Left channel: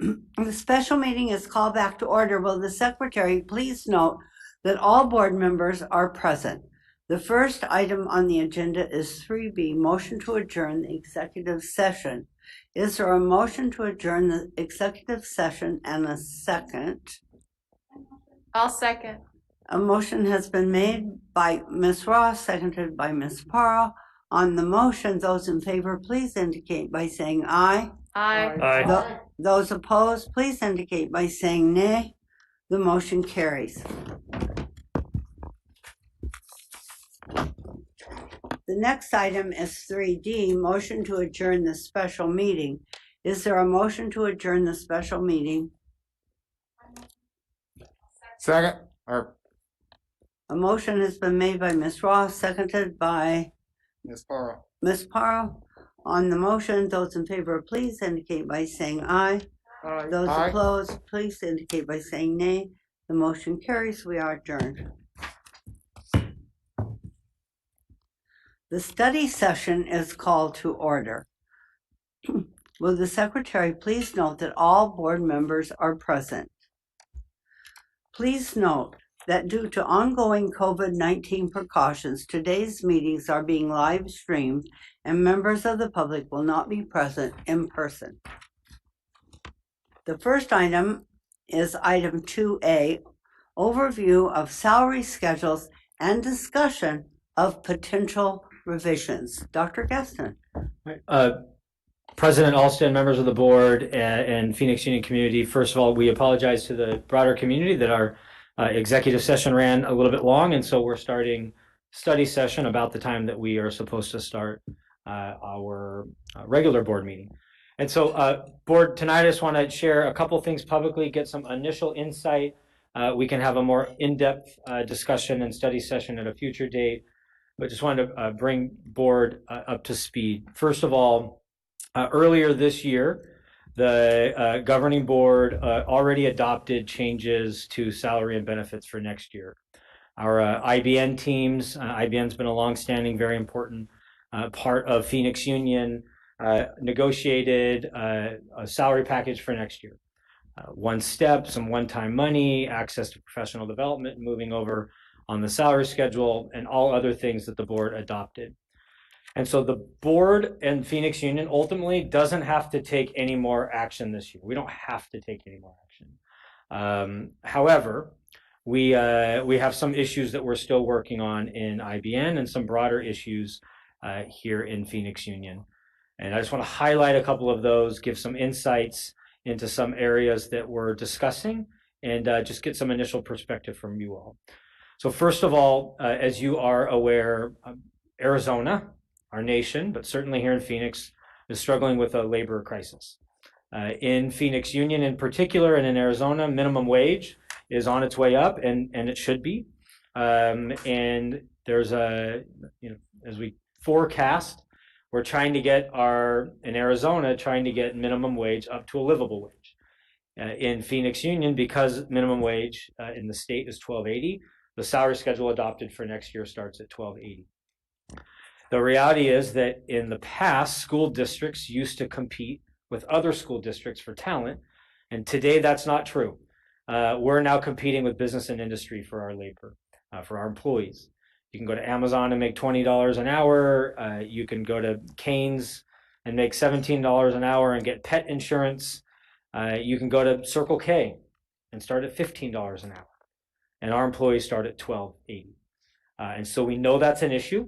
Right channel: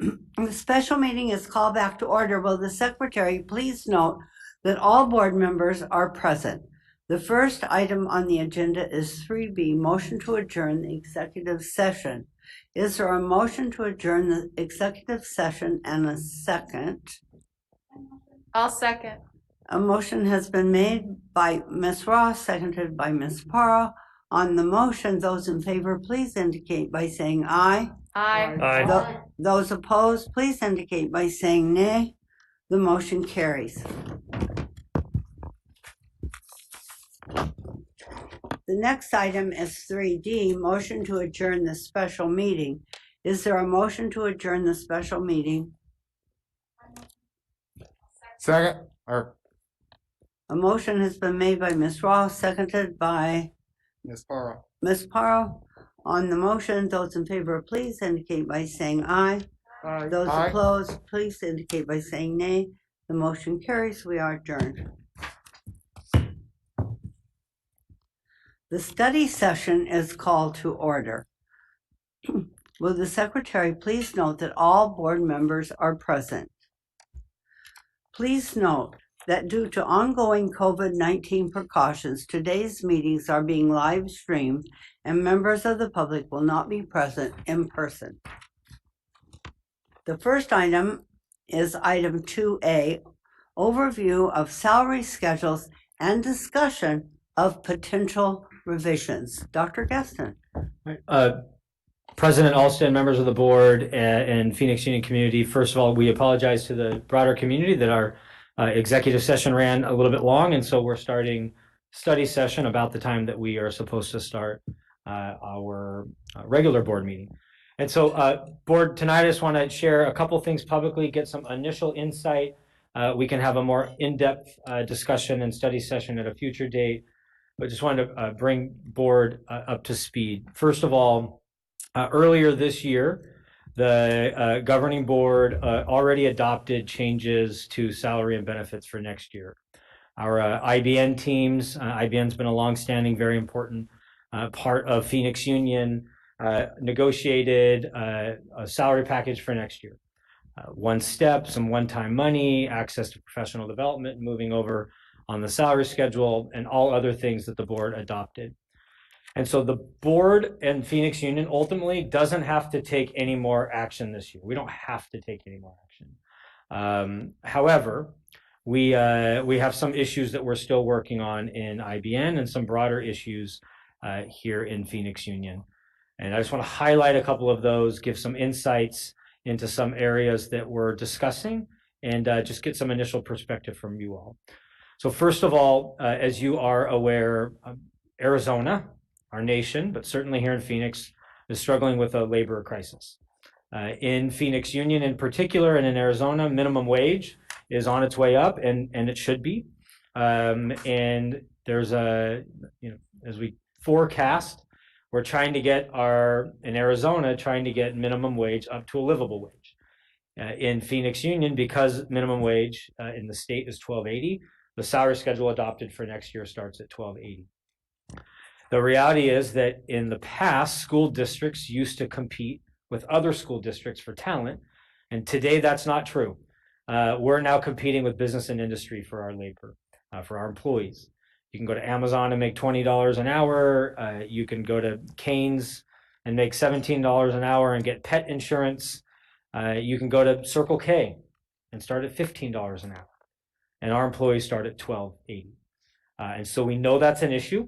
The special meeting is called back to order. Will the secretary please note that all board members are present? The first item on the agenda is 3B, motion to adjourn the executive session. Is there a motion to adjourn the executive session and a second? I'll second. A motion has been made by Ms. Ross, seconded by Ms. Parra. On the motion, those in favor, please indicate by saying aye. Aye. Aye. Those opposed, please indicate by saying nay. The motion carries. The next item is 3D, motion to adjourn the special meeting. Is there a motion to adjourn the special meeting? Second. A motion has been made by Ms. Ross, seconded by Ms. Parra. Ms. Parra. On the motion, those in favor, please indicate by saying aye. Aye. Those opposed, please indicate by saying nay. The motion carries. We are adjourned. The study session is called to order. Will the secretary please note that all board members are present? Please note that due to ongoing COVID-19 precautions, today's meetings are being live streamed and members of the public will not be present in person. The first item is item 2A, overview of salary schedules and discussion of potential revisions. Dr. Gaston. President Alston, members of the board, and Phoenix Union community, first of all, we apologize to the broader community that our executive session ran a little bit long, and so we're starting study session about the time that we are supposed to start our regular board meeting. And so board, tonight I just want to share a couple things publicly, get some initial insight. We can have a more in-depth discussion and study session at a future date, but just wanted to bring board up to speed. First of all, earlier this year, the governing board already adopted changes to salary and benefits for next year. Our IBN teams, IBN's been a longstanding, very important part of Phoenix Union, negotiated a salary package for next year. One step, some one-time money, access to professional development, moving over on the salary schedule, and all other things that the board adopted. And so the board and Phoenix Union ultimately doesn't have to take any more action this year. We don't have to take any more action. However, we have some issues that we're still working on in IBN and some broader issues here in Phoenix Union. And I just want to highlight a couple of those, give some insights into some areas that we're discussing, and just get some initial perspective from you all. So first of all, as you are aware, Arizona, our nation, but certainly here in Phoenix, is struggling with a labor crisis. In Phoenix Union in particular, and in Arizona, minimum wage is on its way up, and it should be. And there's as we forecast, we're trying to get in Arizona, trying to get minimum wage up to a livable wage. In Phoenix Union, because minimum wage in the state is $12.80, the salary schedule adopted for next year starts at $12.80. The reality is that in the past, school districts used to compete with other school districts for talent, and today that's not true. We're now competing with business and industry for our labor, for our employees. You can go to Amazon and make $20 an hour. You can go to Cane's and make $17 an hour and get pet insurance. You can go to Circle K and start at $15 an hour. And our employees start at $12.80. And so we know that's an issue.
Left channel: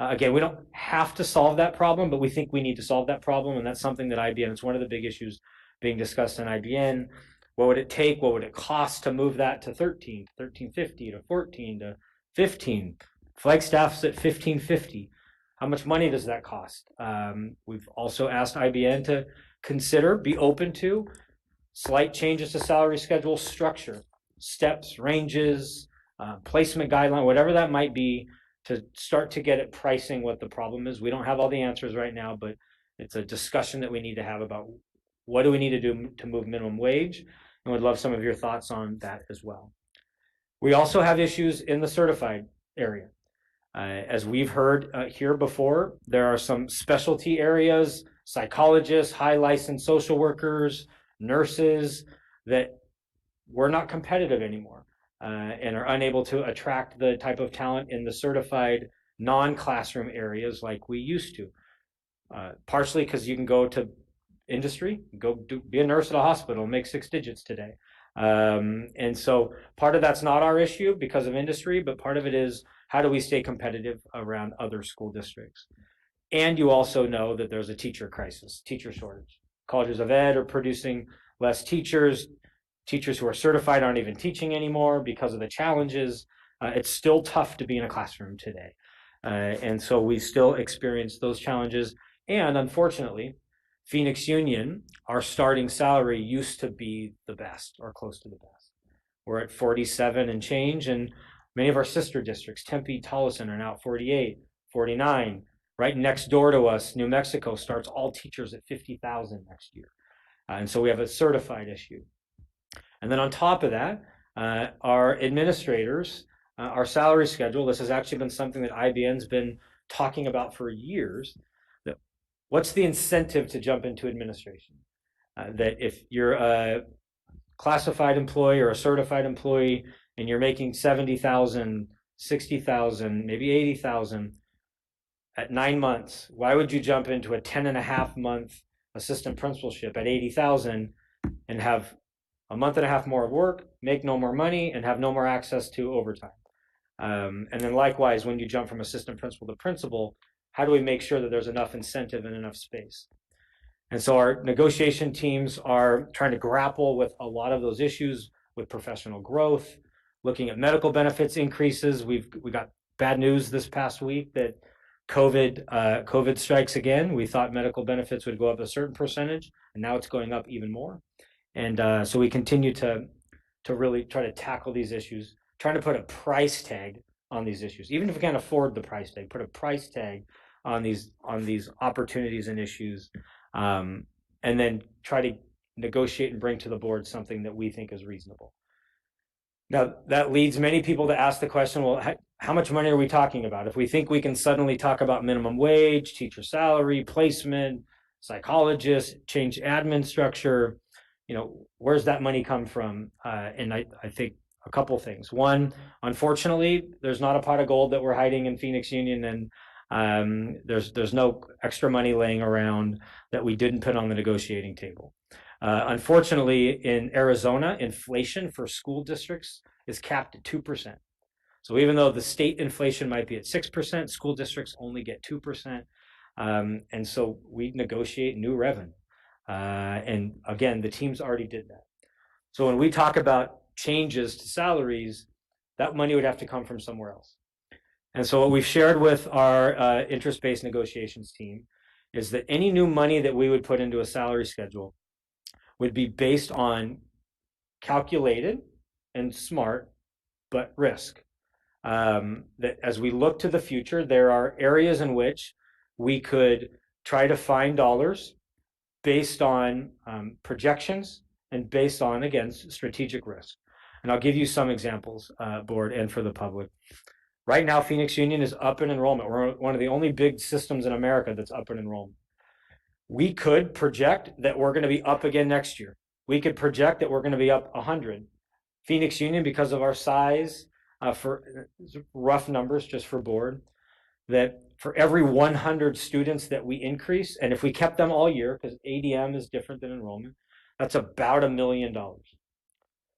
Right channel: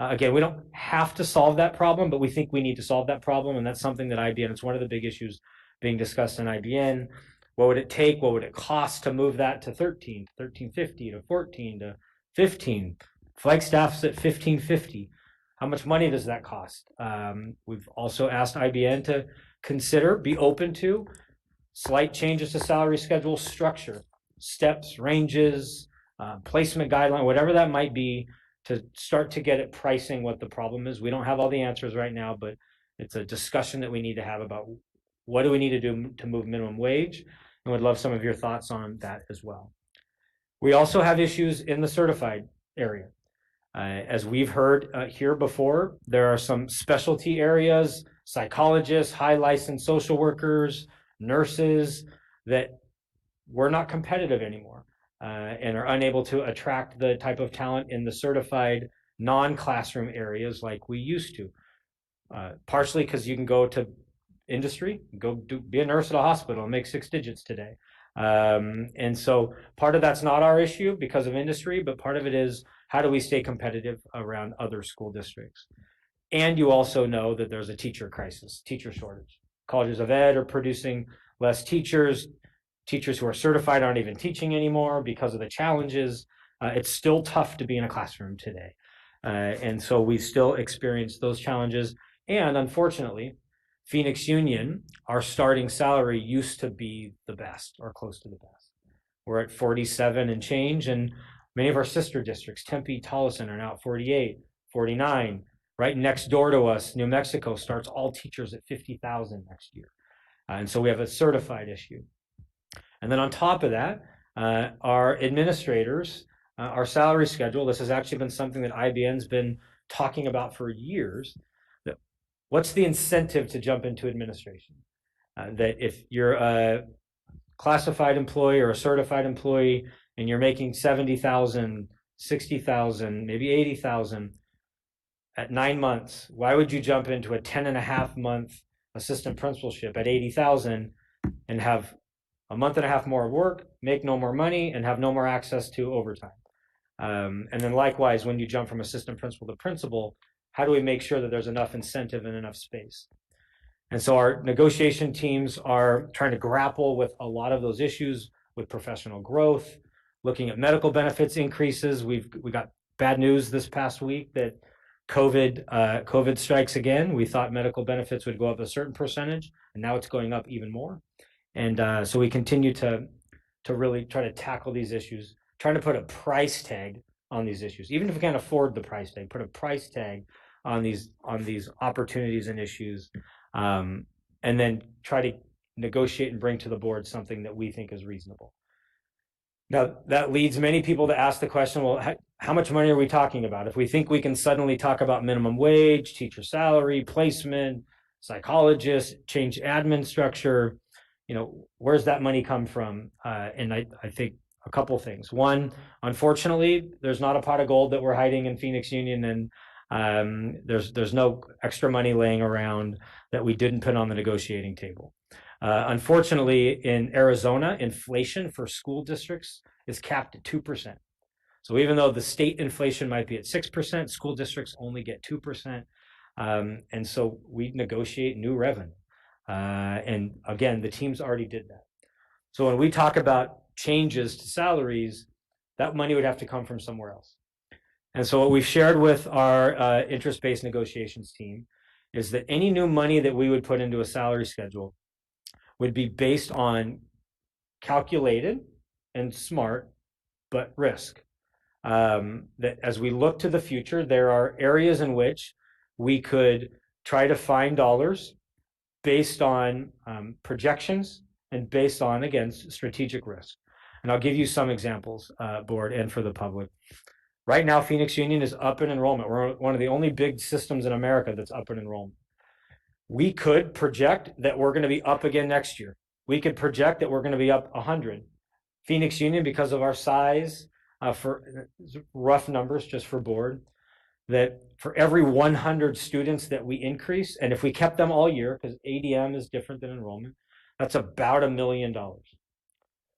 Again, we don't have to solve that problem, but we think we need to solve that problem. And that's something that IBN, it's one of the big issues being discussed in IBN. What would it take? What would it cost to move that to 13, to 1350, to 14, to 15? Flagstaff's at 1550. How much money does that cost? We've also asked IBN to consider, be open to slight changes to salary schedule structure, steps, ranges, placement guideline, whatever that might be, to start to get at pricing what the problem is. We don't have all the answers right now, but it's a discussion that we need to have about what do we need to do to move minimum wage, and would love some of your thoughts on that as well. We also have issues in the certified area. As we've heard here before, there are some specialty areas, psychologists, high licensed social workers, nurses, that we're not competitive anymore and are unable to attract the type of talent in the certified non-classroom areas like we used to. Partially because you can go to industry, be a nurse at a hospital and make 6 digits today. And so part of that's not our issue because of industry, but part of it is how do we stay competitive around other school districts? And you also know that there's a teacher crisis, teacher shortage. Colleges of Ed are producing less teachers. Teachers who are certified aren't even teaching anymore because of the challenges. It's still tough to be in a classroom today. And so we still experience those challenges. And unfortunately, Phoenix Union, our starting salary used to be the best or close to the best. We're at 47 and change, and many of our sister districts, Tempe, Tolleson, are now at 48, 49. Right next door to us, New Mexico starts all teachers at 50,000 next year. And so we have a certified issue. And then on top of that, our administrators, our salary schedule, this has actually been something that IBN's been talking about for years. What's the incentive to jump into administration? That if you're a classified employee or a certified employee and you're making 70,000, 60,000, maybe 80,000 at 9 months, why would you jump into a 10.5-month assistant principalship at 80,000 and have a month and a half more of work, make no more money, and have no more access to overtime? And then likewise, when you jump from assistant principal to principal, how do we make sure that there's enough incentive and enough space? And so our negotiation teams are trying to grapple with a lot of those issues with professional growth, looking at medical benefits increases. We got bad news this past week that COVID strikes again. We thought medical benefits would go up a certain percentage, and now it's going up even more. And so we continue to really try to tackle these issues, trying to put a price tag on these issues. Even if we can't afford the price tag, put a price tag on these opportunities and issues, and then try to negotiate and bring to the board something that we think is reasonable. Now, that leads many people to ask the question, well, how much money are we talking about? If we think we can suddenly talk about minimum wage, teacher salary, placement, psychologists, change admin structure, where's that money come from? And I think a couple things. One, unfortunately, there's not a pot of gold that we're hiding in Phoenix Union, and there's no extra money laying around that we didn't put on the negotiating table. Unfortunately, in Arizona, inflation for school districts is capped at 2%. So even though the state inflation might be at 6%, school districts only get 2%. And so we negotiate new revenue. And again, the teams already did that. So when we talk about changes to salaries, that money would have to come from somewhere else. And so what we've shared with our interest-based negotiations team is that any new money that we would put into a salary schedule would be based on calculated and smart, but risk. That as we look to the future, there are areas in which we could try to find dollars based on projections and based on, again, strategic risk. And I'll give you some examples, board and for the public. Right now, Phoenix Union is up in enrollment. We're one of the only big systems in America that's up in enrollment. We could project that we're going to be up again next year. We could project that we're going to be up 100. Phoenix Union, because of our size, for rough numbers just for board, that for every 100 students that we increase, and if we kept them all year, because ADM is different than enrollment, that's about $1 million.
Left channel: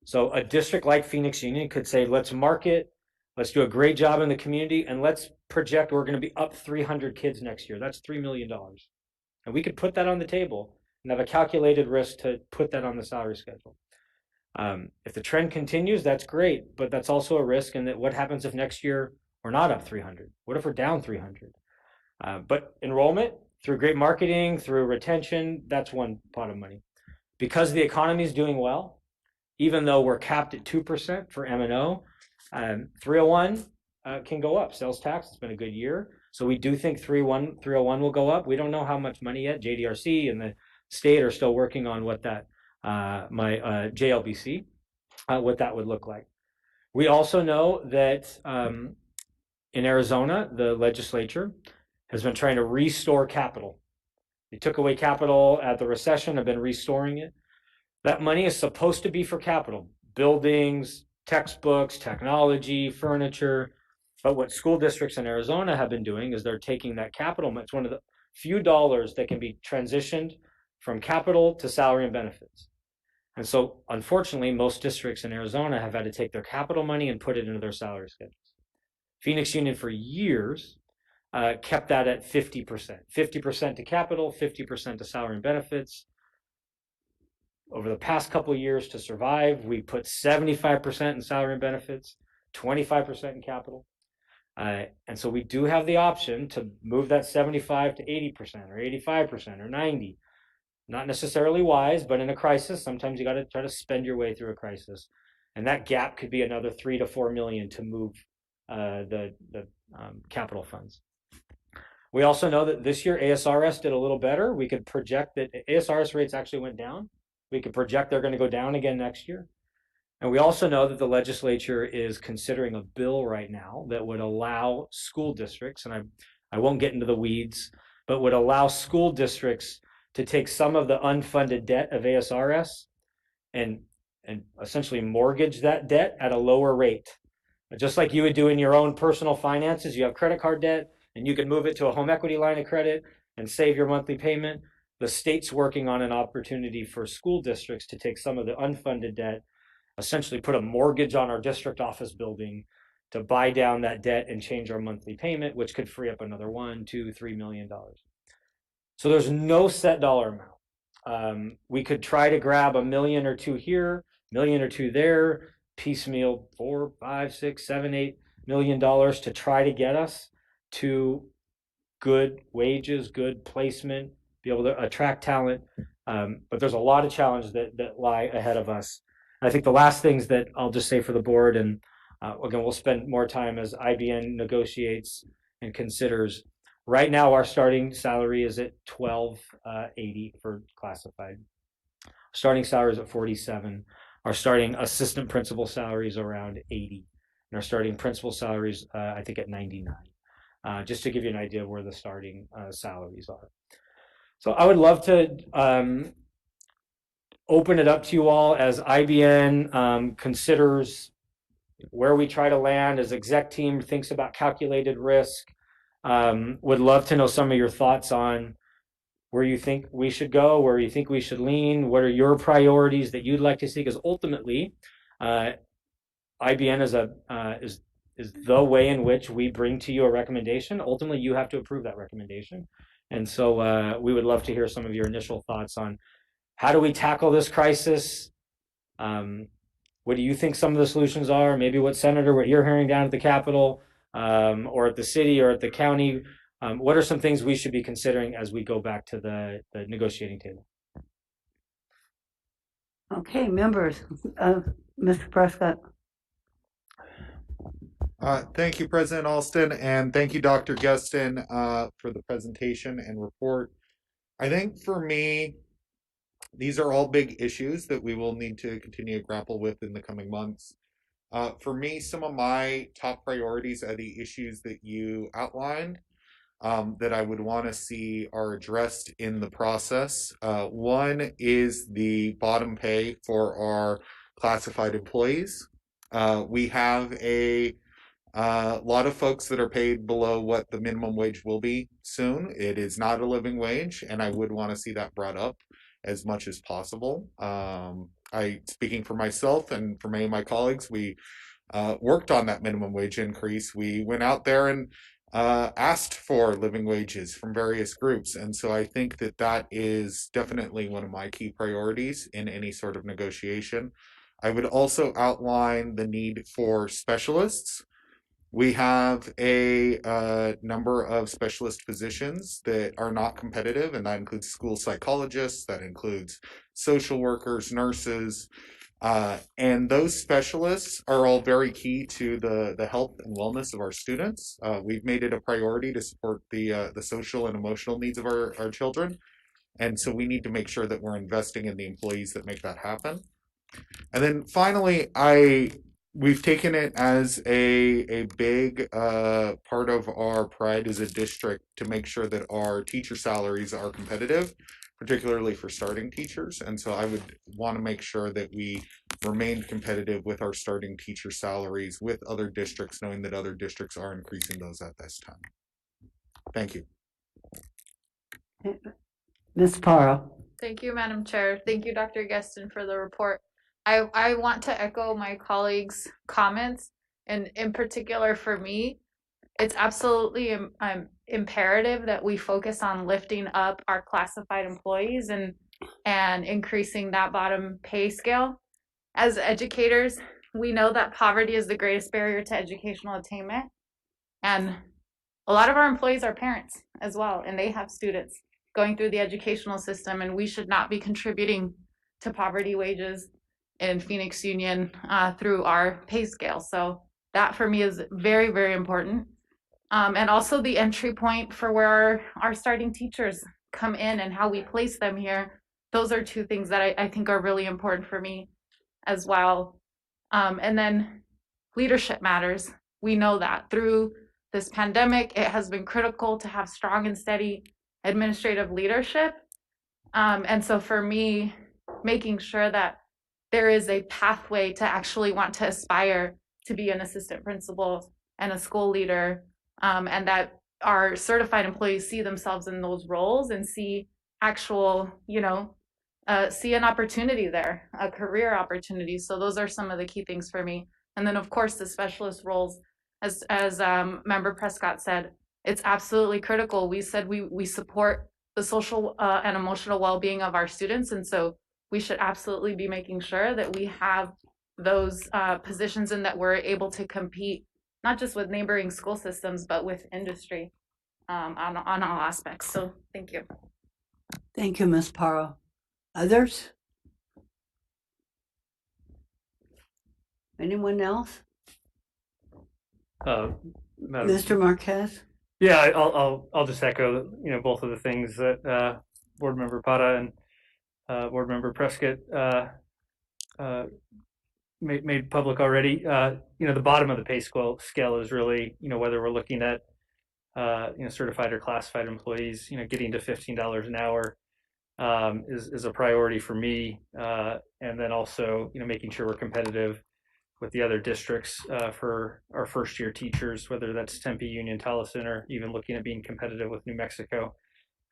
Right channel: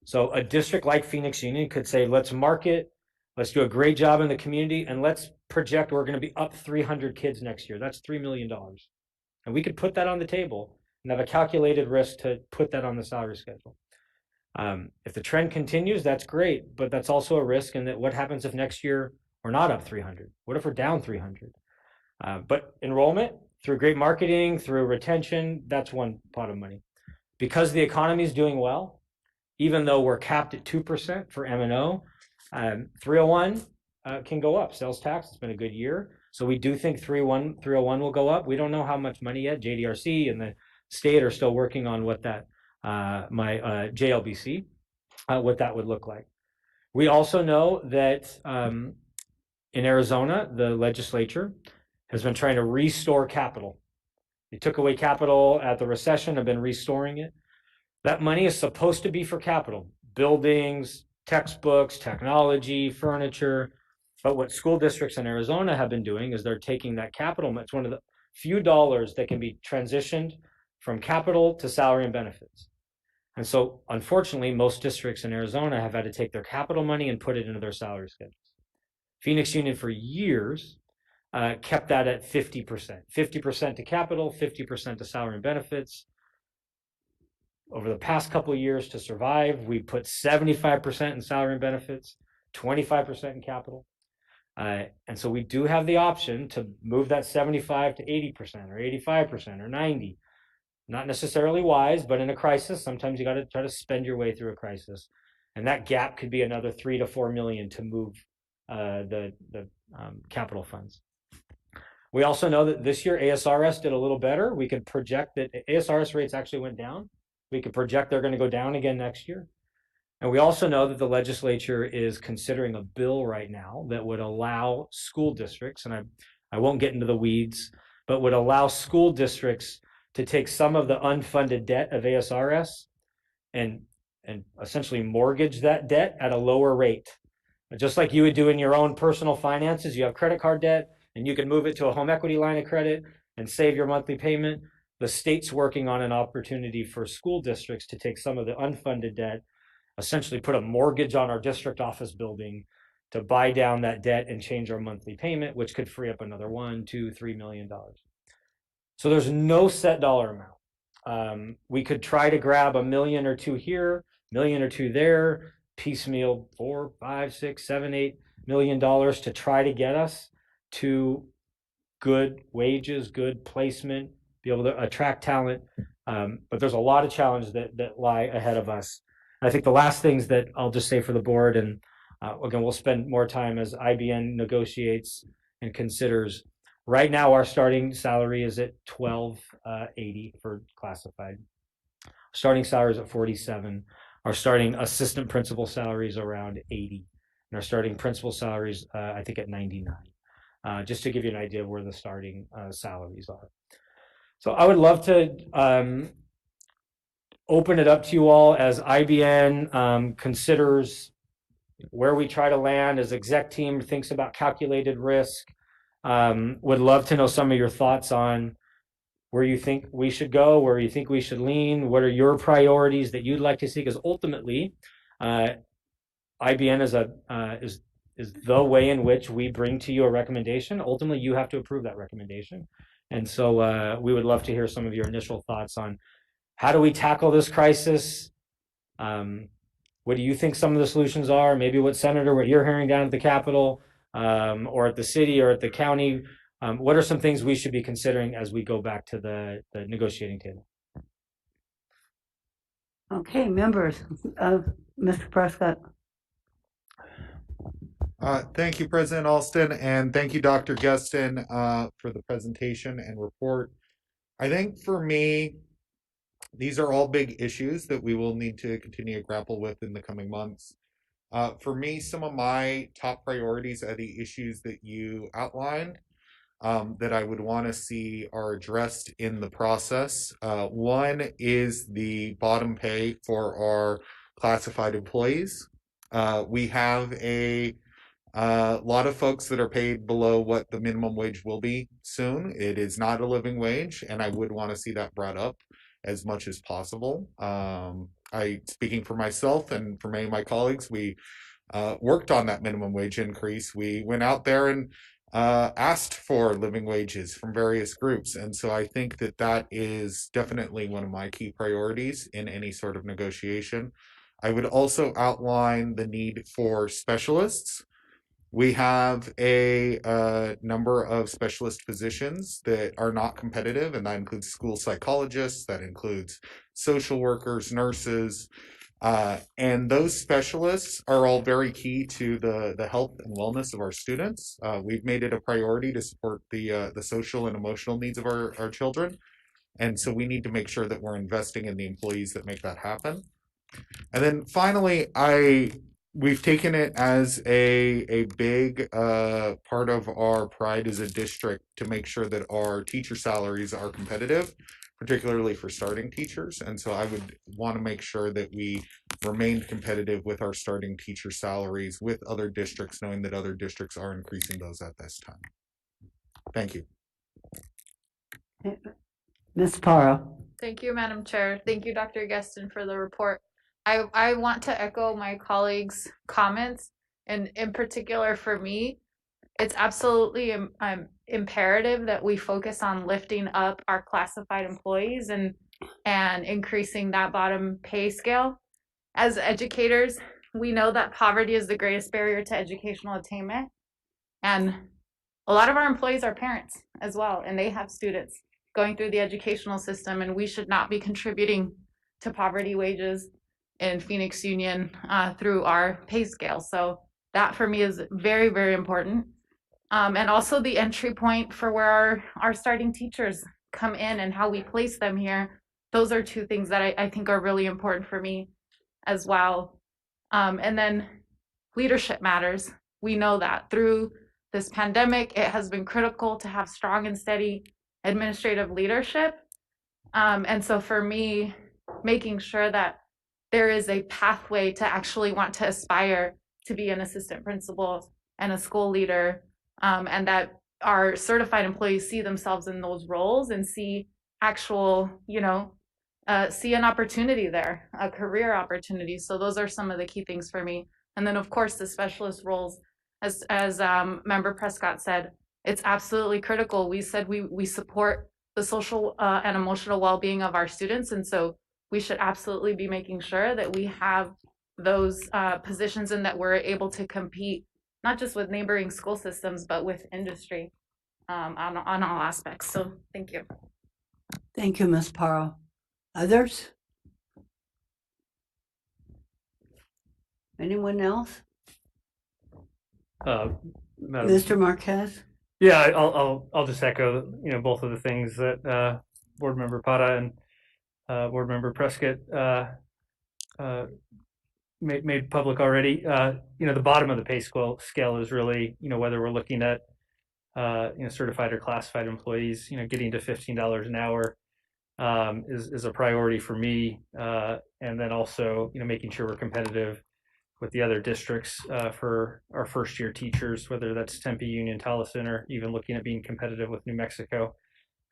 So a district like Phoenix Union could say, let's market, let's do a great job in the community, and let's project we're going to be up 300 kids next year. That's $3 million. And we could put that on the table and have a calculated risk to put that on the salary schedule. If the trend continues, that's great, but that's also a risk. And that what happens if next year we're not up 300? What if we're down 300? But enrollment, through great marketing, through retention, that's one pot of money. Because the economy is doing well, even though we're capped at 2% for M&O, 301 can go up. Sales tax, it's been a good year. So we do think 301 will go up. We don't know how much money yet. JDRC and the state are still working on what that, JLBC, what that would look like. We also know that in Arizona, the legislature has been trying to restore capital. They took away capital at the recession, have been restoring it. That money is supposed to be for capital, buildings, textbooks, technology, furniture. But what school districts in Arizona have been doing is they're taking that capital. It's one of the few dollars that can be transitioned from capital to salary and benefits. And so, unfortunately, most districts in Arizona have had to take their capital money and put it into their salary schedules. Phoenix Union, for years, kept that at 50%. 50% to capital, 50% to salary and benefits. Over the past couple of years, to survive, we put 75% in salary and benefits, 25% in capital. And so we do have the option to move that 75 to 80% or 85% or 90. Not necessarily wise, but in a crisis, sometimes you got to try to spend your way through a crisis. And that gap could be another 3 to 4 million to move the capital funds. We also know that this year ASRS did a little better. We could project that ASRS rates actually went down. We could project they're going to go down again next year. And we also know that the legislature is considering a bill right now that would allow school districts, and I won't get into the weeds, but would allow school districts to take some of the unfunded debt of ASRS and essentially mortgage that debt at a lower rate. Just like you would do in your own personal finances, you have credit card debt and you can move it to a home equity line of credit and save your monthly payment. The state's working on an opportunity for school districts to take some of the unfunded debt, essentially put a mortgage on our district office building to buy down that debt and change our monthly payment, which could free up another $1, $2, $3 million. So there's no set dollar amount. We could try to grab $1 million or $2 million here, $1 million or $2 million there, piecemeal $4, $5, $6, $7, $8 million to try to get us to good wages, good placement, be able to attract talent. But there's a lot of challenges that lie ahead of us. And I think the last things that I'll just say for the board, and again, we'll spend more time as IBN negotiates and considers. Right now, our starting salary is at $12.80 for classified. Starting salary is at $47. Our starting assistant principal salary is around $80, and our starting principal salaries, I think, at $99. Just to give you an idea of where the starting salaries are. So I would love to open it up to you all as IBN considers where we try to land, as exec team thinks about calculated risk. Would love to know some of your thoughts on where you think we should go, where you think we should lean, what are your priorities that you'd like to see? Because ultimately, IBN is the way in which we bring to you a recommendation. Ultimately, you have to approve that recommendation. And so we would love to hear some of your initial thoughts on how do we tackle this crisis? What do you think some of the solutions are? Maybe what you're hearing down at the Capitol, or at the city or at the county. What are some things we should be considering as we go back to the negotiating table? Okay, members, Mr. Prescott. Thank you, President Alston, and thank you, Dr. Geston, for the presentation and report. I think for me, these are all big issues that we will need to continue to grapple with in the coming months. For me, some of my top priorities are the issues that you outlined that I would want to see are addressed in the process. One is the bottom pay for our classified employees. We have a lot of folks that are paid below what the minimum wage will be soon. It is not a living wage, and I would want to see that brought up as much as possible. Speaking for myself and for many of my colleagues, we worked on that minimum wage increase. We went out there and asked for living wages from various groups. And so I think that that is definitely one of my key priorities in any sort of negotiation. I would also outline the need for specialists. We have a number of specialist positions that are not competitive, and that includes school psychologists, that includes social workers, nurses, and those specialists are all very key to the health and wellness of our students. We've made it a priority to support the social and emotional needs of our children, and so we need to make sure that we're investing in the employees that make that happen. And then finally, we've taken it as a big part of our pride as a district to make sure that our teacher salaries are competitive, particularly for starting teachers. And so I would want to make sure that we remained competitive with our starting teacher salaries with other districts, knowing that other districts are increasing those at this time. Thank you. Ms. Parra. Thank you, Madam Chair. Thank you, Dr. Guestin, for the report. I want to echo my colleagues' comments, and in particular for me, it's absolutely imperative that we focus on lifting up our classified employees and increasing that bottom pay scale. As educators, we know that poverty is the greatest barrier to educational attainment, and a lot of our employees are parents as well, and they have students going through the educational system, and we should not be contributing to poverty wages in Phoenix Union through our pay scale. So that for me is very, very important. And also the entry point for where our starting teachers come in and how we place them here. Those are two things that I think are really important for me as well. And then leadership matters. We know that through this pandemic, it has been critical to have strong and steady administrative leadership. And so for me, making sure that there is a pathway to actually want to aspire to be an assistant principal and a school leader, and that our certified employees see themselves in those roles and see actual, see an opportunity there, a career opportunity. So those are some of the key things for me. And then of course the specialist roles, as Member Prescott said, it's absolutely critical. We said we support the social and emotional well-being of our students, and so we should absolutely be making sure that we have those positions and that we're able to compete not just with neighboring school systems but with industry on all aspects. So thank you. Thank you, Ms. Parra. Others? Anyone else? Madam, Mr. Marquez? yeah, I'll just echo both of the things that Board Member Pata and Board Member Prescott made public already. The bottom of the pay scale is really whether we're looking at certified or classified employees. Getting to $15 an hour is a priority for me, and then also making sure we're competitive with the other districts for our first year teachers, whether that's Tempe, Union, Tolleson, or even looking at being competitive with New Mexico.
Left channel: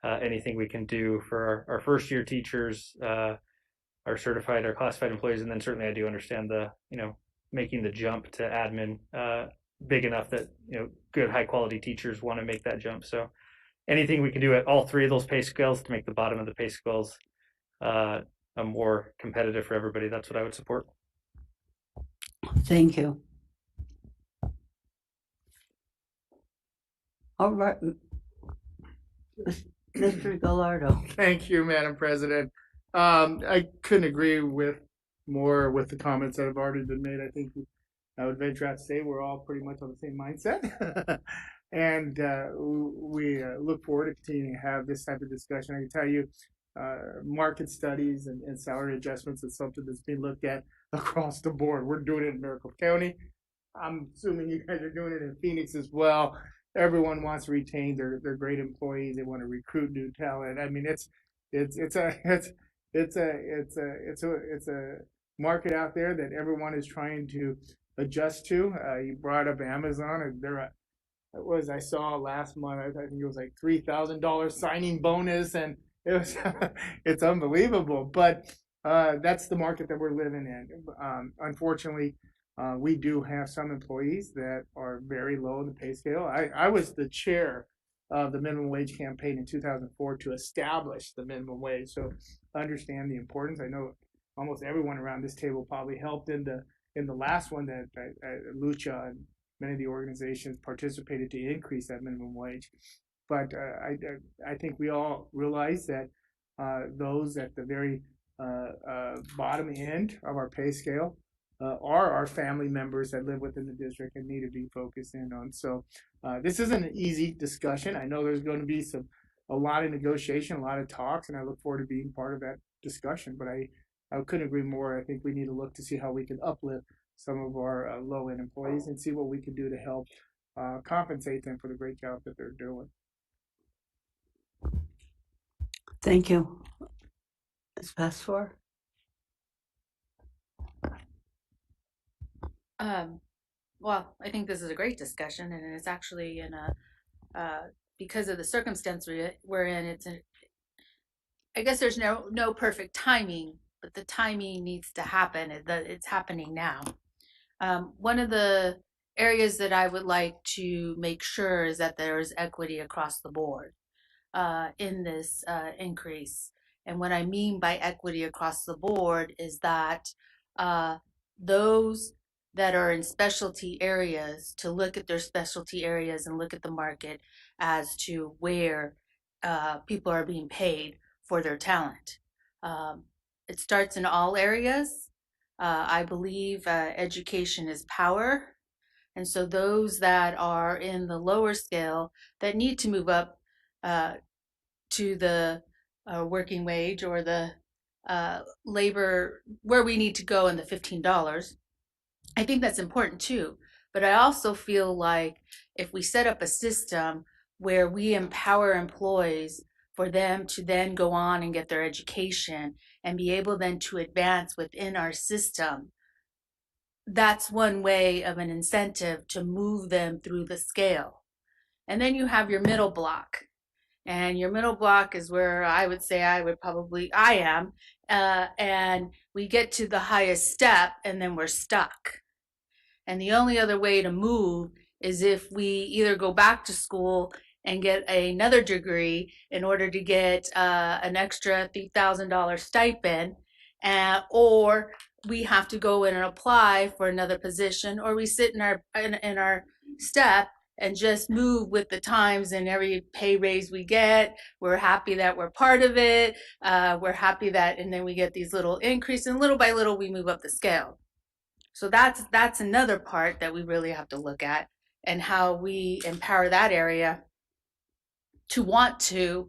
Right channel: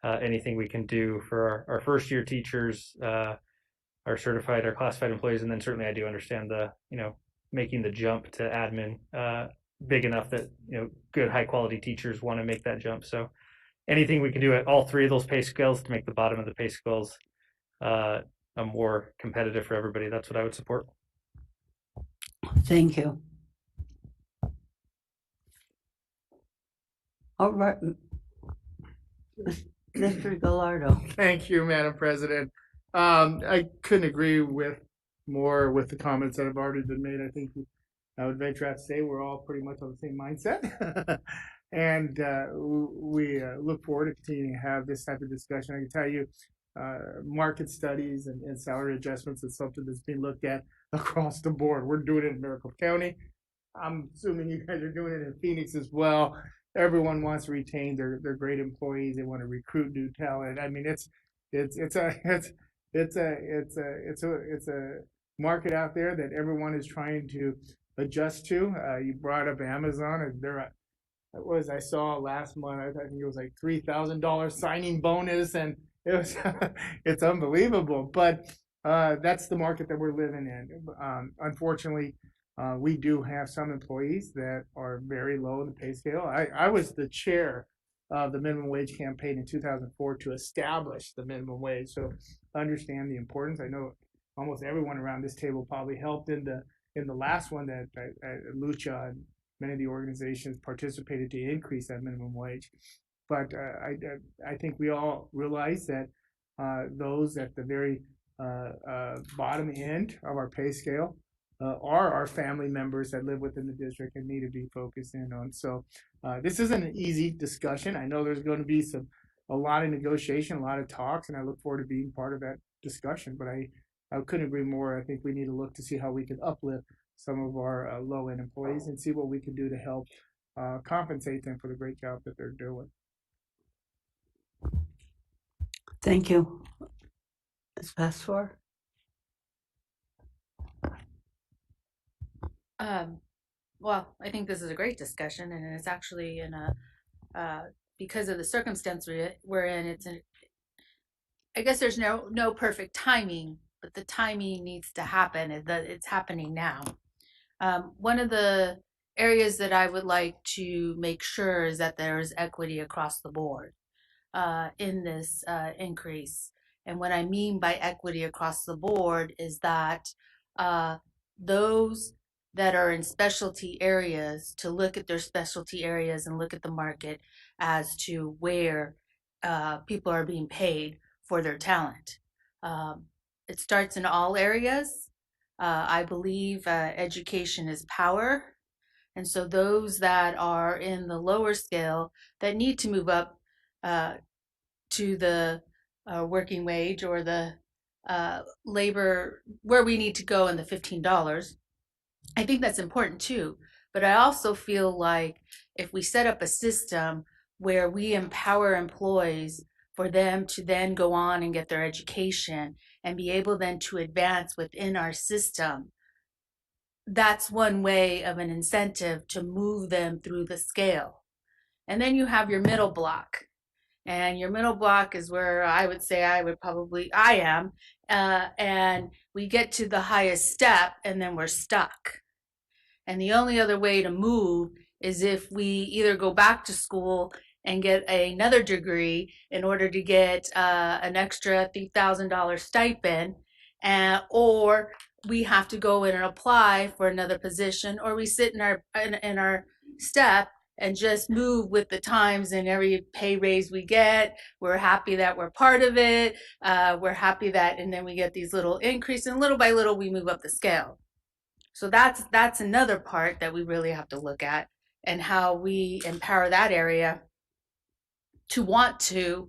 Anything we can do for our first year teachers, our certified, our classified employees, and then certainly I do understand the making the jump to admin big enough that good high quality teachers want to make that jump. So anything we can do at all three of those pay scales to make the bottom of the pay scales more competitive for everybody, that's what I would support. Thank you. All right, Mr. Gallardo. Thank you, Madam President. I couldn't agree more with the comments that have already been made. I think I would venture out to say we're all pretty much on the same mindset. And we look forward to continuing to have this type of discussion. I can tell you, market studies and salary adjustments is something that's being looked at across the board. We're doing it in Maricopa County. I'm assuming you guys are doing it in Phoenix as well. Everyone wants to retain their great employees. They want to recruit new talent. I mean, it's a market out there that everyone is trying to adjust to. You brought up Amazon, and I saw last month, I think it was like $3,000 signing bonus, and it was it's unbelievable. But that's the market that we're living in. Unfortunately, we do have some employees that are very low in the pay scale. I was the chair of the minimum wage campaign in 2004 to establish the minimum wage, so I understand the importance. I know almost everyone around this table probably helped in the last one that Lucha and many of the organizations participated to increase that minimum wage. But I think we all realize that those at the very bottom end of our pay scale are our family members that live within the district and need to be focused in on. So this isn't an easy discussion. I know there's going to be a lot of negotiation, a lot of talks, and I look forward to being part of that discussion. But I couldn't agree more. I think we need to look to see how we can uplift some of our low-end employees and see what we can do to help compensate them for the great job that they're doing. Thank you. Ms. Pastor? Well, I think this is a great discussion, and it's actually in a because of the circumstance we're in. I guess there's no perfect timing, but the timing needs to happen. It's happening now. One of the areas that I would like to make sure is that there is equity across the board in this increase. And what I mean by equity across the board is that uh, those that are in specialty areas to look at their specialty areas and look at the market as to where people are being paid for their talent. Um, it starts in all areas. I believe education is power. And so those that are in the lower scale that need to move up uh, to the working wage or the labor where we need to go in the $15. I think that's important too. But I also feel like if we set up a system where we empower employees for them to then go on and get their education and be able then to advance within our system, that's one way of an incentive to move them through the scale. And then you have your middle block. And your middle block is where I would say I am. And we get to the highest step and then we're stuck. And the only other way to move is if we either go back to school and get another degree in order to get an extra $3,000 stipend, or we have to go in and apply for another position, or we sit in our step and just move with the times, and every pay raise we get, we're happy that we're part of it. We're happy that, and then we get these little increases, and little by little we move up the scale. So that's another part that we really have to look at, and how we empower that area to want to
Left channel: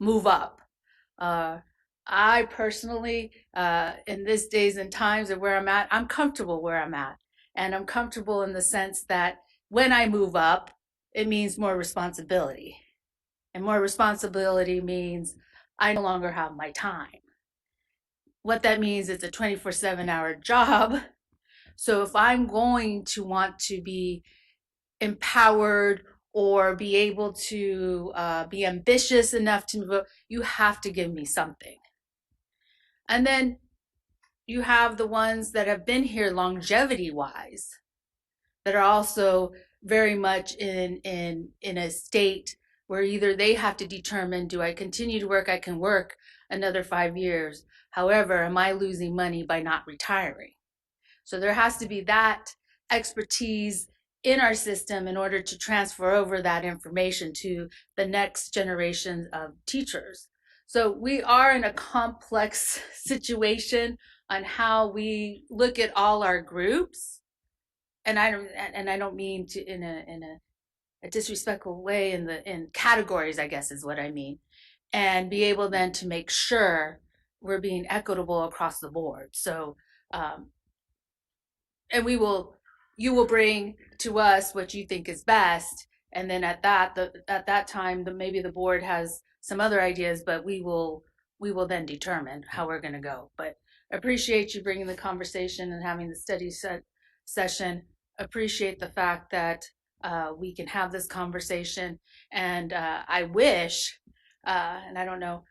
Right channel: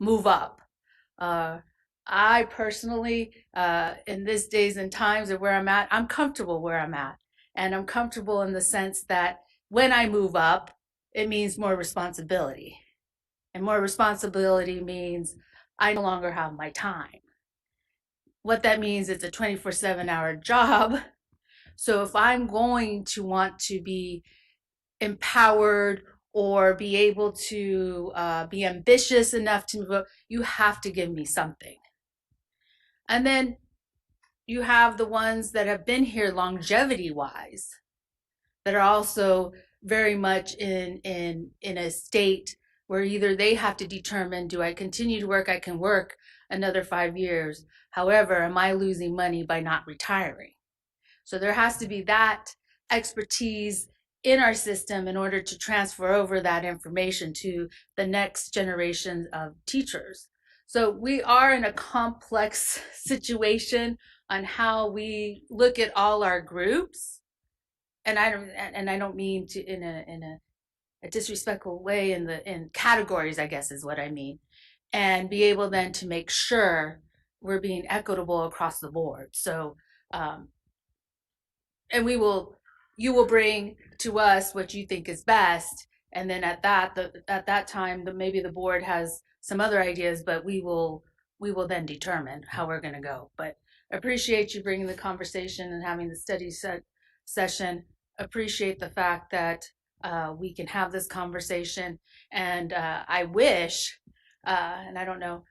move up. I personally, in these days and times of where I'm at, I'm comfortable where I'm at. And I'm comfortable in the sense that when I move up, it means more responsibility. And more responsibility means I no longer have my time. What that means is a 24/7 hour job. So if I'm going to want to be empowered or be able to be ambitious enough to move up, you have to give me something. And then you have the ones that have been here longevity wise that are also very much in a state where either they have to determine, do I continue to work? I can work another 5 years. However, am I losing money by not retiring? So there has to be that expertise in our system in order to transfer over that information to the next generation of teachers. So we are in a complex situation on how we look at all our groups. And I don't mean to in a disrespectful way in categories, I guess is what I mean. And be able then to make sure we're being equitable across the board. So and you will bring to us what you think is best, and then at that time maybe the board has some other ideas, but we will then determine how we're going to go. But appreciate you bringing the conversation and having the study session. Appreciate the fact that we can have this conversation, and I wish and I don't know,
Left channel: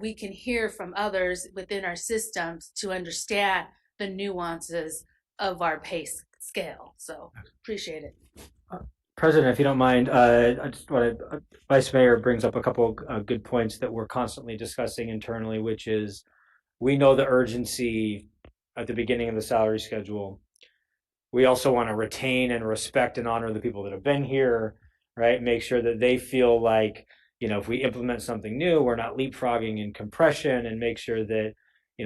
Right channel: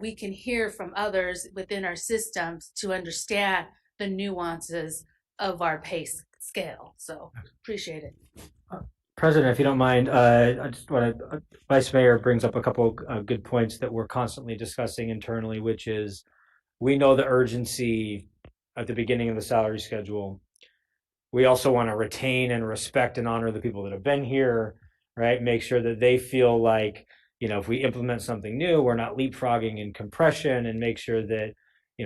we can hear from others within our systems to understand the nuances of our pay scale. So appreciate it. President, if you don't mind, I just want to, Vice Mayor brings up a couple of good points that we're constantly discussing internally, which is we know the urgency at the beginning of the salary schedule. We also want to retain and respect and honor the people that have been here, right? Make sure that they feel like, if we implement something new, we're not leapfrogging in compression, and make sure that,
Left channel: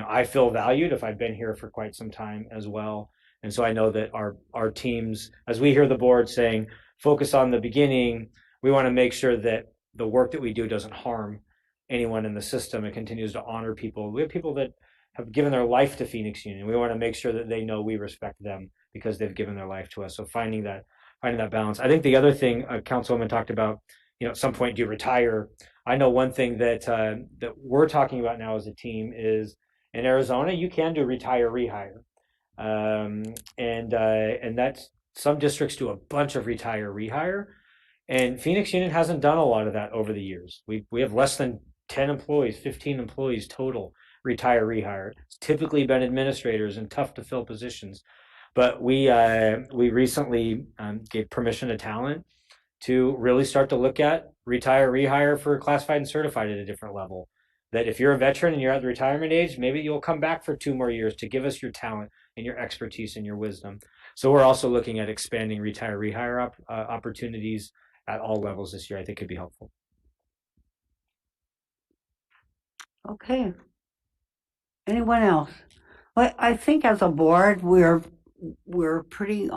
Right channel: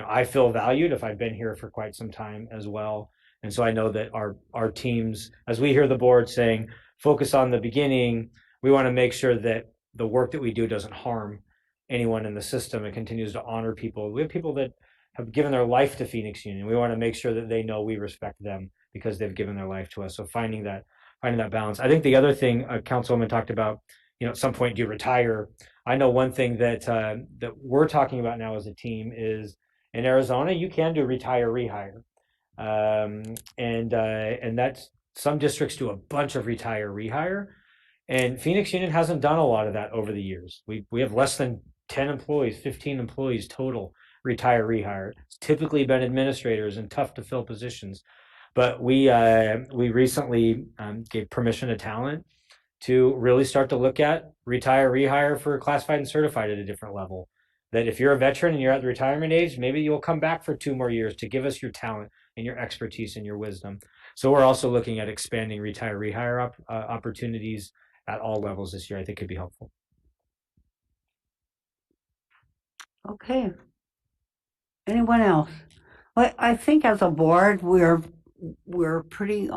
I feel valued if I've been here for quite some time as well. And so I know that our teams, as we hear the board saying, focus on the beginning, we want to make sure that the work that we do doesn't harm anyone in the system. It continues to honor people. We have people that have given their life to Phoenix Union. We want to make sure that they know we respect them because they've given their life to us. So finding that balance. I think the other thing Councilwoman talked about at some point do you retire? I know one thing that that we're talking about now as a team is in Arizona, you can do retire rehire, and that's some districts do a bunch of retire rehire, and Phoenix Union hasn't done a lot of that over the years. We have less than 10 employees, 15 employees total retire rehire. It's typically been administrators and tough to fill positions, but we recently gave permission to talent to really start to look at retire rehire for classified and certified at a different level. That if you're a veteran and you're at the retirement age, maybe you'll come back for 2 more years to give us your talent and your expertise and your wisdom. So we're also looking at expanding retire rehire opportunities at all levels this year. I think could be helpful. Okay. Anyone else? Well, I think as a board, we're pretty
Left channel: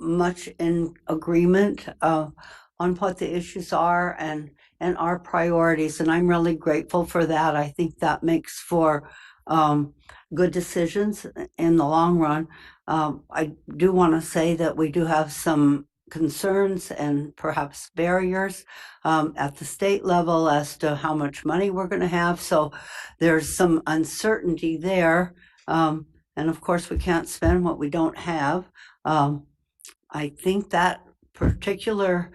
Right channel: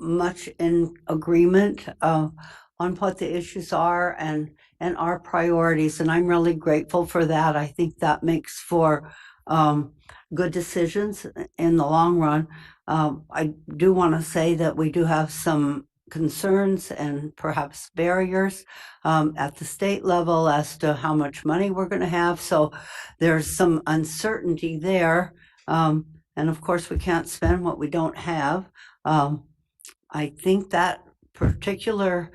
much in agreement on what the issues are and our priorities, and I'm really grateful for that. I think that makes for good decisions in the long run. I do want to say that we do have some concerns and perhaps barriers at the state level as to how much money we're going to have. So there's some uncertainty there. And of course, we can't spend what we don't have. I think that particular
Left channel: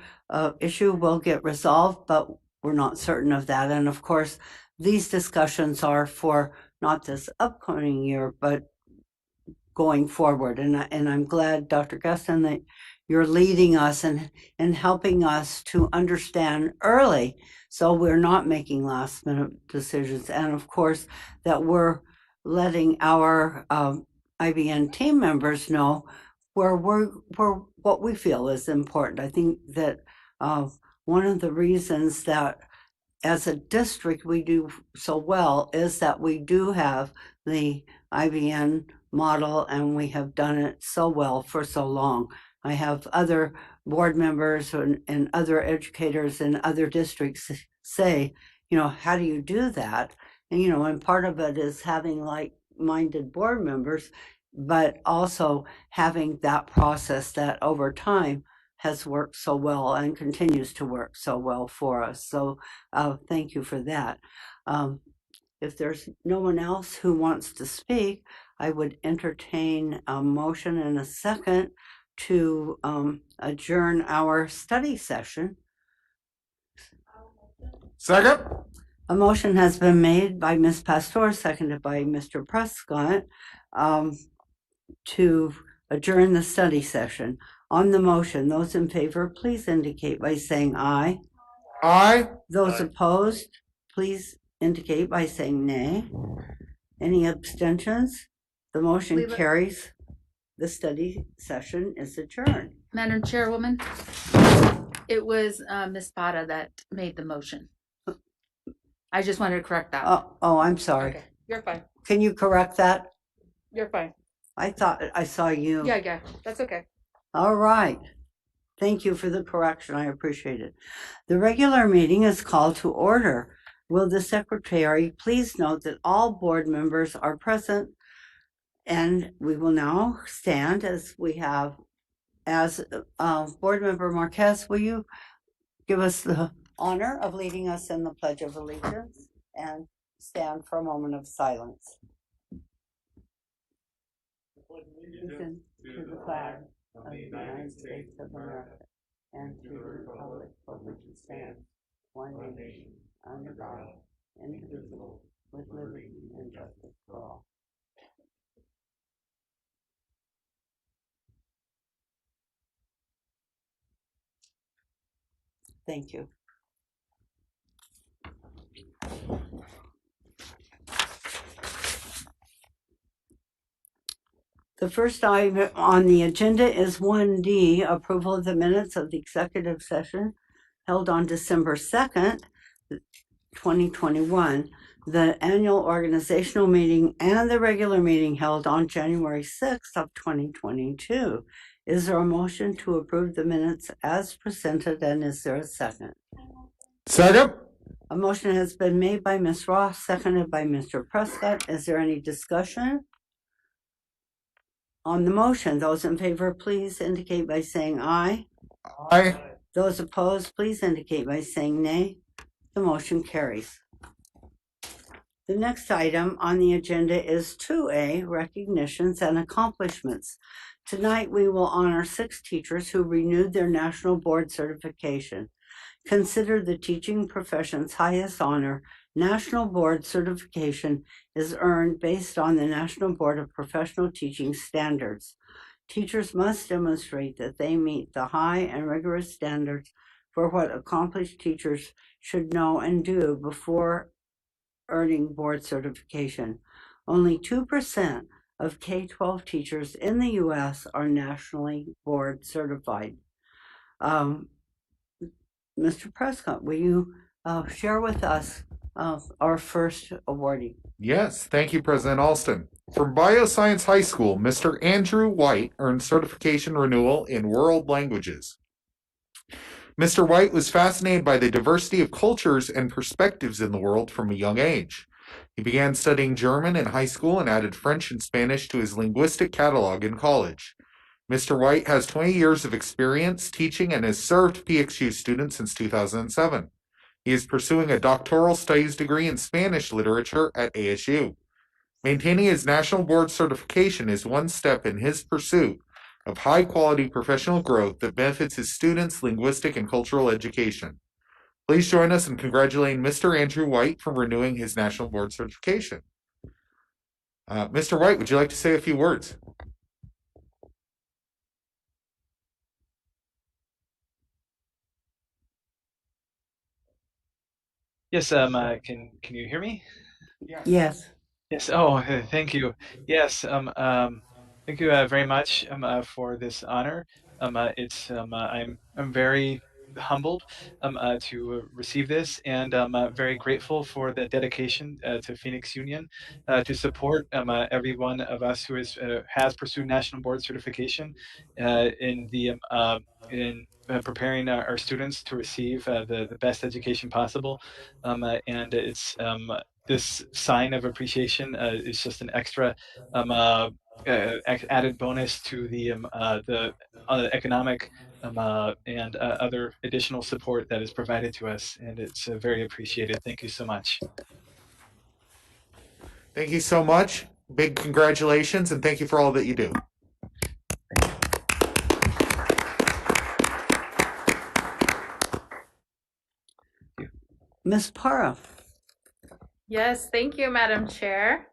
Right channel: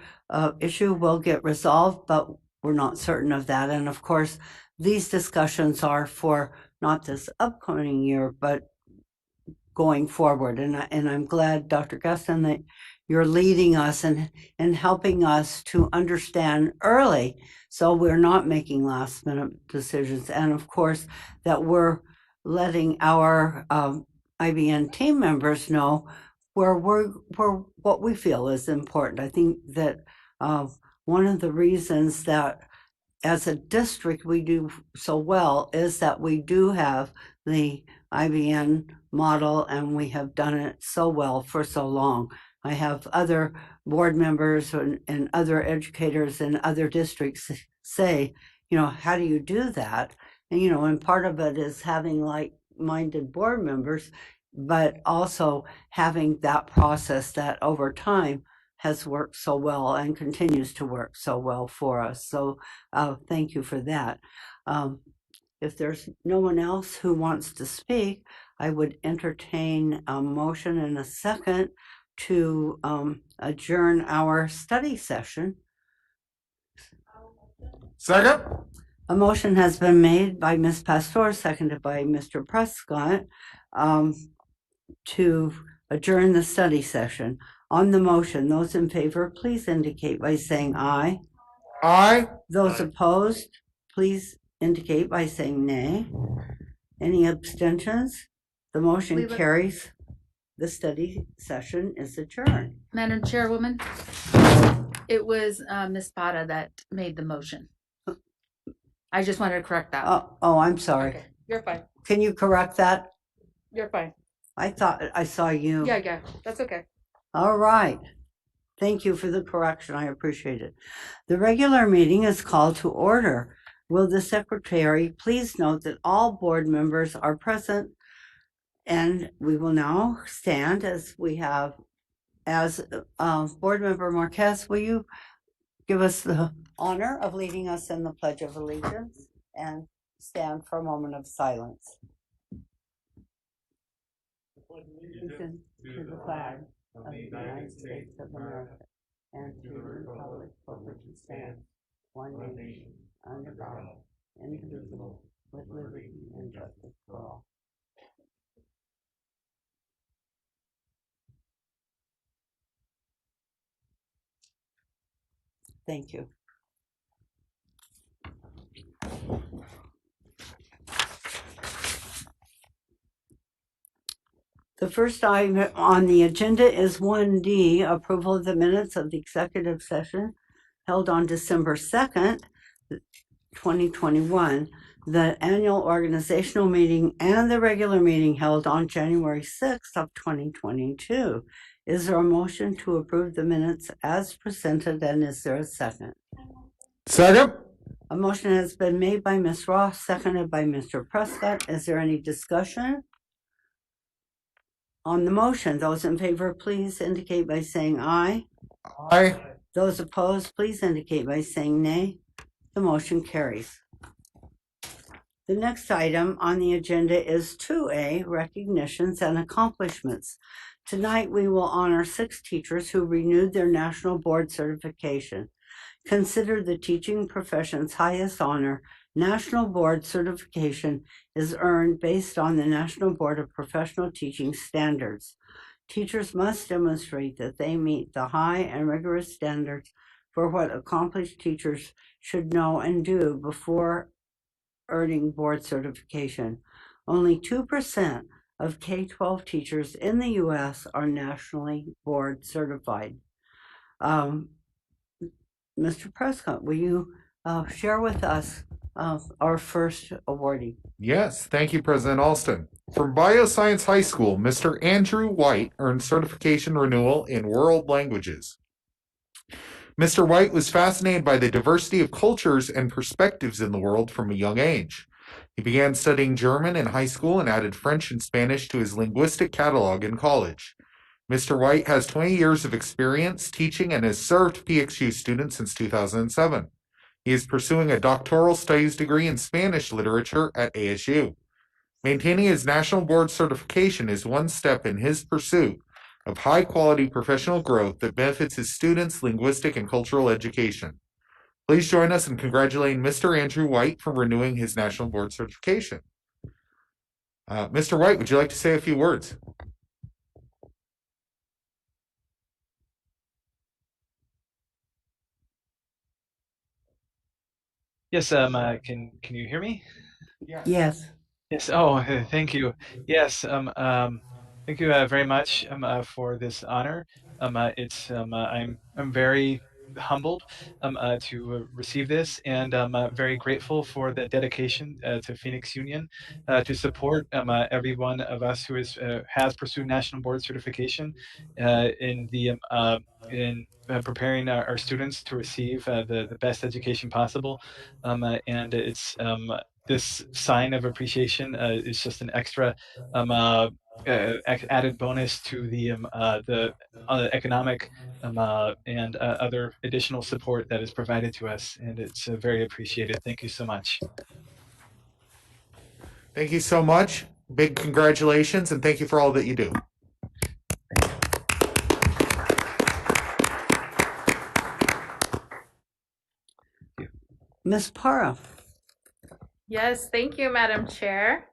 issue will get resolved, but we're not certain of that. And of course, these discussions are for not this upcoming year, but going forward. And I'm glad, Dr. Gustin, that you're leading us and helping us to understand early, so we're not making last minute decisions. And of course, that we're letting our IBN team members know where what we feel is important. I think that one of the reasons that as a district we do so well is that we do have the IBN model, and we have done it so well for so long. I have other board members and other educators in other districts say, how do you do that? And, and part of it is having like-minded board members, but also having that process that over time has worked so well and continues to work so well for us. So thank you for that. If there's no one else who wants to speak, I would entertain a motion and a second to adjourn our study session. Second. A motion has been made by Ms. Pastor, seconded by Mr. Prescott, to adjourn the study session. On the motion, those in favor, please indicate by saying aye. Aye. Those opposed, please indicate by saying nay. Any abstentions? The motion carries. The study session is adjourned. Madam Chairwoman, it was Ms. Bada that made the motion. I just wanted to correct that. Oh, I'm sorry. Okay, you're fine. Can you correct that? You're fine. I thought I saw you. Yeah, that's okay. All right. Thank you for the correction. I appreciate it. The regular meeting is called to order. Will the secretary please note that all board members are present, and we will now stand as we have, as board member Marquez, will you give us the honor of leading us in the Pledge of Allegiance and stand for a moment of silence. Listen to the flag of the United States of America and to the republic for which it stands, one nation, under God, indivisible, with liberty and justice for all. Thank you. The first item on the agenda is 1D, approval of the minutes of the executive session held on December 2nd, 2021, the annual organizational meeting, and the regular meeting held on January 6th of 2022. Is there a motion to approve the minutes as presented, and is there a second? Second. A motion has been made by Ms. Ross, seconded by Mr. Prescott. Is there any discussion? On the motion, those in favor, please indicate by saying aye. Aye. Those opposed, please indicate by saying nay. The motion carries. The next item on the agenda is 2A, recognitions and accomplishments. Tonight, we will honor 6 teachers who renewed their national board certification. Considered the teaching profession's highest honor, national board certification is earned based on the National Board of Professional Teaching Standards. Teachers must demonstrate that they meet the high and rigorous standards for what accomplished teachers should know and do before earning board certification. Only 2% of K-12 teachers in the U.S. are nationally board certified. Mr. Prescott, will you share with us our first awardee? Yes, thank you, President Alston. From Bioscience High School, Mr. Andrew White earned certification renewal in world languages. Mr. White was fascinated by the diversity of cultures and perspectives in the world from a young age. He began studying German in high school and added French and Spanish to his linguistic catalog in college. Mr. White has 20 years of experience teaching and has served PXU students since 2007. He is pursuing a doctoral studies degree in Spanish literature at ASU. Maintaining his national board certification is one step in his pursuit of high-quality professional growth that benefits his students' linguistic and cultural education. Please join us in congratulating Mr. Andrew White for renewing his national board certification. Mr. White, would you like to say a few words? Yes, can you hear me? Yes. Yes. Oh, thank you. Yes. Thank you very much for this honor. I'm very humbled to receive this, and very grateful for the dedication to Phoenix Union to support every one of us who has pursued national board certification in preparing our students to receive the best education possible, and it's this sign of appreciation is just an extra added bonus to the economic and other additional support that is provided to us, and it's very appreciated. Thank you so much. Thank you so much. Big congratulations, and thank you for all that you do. Ms. Para. Yes, thank you, Madam Chair.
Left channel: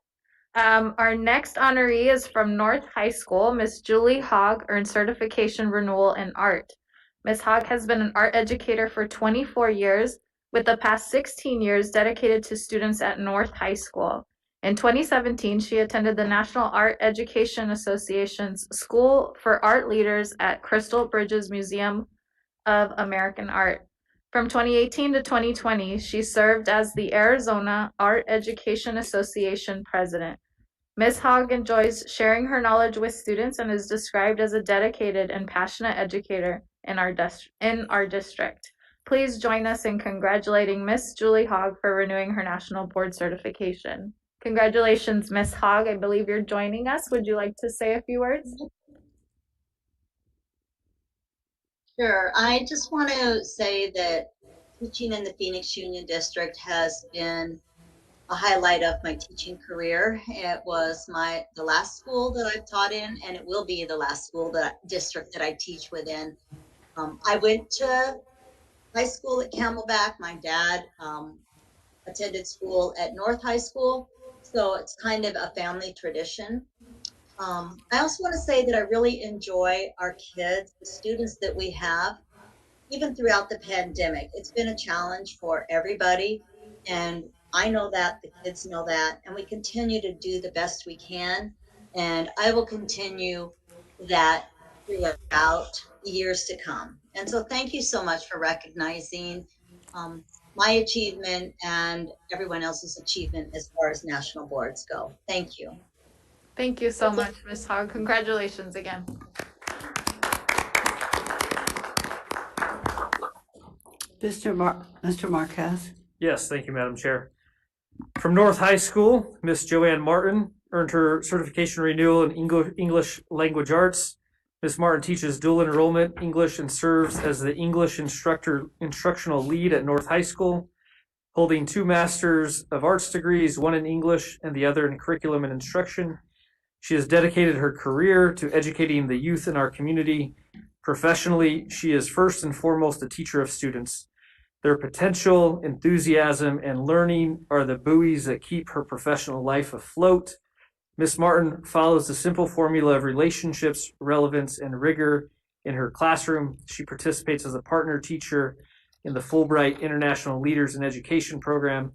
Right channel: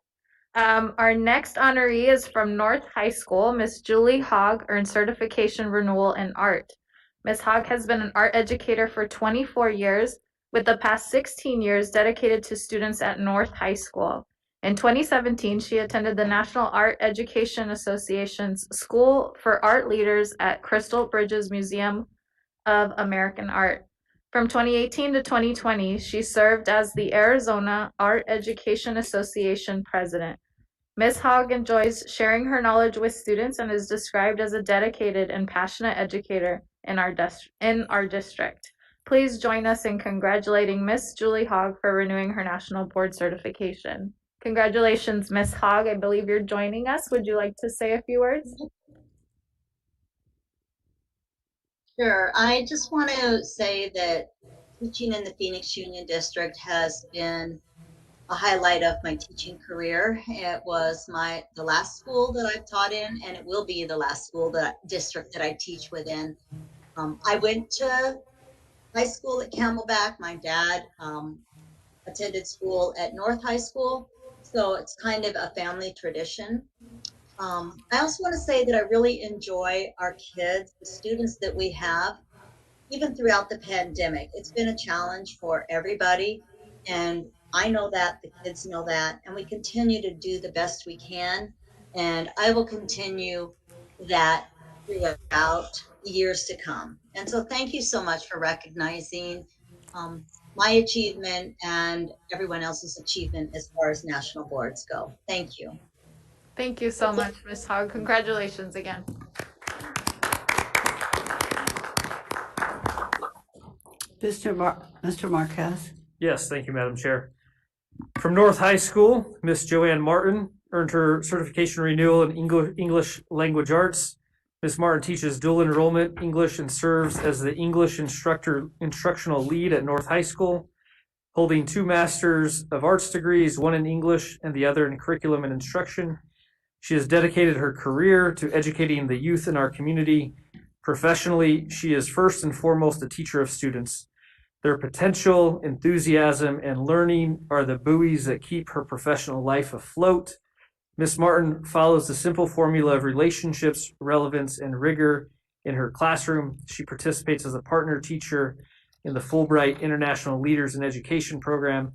Our next honoree is from North High School. Miss Julie Hogg earned certification renewal in art. Ms. Hogg has been an art educator for 24 years, with the past 16 years dedicated to students at North High School. In 2017, she attended the National Art Education Association's School for Art Leaders at Crystal Bridges Museum of American Art. From 2018 to 2020, she served as the Arizona Art Education Association president. Ms. Hogg enjoys sharing her knowledge with students and is described as a dedicated and passionate educator in our district. Please join us in congratulating Ms. Julie Hogg for renewing her national board certification. Congratulations, Ms. Hogg. I believe you're joining us. Would you like to say a few words? Sure. I just want to say that teaching in the Phoenix Union District has been a highlight of my teaching career. It was the last school that I've taught in, and it will be the last district that I teach within. I went to high school at Camelback. My dad attended school at North High School, so it's kind of a family tradition. I also want to say that I really enjoy our kids, the students that we have, even throughout the pandemic. It's been a challenge for everybody, and I know that, the kids know that, and we continue to do the best we can, and I will continue that throughout years to come. And so thank you so much for recognizing my achievement and everyone else's achievement as far as national boards go. Thank you. Thank you so much, Ms. Hogg. Congratulations again. Mr. Marquez. Yes, thank you, Madam Chair. From North High School, Miss Joanne Martin earned her certification renewal in English language arts. Ms. Martin teaches dual enrollment English and serves as the English instructional lead at North High School, holding 2 Masters of Arts degrees, one in English and the other in curriculum and instruction. She has dedicated her career to educating the youth in our community. Professionally, she is first and foremost a teacher of students. Their potential, enthusiasm, and learning are the buoys that keep her professional life afloat. Ms. Martin follows the simple formula of relationships, relevance, and rigor in her classroom. She participates as a partner teacher in the Fulbright International Leaders in Education program,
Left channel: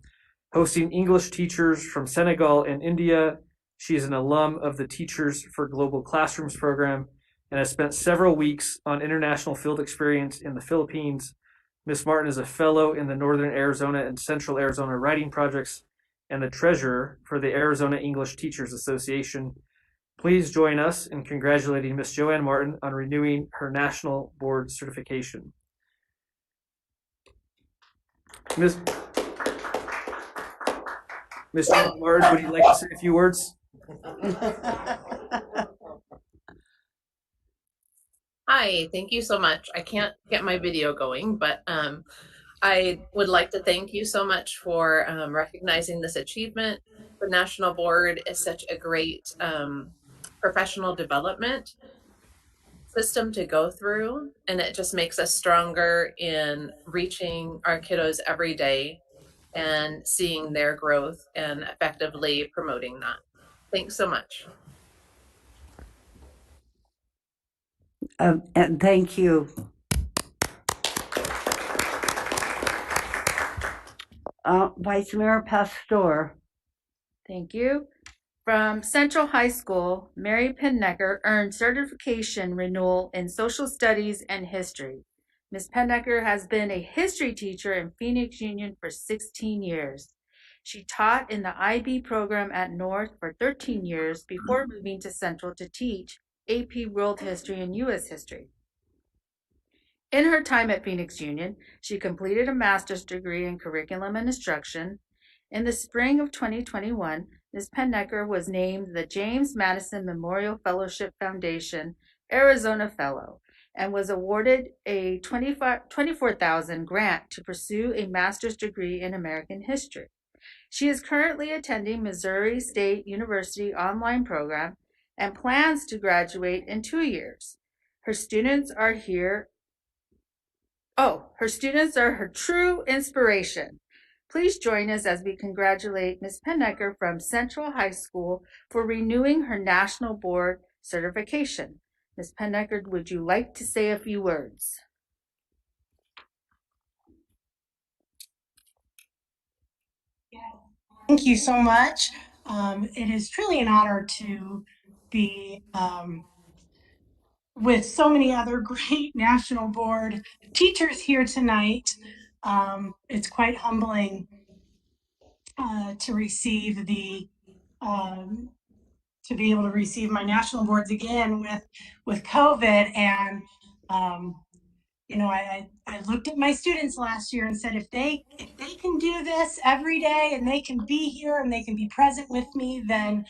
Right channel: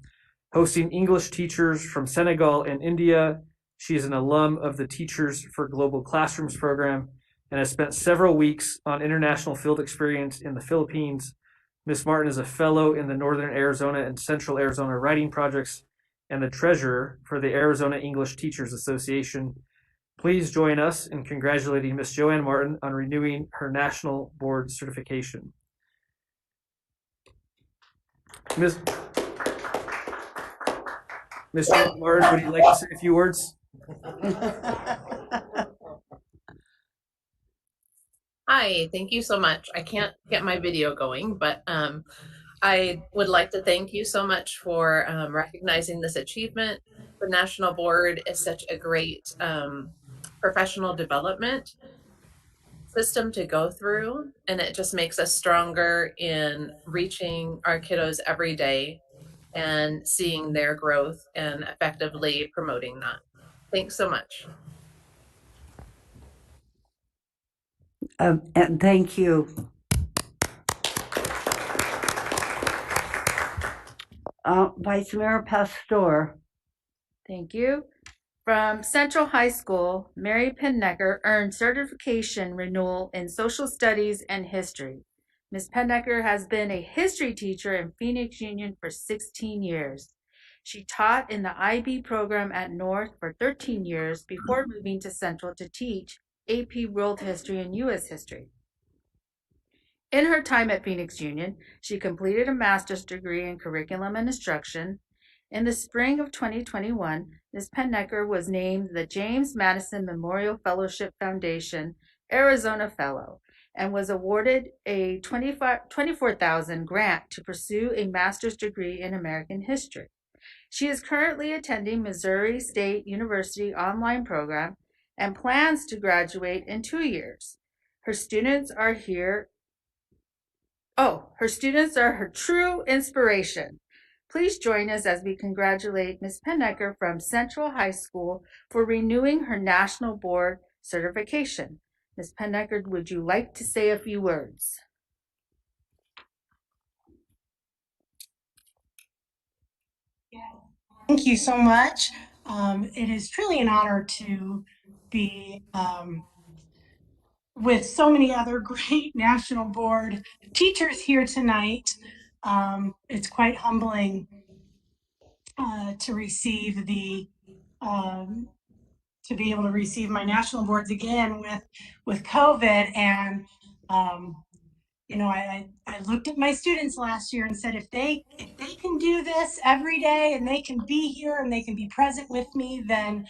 hosting English teachers from Senegal and India. She is an alum of the Teachers for Global Classrooms program and has spent several weeks on international field experience in the Philippines. Ms. Martin is a fellow in the Northern Arizona and Central Arizona Writing Projects and the treasurer for the Arizona English Teachers Association. Please join us in congratulating Ms. Joanne Martin on renewing her National Board certification. Ms. Joanne Martin, would you like to say a few words? Hi, thank you so much. I can't get my video going, but I would like to thank you so much for recognizing this achievement. The National Board is such a great professional development system to go through, and it just makes us stronger in reaching our kiddos every day and seeing their growth and effectively promoting that. Thanks so much. And thank you. Vice Mayor Pastor. Thank you. From Central High School, Mary Pennecker earned certification renewal in social studies and history. Ms. Pennecker has been a history teacher in Phoenix Union for 16 years. She taught in the IB program at North for 13 years before moving to Central to teach AP World History and U.S. History. In her time at Phoenix Union, she completed a master's degree in curriculum and instruction. In the spring of 2021, Ms. Pennecker was named the James Madison Memorial Fellowship Foundation Arizona Fellow and was awarded a $24,000 grant to pursue a master's degree in American history. She is currently attending Missouri State University online program and plans to graduate in 2 years. Her students are her true inspiration. Please join us as we congratulate Ms. Pennecker from Central High School for renewing her National Board certification. Ms. Pennecker, would you like to say a few words? Thank you so much. It is truly an honor to be with so many other great National Board teachers here tonight. It's quite humbling to receive to be able to receive my national boards again with COVID. And you know, I looked at my students last year and said, if they can do this every day and they can be here and they can be present with me, then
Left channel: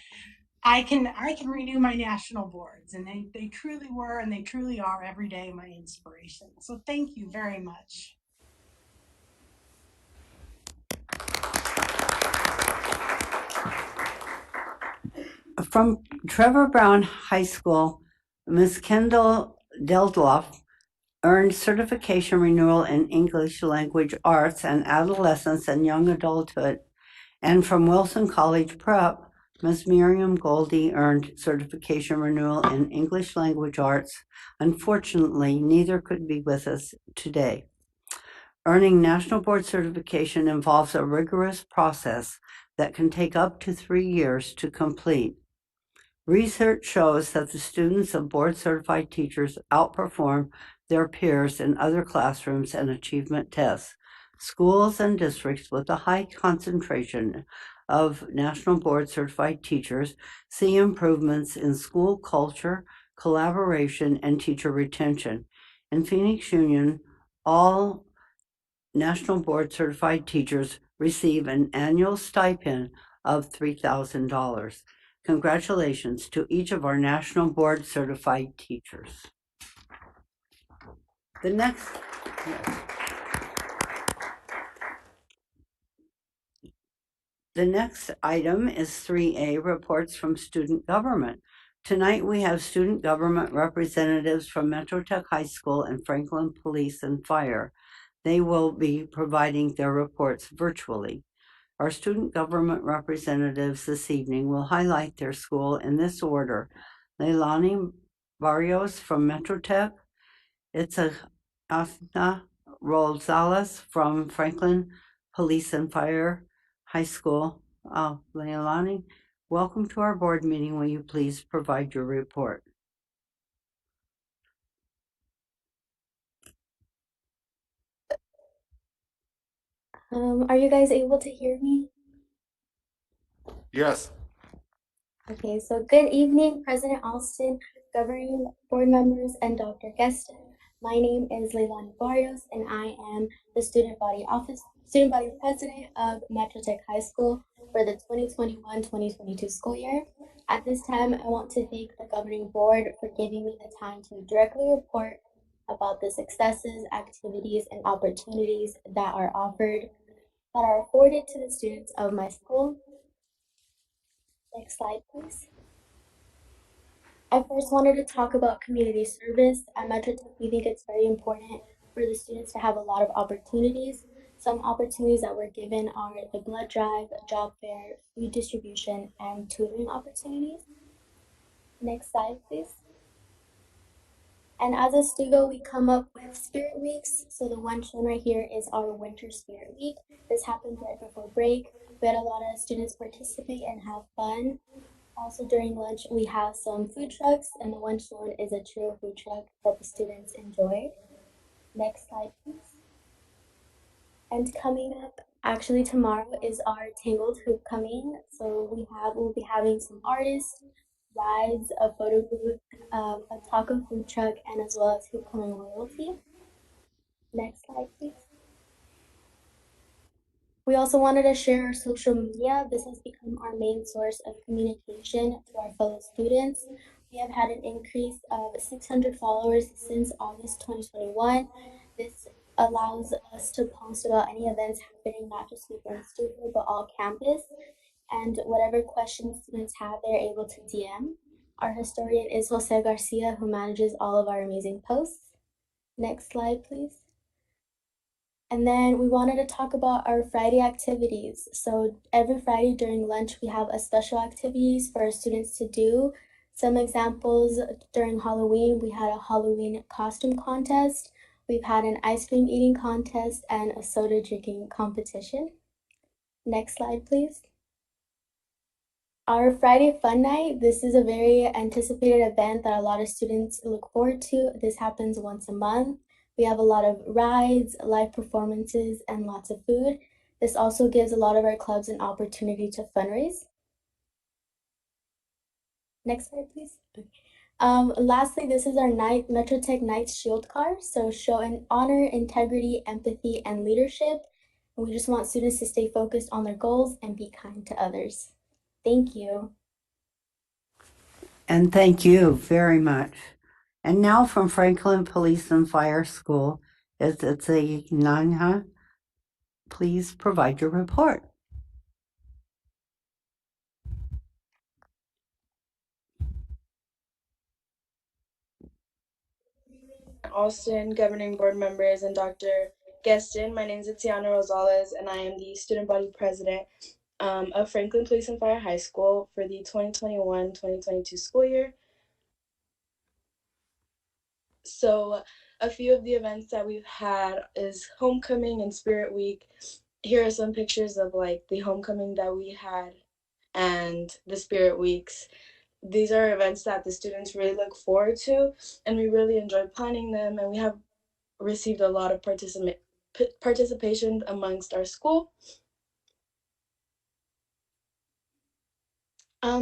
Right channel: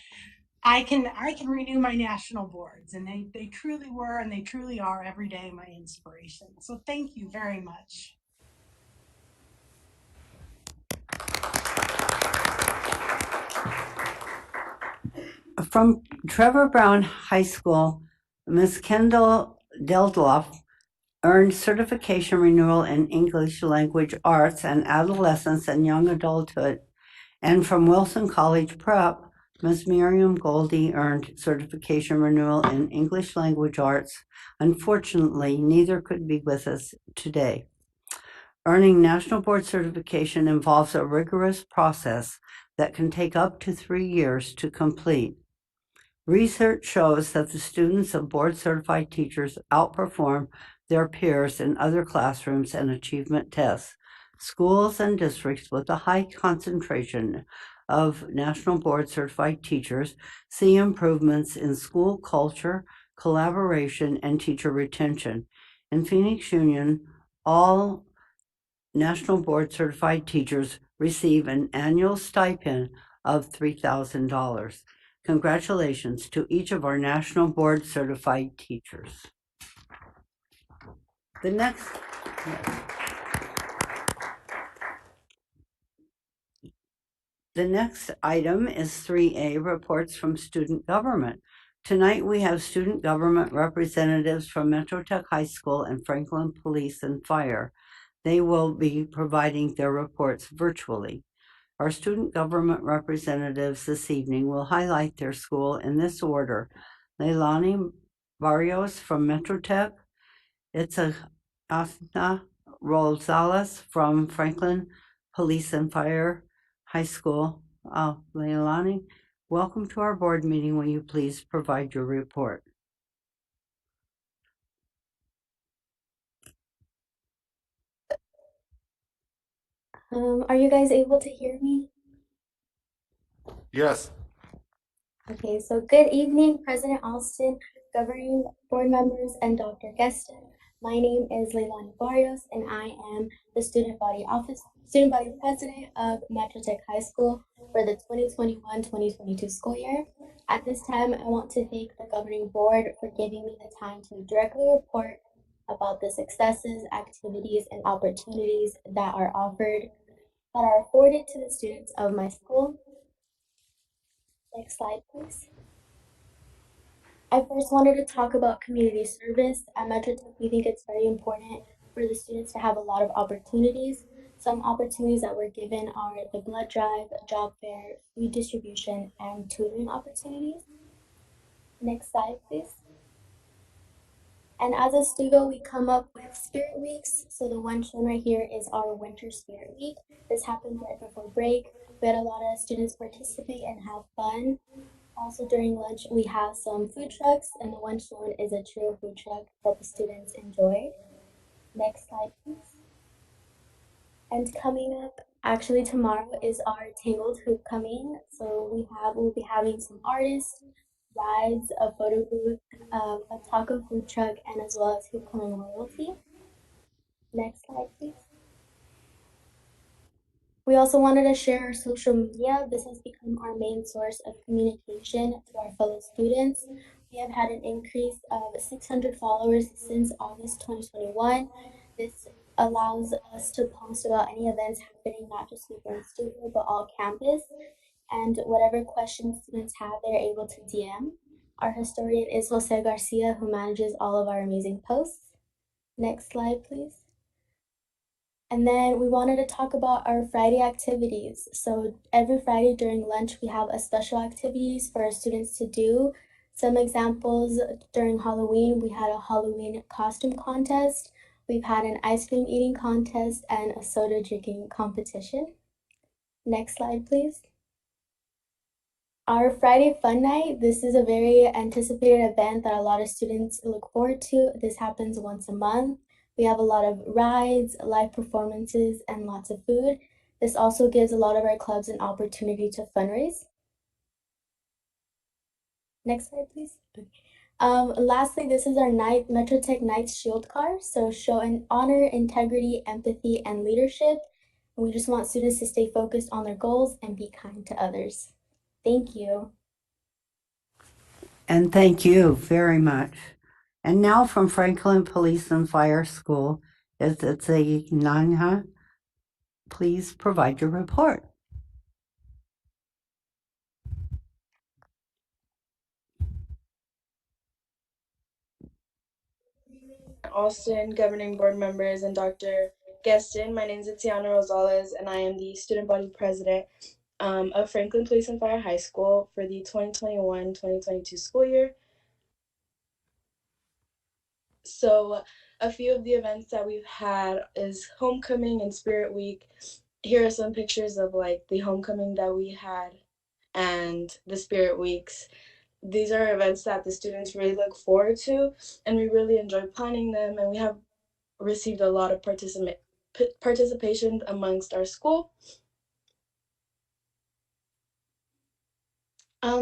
I can renew my national boards. And they truly were, and they truly are every day my inspiration. So thank you very much. From Trevor Brown High School, Ms. Kendall Deldloff earned certification renewal in English language arts and adolescence and young adulthood. And from Wilson College Prep, Ms. Miriam Goldie earned certification renewal in English language arts. Unfortunately, neither could be with us today. Earning National Board certification involves a rigorous process that can take up to 3 years to complete. Research shows that the students of board-certified teachers outperform their peers in other classrooms and achievement tests. Schools and districts with a high concentration of National Board-certified teachers see improvements in school culture, collaboration, and teacher retention. In Phoenix Union, all National Board-certified teachers receive an annual stipend of $3,000. Congratulations to each of our National Board certified teachers. The next, yes. The next item is 3A, reports from student government. Tonight we have student government representatives from Metro Tech High School and Franklin Police and Fire. They will be providing their reports virtually. Our student government representatives this evening will highlight their school in this order: Leilani Barrios from Metro Tech, Itzahna Rosales from Franklin Police and Fire High School. Leilani, welcome to our board meeting. Will you please provide your report? Are you guys able to hear me? Yes. Okay, so good evening, President Alston, governing board members, and Dr. Gueston. My name is Leilani Barrios, and I am the student body president of Metro Tech High School for the 2021-2022 school year. At this time, I want to thank the governing board for giving me the time to directly report about the successes, activities, and opportunities that are afforded to the students of my school. Next slide, please. I first wanted to talk about community service. At Metro Tech, we think it's very important for the students to have a lot of opportunities. Some opportunities that we're given are the blood drive, job fair, food distribution, and tutoring opportunities. Next slide, please. And as a studio, we come up with spirit weeks. So the one shown right here is our winter spirit week. This happened right before break. We had a lot of students participate and have fun. Also during lunch, we have some food trucks, and the one shown is a trio food truck that the students enjoyed. Next slide, please. And coming up, actually tomorrow is our Tangled Hoop coming. So we'll be having some artists, rides, a photo booth, a taco food truck, and as well as hoop coming royalty. Next slide, please. We also wanted to share our social media. This has become our main source of communication to our fellow students. We have had an increase of 600 followers since August 2021. This allows us to post about any events happening, not just within the studio, but all campus. And whatever questions students have, they're able to DM. Our historian is Jose Garcia, who manages all of our amazing posts. Next slide, please. And then we wanted to talk about our Friday activities. So every Friday during lunch, we have a special activities for our students to do. Some examples: during Halloween, we had a Halloween costume contest. We've had an ice cream eating contest and a soda drinking competition. Next slide, please. Our Friday Fun Night, this is a very anticipated event that a lot of students look forward to. This happens once a month. We have a lot of rides, live performances, and lots of food. This also gives a lot of our clubs an opportunity to fundraise. Next slide, please. Lastly, this is our Metro Tech Knights Shield car. So show an honor, integrity, empathy, and leadership. We just want students to stay focused on their goals and be kind to others. Thank you. And thank you very much. And now from Franklin Police and Fire School is Itzahna. Please provide your report. Alston, governing board members, and Dr. Gueston. My name is Tiana Rosales, and I am the student body president of Franklin Police and Fire High School for the 2021-2022 school year. So a few of the events that we've had is homecoming and spirit week. Here are some pictures of like the homecoming that we had and the spirit weeks. These are events that the students really look forward to, and we really enjoy planning them, and we have received a lot of participation amongst our school.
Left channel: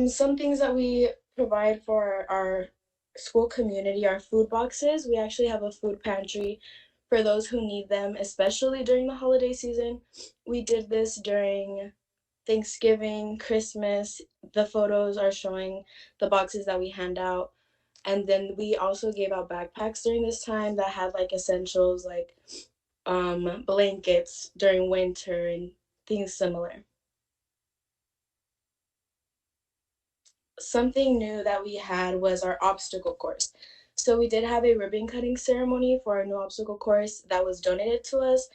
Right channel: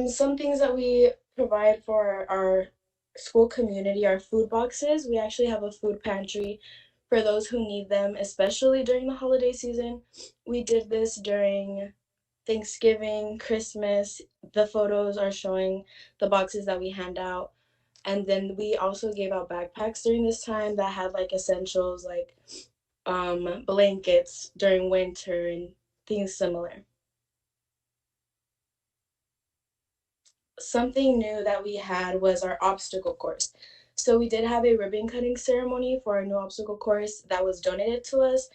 Some things that we provide for our school community are food boxes. We actually have a food pantry for those who need them, especially during the holiday season. We did this during Thanksgiving, Christmas, the photos are showing the boxes that we hand out. And then we also gave out backpacks during this time that had like essentials like blankets during winter and things similar. Something new that we had was our obstacle course. So we did have a ribbon cutting ceremony for our new obstacle course that was donated to us.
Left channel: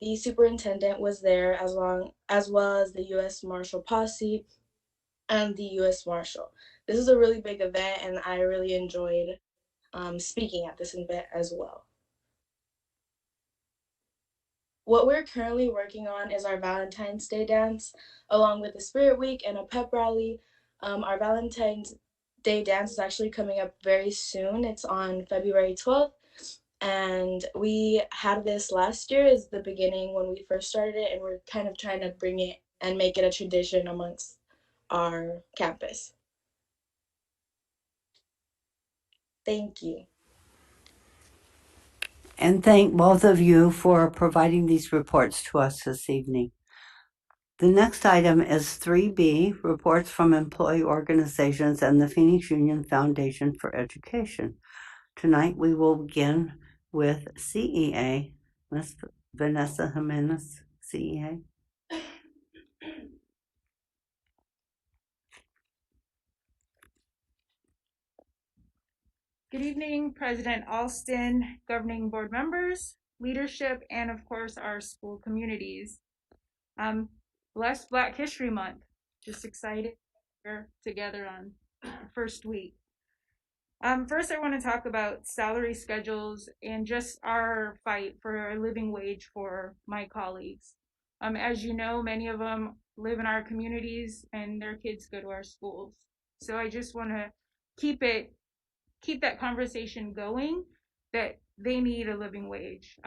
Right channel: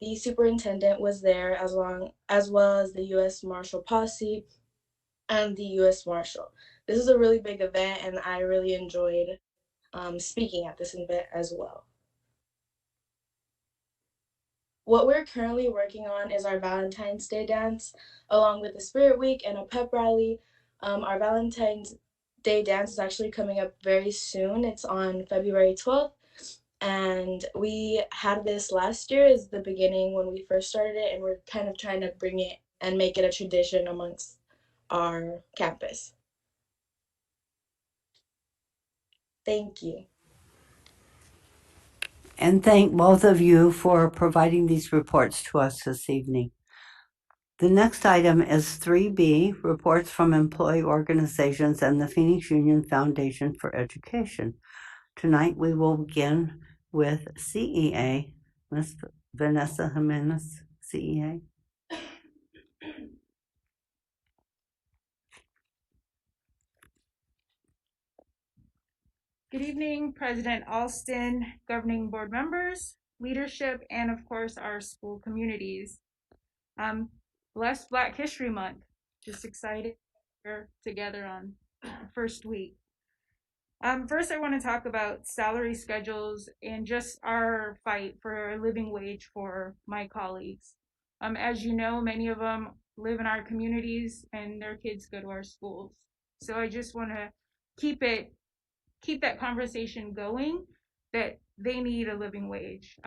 The superintendent was there as well as the U.S. Marshal Posse and the U.S. Marshal. This is a really big event, and I really enjoyed speaking at this event as well. What we're currently working on is our Valentine's Day dance, along with the Spirit Week and a pep rally. Our Valentine's Day dance is actually coming up very soon. It's on February 12th. And we had this last year as the beginning when we first started it, and we're kind of trying to bring it and make it a tradition amongst our campus. Thank you. And thank both of you for providing these reports to us this evening. The next item is 3B, reports from employee organizations and the Phoenix Union Foundation for Education. Tonight we will begin with CEA. Ms. Vanessa Jimenez, CEA. Good evening, President Alston, governing board members, leadership, and of course our school communities. Blessed Black History Month. Just excited we're together on the first week. First, I want to talk about salary schedules and just our fight for a living wage for my colleagues. As you know, many of them live in our communities and their kids go to our schools. So I just want to keep that conversation going, that they need a living wage.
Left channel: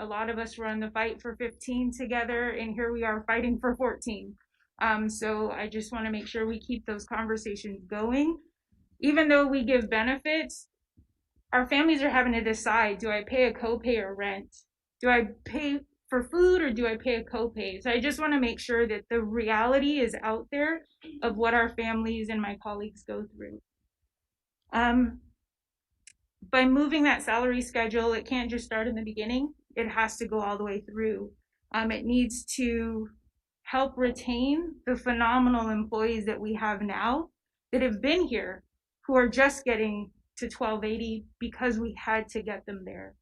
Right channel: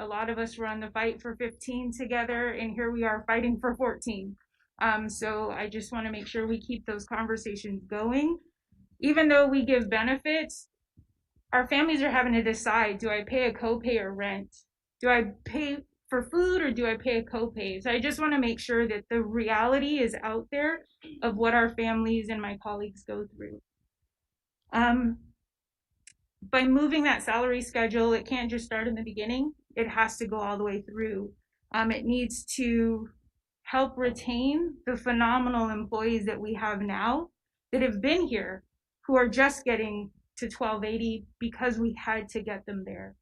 A lot of us were on the fight for 15 together, and here we are fighting for 14. So I just want to make sure we keep those conversations going. Even though we give benefits, our families are having to decide, do I pay a copay or rent? Do I pay for food or do I pay a copay? So I just want to make sure that the reality is out there of what our families and my colleagues go through. By moving that salary schedule, it can't just start in the beginning. It has to go all the way through. It needs to help retain the phenomenal employees that we have now that have been here, who are just getting to 1280 because we had to get them there.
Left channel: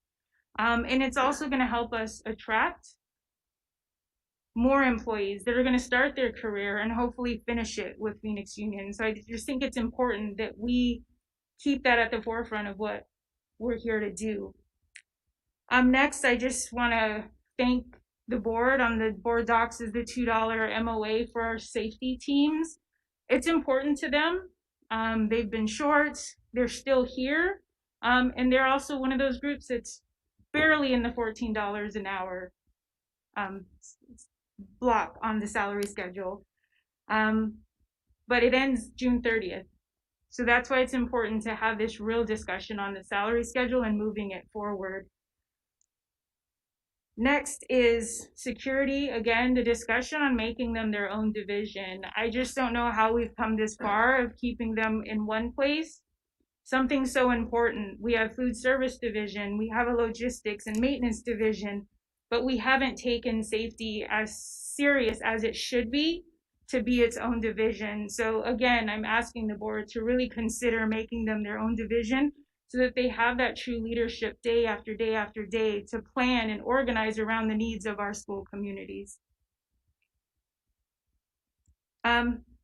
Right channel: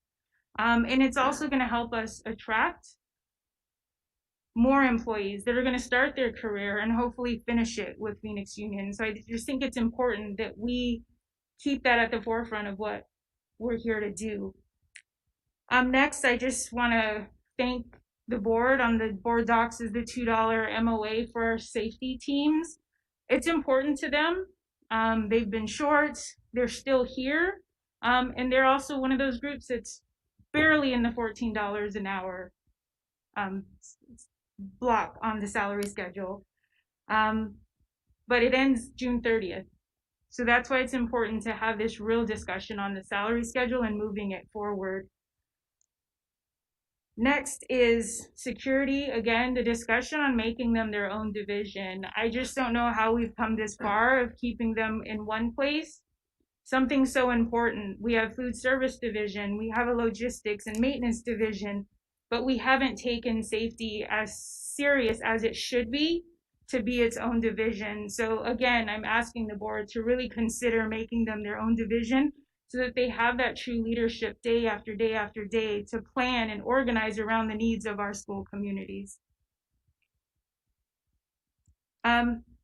And it's also going to help us attract more employees that are going to start their career and hopefully finish it with Phoenix Union. So I just think it's important that we keep that at the forefront of what we're here to do. Next, I just want to thank the board. On the board docs is the $2 MOA for our safety teams. It's important to them. They've been short, they're still here, and they're also one of those groups that's barely in the $14 an hour block on the salary schedule. But it ends June 30th. So that's why it's important to have this real discussion on the salary schedule and moving it forward. Next is security. Again, the discussion on making them their own division. I just don't know how we've come this far of keeping them in one place. Something so important. We have food service division, we have a logistics and maintenance division, but we haven't taken safety as serious as it should be to be its own division. So again, I'm asking the board to really consider making them their own division so that they have that true leadership day after day after day to plan and organize around the needs of our school communities.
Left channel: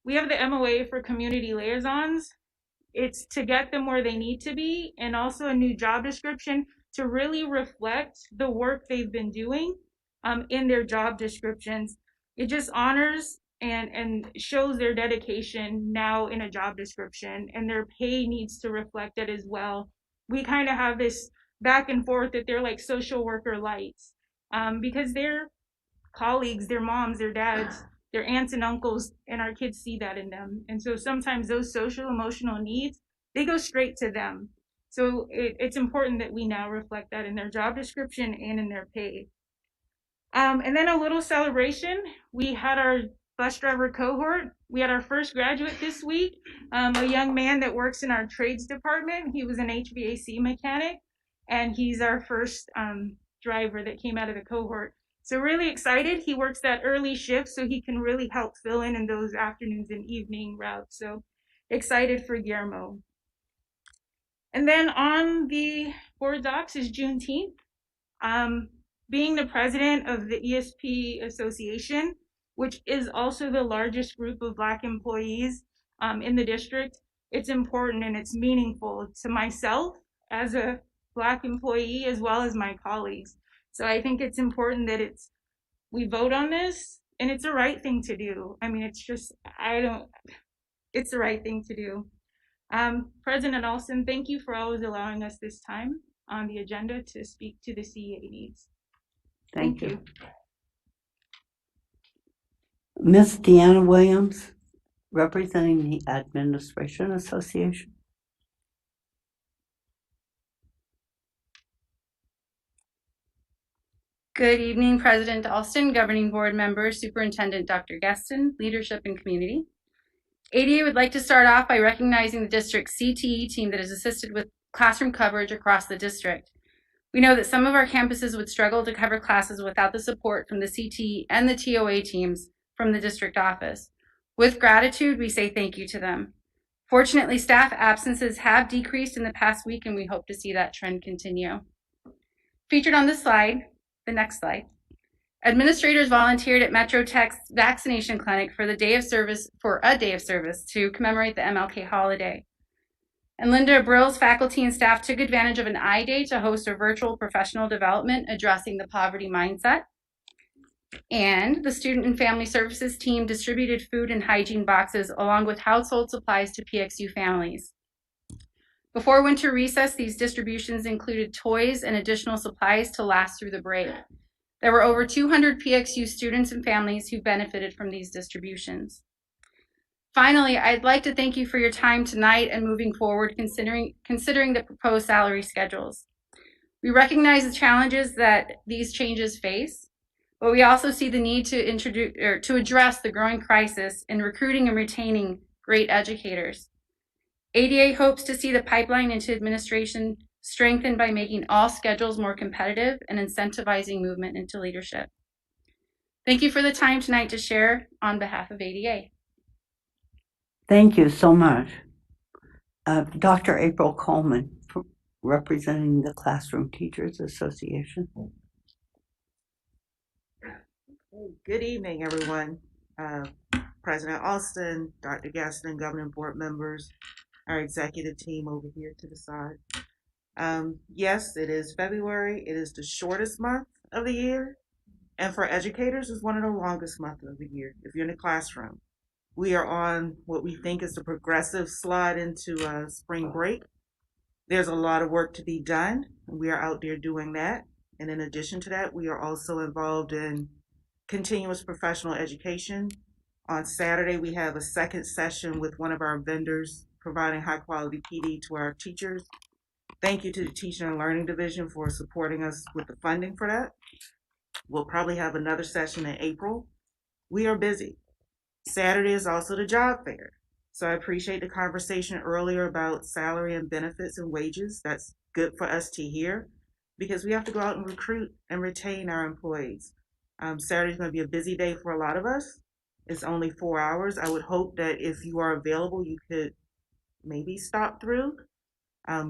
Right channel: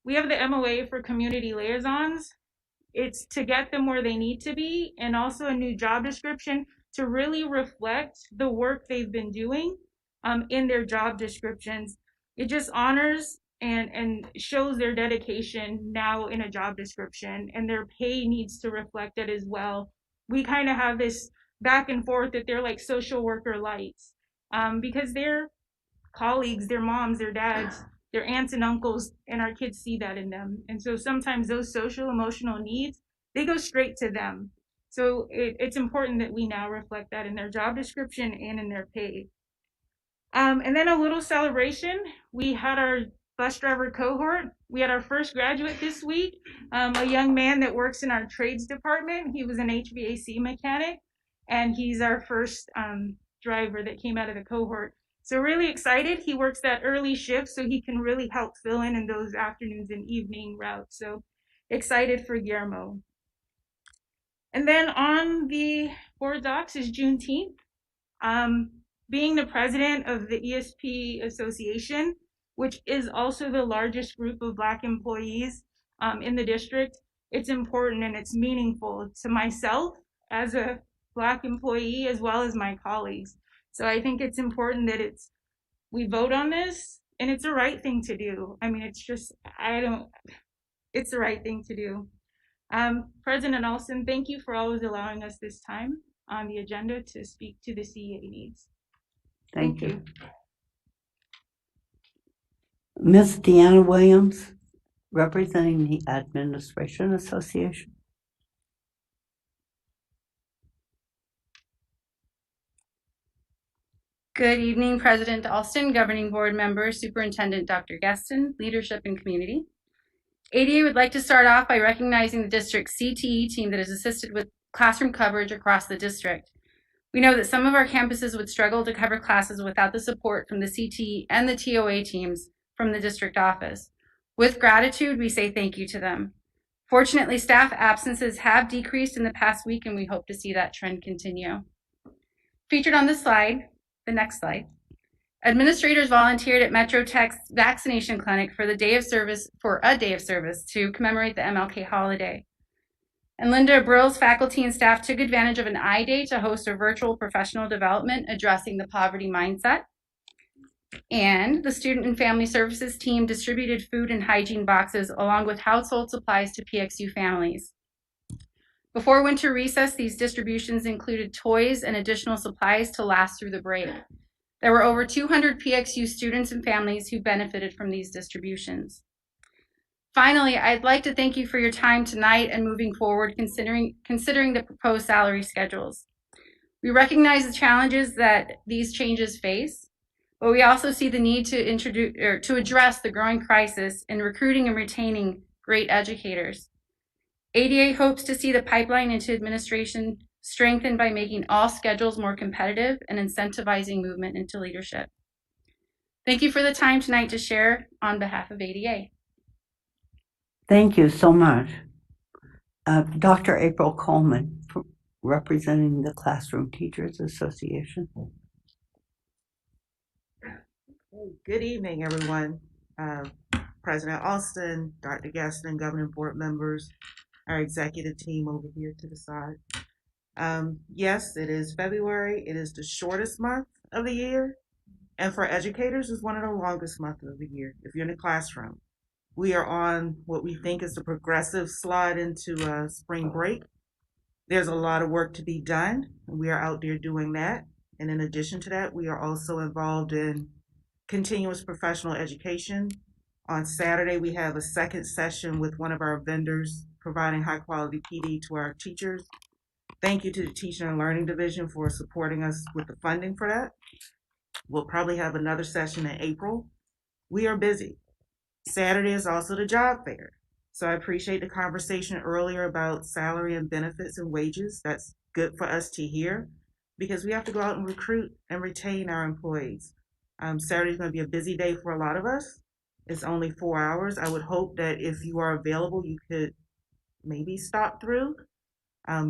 We have the MOA for community liaisons. It's to get them where they need to be, and also a new job description to really reflect the work they've been doing in their job descriptions. It just honors and shows their dedication now in a job description, and their pay needs to reflect it as well. We kind of have this back and forth that they're like social worker lights because their colleagues, their moms, their dads, their aunts and uncles, and our kids see that in them. And so sometimes those social emotional needs, they go straight to them. So it's important that we now reflect that in their job description and in their pay. And then a little celebration. We had our bus driver cohort. We had our first graduate this week, a young man that works in our trades department. He was an HVAC mechanic, and he's our first driver that came out of the cohort. So really excited. He works that early shift, so he can really help fill in those afternoons and evening routes. So excited for Guillermo. And then on the board docs is Juneteenth. Being the president of the ESP Association, which is also the largest group of Black employees in the district, it's important and it's meaningful to myself as a Black employee as well as my colleagues. So I think it's important that we vote on this, and it's the right thing to do. I mean, it's the right thing to do. President Alston, thank you for always allowing us this time on the agenda to speak to the CEA needs. Thank you. Ms. Deanna Williams, representing the Administration Association. Good evening, President Alston, Governing Board members, Superintendent Dr. Gueston, leadership and community. ADA would like to start off by recognizing the district's CTE team that has assisted with classroom coverage across the district. We know that some of our campuses would struggle to cover classes without the support from the CTE and the TOA teams from the district office. With gratitude, we say thank you to them. Fortunately, staff absences have decreased in the past week, and we hope to see that trend continue. Featured on this slide, the next slide, administrators volunteered at Metro Tech's vaccination clinic for a day of service to commemorate the MLK holiday. And Linda Brill's faculty and staff took advantage of an I-Day to host a virtual professional development addressing the poverty mindset. And the Student and Family Services team distributed food and hygiene boxes along with household supplies to PXU families. Before winter recess, these distributions included toys and additional supplies to last through the break. There were over 200 PXU students and families who benefited from these distributions. Finally, I'd like to thank you for your time tonight and moving forward, considering the proposed salary schedules. We recognize the challenges that these changes face, but we also see the need to address the growing crisis in recruiting and retaining great educators. ADA hopes to see the pipeline into administration strengthened by making all schedules more competitive and incentivizing movement into leadership. Thank you for the time tonight to share on behalf of ADA. Thank you so much. Dr. April Coleman, representing the Classroom Teachers Association. Good evening, everyone. President Alston, Dr. Gaston, governing board members, our executive team over here to the side. Yes, it is February. It is the shortest month of the year. And for educators, it's one of the longest months of the year if you're in the classroom. We are on what we think is the progressive slide into spring break. There's a lot of work to be done. We are out there doing that. And in addition to that, we are also involved in continuous professional education. On Saturday, we have a second session with one of our vendors providing high quality PD to our teachers. Thank you to the Teaching and Learning Division for supporting us with the funding for that. We'll probably have another session in April. We are busy. Saturday is also the job fair. So I appreciate the conversation earlier about salary and benefits and wages. That's good for us to hear because we have to go out and recruit and retain our employees. Saturday is going to be a busy day for a lot of us. It's only 4 hours. I would hope that if you are available, you could maybe stop through,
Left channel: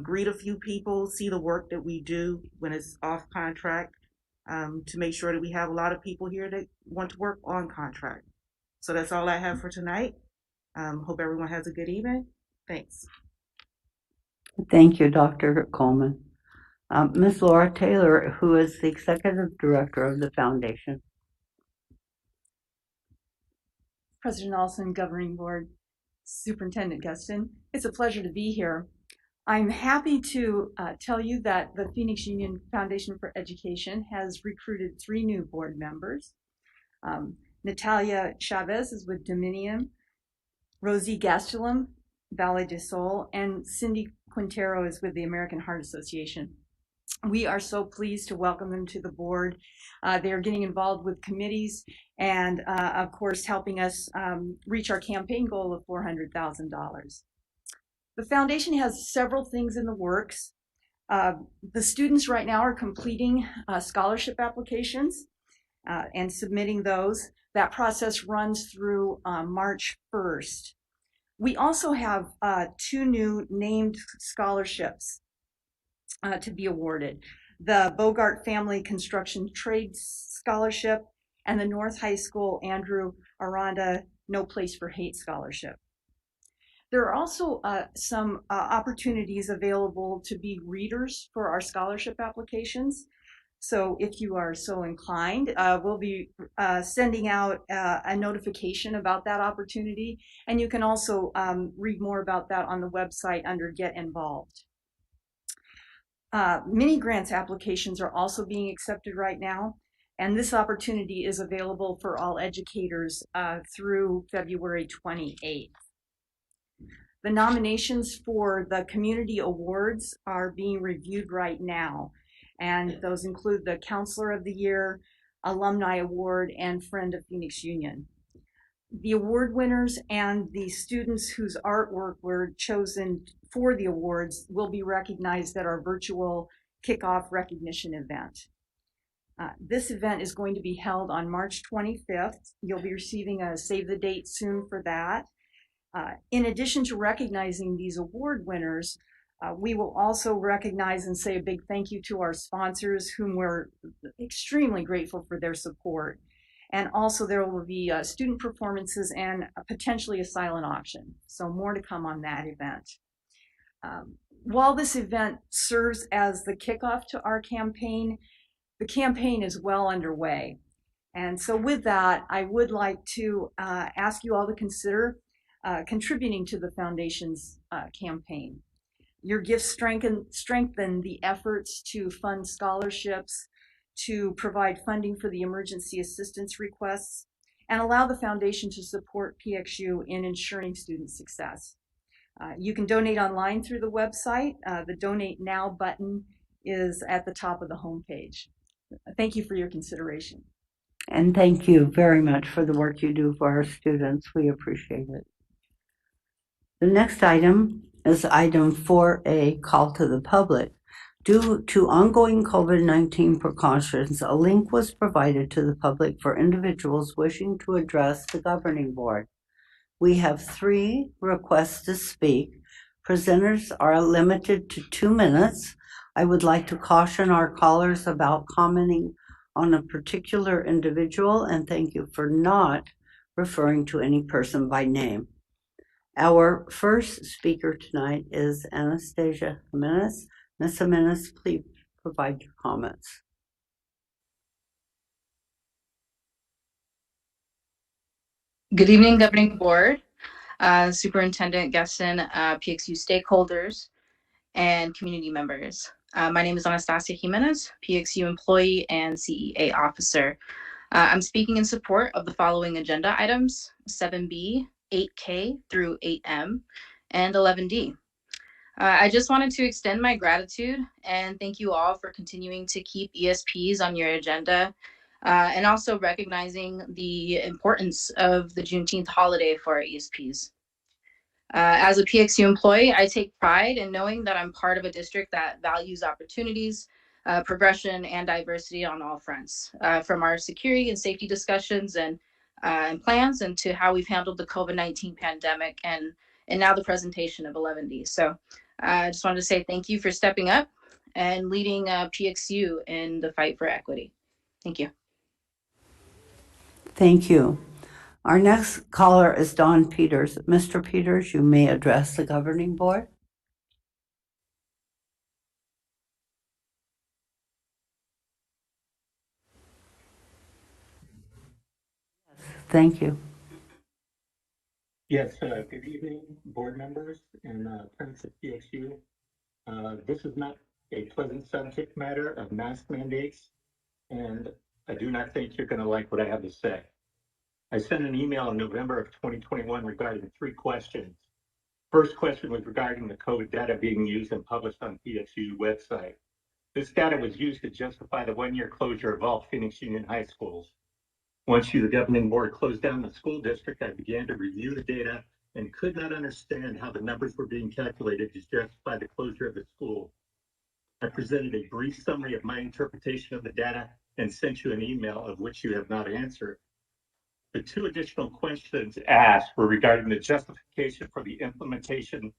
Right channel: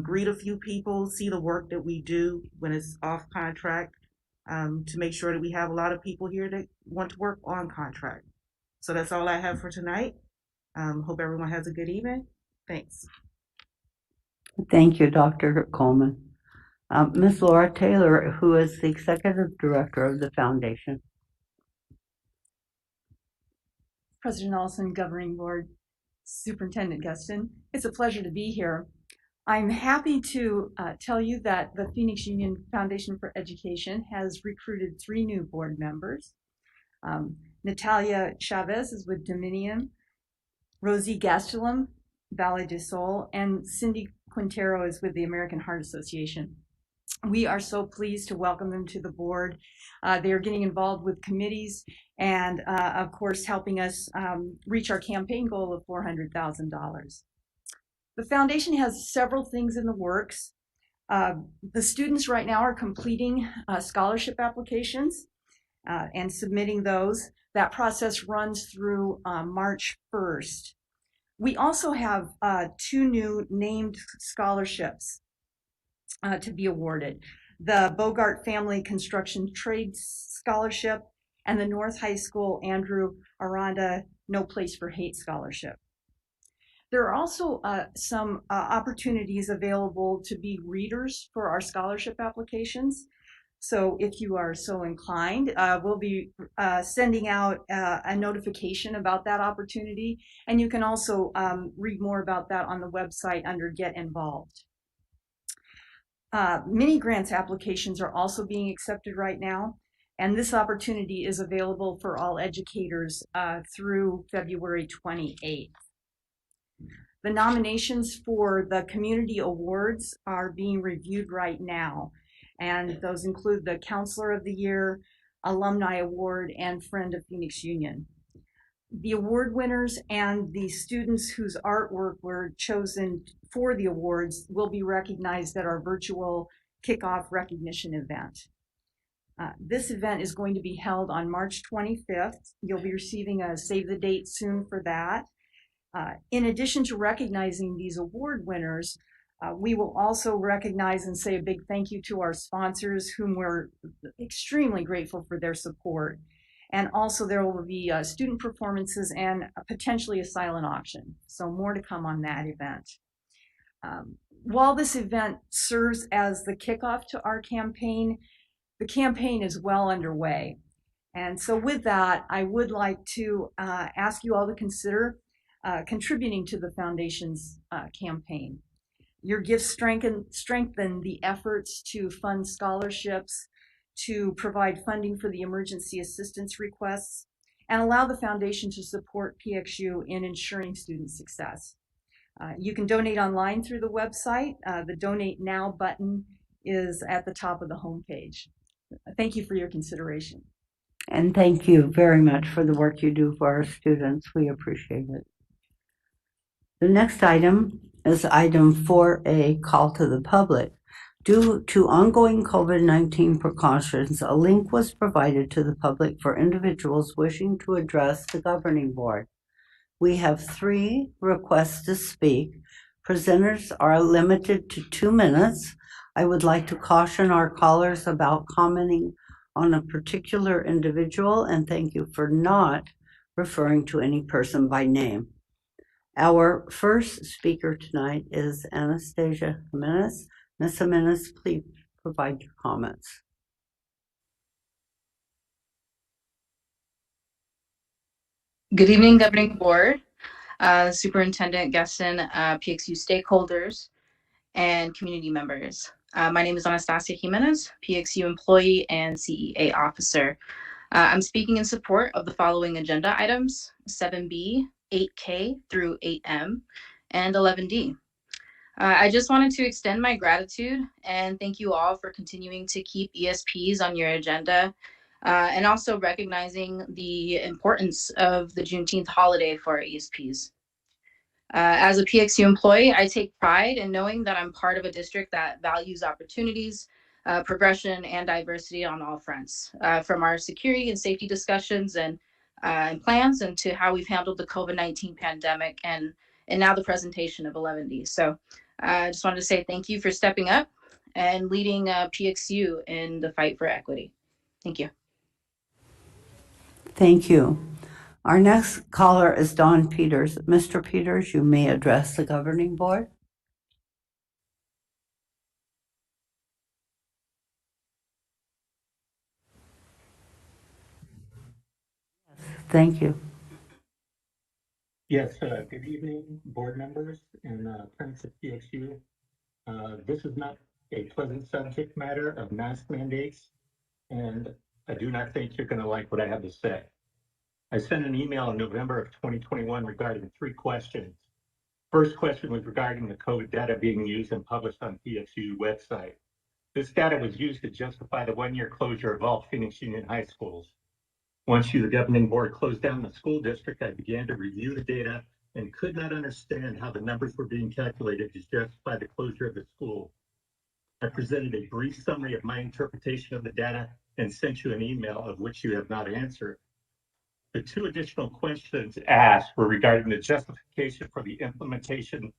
greet a few people, see the work that we do when it's off contract, to make sure that we have a lot of people here that want to work on contract. So that's all I have for tonight. Hope everyone has a good evening. Thanks. Thank you, Dr. Coleman. Ms. Laura Taylor, who is the Executive Director of the Foundation. President Alston, Governing Board, Superintendent Guston, it's a pleasure to be here. I'm happy to tell you that the Phoenix Union Foundation for Education has recruited 3 new board members. Natalia Chavez is with Dominion, Rosie Gastelum, Valley de Sol, and Cindy Quintero is with the American Heart Association. We are so pleased to welcome them to the board. They are getting involved with committees and, of course, helping us reach our campaign goal of $400,000. The foundation has several things in the works. The students right now are completing scholarship applications and submitting those. That process runs through March 1st. We also have 2 new named scholarships to be awarded. The Bogart Family Construction Trades Scholarship and the North High School Andrew Aranda No Place for Hate Scholarship. There are also some opportunities available to be readers for our scholarship applications. So if you are so inclined, we'll be sending out a notification about that opportunity. And you can also read more about that on the website under Get Involved. Mini grants applications are also being accepted right now. And this opportunity is available for all educators through February 28th. The nominations for the community awards are being reviewed right now. And those include the Counselor of the Year, Alumni Award, and Friend of Phoenix Union. The award winners and the students whose artwork were chosen for the awards will be recognized at our virtual kickoff recognition event. This event is going to be held on March 25th. You'll be receiving a save the date soon for that. In addition to recognizing these award winners, we will also recognize and say a big thank you to our sponsors, whom we're extremely grateful for their support. And also there will be student performances and potentially a silent auction. So more to come on that event. While this event serves as the kickoff to our campaign, the campaign is well underway. And so with that, I would like to ask you all to consider contributing to the foundation's campaign. Your gifts strengthen the efforts to fund scholarships, to provide funding for the emergency assistance requests, and allow the foundation to support PXU in ensuring student success. You can donate online through the website. The Donate Now button is at the top of the homepage. Thank you for your consideration. And thank you very much for the work you do for our students. We appreciate it. The next item is item 4A, call to the public. Due to ongoing COVID-19 precautions, a link was provided to the public for individuals wishing to address the governing board. We have 3 requests to speak. Presenters are limited to 2 minutes. I would like to caution our callers about commenting on a particular individual, and thank you for not referring to any person by name. Our first speaker tonight is Anastasia Jimenez. Ms. Jimenez, please provide your comments. Good evening, Governing Board, Superintendent Gesson, PXU stakeholders, and community members. My name is Anastasia Jimenez, PXU employee and CEA officer. I'm speaking in support of the following agenda items: 7B, 8K through 8M, and 11D. I just wanted to extend my gratitude and thank you all for continuing to keep ESPs on your agenda, and also recognizing the importance of the Juneteenth holiday for our ESPs. As a PXU employee, I take pride in knowing that I'm part of a district that values opportunities, progression, and diversity on all fronts, from our security and safety discussions and plans, and to how we've handled the COVID-19 pandemic, and now the presentation of 11D. So I just wanted to say thank you for stepping up and leading PXU in the fight for equity. Thank you. Thank you. Our next caller is Don Peters. Mr. Peters, you may address the governing board. Thank you. Yes, good evening, board members and friends of PXU. This is not a pleasant subject matter of mask mandates, and I do not think you're going to like what I have to say. I sent an email in November of 2021 regarding 3 questions. First question was regarding the COVID data being used and published on PXU website. This data was used to justify the one-year closure of all Phoenix Union high schools. Once the governing board closed down the school district, I began to review the data and could not understand how the numbers were being calculated to justify the closure of the school. I presented a brief summary of my interpretation of the data and sent you an email of which you have not answered. The two additional questions asked were regarding the justification for the implementation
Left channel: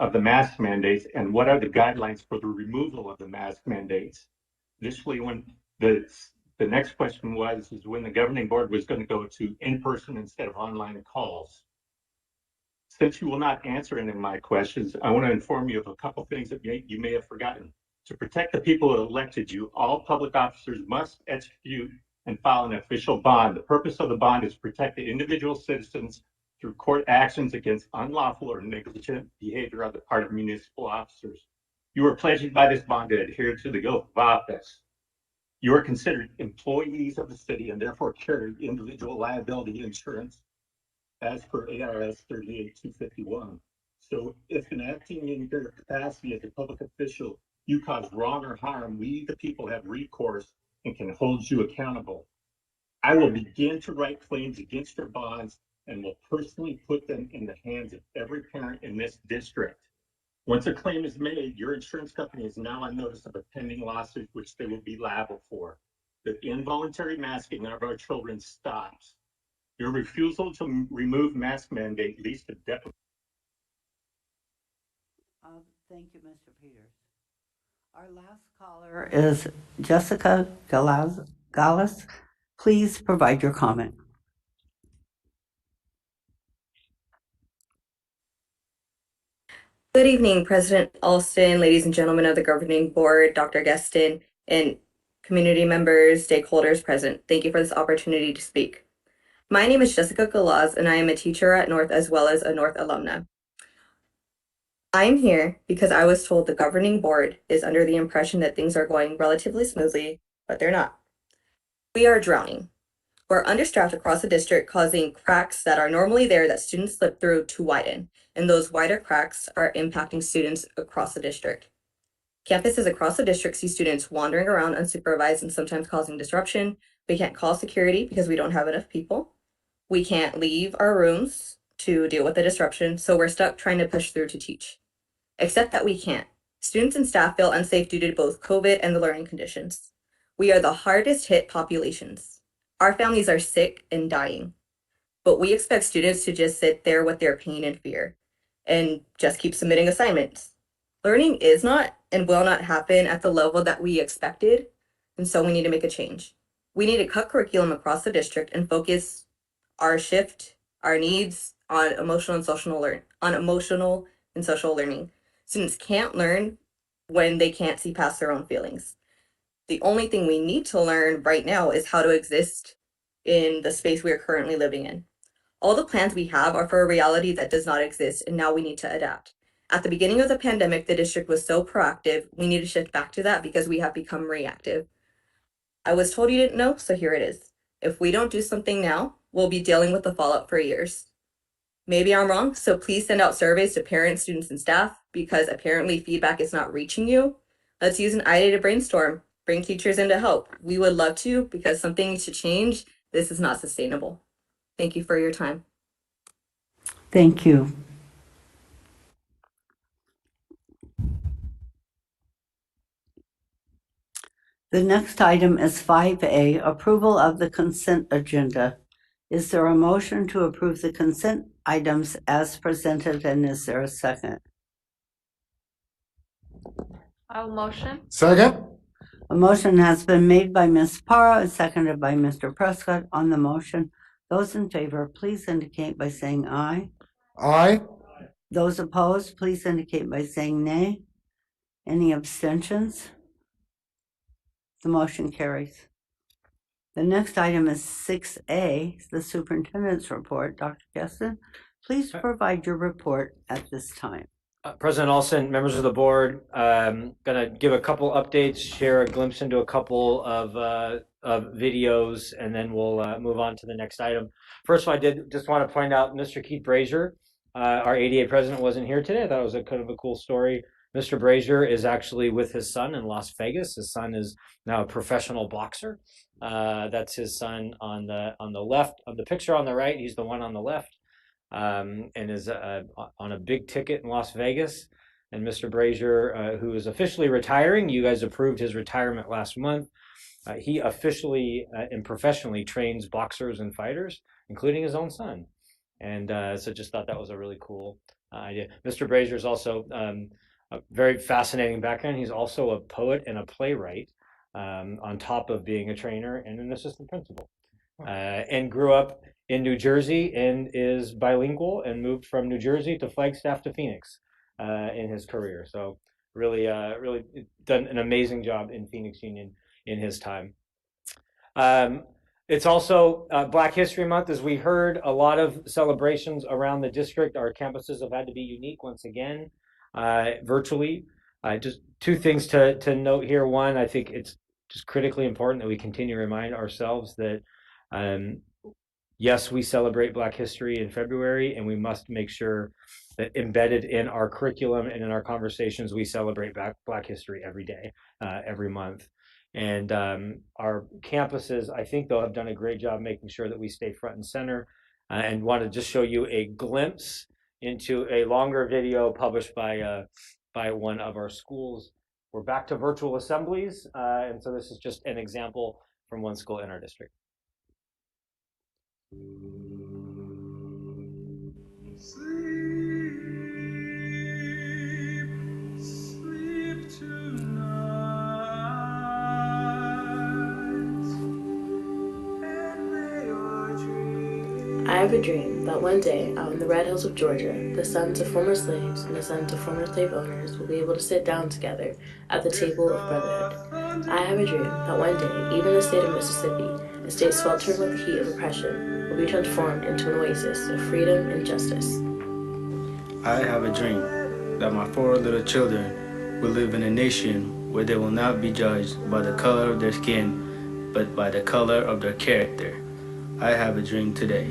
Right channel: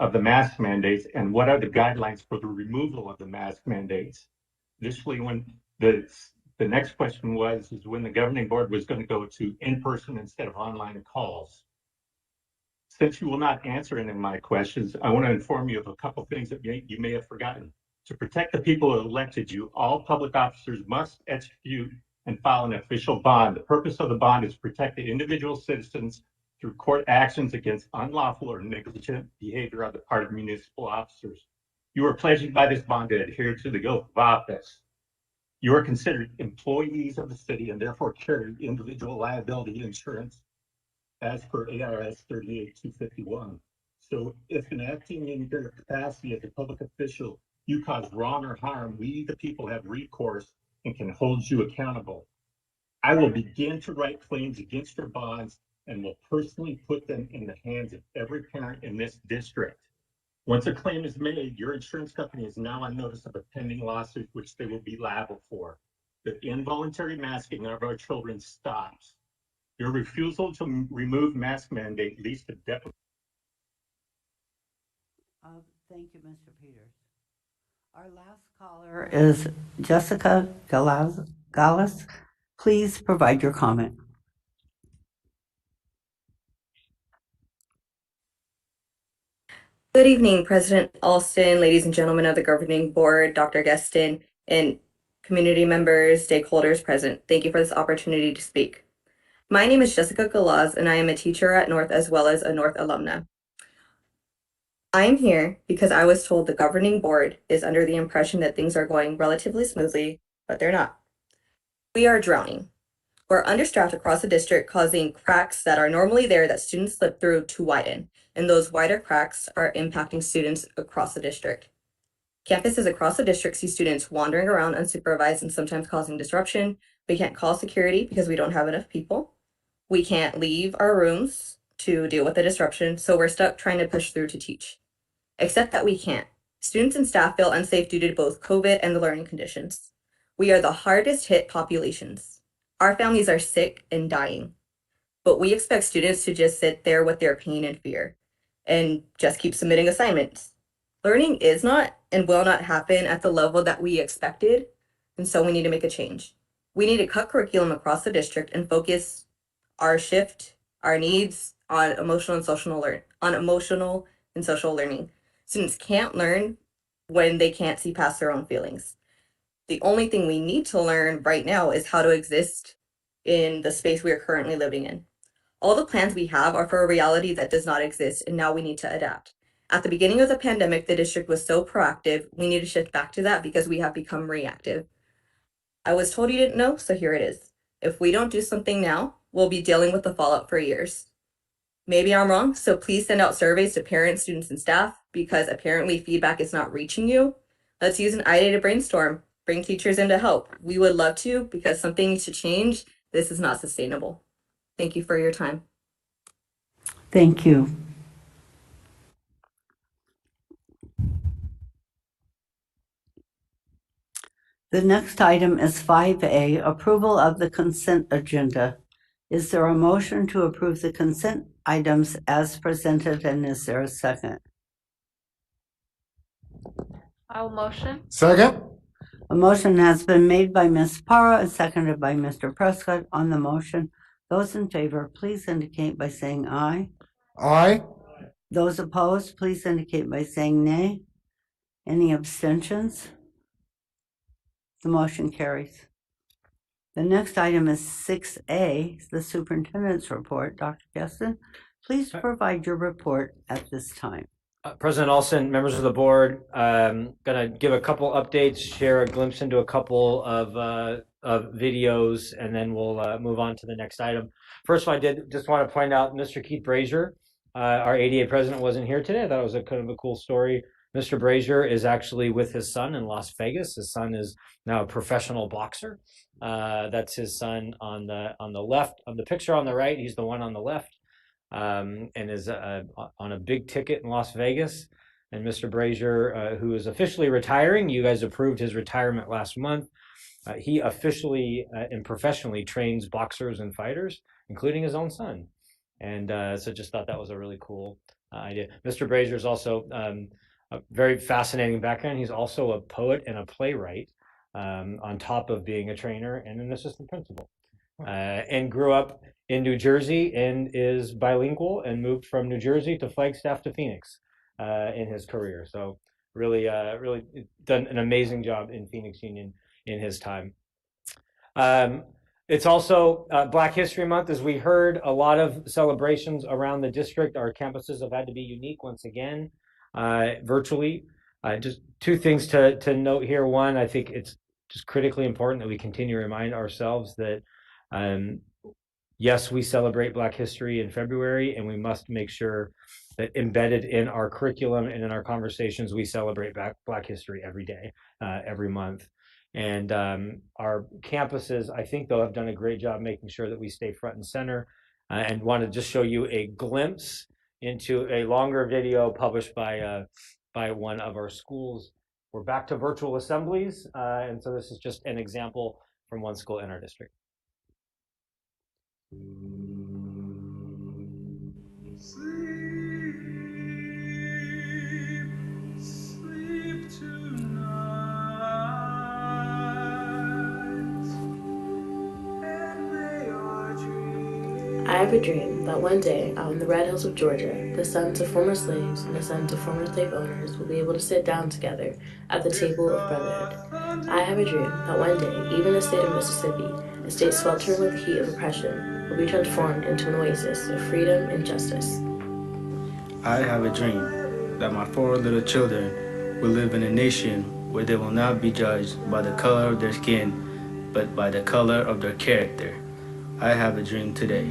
of the mask mandates and what are the guidelines for the removal of the mask mandates. Additionally, when the next question was when the governing board was going to go to in-person instead of online calls. Since you will not answer any of my questions, I want to inform you of a couple things that you may have forgotten. To protect the people who elected you, all public officers must execute and file an official bond. The purpose of the bond is to protect the individual citizens through court actions against unlawful or negligent behavior on the part of municipal officers. You are pledging by this bond to adhere to the oath of office. You are considered employees of the city and therefore carry individual liability insurance as per ARS 38251. So if in acting in your capacity as a public official, you cause wrong or harm, we the people have recourse and can hold you accountable. I will begin to write claims against your bonds and will personally put them in the hands of every parent in this district. Once a claim is made, your insurance company is now on notice of a pending lawsuit, which they will be liable for. The involuntary masking of our children stops. Your refusal to remove mask mandate leads to debt. Thank you, Mr. Peters. Our last caller is Jessica Gallus. Please provide your comment. Good evening, President Alston, ladies and gentlemen of the governing board, Dr. Geston, and community members, stakeholders present. Thank you for this opportunity to speak. My name is Jessica Galaz, and I am a teacher at North as well as a North alumna. I am here because I was told the governing board is under the impression that things are going relatively smoothly, but they're not. We are drowning. We're understaffed across the district, causing cracks that are normally there that students slip through to widen, and those wider cracks are impacting students across the district. Campuses across the district see students wandering around unsupervised and sometimes causing disruption. We can't call security because we don't have enough people. We can't leave our rooms to deal with the disruption, so we're stuck trying to push through to teach. Except that we can't. Students and staff feel unsafe due to both COVID and the learning conditions. We are the hardest hit populations. Our families are sick and dying, but we expect students to just sit there with their pain and fear and just keep submitting assignments. Learning is not and will not happen at the level that we expected, and so we need to make a change. We need to cut curriculum across the district and focus our shift, our needs on emotional and social learning. Students can't learn when they can't see past their own feelings. The only thing we need to learn right now is how to exist in the space we are currently living in. All the plans we have are for a reality that does not exist, and now we need to adapt. At the beginning of the pandemic, the district was so proactive. We need to shift back to that because we have become reactive. I was told you didn't know, so here it is. If we don't do something now, we'll be dealing with the fallout for years. Maybe I'm wrong, so please send out surveys to parents, students, and staff because apparently feedback is not reaching you. Let's use an idea to brainstorm. Bring teachers in to help. We would love to because something needs to change. This is not sustainable. Thank you for your time. Thank you. The next item is 5A, approval of the consent agenda. Is there a motion to approve the consent items as presented, and is there a second? I'll motion. Second. A motion has been made by Ms. Parra and seconded by Mr. Prescott on the motion. Those in favor, please indicate by saying aye. Aye. Those opposed, please indicate by saying nay. Any abstentions? The motion carries. The next item is 6A, the superintendent's report. Dr. Geston, please provide your report at this time. President Alston, members of the board, going to give a couple updates, share a glimpse into a couple of videos, and then we'll move on to the next item. First of all, I did just want to point out Mr. Keith Brazier, our ADA president, wasn't here today. I thought it was a kind of a cool story. Mr. Brazier is actually with his son in Las Vegas. His son is now a professional boxer. That's his son on the left. On the picture on the right, he's the one on the left, and is on a big ticket in Las Vegas. And Mr. Brazier, who is officially retiring, you guys approved his retirement last month. He officially and professionally trains boxers and fighters, including his own son. And so just thought that was a really cool idea. Mr. Brazier is also a very fascinating background. He's also a poet and a playwright, on top of being a trainer and an assistant principal. And grew up in New Jersey and is bilingual and moved from New Jersey to Flagstaff to Phoenix in his career. So really done an amazing job in Phoenix Union in his time. It's also Black History Month. As we heard, a lot of celebrations around the district. Our campuses have had to be unique once again, virtually. Just two things to note here. One, I think it's just critically important that we continue to remind ourselves that yes, we celebrate Black history in February, and we must make sure that embedded in our curriculum and in our conversations, we celebrate Black history every day, every month. And our campuses, I think, though, have done a great job making sure that we stay front and center, and want to just show you a glimpse into a longer video published by one of our schools. We're back to virtual assemblies, and so this is just an example from one school in our district. Sleep tonight, and may our dreams. I have a dream that one day, out in the red hills of Georgia, the sons of former slaves and the sons of former slave owners will be able to sit down together at the table of brotherhood. I have a dream that one day, even the state of Mississippi, a state sweltering with the heat of oppression, will be transformed into an oasis of freedom and justice. I have a dream that my 4 little children will live in a nation where they will not be judged by the color of their skin, but by the color of their character. I have a dream today.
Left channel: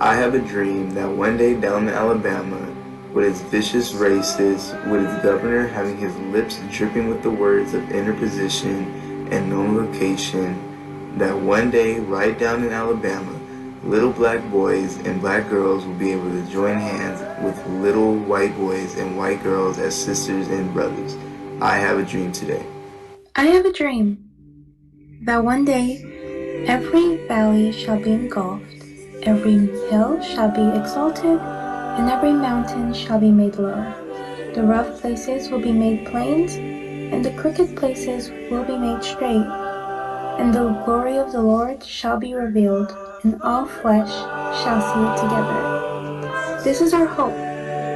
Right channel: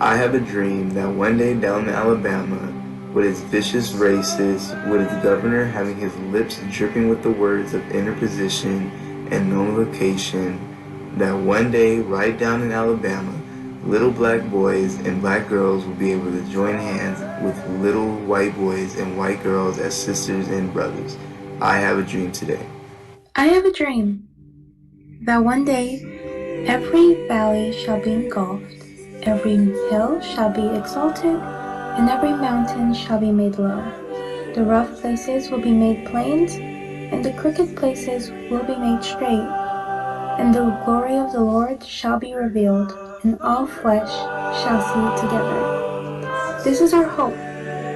I have a dream that one day down in Alabama, with its vicious racists, with its governor having his lips dripping with the words of interposition and known location, that one day right down in Alabama, little black boys and black girls will be able to join hands with little white boys and white girls as sisters and brothers. I have a dream today. I have a dream that one day every valley shall be engulfed, every hill shall be exalted, and every mountain shall be made low. The rough places will be made plains, and the crooked places will be made straight. And the glory of the Lord shall be revealed, and all flesh shall see it together. This is our hope.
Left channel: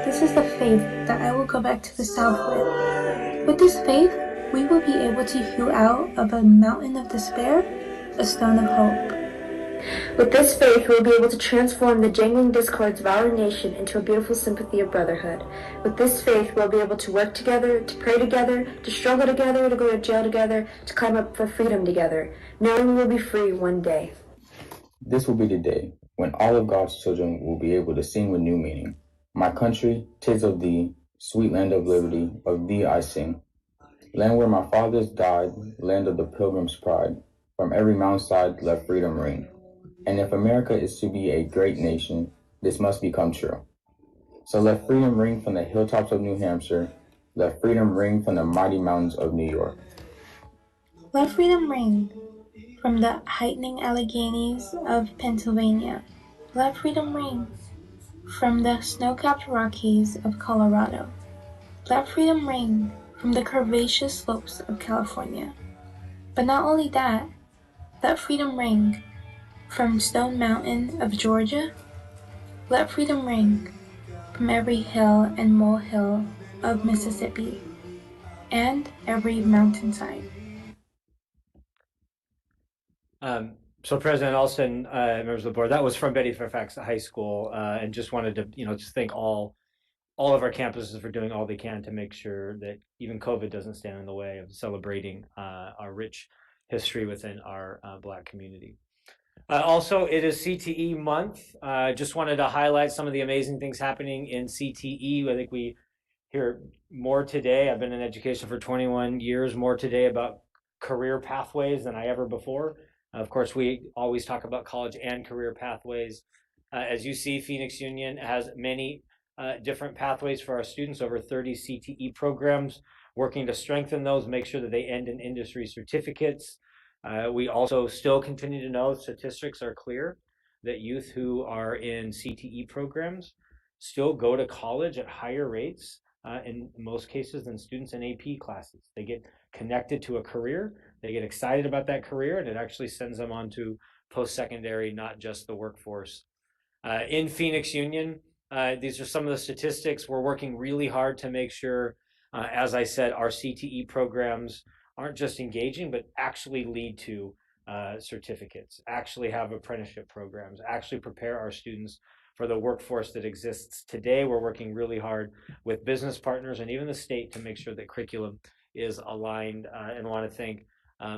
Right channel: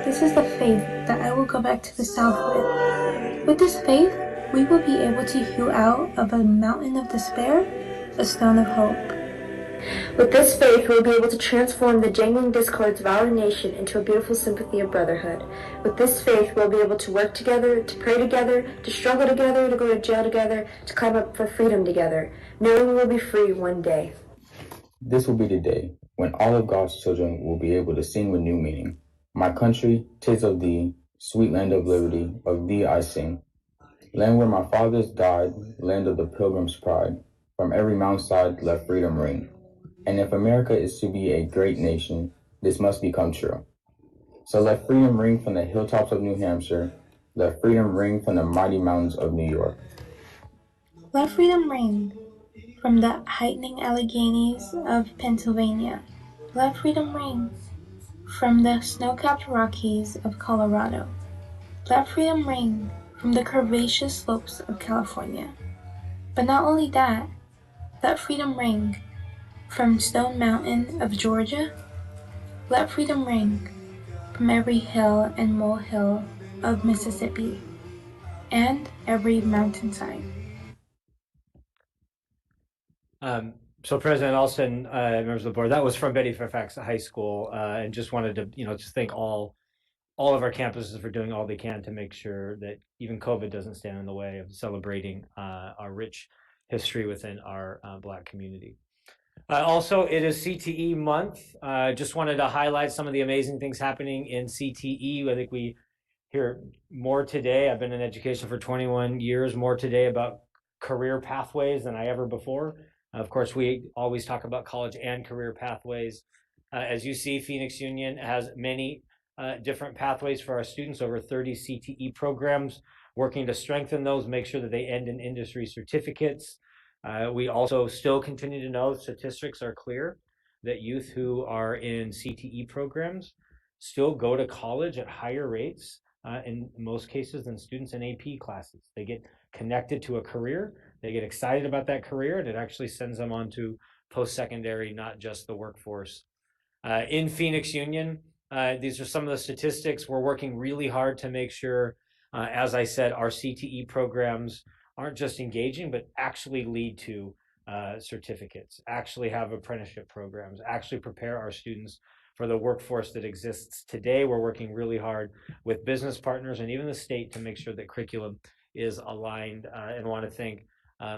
This is the faith that I will go back to the South with. With this faith, we will be able to hew out of a mountain of despair a stone of hope. With this faith, we'll be able to transform the jangling discords of our nation into a beautiful sympathy of brotherhood. With this faith, we'll be able to work together, to pray together, to struggle together, to go to jail together, to climb up for freedom together, knowing we'll be free one day. This will be the day when all of God's children will be able to sing with new meaning. My country, 'tis of thee, sweet land of liberty, of thee I sing. Land where my fathers died, land of the pilgrim's pride, from every mountainside let freedom ring. And if America is to be a great nation, this must become true. So let freedom ring from the hilltops of New Hampshire, let freedom ring from the mighty mountains of New York. Let freedom ring from the heightening Alleghenies of Pennsylvania. Let freedom ring from the snow-capped Rockies of Colorado. Let freedom ring from the curvaceous slopes of California. But not only that, let freedom ring from Stone Mountain of Georgia. Let freedom ring from every hill and molehill of Mississippi and every mountainside. So President Alston, members of the board, that was from Betty Fairfax High School, and just wanted to, just thank all of our campuses for doing all they can to make sure that even COVID doesn't stand in the way of celebrating our rich history within our Black community. Also, it is CTE month. Just wanted to highlight some of the amazing things happening in CTE. I think we hear more today. I've been in education for 21 years, more today about career pathways than I ever before. Of course, we always talk about college and career pathways. As you see, Phoenix Union has many different pathways for our students, over 30 CTE programs, working to strengthen those, make sure that they end in industry certificates. We also still continue to know statistics are clear that youth who are in CTE programs still go to college at higher rates in most cases than students in AP classes. They get connected to a career, they get excited about that career, and it actually sends them on to post-secondary, not just the workforce. In Phoenix Union, these are some of the statistics. We're working really hard to make sure, as I said, our CTE programs aren't just engaging, but actually lead to certificates, actually have apprenticeship programs, actually prepare our students for the workforce that exists today. We're working really hard with business partners and even the state to make sure that curriculum is aligned. And want to thank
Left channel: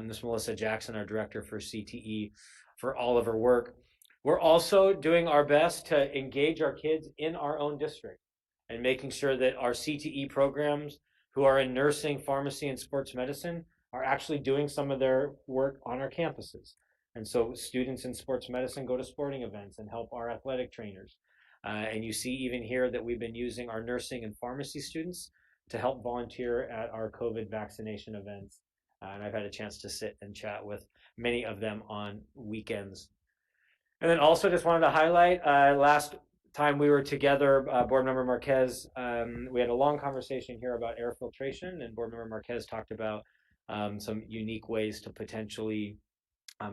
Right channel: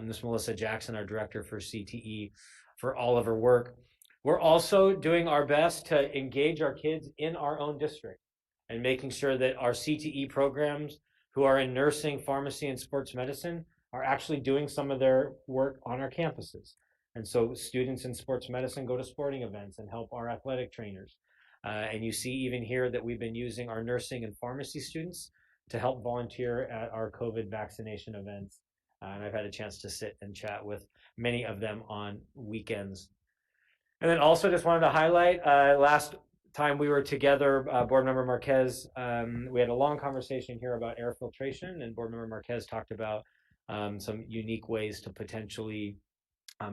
Ms. Melissa Jackson, our director for CTE, for all of her work. We're also doing our best to engage our kids in our own district and making sure that our CTE programs who are in nursing, pharmacy, and sports medicine are actually doing some of their work on our campuses. And so students in sports medicine go to sporting events and help our athletic trainers. And you see even here that we've been using our nursing and pharmacy students to help volunteer at our COVID vaccination events. And I've had a chance to sit and chat with many of them on weekends. And then also just wanted to highlight, last time we were together, Board Member Marquez, we had a long conversation here about air filtration, and Board Member Marquez talked about some unique ways to potentially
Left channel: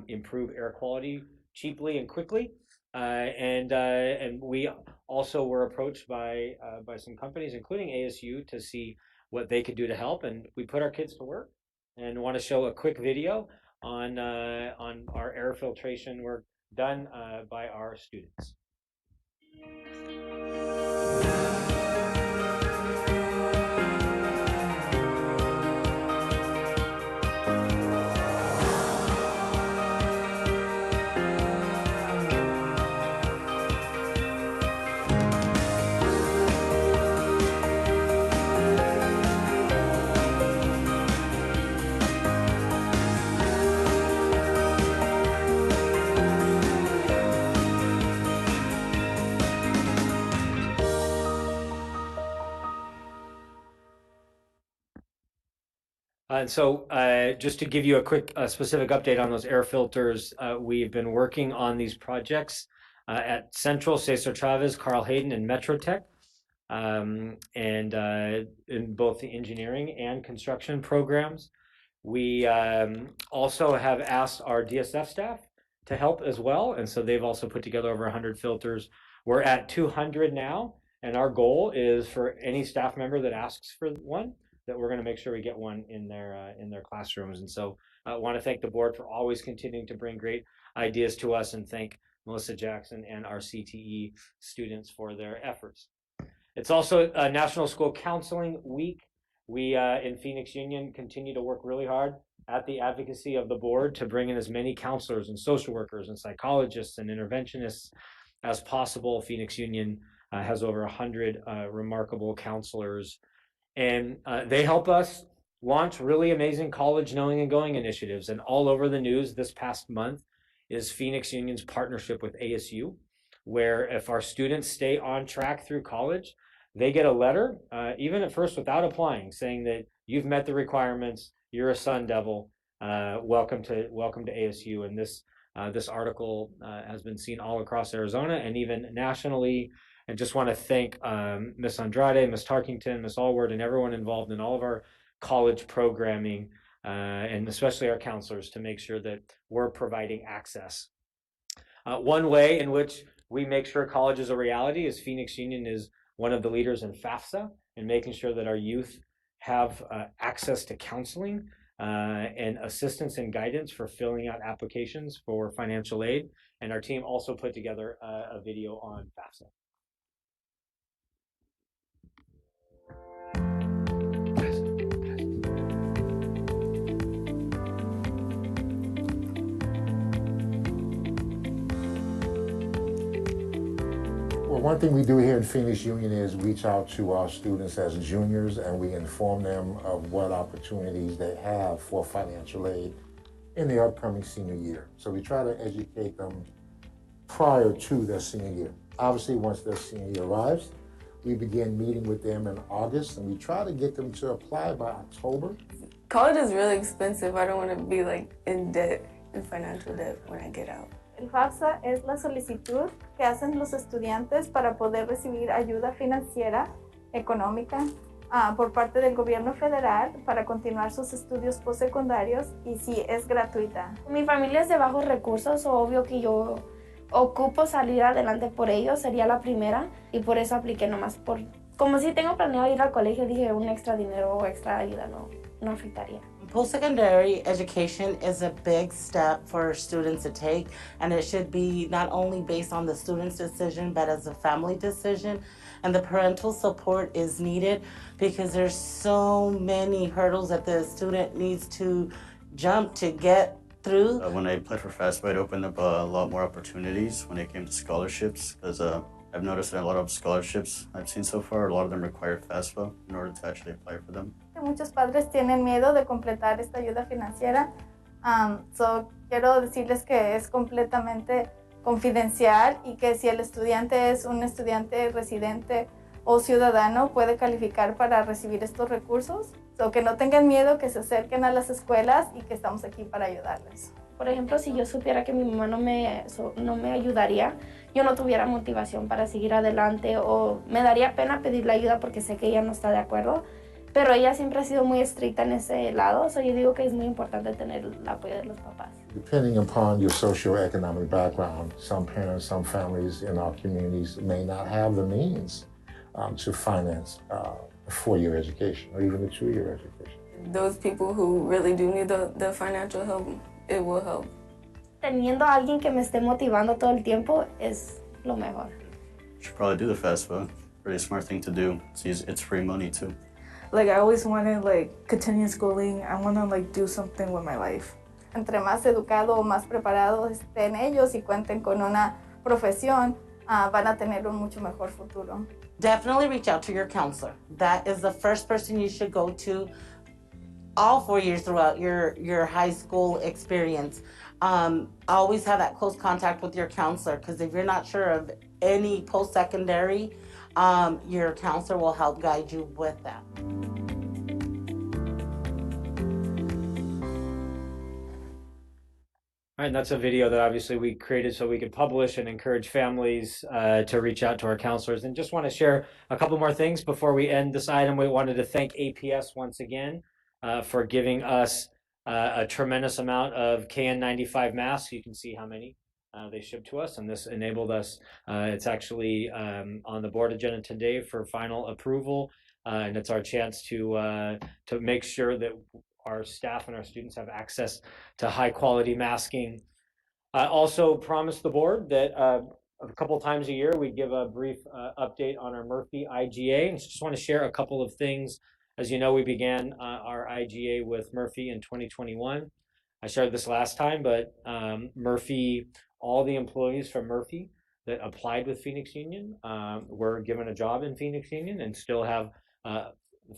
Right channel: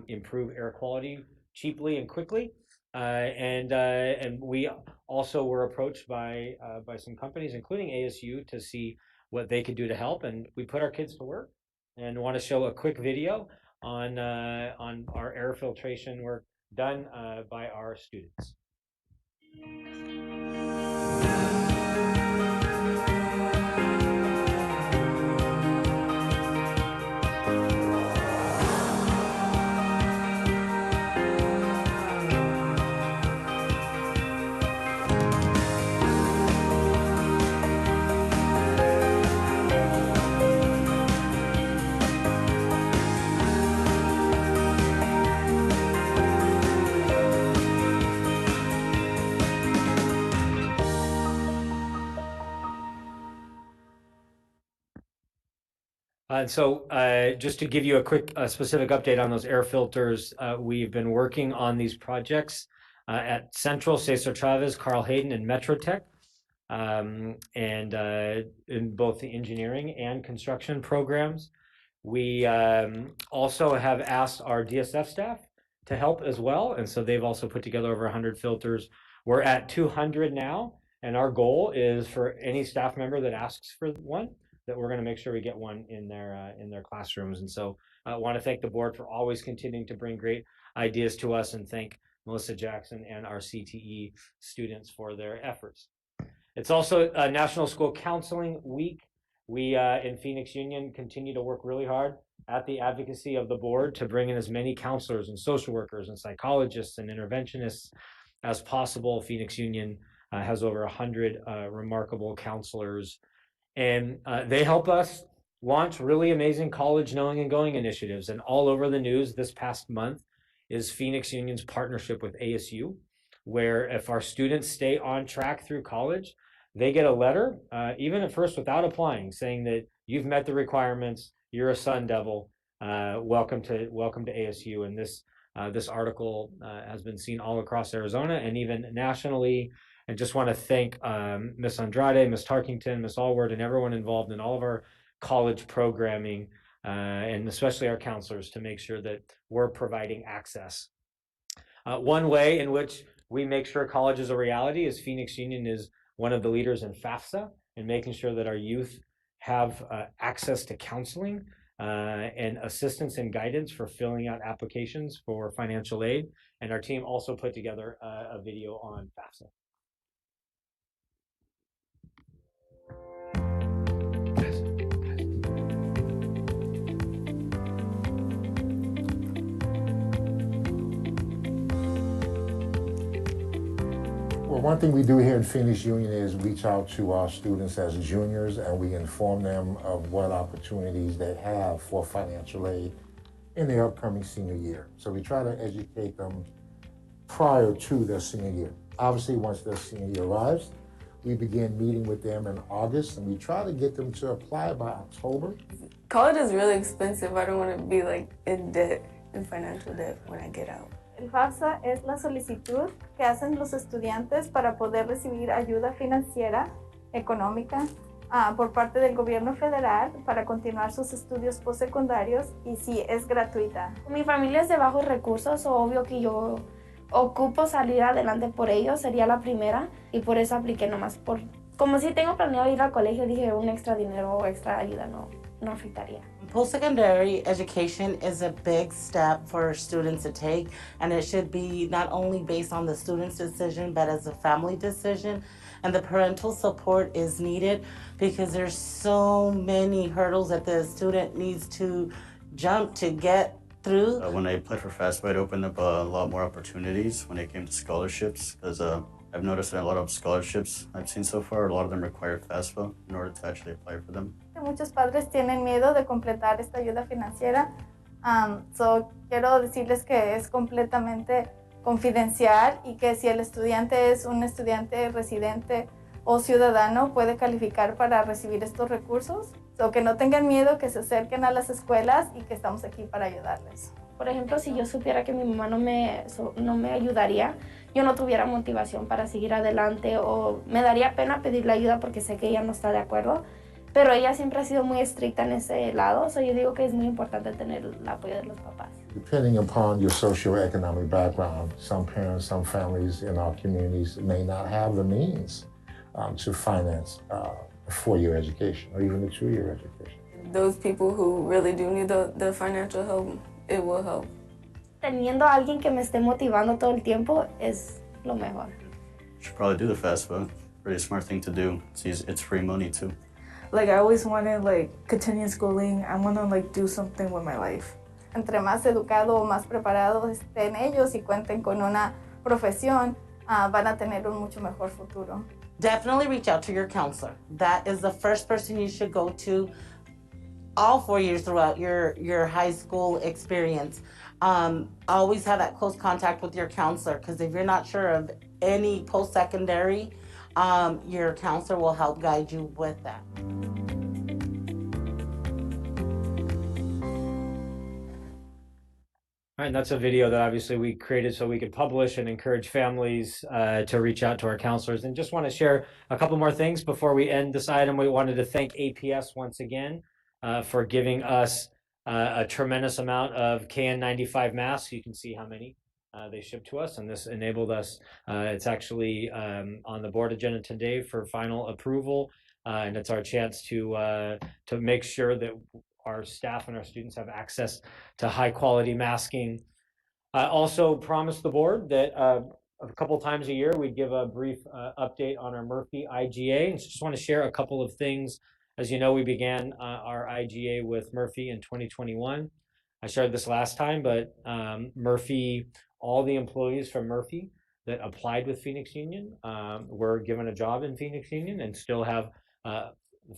improve air quality cheaply and quickly. And we also were approached by some companies, including ASU, to see what they could do to help. And we put our kids to work and want to show a quick video on our air filtration work done by our students. Just to give you a quick specific update on those air filters, we've been working on these projects at Central, Cesar Chavez, Carl Hayden, and Metrotech, and in both the engineering and construction programs. We also have asked our DSF staff to help as well, and so they've also put together over 100 filters. We're at 200 now, and our goal is for any staff member that asks for one, that we're going to make sure we get one in their classrooms. And so I want to thank the board for always continuing to bring great ideas to us, and thank Melissa Jackson and our CTE students for their efforts. It's also National School Counseling Week. We in Phoenix Union continue to work really hard at the advocacy of the board to bring in as many counselors and social workers and psychologists and interventionists as possible. Phoenix Union has over 100 remarkable counselors, and they help us launch really amazing college knowing and going initiatives. And all over the news this past month is Phoenix Union's partnership with ASU, where if our students stay on track through college, they get a letter, even at first without applying, saying that you've met the requirements, you're a Sun Devil, welcome to ASU. And this article has been seen all across Arizona and even nationally. And just want to thank Ms. Andrade, Ms. Tarkington, Ms. Allward, and everyone involved in all of our college programming, and especially our counselors, to make sure that we're providing access. One way in which we make sure college is a reality is Phoenix Union is one of the leaders in FAFSA, and making sure that our youth have access to counseling and assistance and guidance for filling out applications for financial aid. And our team also put together a video on FAFSA. one thing we do here in Phoenix Union is reach out to our students as juniors, and we inform them of what opportunities they have for financial aid in their upcoming senior year. So we try to educate them prior to their senior year. Obviously, once their senior year arrives, we begin meeting with them in August, and we try to get them to apply by October. College is really expensive. I don't want to be like in debt, in financial debt when I get out. El FAFSA es la solicitud que hacen los estudiantes para poder recibir ayuda financiera, económica, por parte del gobierno federal para continuar sus estudios postsecundarios y sí, es gratuita. Mi familia es de bajos recursos, obvio que yo ocupo salir adelante por ellos, sería la primera y por eso apliqué nomás por... Como si tengo planeado ir al colegio, dije un extra dinero o extra ayuda no afectaría. Post-secondary education is a big step for students to take, and it should be not only based on the student's decision, but as a family decision. And the parental support is needed because there's so many hurdles that the student needs to jump to get through. When I applied for FAFSA, it opened up a lot more opportunities when it came to scholarships, because I've noticed that a lot of scholarships I've seen so far, a lot of them require FAFSA in order to actually apply for them. Muchos padres tienen miedo de completar esta ayuda financiera. Quiero decirles que es completamente confidencial y que si el estudiante es un estudiante residente o ciudadano puede calificar para recibir estos recursos. Que no tengan miedo, que se acerquen a las escuelas y que estamos aquí para ayudarles. Por ejemplo, si yo supiera que mi mamá no me ayudaría, yo no tuviera motivación para seguir adelante o me daría pena pedirle ayuda porque sé que ella no está de acuerdo. Pero ella siempre ha sido muy estricta en ese lado, yo digo que es muy importante tener el apoyo de los papás. Depending upon your socioeconomic background, some parents, some families in our communities may not have the means to finance a four-year education or even a two-year education. Those people who really do need the financial help, it will help. Teniendo a alguien que me esté motivando todo el tiempo es lo mejor. You should probably do the FAFSA. Pretty smart thing to do. It's free money too. Like I always wanted continue schooling. I want to do something with my life. Entre más educado o más preparados estén ellos y cuenten con una profesión, van a tener un mucho mejor futuro. Definitely reach out to your counselor. That is the first person you should go to all 4 years throughout your high school experience. Always have that close contact with your counselor, because if you're not sure of any post-secondary, your counselor will help guide you with that. All right, and that's a video that obviously we created so we could publish and encourage families to reach out to our counselors. And just want to share a couple more things before we end this item. We wanted to thank APS once again for giving us a tremendous amount of KN95 masks. You can see how many they shipped to us, and this enabled us. It's actually on the board agenda today for final approval, and it's our chance to make sure that our staff and our students have access to high quality masking. I also promised the board that a couple times a year we'd give a brief update on our Murphy IGA, and just want to share a couple of things. As you know, we began our IGA with Murphy in 2021. I shared this last time, but Murphy, all the employees from Murphy that applied with Phoenix Union were given a job in Phoenix Union and still have a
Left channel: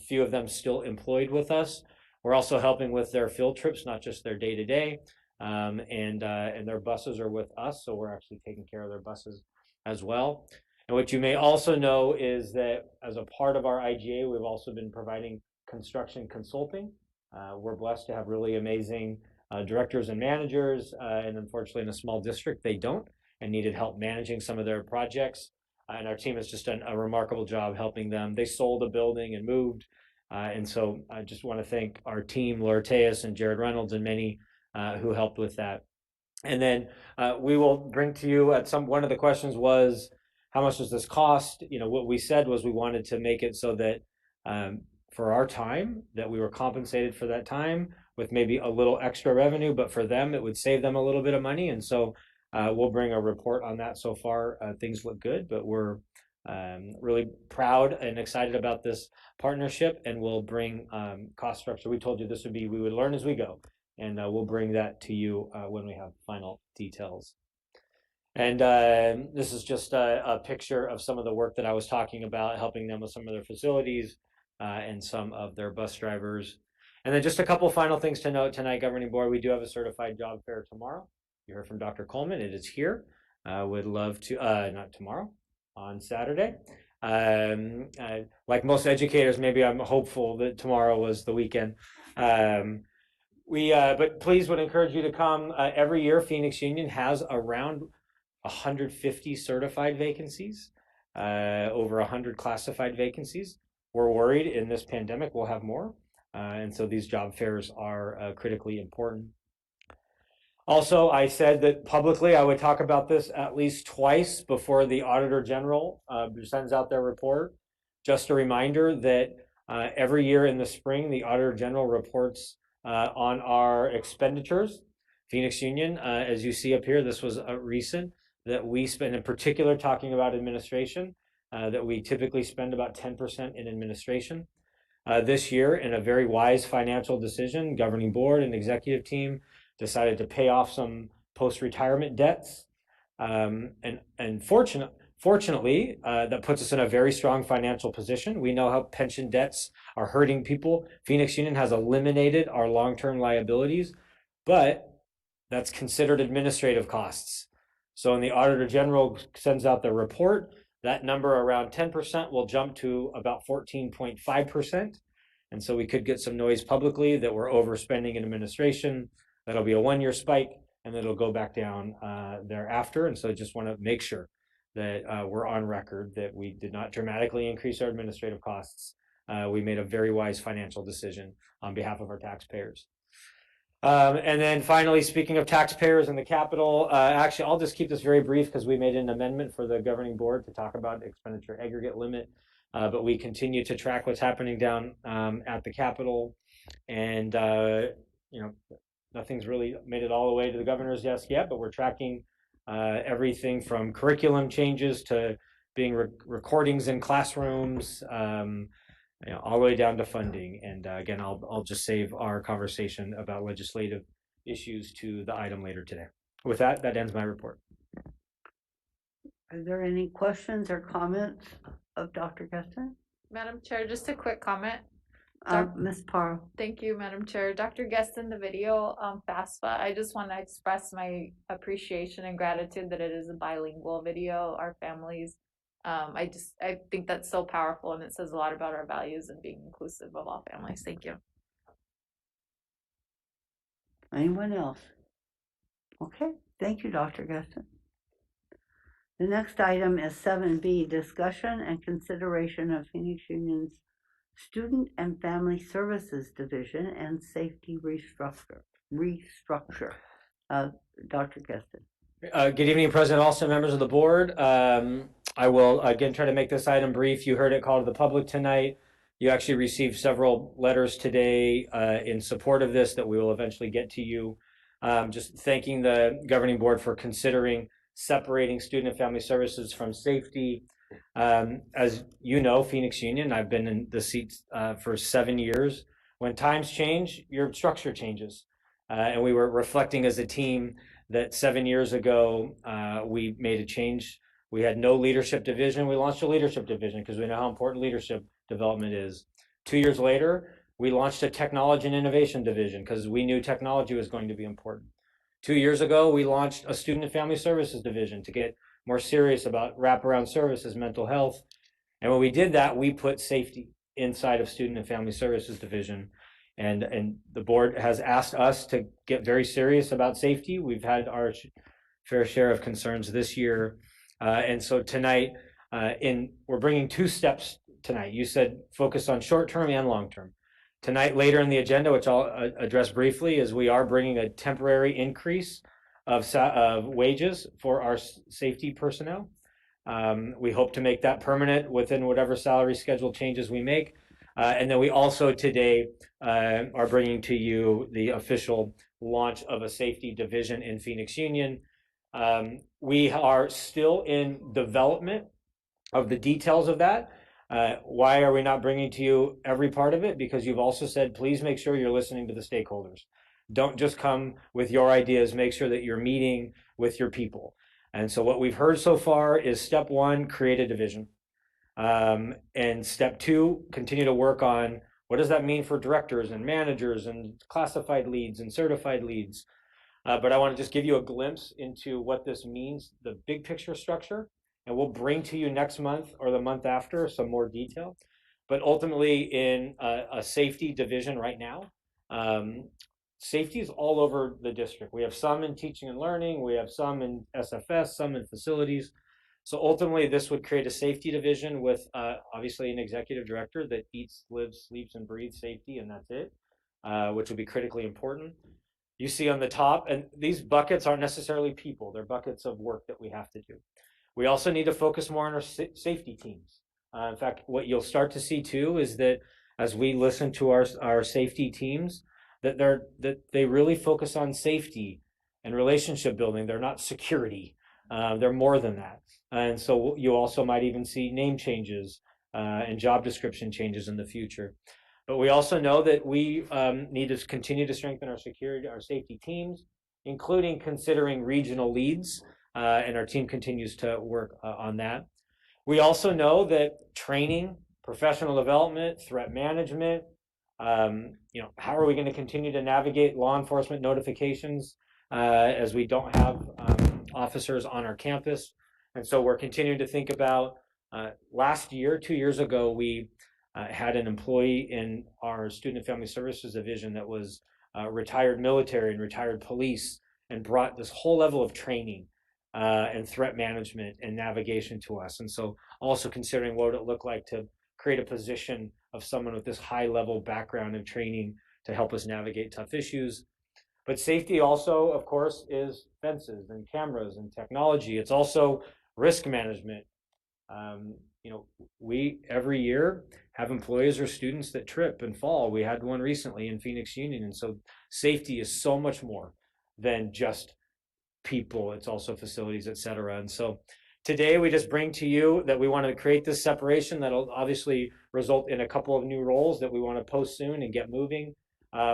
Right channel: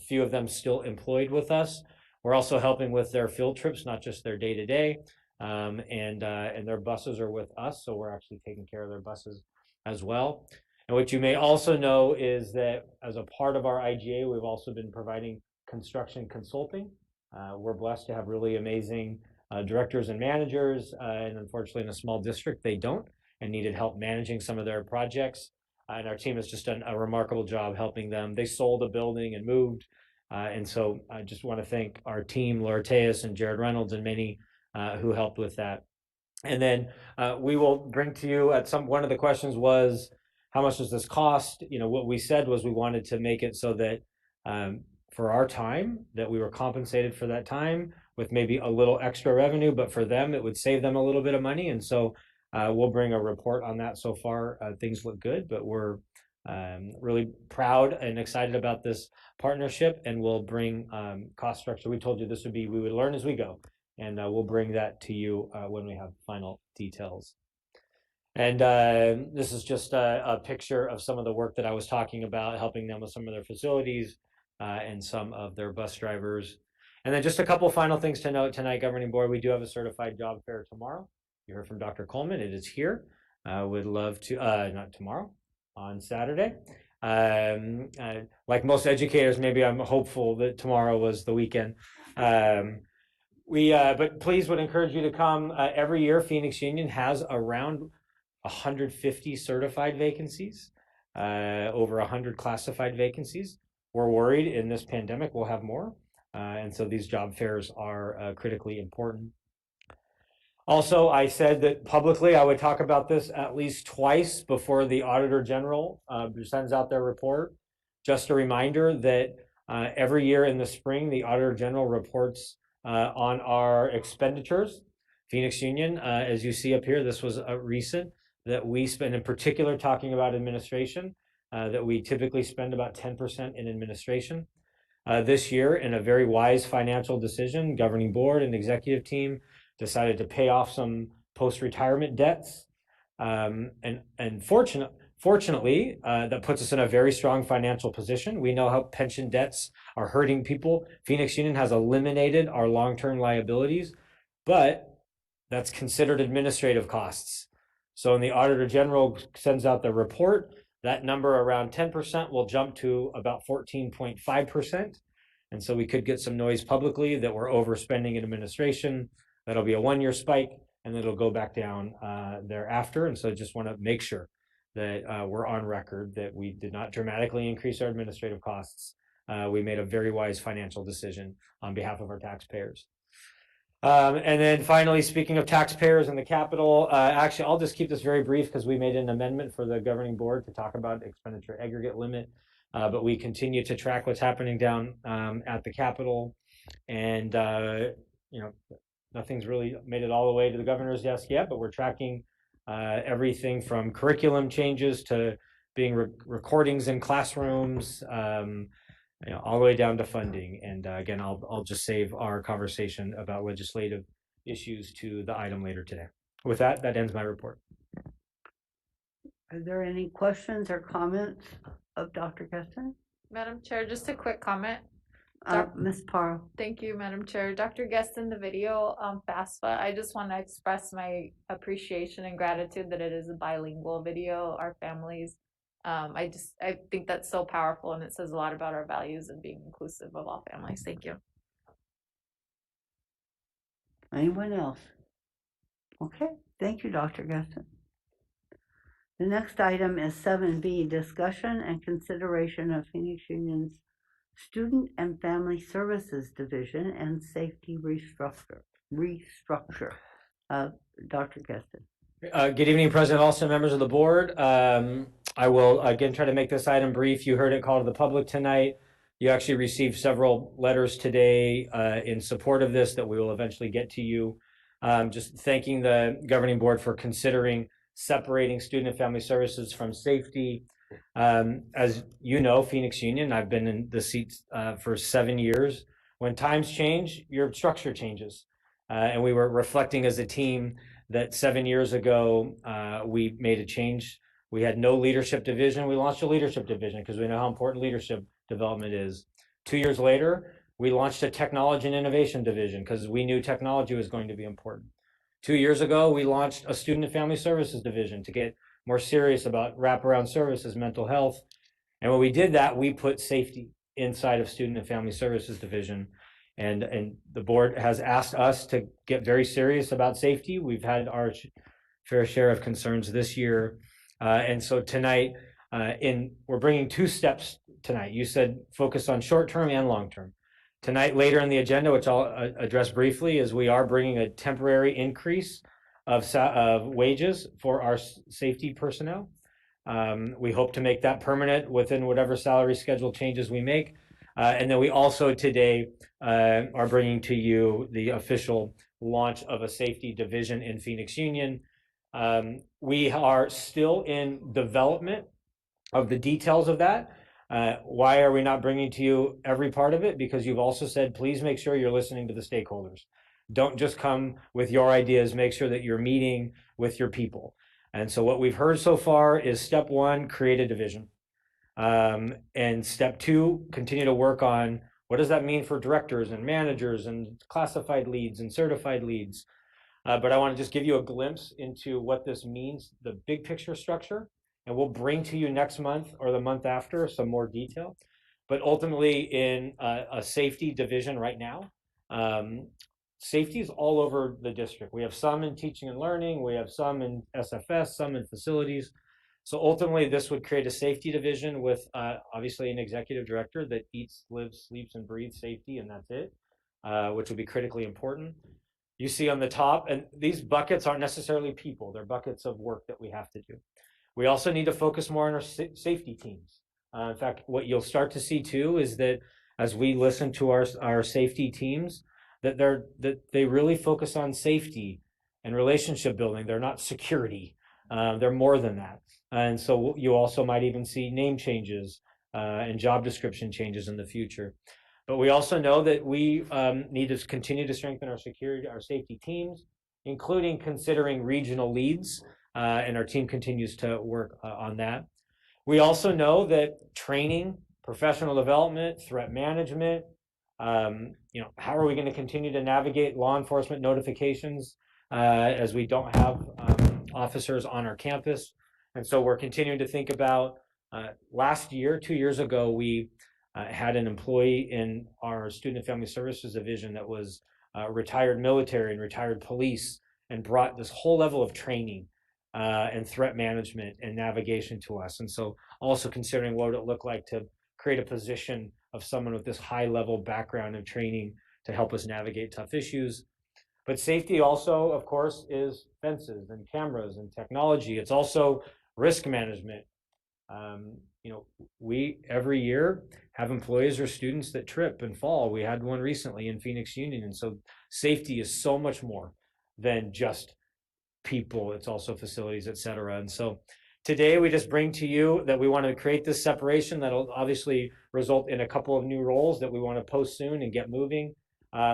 few of them still employed with us. We're also helping with their field trips, not just their day-to-day, and their buses are with us, so we're actually taking care of their buses as well. And what you may also know is that as a part of our IGA, we've also been providing construction consulting. We're blessed to have really amazing directors and managers, and unfortunately in a small district they don't and needed help managing some of their projects. And our team has just done a remarkable job helping them. They sold a building and moved. And so I just want to thank our team, Laura Tejas and Jared Reynolds, and many who helped with that. And then we will bring to you one of the questions was, how much does this cost? You know, what we said was we wanted to make it so that for our time, that we were compensated for that time with maybe a little extra revenue, but for them, it would save them a little bit of money. And so we'll bring a report on that. So far, things look good, but we're really proud and excited about this partnership, and we'll bring cost structure. We told you this would be, we would learn as we go, and we'll bring that to you when we have final details. And this is just a picture of some of the work that I was talking about, helping them with some of their facilities and some of their bus drivers. And then just a couple final things to note tonight, Governing Board. We do have a certified job fair tomorrow. You heard from Dr. Coleman. It is here. Would love to, not tomorrow, on Saturday. Like most educators, maybe I'm hopeful that tomorrow was the weekend. But please would encourage you to come. Every year, Phoenix Union has around 150 certified vacancies, over 100 classified vacancies. We're worried in this pandemic we'll have more. And so these job fairs are critically important. Also, I said that publicly I would talk about this at least twice before the Auditor General sends out their report. Just a reminder that every year in the spring, the Auditor General reports on our expenditures. Phoenix Union, as you see up here, this was a recent that we spend, in particular talking about administration, that we typically spend about 10% in administration. This year, in a very wise financial decision, governing board and executive team decided to pay off some post-retirement debts. And fortunately, that puts us in a very strong financial position. We know how pension debts are hurting people. Phoenix Union has eliminated our long-term liabilities, but that's considered administrative costs. So when the Auditor General sends out the report, that number around 10% will jump to about 14.5%. And so we could get some noise publicly that we're overspending in administration. That'll be a one-year spike, and then it'll go back down thereafter. And so I just want to make sure that we're on record that we did not dramatically increase our administrative costs. We made a very wise financial decision on behalf of our taxpayers. And then finally, speaking of taxpayers and the Capitol, actually, I'll just keep this very brief because we made an amendment for the governing board to talk about expenditure aggregate limit. But we continue to track what's happening down at the Capitol. And, nothing's really made it all the way to the governor's desk yet, but we're tracking everything from curriculum changes to being recordings in classrooms, all the way down to funding. And again, I'll just save our conversation about legislative issues to the item later today. With that, that ends my report. Are there any questions or comments of Dr. Geston? Madam Chair, just a quick comment. Ms. Parr. Thank you, Madam Chair. Dr. Geston, the video on FAFSA, I just want to express my appreciation and gratitude that it is a bilingual video. Our families, I think that's so powerful, and it says a lot about our values and being inclusive of all families. Thank you. Anyone else? Okay, thank you, Dr. Geston. The next item is 7B, discussion and consideration of Phoenix Union's Student and Family Services Division and Safety Restructure. Dr. Geston. Good evening, President Alston, members of the board. I will again try to make this item brief. You heard it called to the public tonight. You actually received several letters today in support of this that we will eventually get to you. Just thanking the governing board for considering separating student and family services from safety. As you know, Phoenix Union, I've been in the seat for 7 years. When times change, your structure changes. And we were reflecting as a team that 7 years ago, we made a change. We had no leadership division. We launched a leadership division because we know how important leadership development is. 2 years later, we launched a technology and innovation division because we knew technology was going to be important. 2 years ago, we launched a student and family services division to get more serious about wraparound services, mental health. And when we did that, we put safety inside of student and family services division. And the board has asked us to get very serious about safety. We've had our fair share of concerns this year. And so tonight, we're bringing 2 steps tonight. You said focus on short-term and long-term. Tonight, later in the agenda, which I'll address briefly, is we are bringing a temporary increase of wages for our safety personnel. We hope to make that permanent within whatever salary schedule changes we make. And then we also today are bringing to you the official launch of a safety division in Phoenix Union. We are still in development of the details of that. Why are we not bringing to you every part of it? Because you've also said, please make sure you're listening to the stakeholders. Don't just come with your ideas, make sure that you're meeting with your people. And so what we've heard so far is step one, create a division. And step two, continue to work on what does that mean for directors and managers and classified leads and certified leads. But I want to just give you a glimpse into what this means, the big picture structure, and we'll bring to you next month or the month after some more detail. But ultimately, in a safety division right now, safety is all over the district. We have some in teaching and learning, we have some in SFS, some in facilities. So ultimately, this would create a safety division with obviously an executive director that eats, lives, sleeps, and breathes safety, and that's it, which would be critically important. You see on the top, and these buckets aren't necessarily people, they're buckets of work that we have to do. We also need to focus more on our safety teams. In fact, what you'll start to see too is that as we listen to our safety teams, that they really focus on safety and relationship building. They're not security. They're more than that. And so you also might even see name changes and job description changes in the future. But we also know that we need to continue to strengthen our safety teams, including considering regional leads, and our team continues to work on that. We also know that training, professional development, threat management, how are we going to continue to navigate law enforcement notifications as we don't have officers on our campus? And so we're continuing to think about last year, 2 years ago, we had an employee in our Student and Family Services division that was retired military and retired police and brought this whole level of training and threat management and navigation to us. And so also considering what it looked like to create a position of someone with this high level background and training to help us navigate tough issues. But safety also, of course, is fences and cameras and technology. It's also risk management. We every year have employees or students that trip and fall. We had one recently in Phoenix Union. And so safety is so much more than just people. It's also facilities, et cetera. And so today we just bring to you that we want to create this separation that'll obviously result in a couple of new roles that we want to post soon and get moving.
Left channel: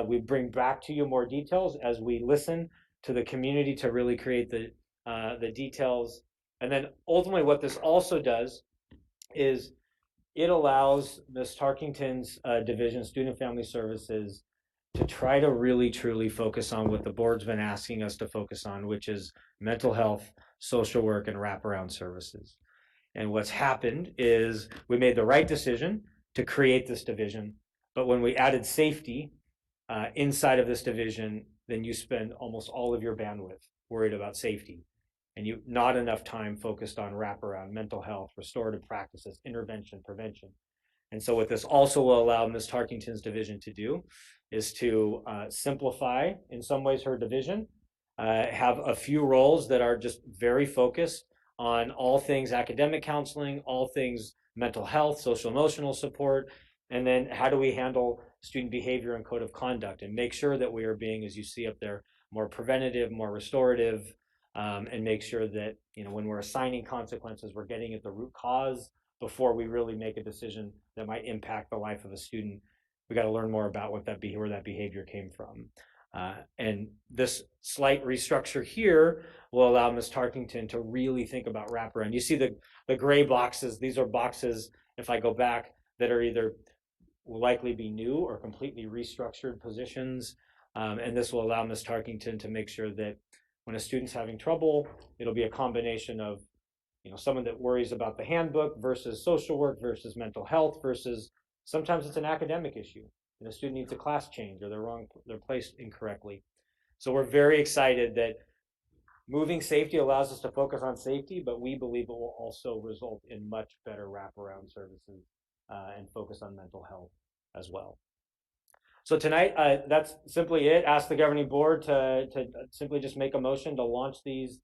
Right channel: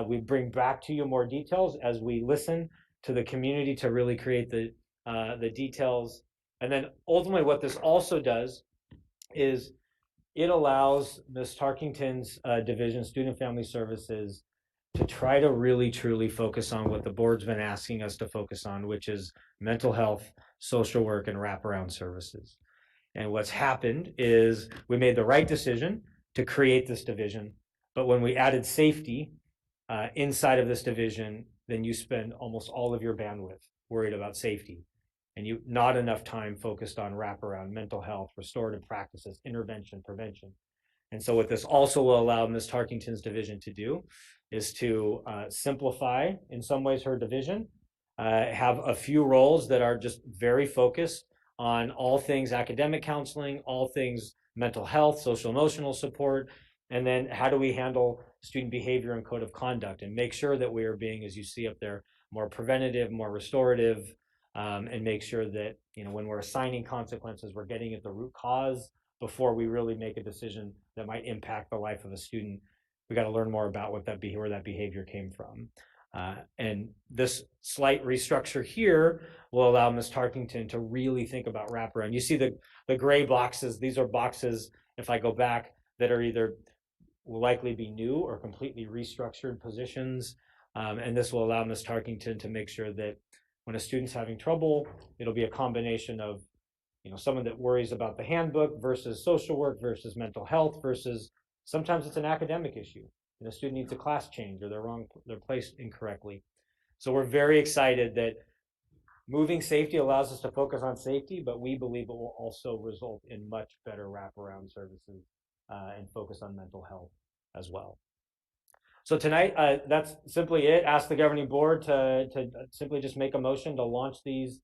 We bring back to you more details as we listen to the community to really create the details. And then ultimately what this also does is it allows Ms. Tarkington's division, Student Family Services, to try to really truly focus on what the board's been asking us to focus on, which is mental health, social work, and wraparound services. And what's happened is we made the right decision to create this division, but when we added safety inside of this division, then you spend almost all of your bandwidth worried about safety, and you not enough time focused on wraparound, mental health, restorative practices, intervention, prevention. And so what this also will allow Ms. Tarkington's division to do is to simplify in some ways her division, have a few roles that are just very focused on all things academic counseling, all things mental health, social emotional support, and then how do we handle student behavior and code of conduct and make sure that we are being, as you see up there, more preventative, more restorative, and make sure that when we're assigning consequences, we're getting at the root cause before we really make a decision that might impact the life of a student. We got to learn more about where that behavior came from. And this slight restructure here will allow Ms. Tarkington to really think about wraparound. You see the gray boxes. These are boxes, if I go back, that are either will likely be new or completely restructured positions. And this will allow Ms. Tarkington to make sure that when a student's having trouble, it'll be a combination of someone that worries about the handbook versus social work versus mental health versus sometimes it's an academic issue and a student needs a class change or they're placed incorrectly. So we're very excited that moving safety allows us to focus on safety, but we believe it will also result in much better wraparound services and focus on mental health as well. So tonight, that's simply it. Ask the governing board to simply just make a motion to launch this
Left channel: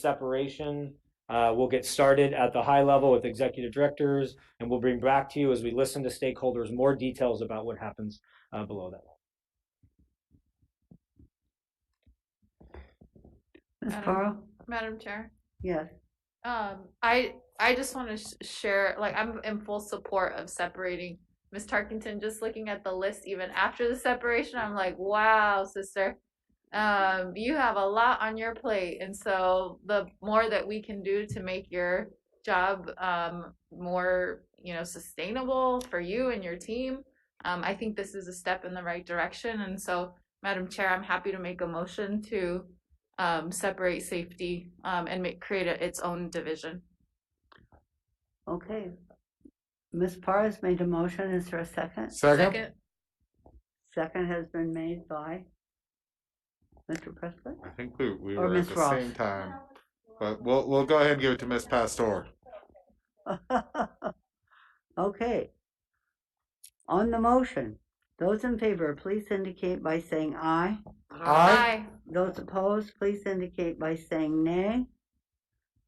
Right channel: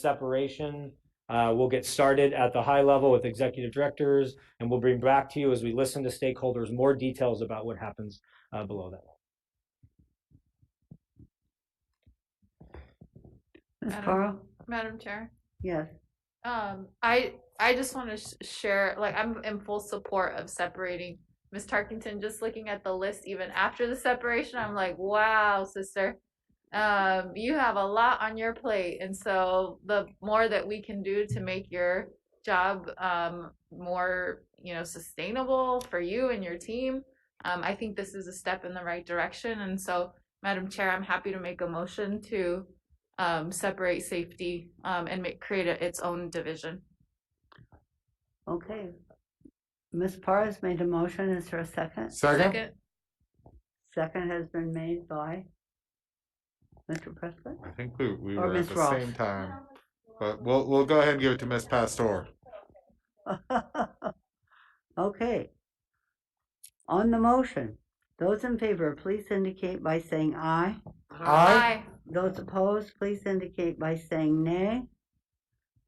separation. We'll get started at the high level with executive directors, and we'll bring back to you as we listen to stakeholders more details about what happens below that level. Madam Chair. Yes. I just want to share, like, I'm in full support of separating. Ms. Tarkington, just looking at the list even after the separation, I'm like, wow, sister. You have a lot on your plate, and so the more that we can do to make your job more, sustainable for you and your team, I think this is a step in the right direction. And so, Madam Chair, I'm happy to make a motion to separate safety and create its own division. Okay. Ms. Parr has made a motion. Is there a second? Second. Second has been made by Mr. Prescott? I think we Or were Ms. at the Ross. same time, but we'll go ahead and give it to Ms. Pastor. Okay. On the motion, those in favor, please indicate by saying aye. Aye. Those opposed, please indicate by saying nay.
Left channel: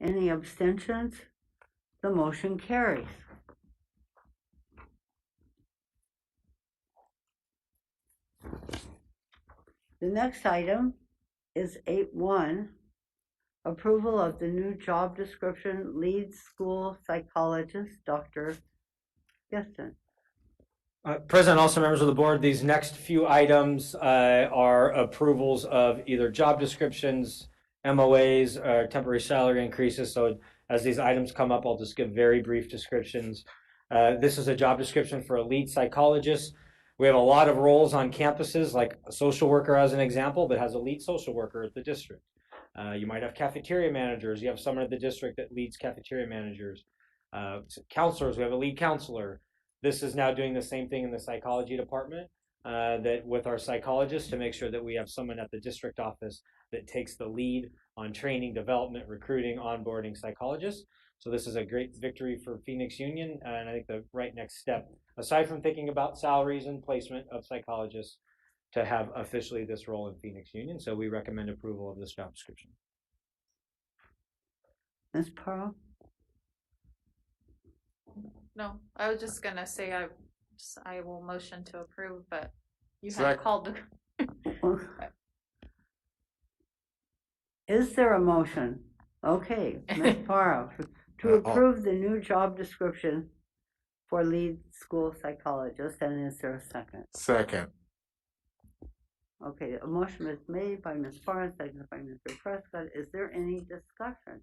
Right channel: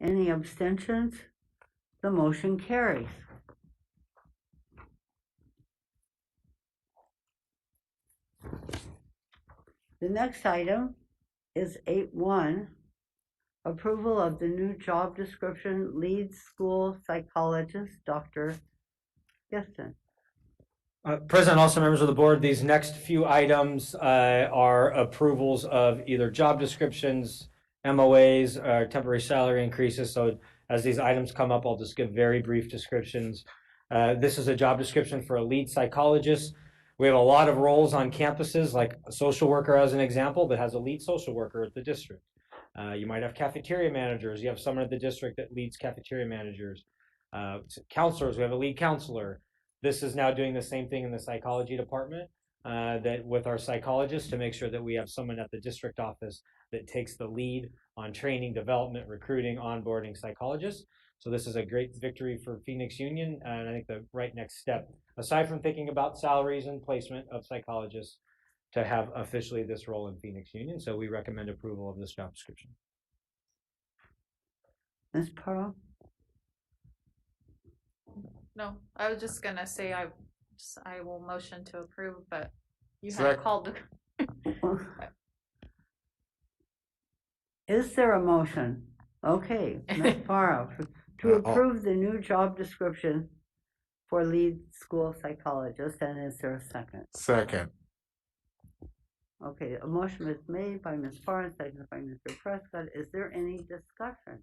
Any abstentions? The motion carries. The next item is 8.1, approval of the new job description, lead school psychologist, Dr. Geston. President, also members of the board, these next few items are approvals of either job descriptions, MOAs, or temporary salary increases. So as these items come up, I'll just give very brief descriptions. This is a job description for a lead psychologist. We have a lot of roles on campuses, like a social worker as an example, that has a lead social worker at the district. You might have cafeteria managers. You have someone at the district that leads cafeteria managers. Counselors, we have a lead counselor. This is now doing the same thing in the psychology department, that with our psychologists, to make sure that we have someone at the district office that takes the lead on training, development, recruiting, onboarding psychologists. So this is a great victory for Phoenix Union, and I think the right next step, aside from thinking about salaries and placement of psychologists, to have officially this role in Phoenix Union. So we recommend approval of this job description. Ms. Pearl? No, I was just gonna say I will motion to approve, but you had Second. called the. Is there a motion? Okay, Ms. Parra, to approve the new job description for lead school psychologist, and is there a second? Second. Okay, a motion is made by Ms. Parra, seconded by Mr. Prescott. Is there any discussion?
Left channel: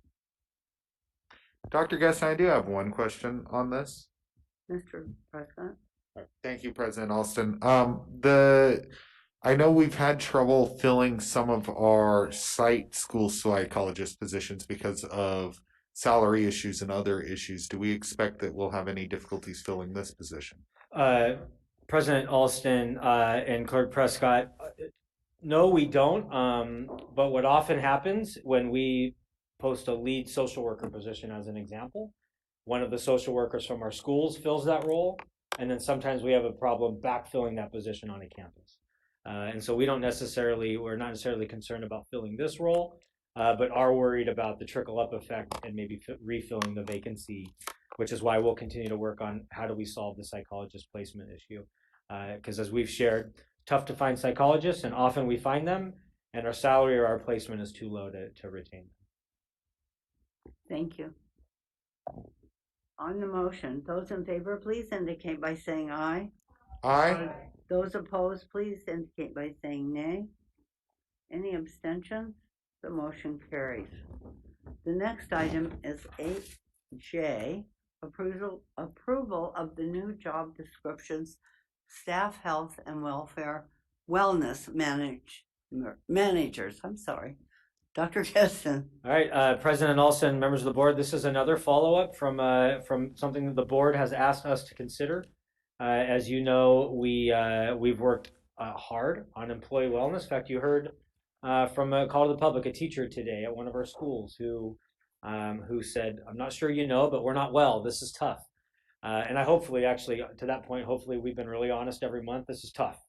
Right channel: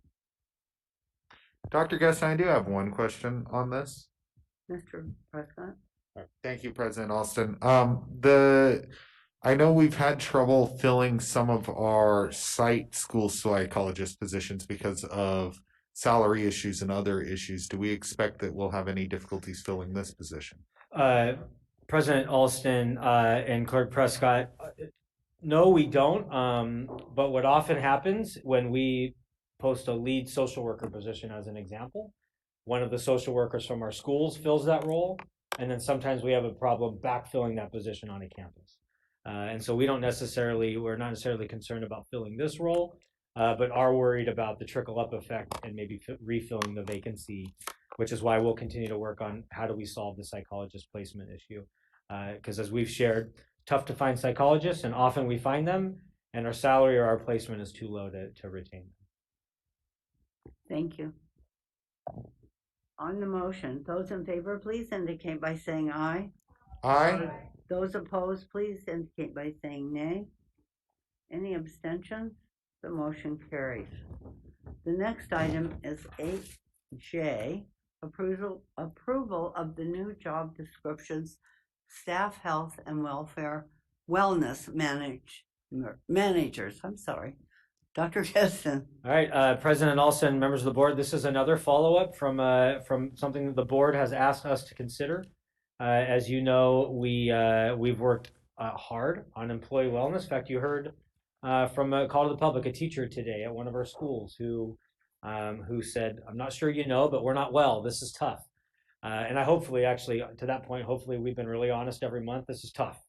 Dr. Geston, I do have one question on this. Mr. Prescott? Thank you, President Alston. I know we've had trouble filling some of our site school psychologist positions because of salary issues and other issues. Do we expect that we'll have any difficulties filling this position? President Alston and Clerk Prescott, no, we don't. But what often happens when we post a lead social worker position, as an example, one of the social workers from our schools fills that role, and then sometimes we have a problem backfilling that position on a campus. And so we're not necessarily concerned about filling this role, but are worried about the trickle-up effect and maybe refilling the vacancy, which is why we'll continue to work on how do we solve the psychologist placement issue. Because as we've shared, tough to find psychologists, and often we find them, and our salary or our placement is too low to retain them. Thank you. On the motion, those in favor, please indicate by saying aye. Aye. Those opposed, please indicate by saying nay. Any abstentions? The motion carries. The next item is 8J, approval of the new job descriptions, staff health and wellness managers. I'm sorry. Dr. Geston. All right, President Alston, members of the board, this is another follow-up from something that the board has asked us to consider. As you know, we've worked hard on employee wellness. In fact, you heard from a call to the public, a teacher today at one of our schools who said, "I'm not sure you know, but we're not well. This is tough." And I hopefully, actually, to that point, hopefully we've been really honest every month. This is tough.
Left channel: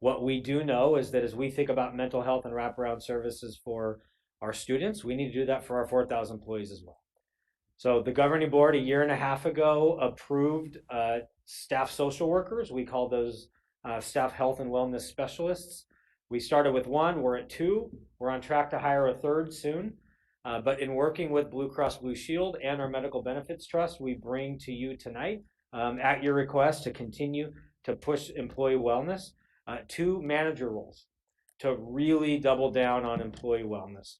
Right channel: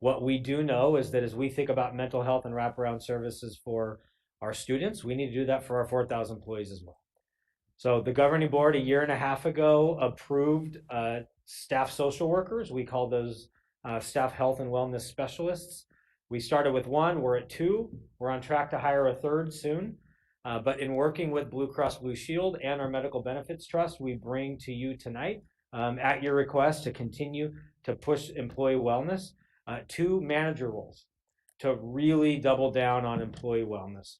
What we do know is that as we think about mental health and wraparound services for our students, we need to do that for our 4,000 employees as well. So the governing board a year and a half ago approved staff social workers. We call those staff health and wellness specialists. We started with one, we're at two. We're on track to hire a third soon. But in working with Blue Cross Blue Shield and our Medical Benefits Trust, we bring to you tonight, at your request, to continue to push employee wellness. 2 manager roles to really double down on employee wellness.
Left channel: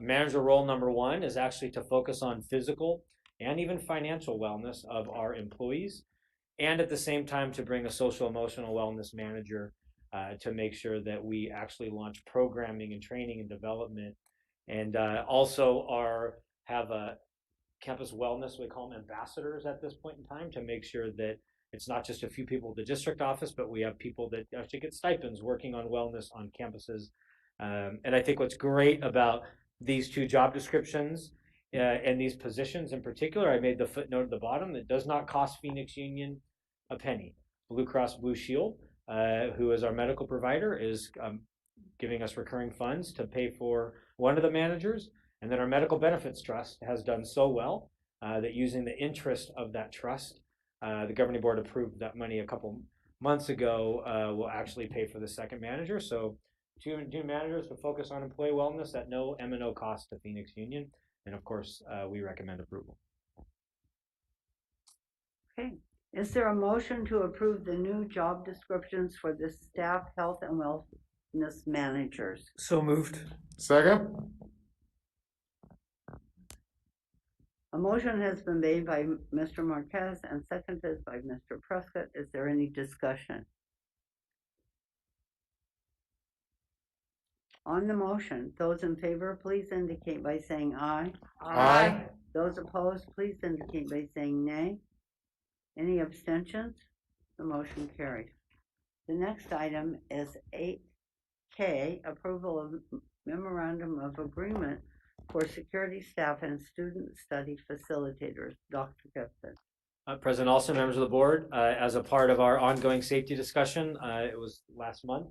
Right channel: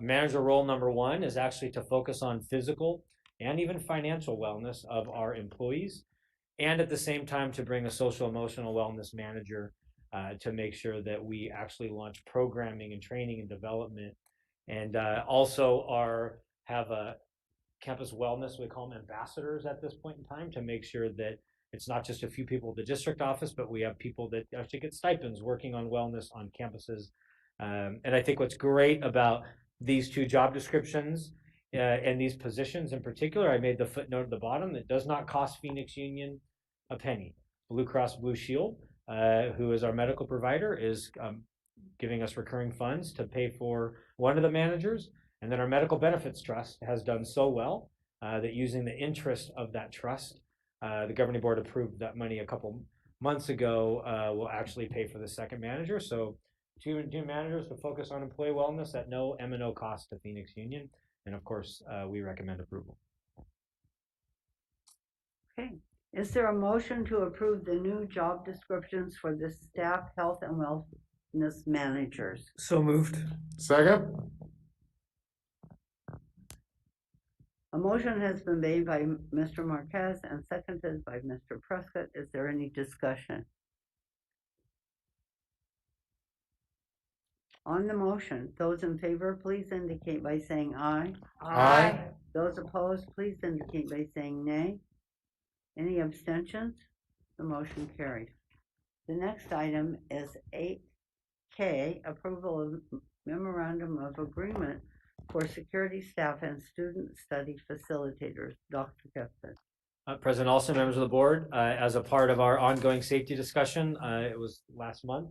Manager role number 1 is actually to focus on physical and even financial wellness of our employees, and at the same time to bring a social emotional wellness manager to make sure that we actually launch programming and training and development, and also have a campus wellness, we call them ambassadors at this point in time, to make sure that it's not just a few people at the district office, but we have people that actually get stipends working on wellness on campuses. And I think what's great about these 2 job descriptions and these positions in particular, I made the footnote at the bottom, it does not cost Phoenix Union a penny. Blue Cross Blue Shield, who is our medical provider, is giving us recurring funds to pay for one of the managers. And then our Medical Benefits Trust has done so well that using the interest of that trust, the governing board approved that money a couple months ago, will actually pay for the second manager. So 2 managers to focus on employee wellness at no M&O cost to Phoenix Union. And of course, we recommend approval. Okay. Is there a motion to approve the new job descriptions for the staff health and wellness managers? So moved. Second. A motion has been made by Mr. Marquez and seconded by Mr. Prescott. Is there any discussion? On the motion, those in favor, please indicate by saying aye. Aye. Those opposed, please indicate by saying nay. Any abstentions? The motion carries. The next item is 8K, approval of memorandum of agreement for security staff and student study facilitators. Dr. Gibson. President Alston, members of the board, as a part of our ongoing safety discussion, it was last month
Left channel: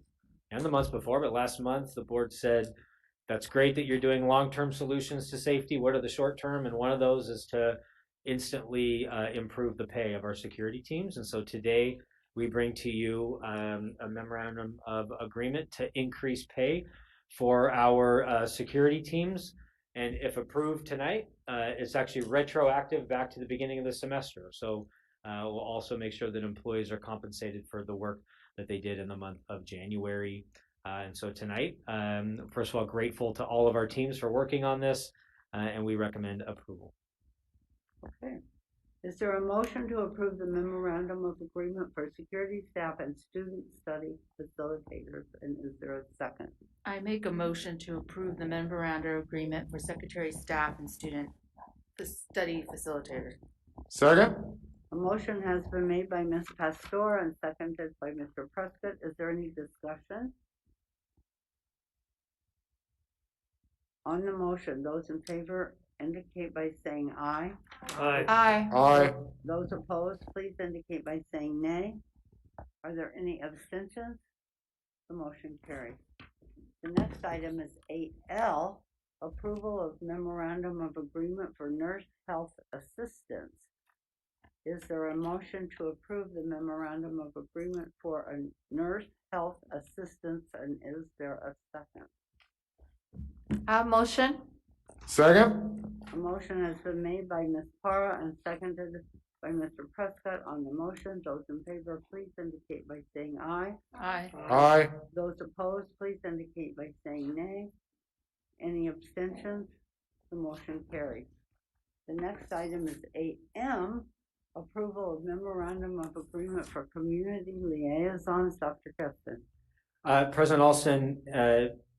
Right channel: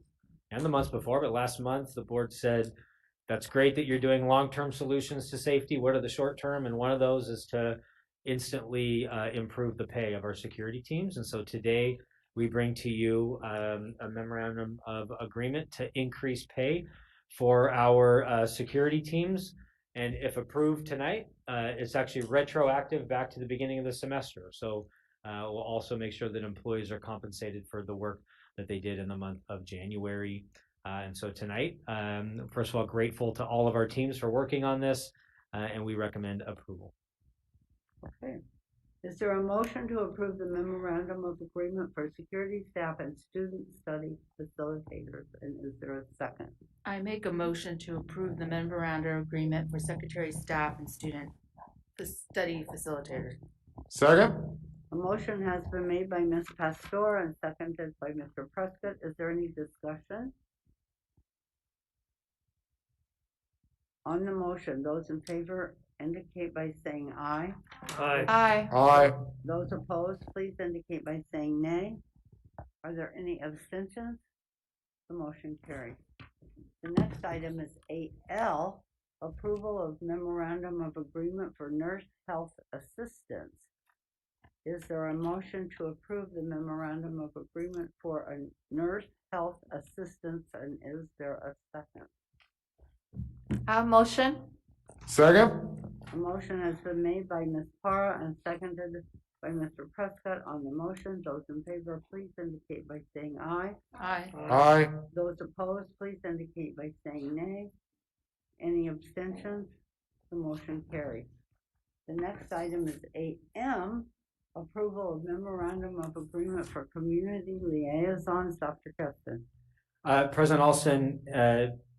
and the months before, but last month the board said, that's great that you're doing long-term solutions to safety. What are the short-term? And one of those is to instantly improve the pay of our security teams. And so today we bring to you a memorandum of agreement to increase pay for our security teams. And if approved tonight, it's actually retroactive back to the beginning of the semester. So we'll also make sure that employees are compensated for the work that they did in the month of January. And so tonight, first of all, grateful to all of our teams for working on this, and we recommend approval. Okay. Is there a motion to approve the memorandum of agreement for security staff and student study facilitators? And is there a second? I make a motion to approve the memorandum agreement for secretary staff and student study facilitators. Second. A motion has been made by Ms. Pastor and seconded by Mr. Prescott. Is there any discussion? On the motion, those in favor indicate by saying aye. Aye. Aye. Aye. Those opposed, please indicate by saying nay. Are there any abstentions? The motion carries. The next item is 8L, approval of memorandum of agreement for nurse health assistance. Is there a motion to approve the memorandum of agreement for a nurse health assistance, and is there a second? Motion. Second. A motion has been made by Ms. Parra and seconded by Mr. Prescott. On the motion, those in favor, please indicate by saying aye. Aye. Aye. Those opposed, please indicate by saying nay. Any abstentions? The motion carries. The next item is 8M, approval of memorandum of agreement for community liaisons. Dr. Keston. President Alston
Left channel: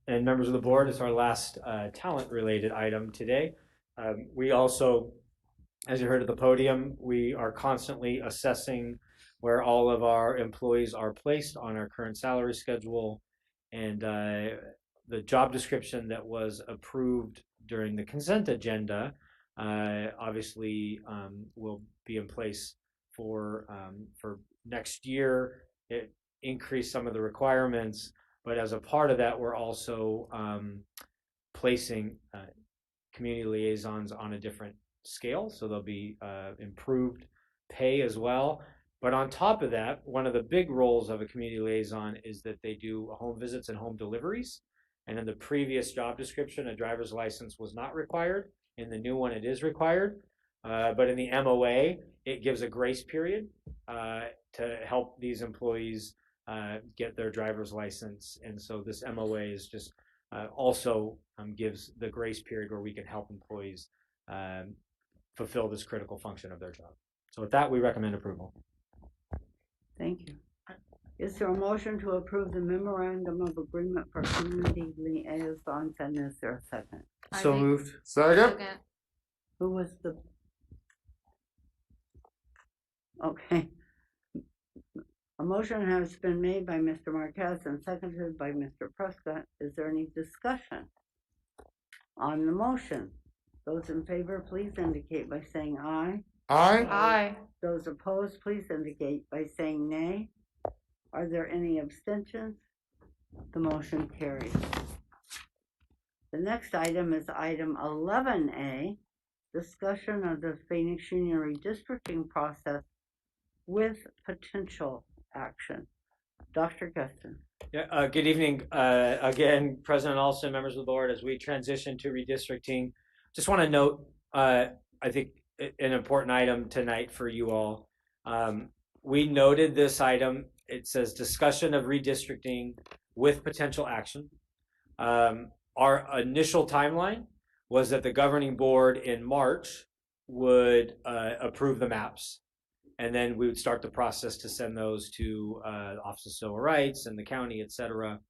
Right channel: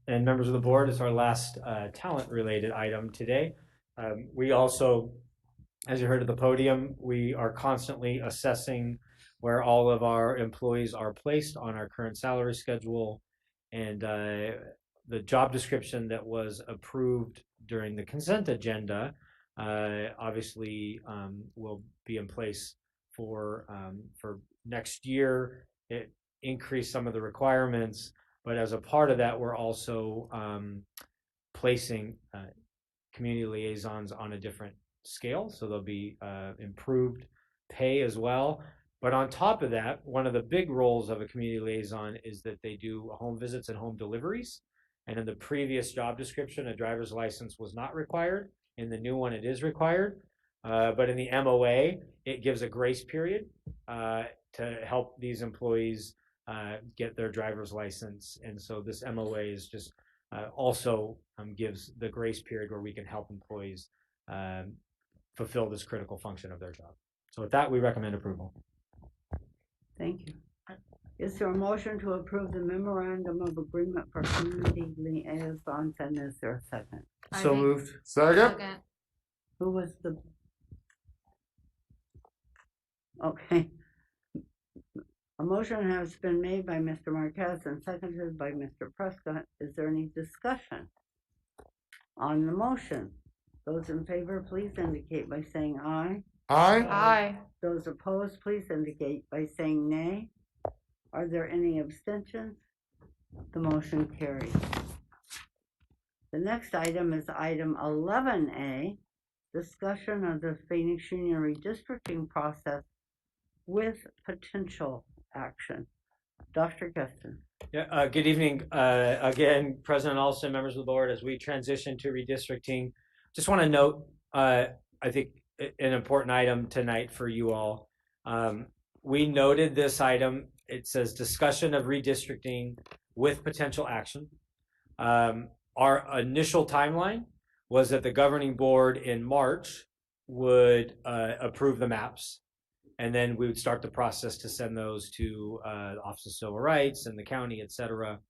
and members of the board, it's our last talent-related item today. We also, as you heard at the podium, we are constantly assessing where all of our employees are placed on our current salary schedule. And the job description that was approved during the consent agenda obviously will be in place for next year. It increased some of the requirements, but as a part of that, we're also placing community liaisons on a different scale. So there'll be improved pay as well. But on top of that, one of the big roles of a community liaison is that they do home visits and home deliveries. And in the previous job description, a driver's license was not required. In the new one, it is required. But in the MOA, it gives a grace period to help these employees get their driver's license. And so this MOA is just also gives the grace period where we can help employees fulfill this critical function of their job. So with that, we recommend approval. Thank you. Is there a motion to approve the memorandum of agreement for community liaisons, and is there a second? So moved. Second. Who was the? Okay. A motion has been made by Mr. Marquez and seconded by Mr. Prescott. Is there any discussion on the motion? Those in favor, please indicate by saying aye. Aye. Aye. Those opposed, please indicate by saying nay. Are there any abstentions? The motion carries. The next item is item 11A, discussion of the Phoenix Union redistricting process with potential action. Dr. Gustin. Yeah, good evening. Again, President Alston, members of the board, as we transition to redistricting, just want to note, I think, an important item tonight for you all. We noted this item. It says discussion of redistricting with potential action. Our initial timeline was that the governing board in March would approve the maps, and then we would start the process to send those to Office of Civil Rights and the county, et cetera.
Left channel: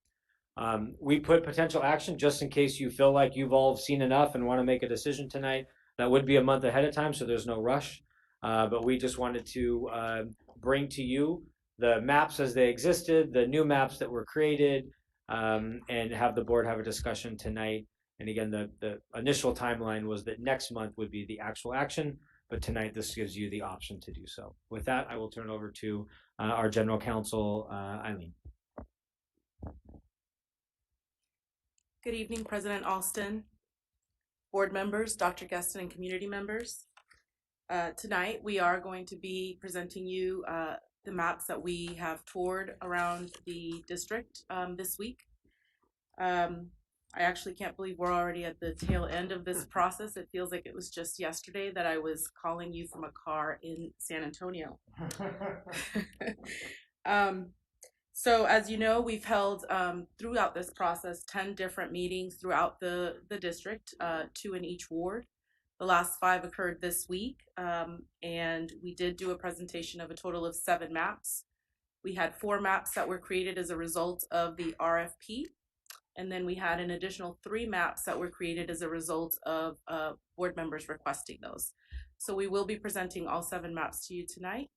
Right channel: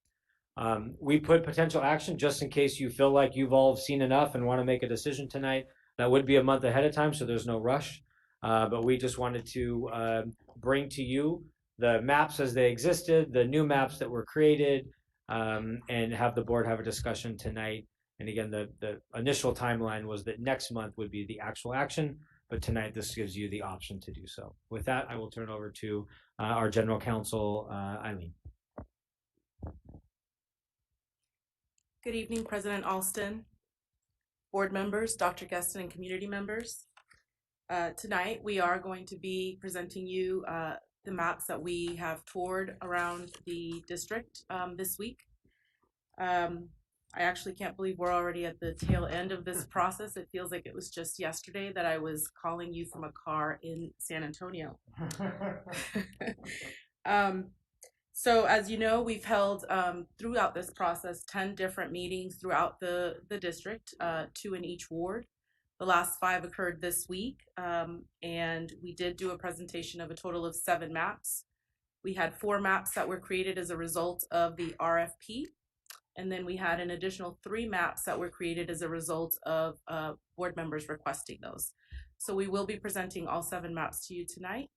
We put potential action just in case you feel like you've all seen enough and want to make a decision tonight. That would be a month ahead of time, so there's no rush. But we just wanted to bring to you the maps as they existed, the new maps that were created, and have the board have a discussion tonight. And again, the initial timeline was that next month would be the actual action, but tonight this gives you the option to do so. With that, I will turn it over to our General Counsel, Eileen. Good evening, President Alston, board members, Dr. Gustin, and community members. Tonight, we are going to be presenting you the maps that we have toured around the district this week. I actually can't believe we're already at the tail end of this process. It feels like it was just yesterday that I was calling you from a car in San Antonio. So as you know, we've held throughout this process 10 different meetings throughout the district, 2 in each ward. The last 5 occurred this week, and we did do a presentation of a total of 7 maps. We had 4 maps that were created as a result of the RFP, and then we had an additional 3 maps that were created as a result of board members requesting those. So we will be presenting all 7 maps to you tonight,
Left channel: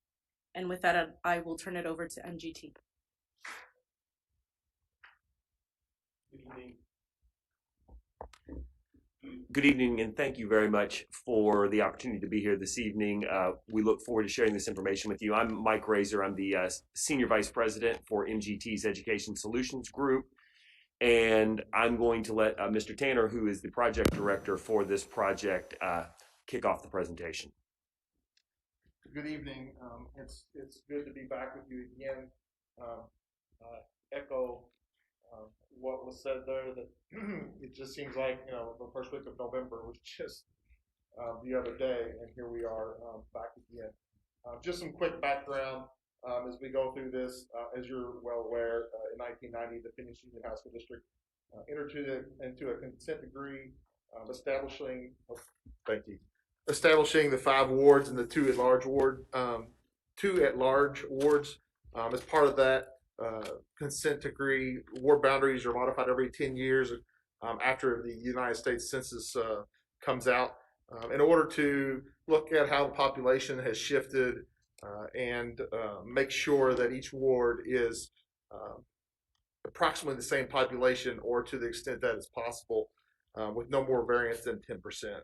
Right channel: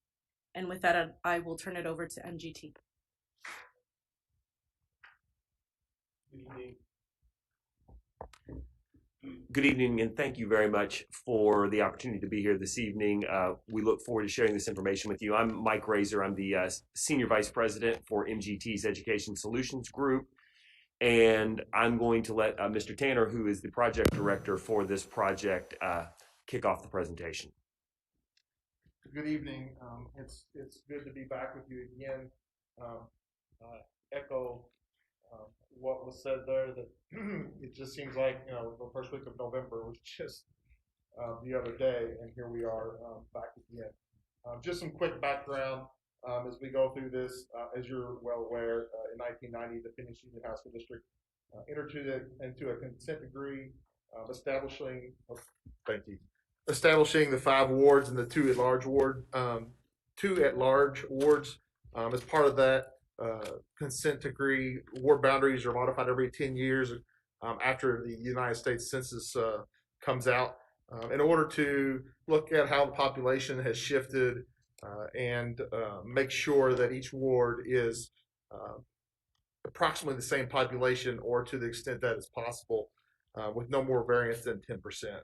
and with that, I will turn it over to MGT. Good evening, and thank you very much for the opportunity to be here this evening. We look forward to sharing this information with you. I'm Mike Razor. I'm the Senior Vice President for MGT's Education Solutions Group, and I'm going to let Mr. Tanner, who is the project director for this project, kick off the presentation. Good evening. It's good to be back with you again. Echo what was said there, that it just seems like, you know, the first week of November was just the other day, and here we are back again. Just some quick background as we go through this. As you're well aware, in 1990, the Phoenix Union High School District entered into a consent decree establishing the 5 wards and the 2 at-large wards. As part of that consent decree, ward boundaries are modified every 10 years after the United States Census comes out, in order to look at how the population has shifted and make sure that each ward is approximately the same population, or to the extent that is possible, with no more variance than 10%.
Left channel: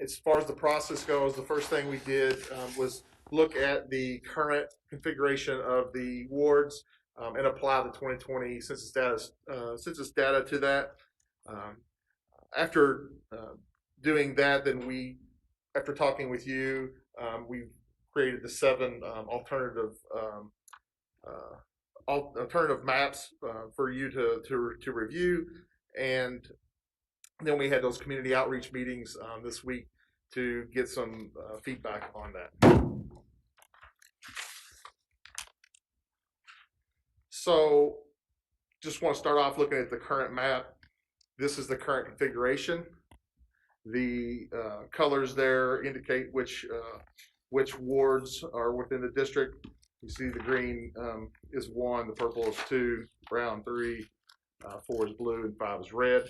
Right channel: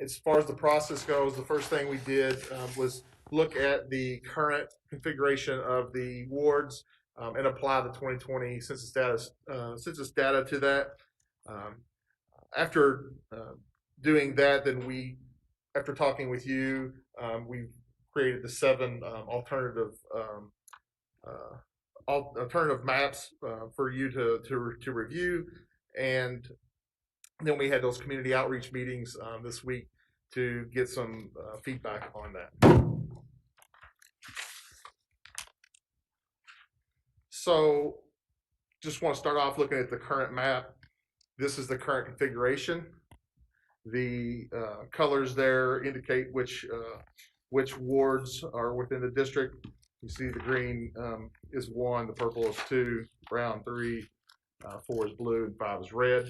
As far as the process goes, the first thing we did was look at the current configuration of the wards and apply the 2020 census data to that. After doing that, then after talking with you, we created the 7 alternative maps for you to review, and then we had those community outreach meetings this week to get some feedback on that. So just want to start off looking at the current map. This is the current configuration. The colors there indicate which wards are within the district. You see the green is 1, the purple is 2, brown 3, 4 is blue, and 5 is red.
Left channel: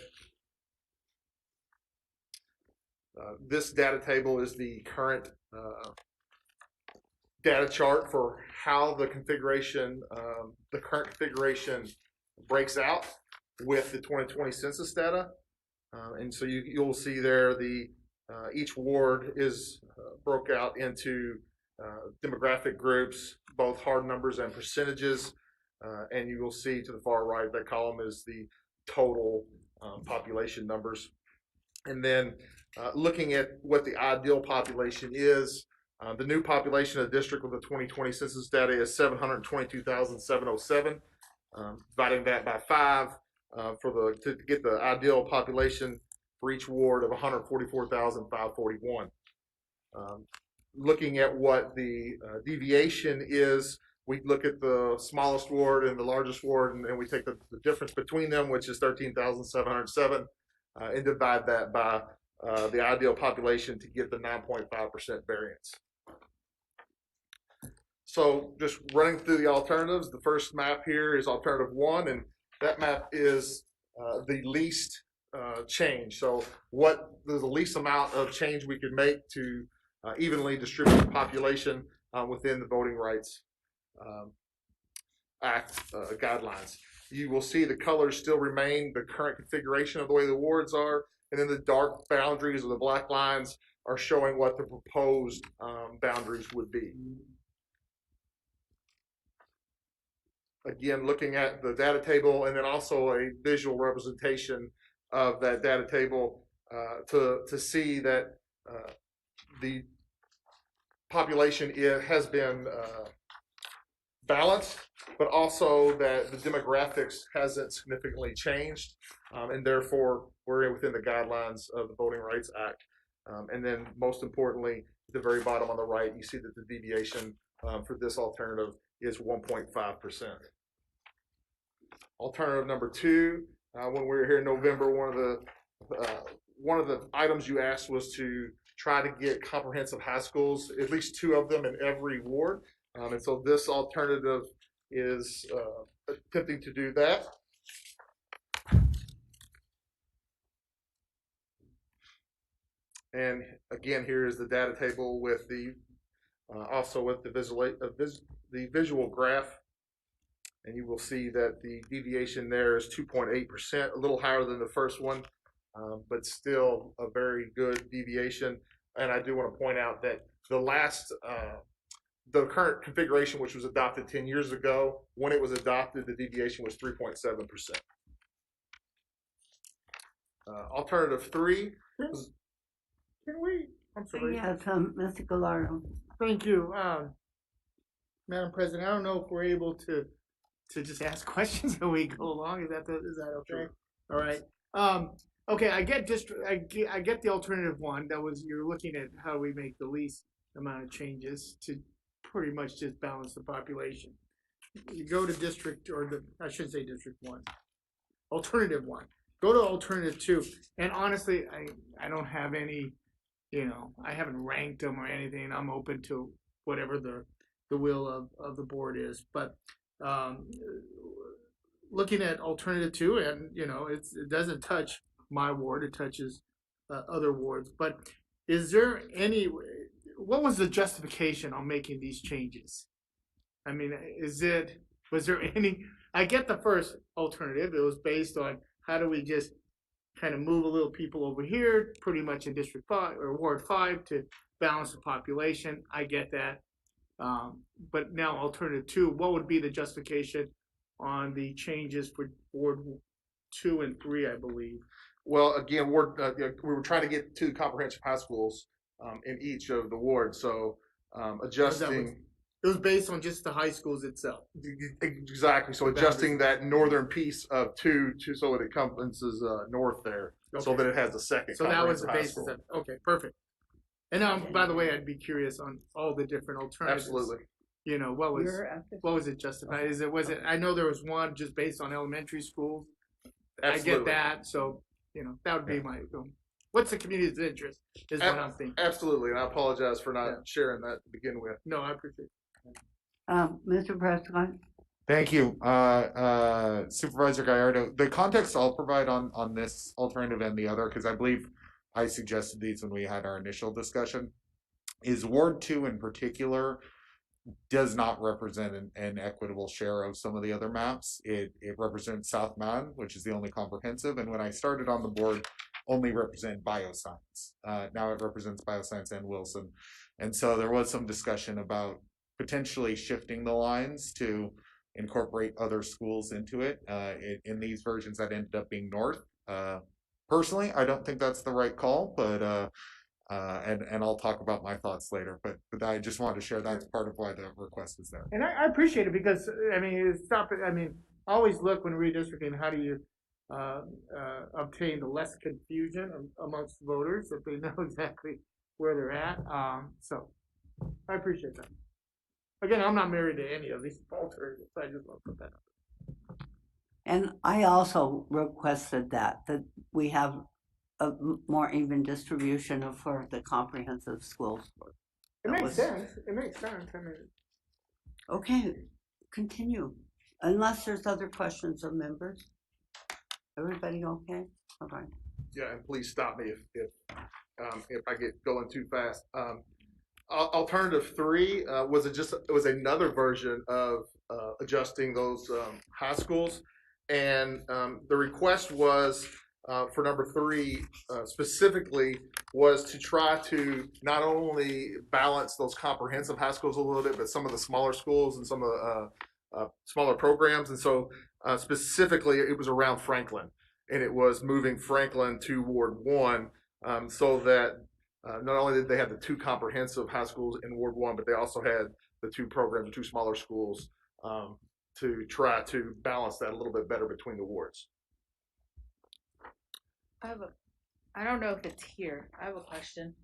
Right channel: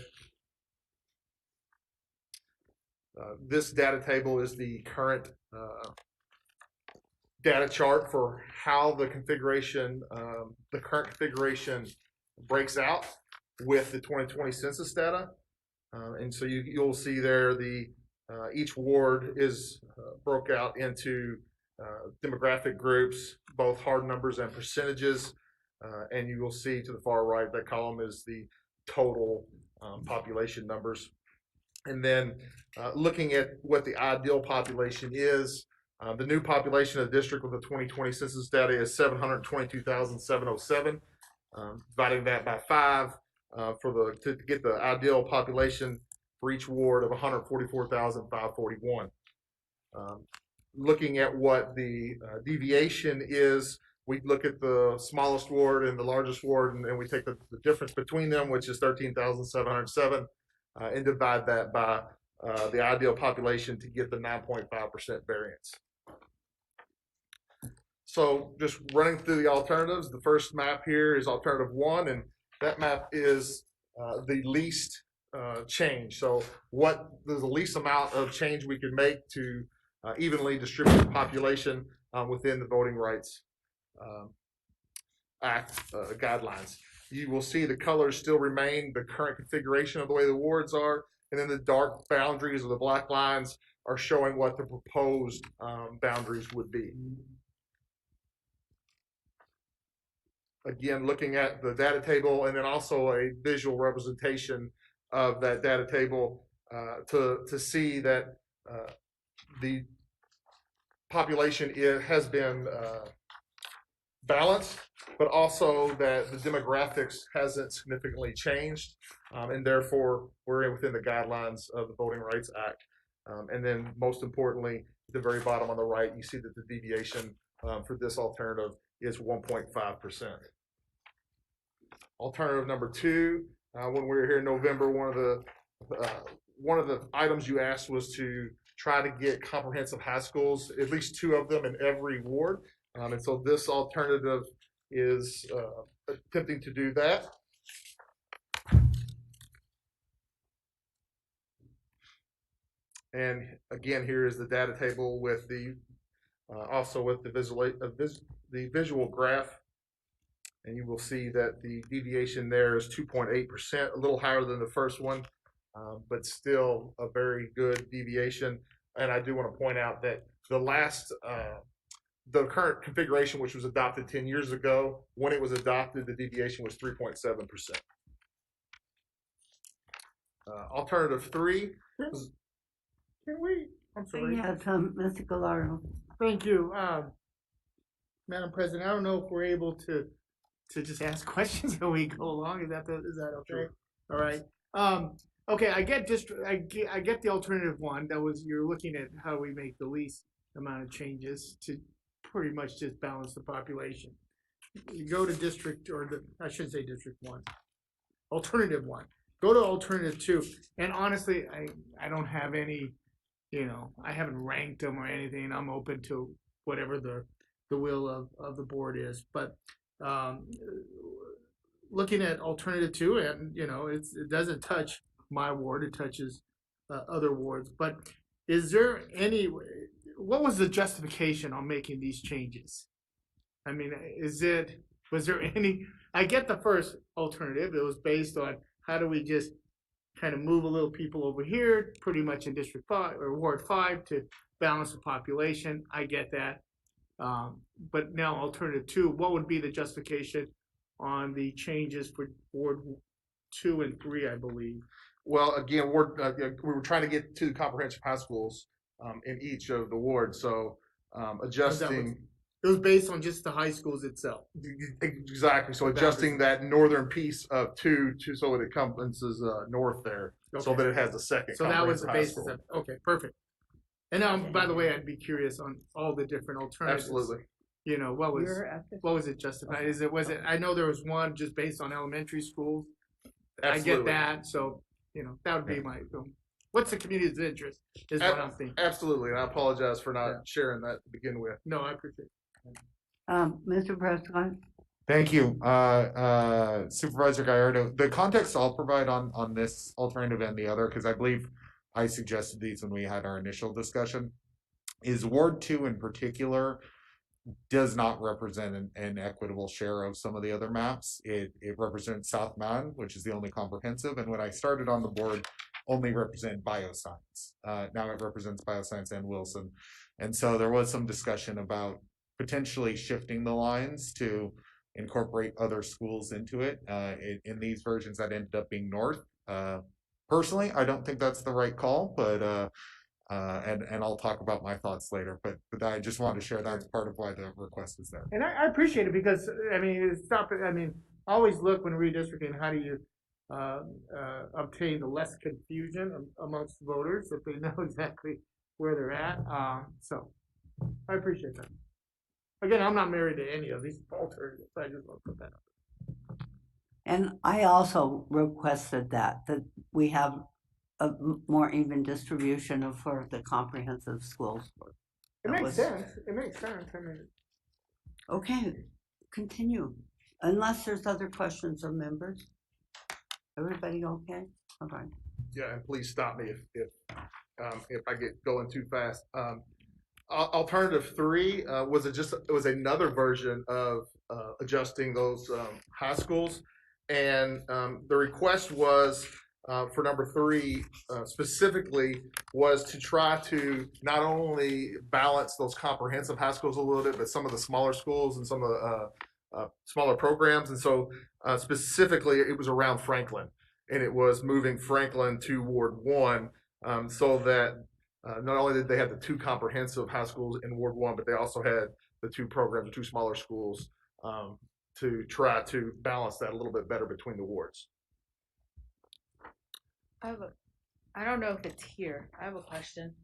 This data table is the current data chart for how the configuration, the current configuration breaks out with the 2020 census data. And so you'll see there the each ward is broke out into demographic groups, both hard numbers and percentages. And you will see to the far right, that column is the total population numbers. And then looking at what the ideal population is, the new population of the district with the 2020 census data is 722,707. Dividing that by 5 to get the ideal population for each ward of 144,541. Looking at what the deviation is, we look at the smallest ward and the largest ward, and we take the difference between them, which is 13,707, and divide that by the ideal population to get the 9.5% variance. So just running through the alternatives, the first map here is alternative 1, and that map is the least change. So what is the least amount of change we could make to evenly distribute the population within the Voting Rights Act guidelines. You will see the colors still remain the current configuration of the way the wards are, and then the dark boundaries or the black lines are showing what the proposed boundaries would be. Again, looking at the data table and then also a visual representation of that data table to see that the population has been balanced, but also that the demographics hasn't significantly changed, and therefore we're within the guidelines of the Voting Rights Act. And then most importantly, at the very bottom on the right, you see that the deviation for this alternative is 1.5%. Alternative number 2, when we were here in November, one of the items you asked was to try to get comprehensive high schools, at least 2 of them in every ward. And so this alternative is attempting to do that. And again, here is the data table with the also with the visual graph. And you will see that the deviation there is 2.8%, a little higher than the first one, but still a very good deviation. And I do want to point out that the current configuration, which was adopted 10 years ago, when it was adopted, the deviation was 3.7%. Alternative 3. Can we? I'm sorry. Yes, Mr. Gallardo. Thank you, Madam President. I don't know if we're able to just ask questions as we go along. Is that okay? Sure. All right. Okay. I get the alternative 1. That was, you're looking at how we make the least amount of changes to pretty much just balance the population. You go to I should say district 1, alternative 1. Go to alternative 2, and honestly, I don't have any, I haven't ranked them or anything. I'm open to whatever the will of the board is, but looking at alternative 2, and it doesn't touch my ward, it touches other wards, but is there what was the justification on making these changes? I mean, was there any, I get the first alternative, it was based on how do we just kind of move a little people over here, pretty much in District 5 or Ward 5 to balance the population. I get that. But now alternative 2, what would be the justification on the changes for Ward 2 and 3, I believe? Well, again, we were trying to get 2 comprehensive high schools in each of the wards. So adjusting. It was based on just the high schools itself. Exactly. So adjusting that northern piece of 2 so that it encompasses north there, okay, so that it has a second. So that was the basis of. Okay, perfect. And now, by the way, I'd be curious on all the different alternatives. Absolutely. you know, what was it justified? Was it, I know there was one just based on elementary schools. Absolutely. I get that. So, you know, that would be my, what's the community's interest is what I'm thinking. Absolutely. And I apologize for not sharing that to begin with. No, I appreciate it. Mr. Prescott? Thank you, Supervisor Gallardo. The context I'll provide on this alternative and the other, because I believe I suggested these when we had our initial discussion, is Ward 2 in particular does not represent an equitable share of some of the other maps. It represents South Mountain, which is the only comprehensive, and when I started on the board, only represent bioscience. Now it represents bioscience and Wilson. And so there was some discussion about potentially shifting the lines to incorporate other schools into it. In these versions, that ended up being North. Personally, I don't think that's the right call, but and I'll talk about my thoughts later. But I just wanted to share that as part of why the request is there. And I appreciate it because I mean, always look when redistricting. How do you obtain the less confusion amongst voters if they know exactly where they're at? So I appreciate that. Again, I'm not married to any of these alternatives. I just want to put that up. And I also requested that we have a more even distribution for the comprehensive schools. It makes sense. It makes sense. I mean, okay, continue. Unless there's other questions of members. Everybody okay? All right. Yeah, and please stop me if I get going too fast. Alternative 3 was another version of adjusting those high schools, and the request was for number 3 specifically was to try to not only balance those comprehensive high schools a little bit, but some of the smaller schools and some of the smaller programs. And so specifically, it was around Franklin, and it was moving Franklin to Ward 1 so that not only did they have the 2 comprehensive high schools in Ward 1, but they also had the 2 programs, the 2 smaller schools to try to balance that a little bit better between the wards. I don't know if it's here. I have a question.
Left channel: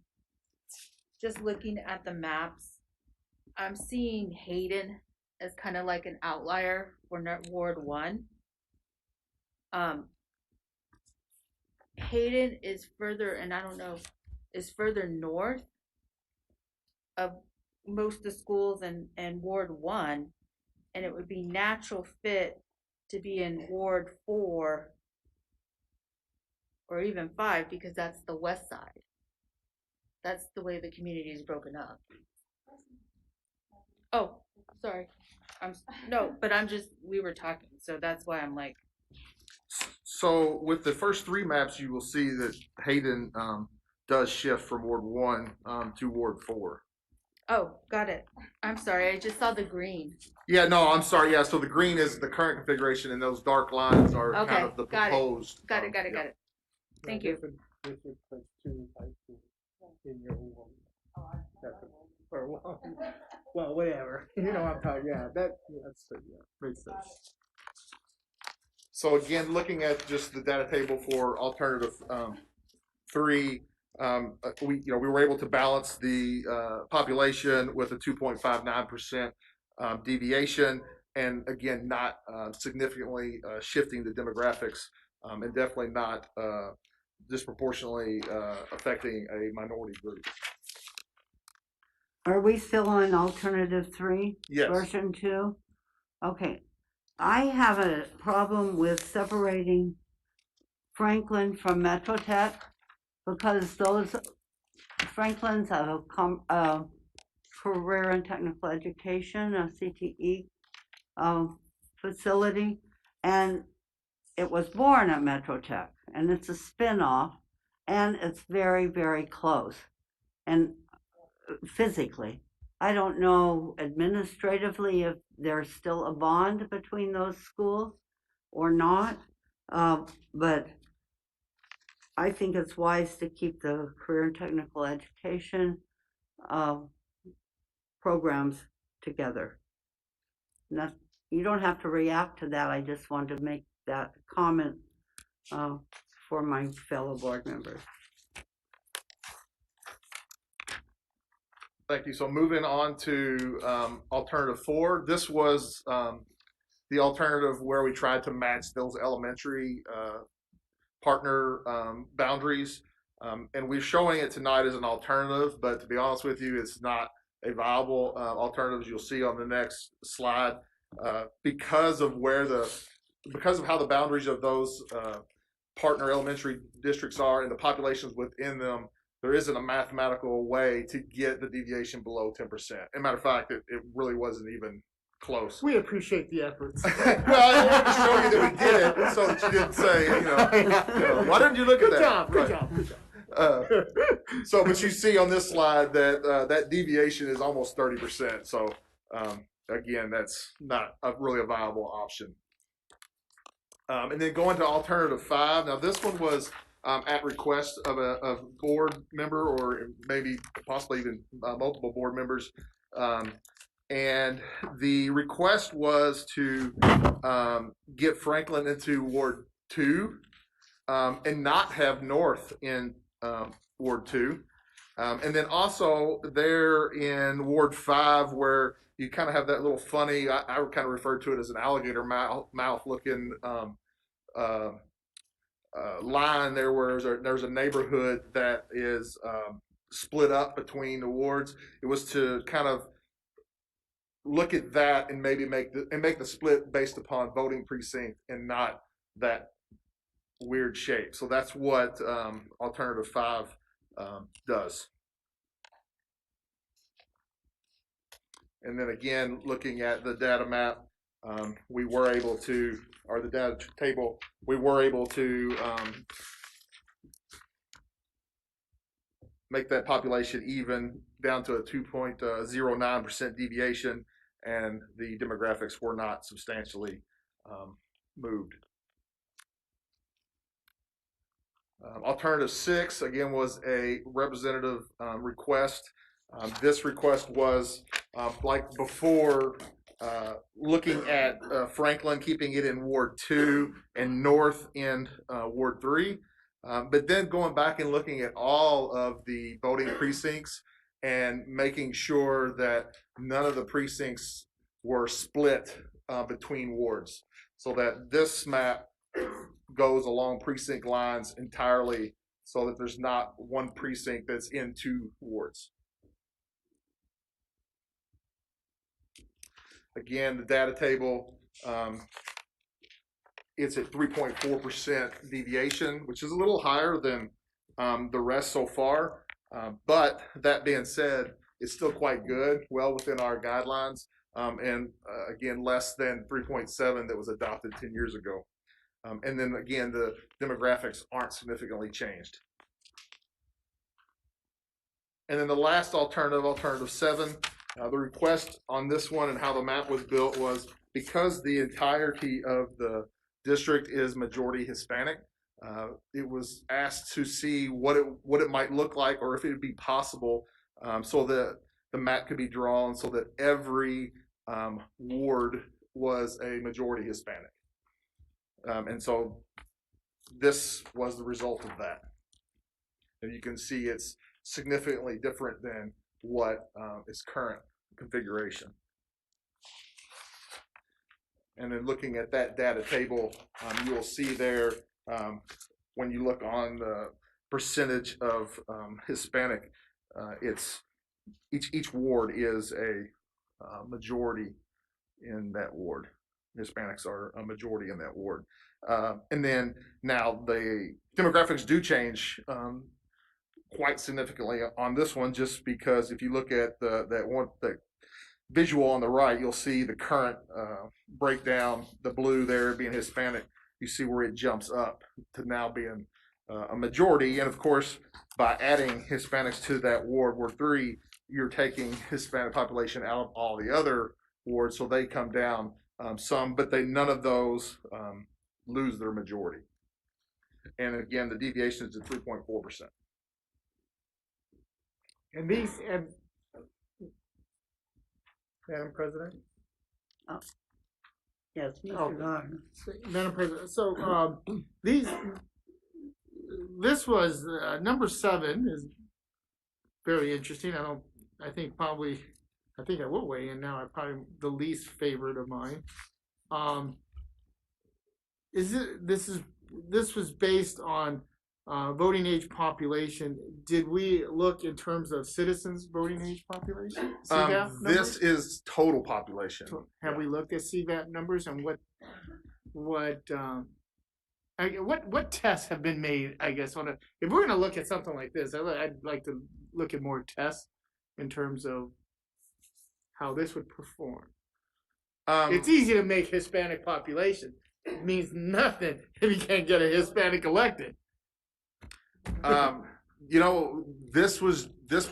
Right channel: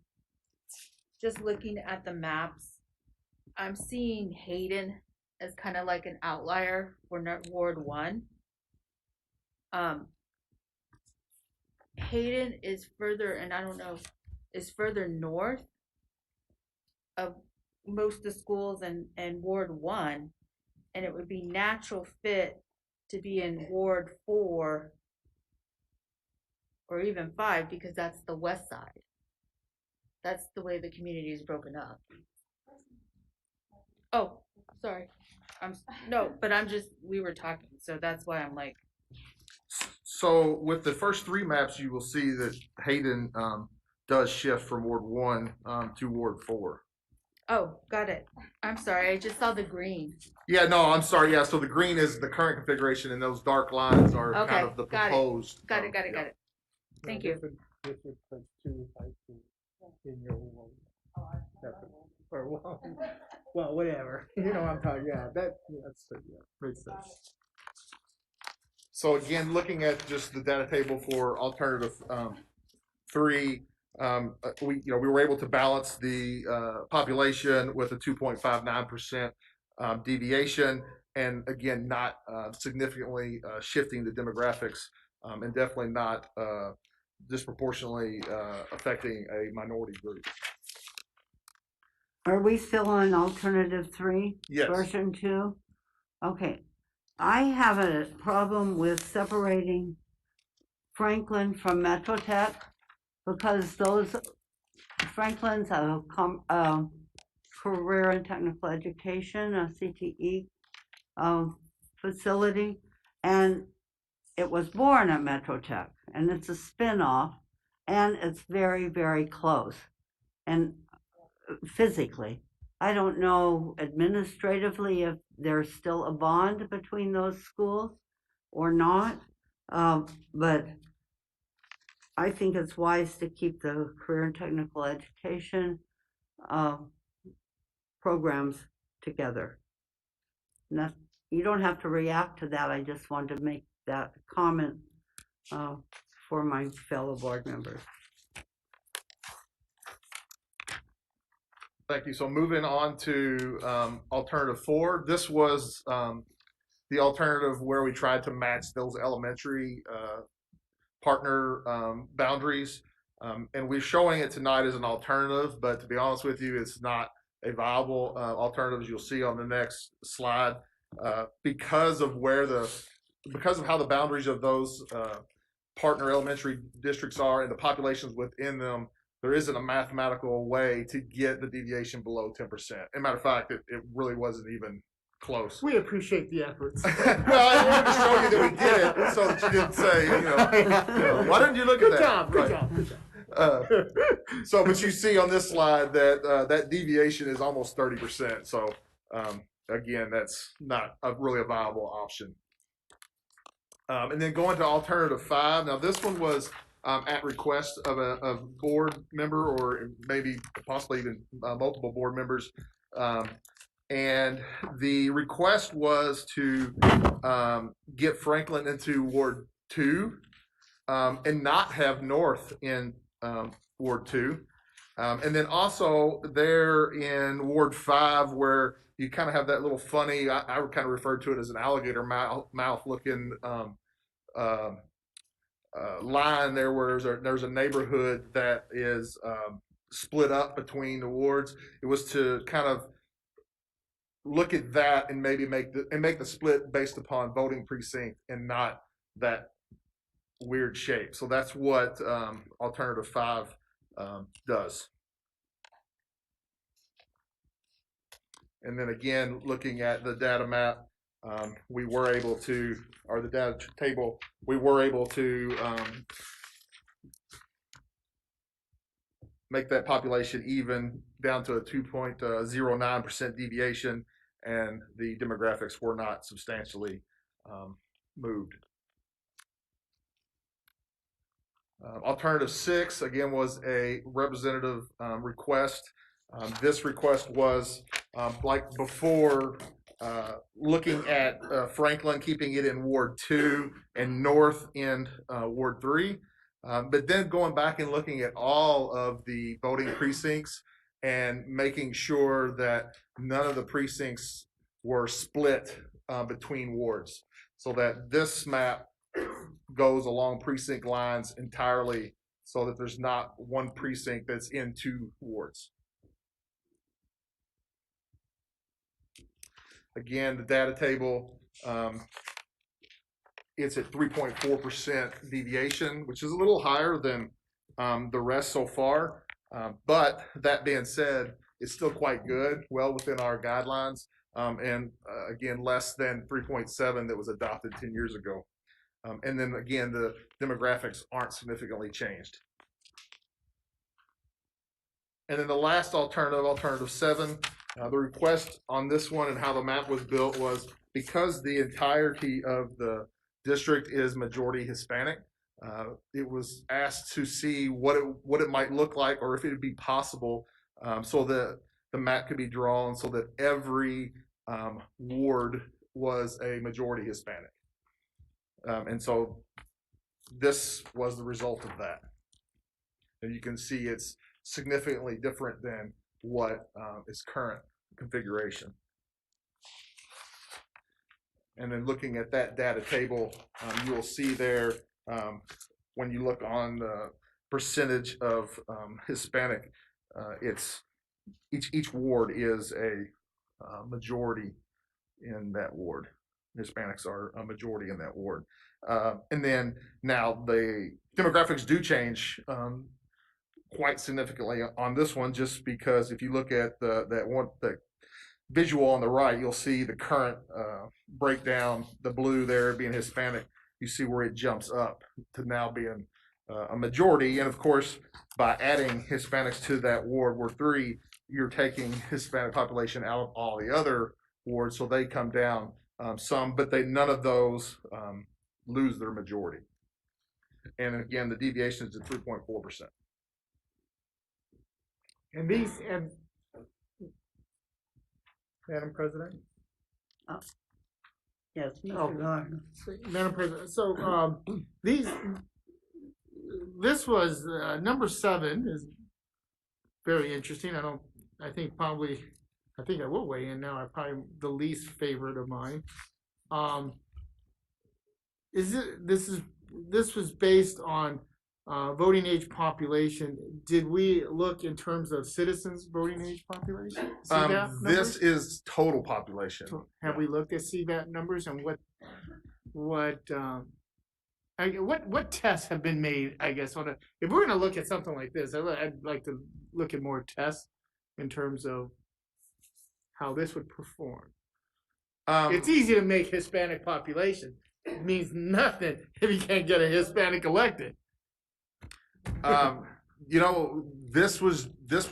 Just looking at the maps, I'm seeing Hayden as kind of like an outlier for Ward 1. Hayden is further, and I don't know, is further north of most of the schools in Ward 1, and it would be natural fit to be in Ward 4 or even 5 because that's the west side. That's the way the community is broken up. Oh, sorry. We were talking, so that's why I'm like. So with the first 3 maps, you will see that Hayden does shift from Ward 1 to Ward 4. Oh, got it. I'm sorry. I just saw the green. Yeah, no, I'm sorry. Yeah, so the green is the current configuration, and those dark lines are kind of the proposed. Got it. Thank you. Well, whatever. You know what I'm talking. Yeah, that's makes sense. So again, looking at just the data table for alternative 3, we were able to balance the population with a 2.59% deviation, and again, not significantly shifting the demographics, and definitely not disproportionately affecting a minority group. Are we still on alternative 3? Yes. Version 2? Okay. I have a problem with separating Franklin from Metro Tech because those Franklins have a career and technical education, a CTE facility, and it was born at Metro Tech, and it's a spin-off, and it's very, very close, and physically. I don't know administratively if there's still a bond between those schools or not, but I think it's wise to keep the career and technical education programs together. You don't have to react to that. I just wanted to make that comment for my fellow board members. Thank you. So moving on to alternative 4. This was the alternative where we tried to match those elementary partner boundaries. And we're showing it tonight as an alternative, but to be honest with you, it's not a viable alternative, as you'll see on the next slide, because of how the boundaries of those partner elementary districts are and the populations within them. There isn't a mathematical way to get the deviation below 10%. As a matter of fact, it really wasn't even close. We appreciate the efforts. Well, I wanted to show you that we did it so that you didn't say, why didn't you look at that? Good job. So, but you see on this slide that that deviation is almost 30%. So, again, that's not really a viable option. And then going to alternative 5. Now, this one was at request of a board member, or maybe possibly even multiple board members. And the request was to get Franklin into Ward 2 and not have North in Ward 2. And then also there in Ward 5, where you kind of have that little funny, I kind of refer to it as an alligator mouth looking line there, where there's a neighborhood that is split up between the wards. It was to kind of look at that and maybe make the split based upon voting precinct and not that weird shape. So that's what alternative 5 does. And then again, looking at the data map, we were able to, or the data table, we were able to make that population even down to a 2.09% deviation, and the demographics were not substantially moved. Alternative 6, again, was a representative request. This request was, like before, looking at Franklin, keeping it in Ward 2 and North in Ward 3. But then going back and looking at all of the voting precincts and making sure that none of the precincts were split between wards, so that this map goes along precinct lines entirely, so that there's not one precinct that's in 2 wards. Again, the data table, it's at 3.4% deviation, which is a little higher than the rest so far. But that being said, it's still quite good, well within our guidelines, and again, less than 3.7 that was adopted 10 years ago. And then again, the demographics aren't significantly changed. And then the last alternative, alternative 7, the request on this one and how the map was built was, because the entirety of the district is majority Hispanic, it was asked to see what it might look like, or if it would be possible, so that the map could be drawn so that every ward was a majority Hispanic. And so this was the result of that. And you can see it's significantly different than what is current configuration. And then looking at that data table, you will see there, when you look on the percentage of Hispanic, it's each ward is a majority in that ward. Hispanics are a majority in that ward. And then now the demographics do change quite significantly on this one, just because if you look at the visual on the right, you'll see the current breakdown, the blue there being Hispanic. You see where it jumps up to now being a majority. And of course, by adding Hispanics to that ward, Ward 3, you're taking Hispanic population out of all the other wards, so they come down some, but none of those lose their majority. And again, the deviation is at 3.4%. And Madam President? Oh. Yes, Mr. Oh, Gordon. Madam President, so this was number 7 is very interesting. I think I will weigh in now. I'm probably the least favorite of mine. This was based on voting age population. Did we look in terms of citizens voting age population? This is total population. Have we looked at CVAP numbers and what tests have been made? I guess if we're going to look at something like this, I'd like to look at more tests in terms of how this would perform. It's easy to make Hispanic population. It means nothing if you can't get a Hispanic elected. This was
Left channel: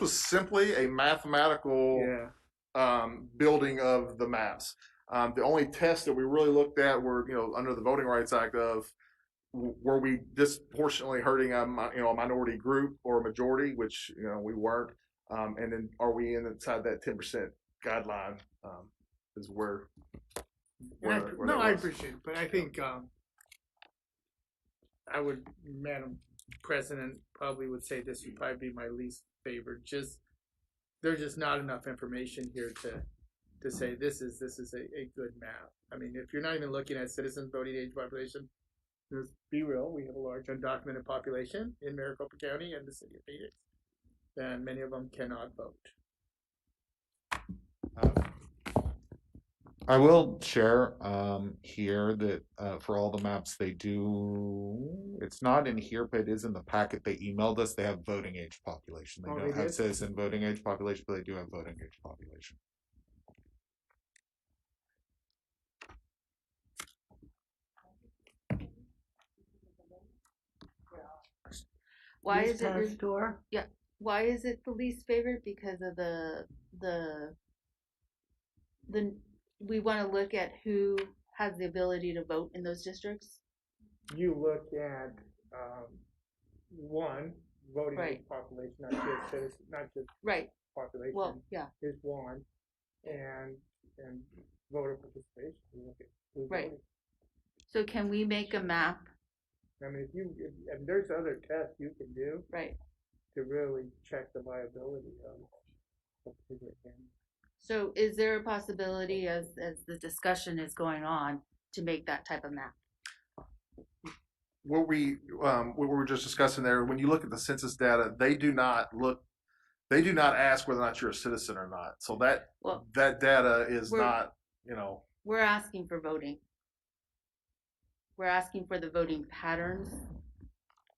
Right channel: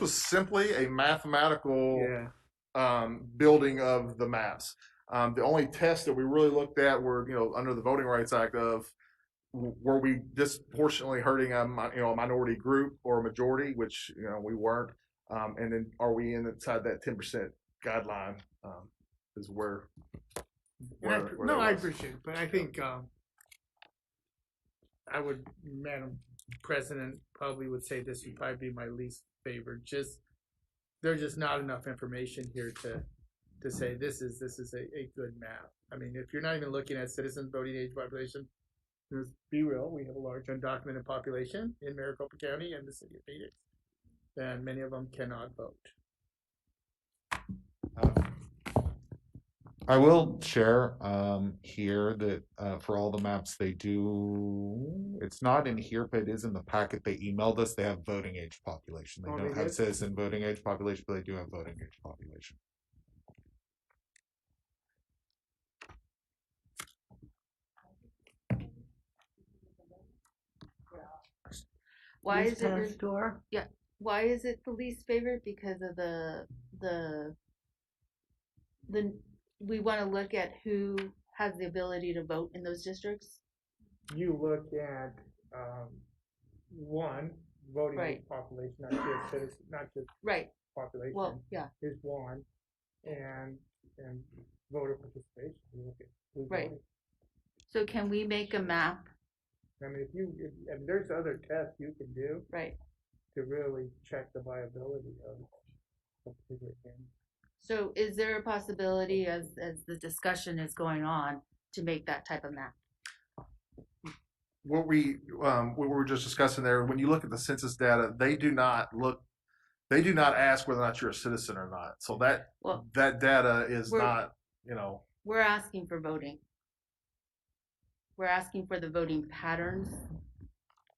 simply a mathematical building of the maps. The only tests that we really looked at were, under the Voting Rights Act were we disproportionately hurting a minority group or a majority, which we weren't, and then are we inside that 10% guideline? Is where I appreciate it, but I think Madam President probably would say this would probably be my least favorite. There's just not enough information here to say this is a good map. I mean, if you're not even looking at citizens voting age population, let's be real, we have a large undocumented population in Maricopa County and the city of Phoenix, and many of them cannot vote. I will share here that for all the maps they do, it's not in here, but it is in the packet they emailed us. They have voting age population. They don't have citizen voting age population, but they do have voting age population. Why is it store? Yeah. Why is it the least favorite? Because of the we want to look at who has the ability to vote in those districts. You look at one voting age population, not just citizens, not just population. Well, yeah, is one, and voter participation. You look at who's voting. So can we make a map? I mean, if there's other tests you can do, to really check the viability of a particular thing. So is there a possibility, as the discussion is going on, to make that type of map? What we were just discussing there, when you look at the census data, they do not ask whether or not you're a citizen or not. So that data is not, We're asking for voting. We're asking for the voting patterns.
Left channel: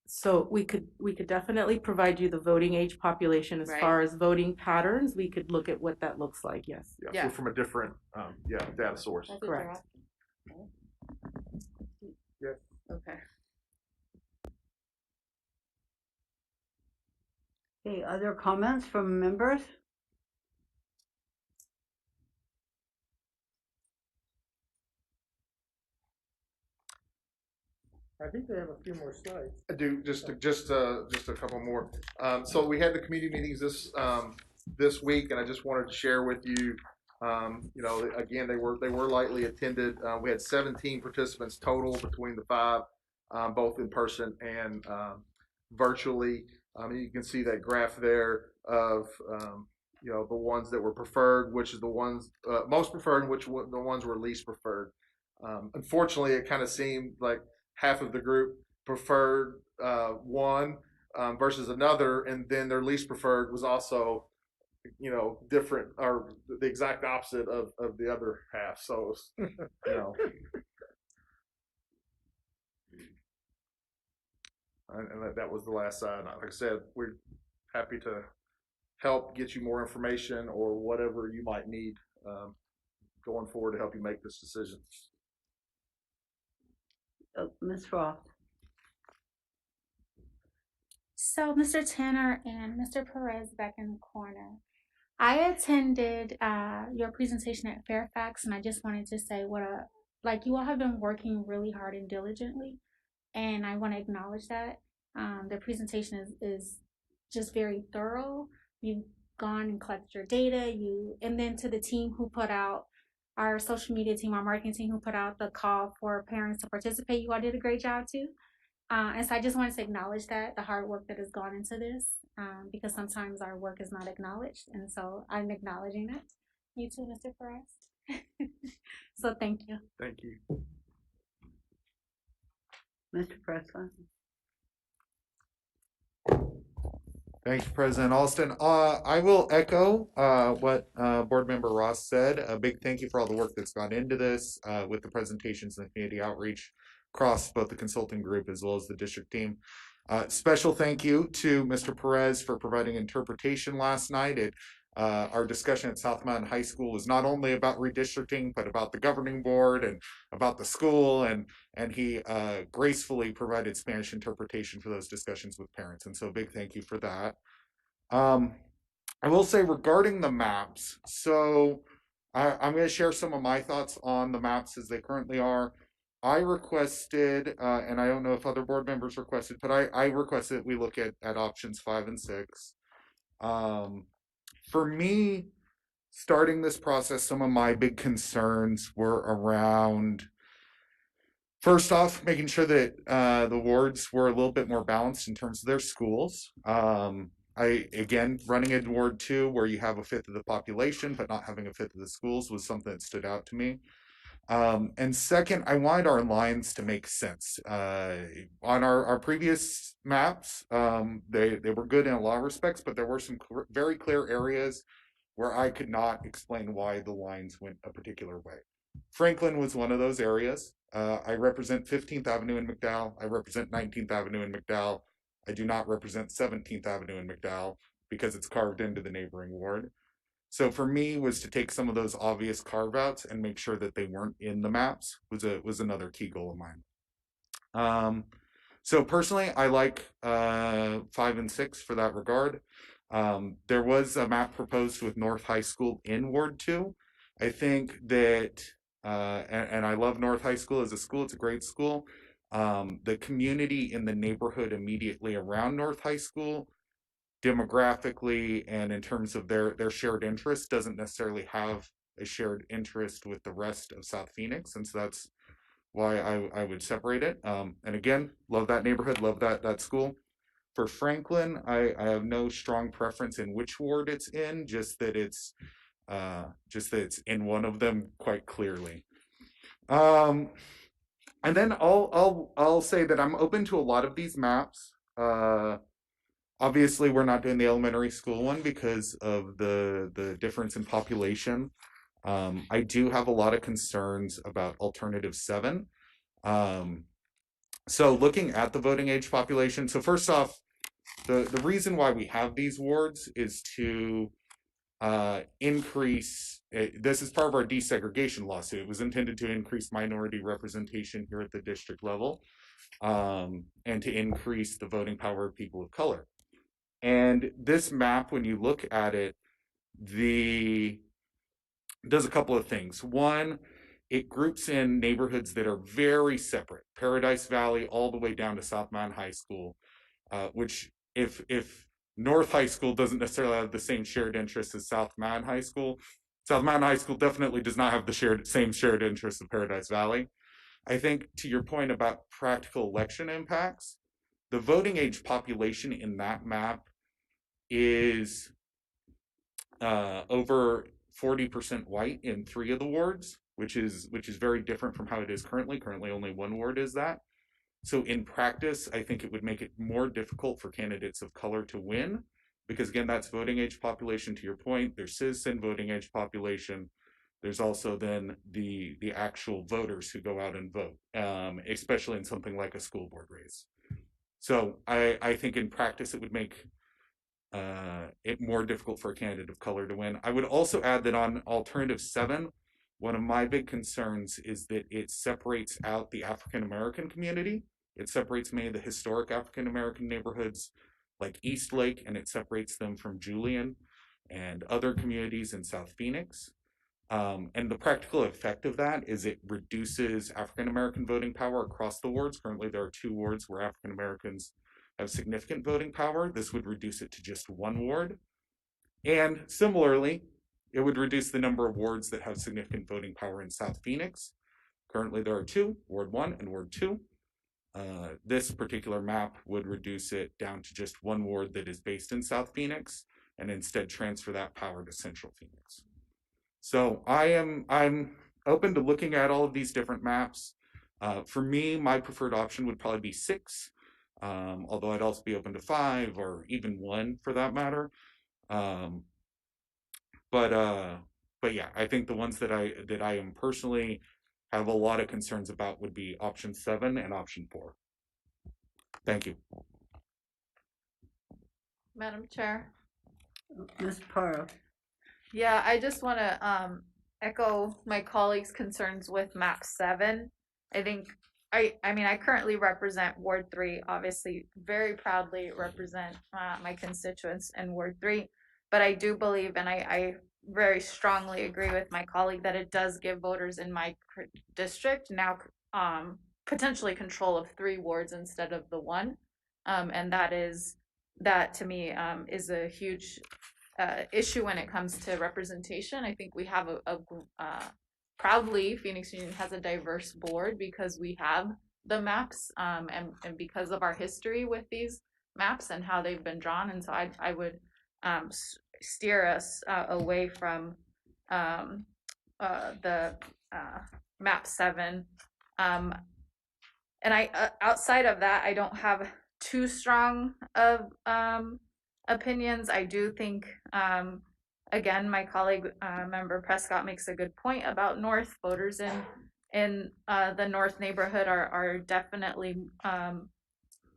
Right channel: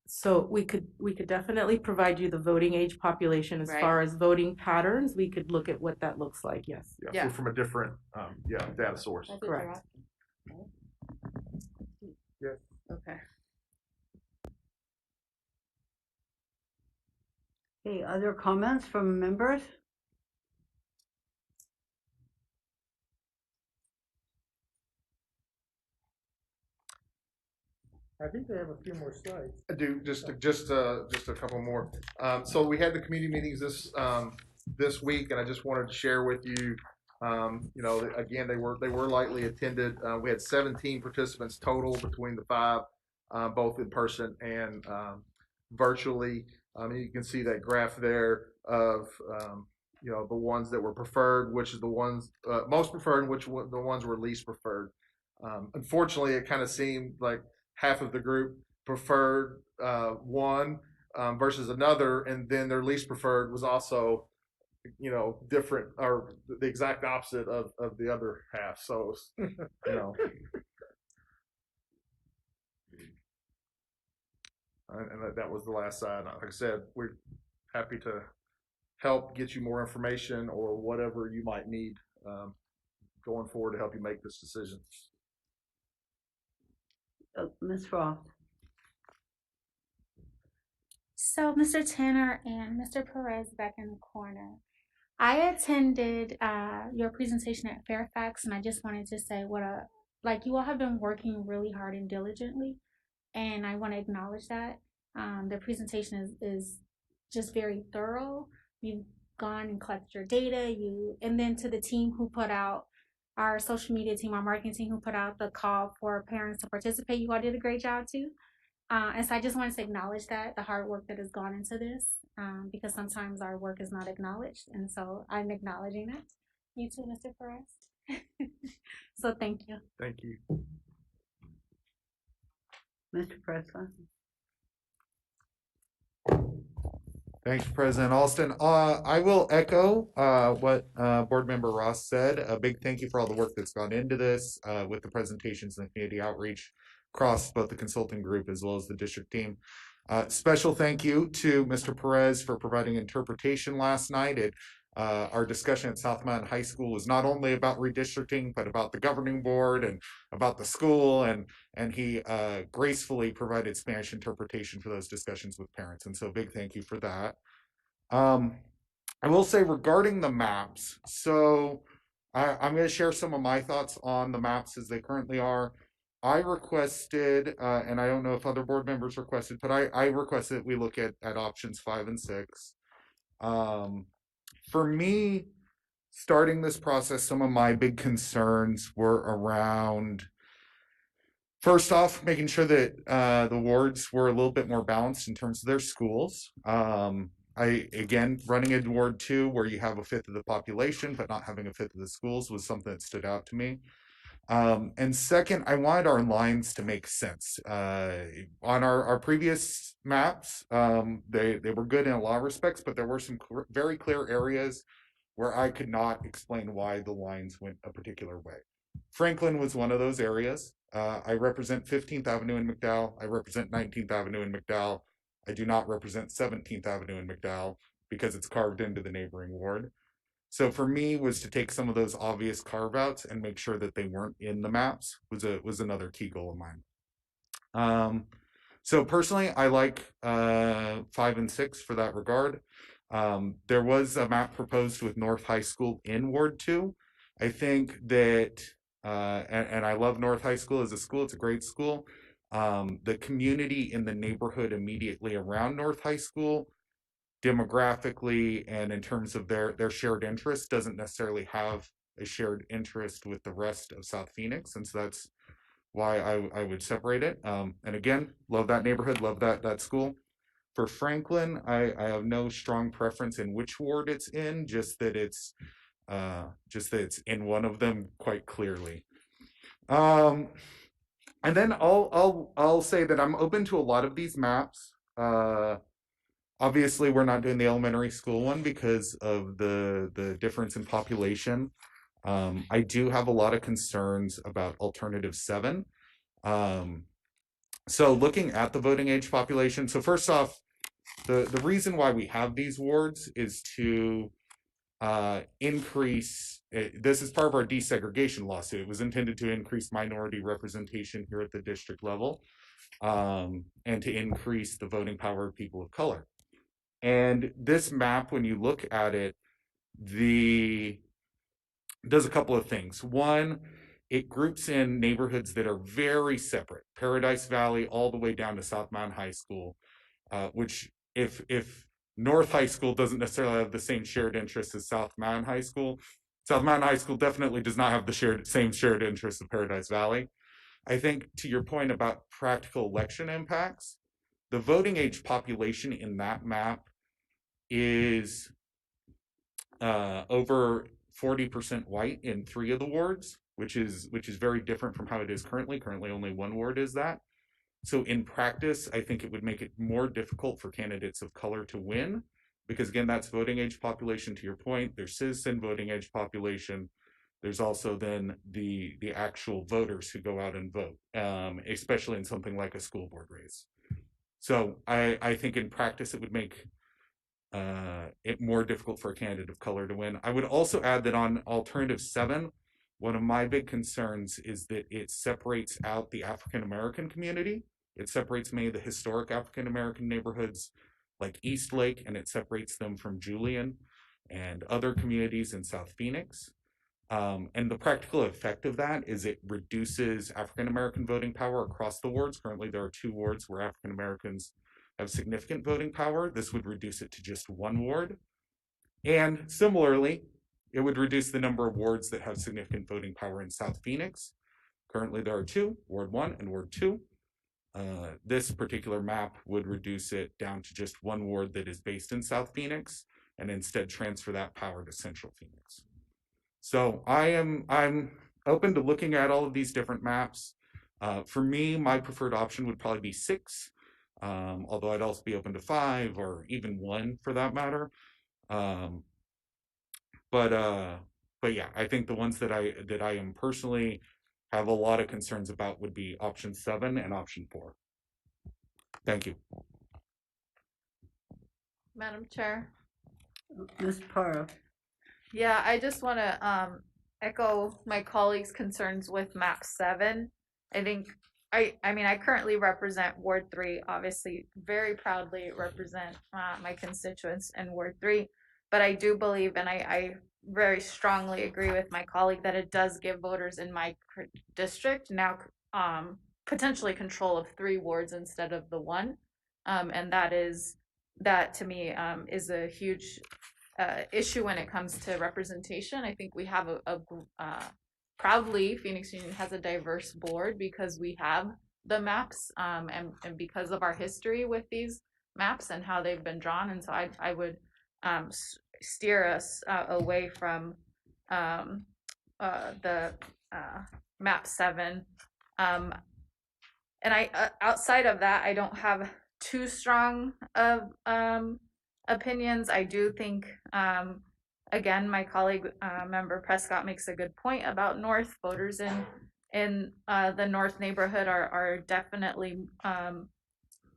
So we could definitely provide you the voting age population. As far as voting patterns, we could look at what that looks like. Yes. Yeah. From a different data source. Correct. Yes. Okay. Okay, other comments from members? I think they have a few more slides. I do just a couple more. So we had the community meetings this week, and I just wanted to share with you. Again, they were lightly attended. We had 17 participants total between the 5, both in person and virtually. You can see that graph there of the ones that were preferred, which is the ones most preferred, and the ones were least preferred. Unfortunately, it kind of seemed like half of the group preferred one versus another, and then their least preferred was also, different or the exact opposite of the other half. So, and that was the last side. Like I said, we're happy to help get you more information or whatever you might need going forward to help you make this decision. Ms. Roth. So, Mr. Tanner and Mr. Perez back in the corner. I attended your presentation at Fairfax, and I just wanted to say you all have been working really hard and diligently, and I want to acknowledge that. The presentation is just very thorough. You've gone and collected your data, and then to the team who put out, our social media team, our marketing team who put out the call for parents to participate, you all did a great job too. And so I just wanted to acknowledge that, the hard work that has gone into this, because sometimes our work is not acknowledged. And so I'm acknowledging that. You too, Mr. Perez. So thank you. Thank you. Mr. President. Thanks, President Alston. I will echo what Board Member Ross said. A big thank you for all the work that's gone into this with the presentations and the community outreach across both the consulting group as well as the district team. Special thank you to Mr. Perez for providing interpretation last night. Our discussion at South Mountain High School was not only about redistricting, but about the governing board and about the school, and he gracefully provided Spanish interpretation for those discussions with parents. And so big thank you for that. I will say regarding the maps, so I'm going to share some of my thoughts on the maps as they currently are. I requested, and I don't know if other board members requested, but I requested that we look at options 5 and 6. For me, starting this process, some of my big concerns were around, first off, making sure that the wards were a little bit more balanced in terms of their schools. Again, running a Ward 2 where you have a fifth of the population, but not having a fifth of the schools was something that stood out to me. And second, I wanted our lines to make sense. On our previous maps, they were good in a lot of respects, but there were some very clear areas where I could not explain why the lines went a particular way. Franklin was one of those areas. I represent 15th Avenue in McDowell. I represent 19th Avenue in McDowell. I do not represent 17th Avenue in McDowell because it's carved into the neighboring ward. So for me, was to take some of those obvious carve outs and make sure that they weren't in the maps was another key goal of mine. So personally, I like 5 and 6 for that regard. There was a map proposed with North High School in Ward 2. I think that, and I love North High School as a school, it's a great school. The community in the neighborhood immediately around North High School, demographically and in terms of their shared interest, doesn't necessarily have a shared interest with the rest of South Phoenix. And so that's why I would separate it. And again, love that neighborhood, love that school. For Franklin, I have no strong preference in which ward it's in, just that it's in one of them quite clearly. And then I'll say that I'm open to a lot of these maps. Obviously, we're not doing the elementary school one because of the difference in population. I do have a lot of concerns about alternative 7. So looking at the voting age population, so first off, the reason why we have these wards is to increase, this is part of our desegregation lawsuit. It was intended to increase minority representation here at the district level, and to increase the voting power of people of color. And this map, when you look at it, does a couple of things. One, it groups in neighborhoods that are very separate, Paradise Valley all the way down to South Mountain High School, which if North High School doesn't necessarily have the same shared interests as South Mountain High School, South Mountain High School definitely does not have the same shared interests of Paradise Valley. I think to your point about practical election impacts, the voting age population in that map is over 40% white in 3 of the wards, which is very different from how it is currently. Currently, only 1 ward is that. So in practice, I think it would make it more difficult for candidates of color to win, because again, that's voting age population. To your point, there's citizen voting age population. There's also then the actual voters who go out and vote, especially in something like a school board race. So I think in practice, it would make it more difficult for a candidate of color to win. I would also add that on alternative 7, one of my big concerns is that it separates out the African American community. It separates many of the historic African American neighborhoods like East Lake, and it separates them from Julian and other communities in South Phoenix. And the practical effect of that is it reduces African American voting power across the wards. Currently, there are 2 wards where African Americans have significant voting power. This would reduce it to just 1 ward. And similarly, it would reduce the number of wards that have significant voting power in South Phoenix. Currently, there are 2, Ward 1 and Ward 2. This particular map would reduce it down to just one ward that is based in South Phoenix and instead transfer that power to Central Phoenix. So I'm open to looking at all of these different maps. For me, my preferred option would probably be 6, although I'd also be open to 5 or even 1 for that matter. But yeah, I think the ones that I am personally have a lot of concerns about would be option 7 and option 4. Thank you. Madam Chair. Ms. Pearl. Yeah, I just want to echo my colleagues' concerns with map 7. I think I mean I currently represent Ward 3, obviously very proudly represent my constituents in Ward 3, but I do believe, and I very strongly agree with my colleague, that it does give voters in my district now potentially control of 3 wards instead of the 1, and that to me is a huge issue when it comes to representation. I think we have proudly Phoenix Union has a diverse board because we have the maps and because of our history with these maps and how they've been drawn. And so I would steer us away from the map 7. And I outside of that, I don't have too strong of opinions. I do think, again, my colleague member Prescott makes a good point about North. Voters in the North neighborhood are definitely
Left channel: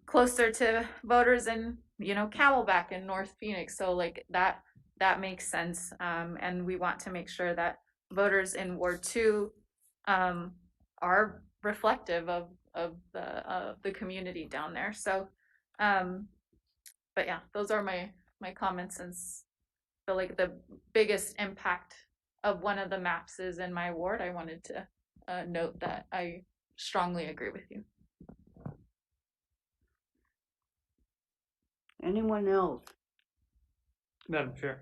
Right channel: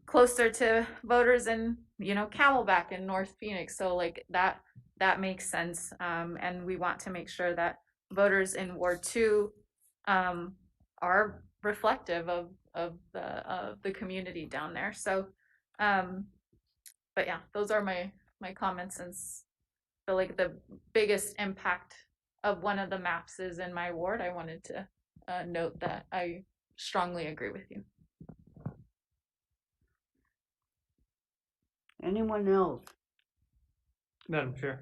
closer to voters in Camelback and North Phoenix. So like that makes sense, and we want to make sure that voters in Ward 2 are reflective of the community down there. So but yeah, those are my comments, and feel like the biggest impact of one of the maps is in my ward. I wanted to note that I strongly agree with you. Anyone else? Madam Chair.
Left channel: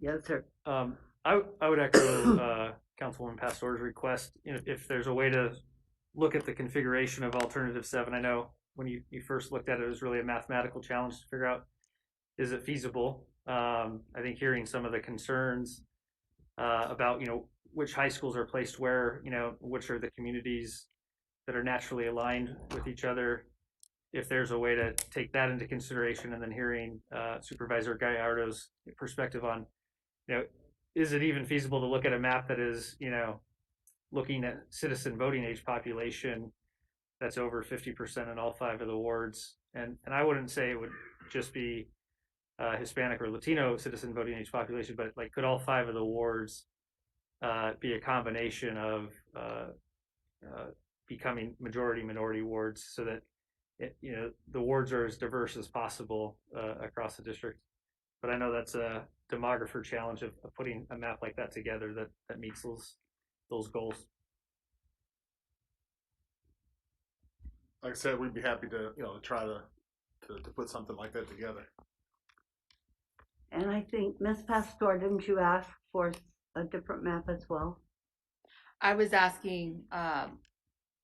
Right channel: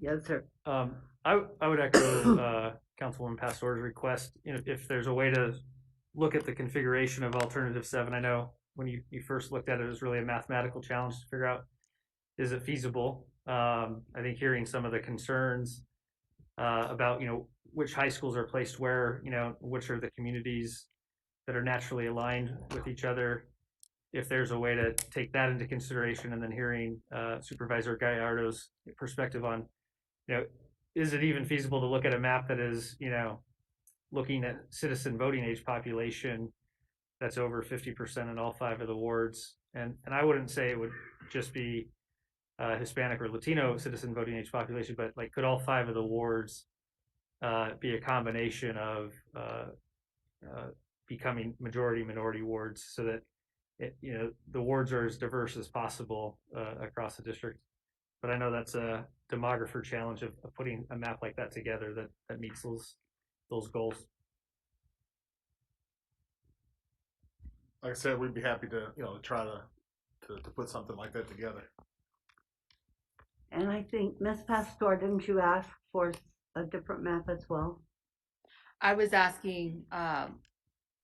Yes, sir. I would echo Councilwoman Pastor's request. If there's a way to look at the configuration of alternative 7, I know when you first looked at it, it was really a mathematical challenge to figure out, is it feasible? I think hearing some of the concerns about, which high schools are placed where, which are the communities that are naturally aligned with each other, if there's a way to take that into consideration, and then hearing Supervisor Gallardo's perspective on, is it even feasible to look at a map that is, looking at citizen voting age population that's over 50% in all 5 of the wards. And I wouldn't say it would just be Hispanic or Latino citizen voting age population, but like, could all 5 of the wards be a combination of becoming majority minority wards, so that the wards are as diverse as possible across the district. But I know that's a demographer challenge of putting a map like that together that meets those goals. Like I said, we'd be happy to try to put something like that together. And I think, Ms. Pastor, didn't you ask for a different map as well? I was asking, I'm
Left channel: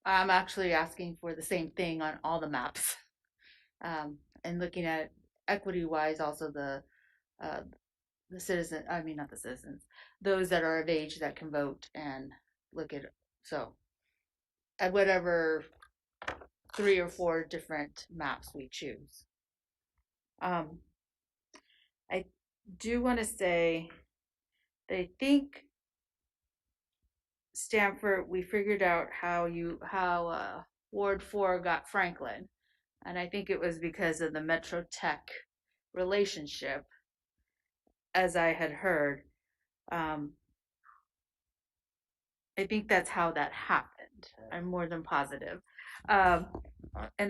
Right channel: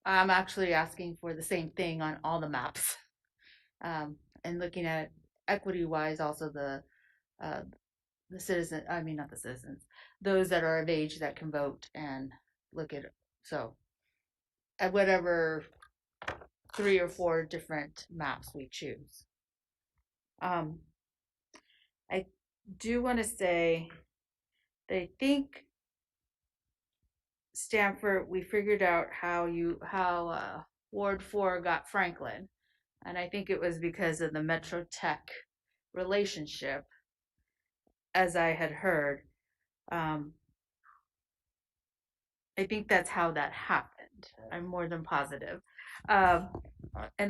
actually asking for the same thing on all the maps. And looking at it equity-wise, also the citizen, I mean, not the citizens, those that are of age that can vote, and look at it. So at whatever 3 or 4 different maps we choose. I do want to say that I think Stanford, we figured out how Ward 4 got Franklin, and I think it was because of the Metro Tech relationship, as I had heard. I think that's how that happened. I'm more than positive, and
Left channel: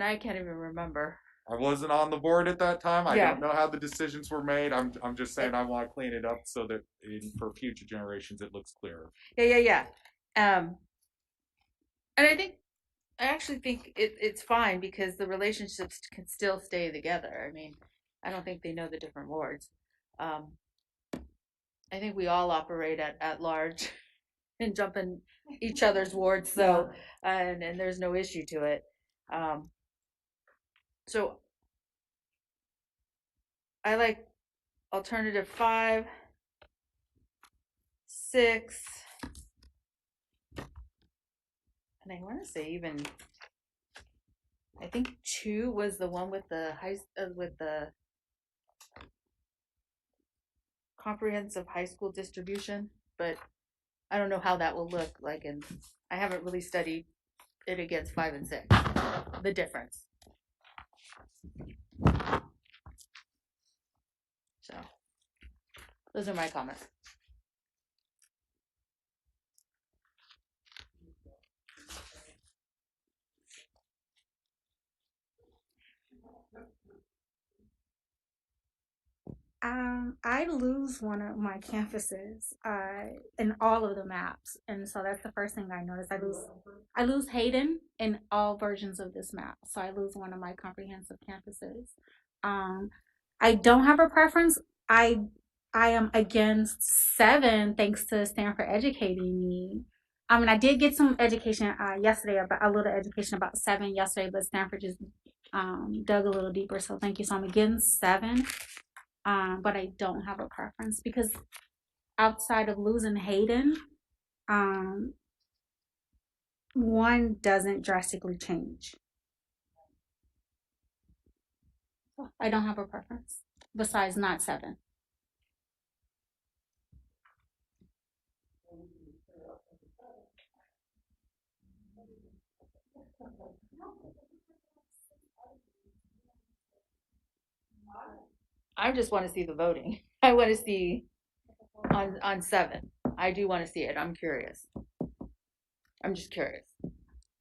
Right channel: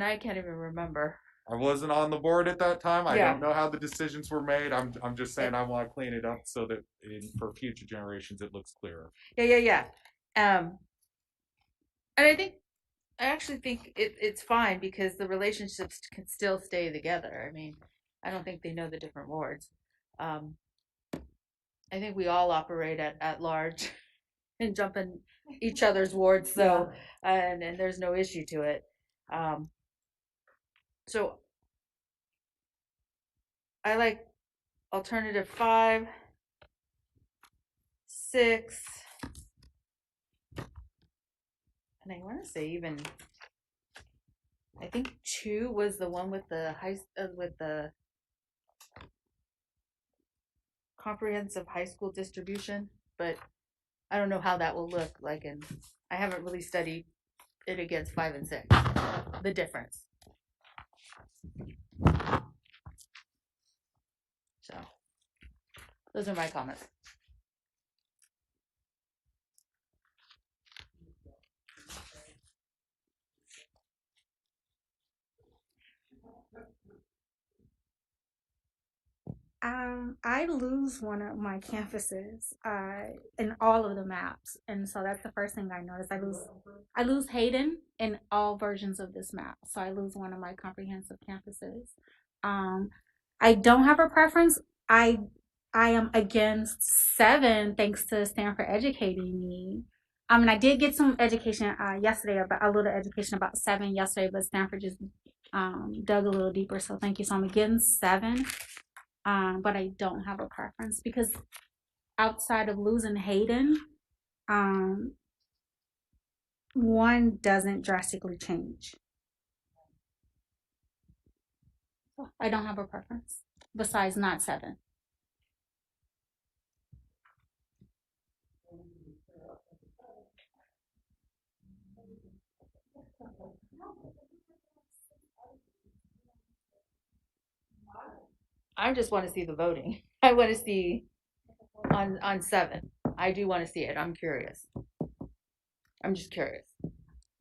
I can't even remember. I wasn't on the board at that time. I Yeah. don't know how the decisions were made. I'm just saying I want to clean it up so that for future generations it looks clearer. Yeah. And I actually think it's fine because the relationships can still stay together. I mean, I don't think they know the different wards. I think we all operate at large and jump in each other's wards, so and there's no issue to it. So I like alternative 5, 6, and I want to say even, I think 2 was the one with the with the comprehensive high school distribution, but I don't know how that will look like, and I haven't really studied it against 5 and 6, the difference. So those are my comments. I lose one of my campuses in all of the maps, and so that's the first thing I noticed. I lose Hayden in all versions of this map, so I lose one of my comprehensive campuses. I don't have a preference. I am against 7, thanks to Stanford educating me. I mean, I did get some education yesterday, about a little education about 7 yesterday, but Stanford just dug a little deeper. So thank you. So I'm against 7. But I don't have a preference because outside of losing Hayden, one doesn't drastically change. I don't have a preference besides not 7. I just want to see the voting. I want to see on 7. I do want to see it. I'm curious. I'm just curious.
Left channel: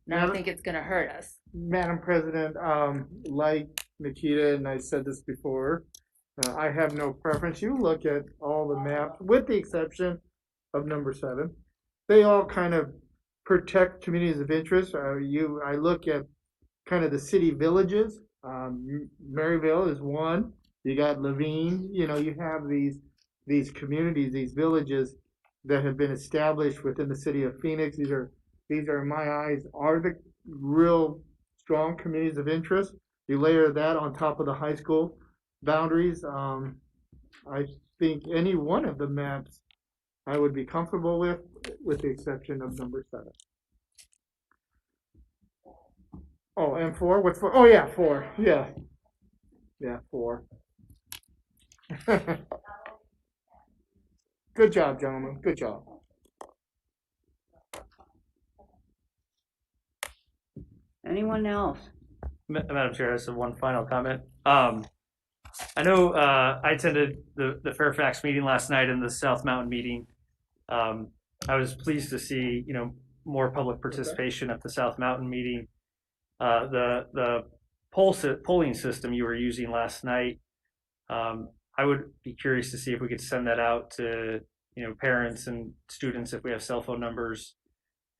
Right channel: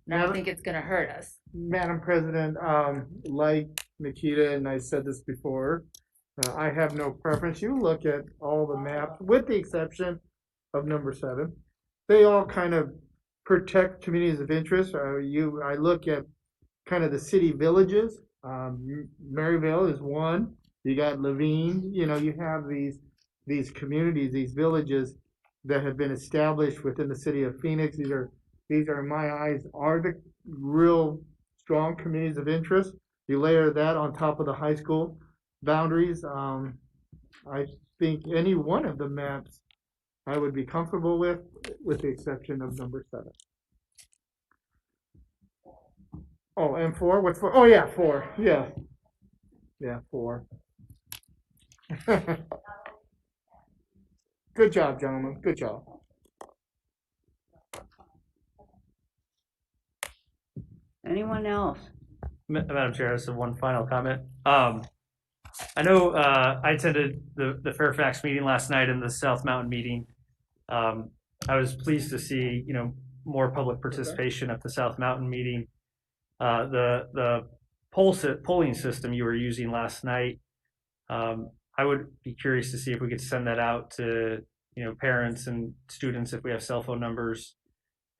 And I don't think it's going to hurt us. Madam President, like Nikita, and I said this before, I have no preference. You look at all the maps, with the exception of number 7. They all kind of protect communities of interest. I look at kind of the city villages. Maryville is one. You got Levine. You know, you have these communities, these villages that have been established within the city of Phoenix. These are, in my eyes, are the real strong communities of interest. You layer that on top of the high school boundaries. I think any one of the maps I would be comfortable with the exception of number 7. Oh, and 4? What's 4? Oh, yeah, 4. Yeah. Yeah, 4. Good job, gentlemen. Good job. Anyone else? Madam Chair, I just have one final comment. I know I attended the Fairfax meeting last night and the South Mountain meeting. I was pleased to see, more public participation at the South Mountain meeting. The polling system you were using last night, I would be curious to see if we could send that out to, parents and students if we have cell phone numbers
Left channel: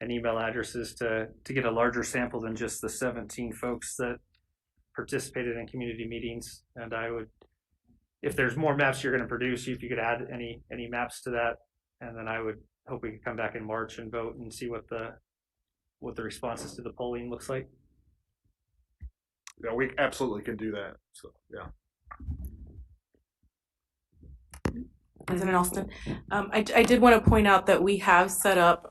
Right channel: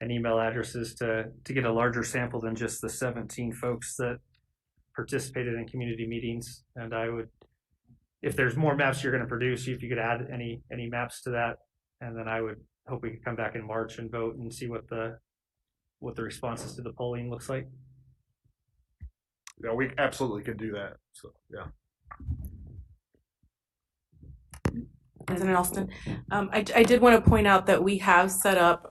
and email addresses to get a larger sample than just the 17 folks that participated in community meetings. And I would, if there's more maps you're going to produce, if you could add any maps to that, and then I would hope we could come back in March and vote and see what the responses to the polling looks like. Yeah, we absolutely can do that. So yeah. President Alston, I did want to point out that we have set up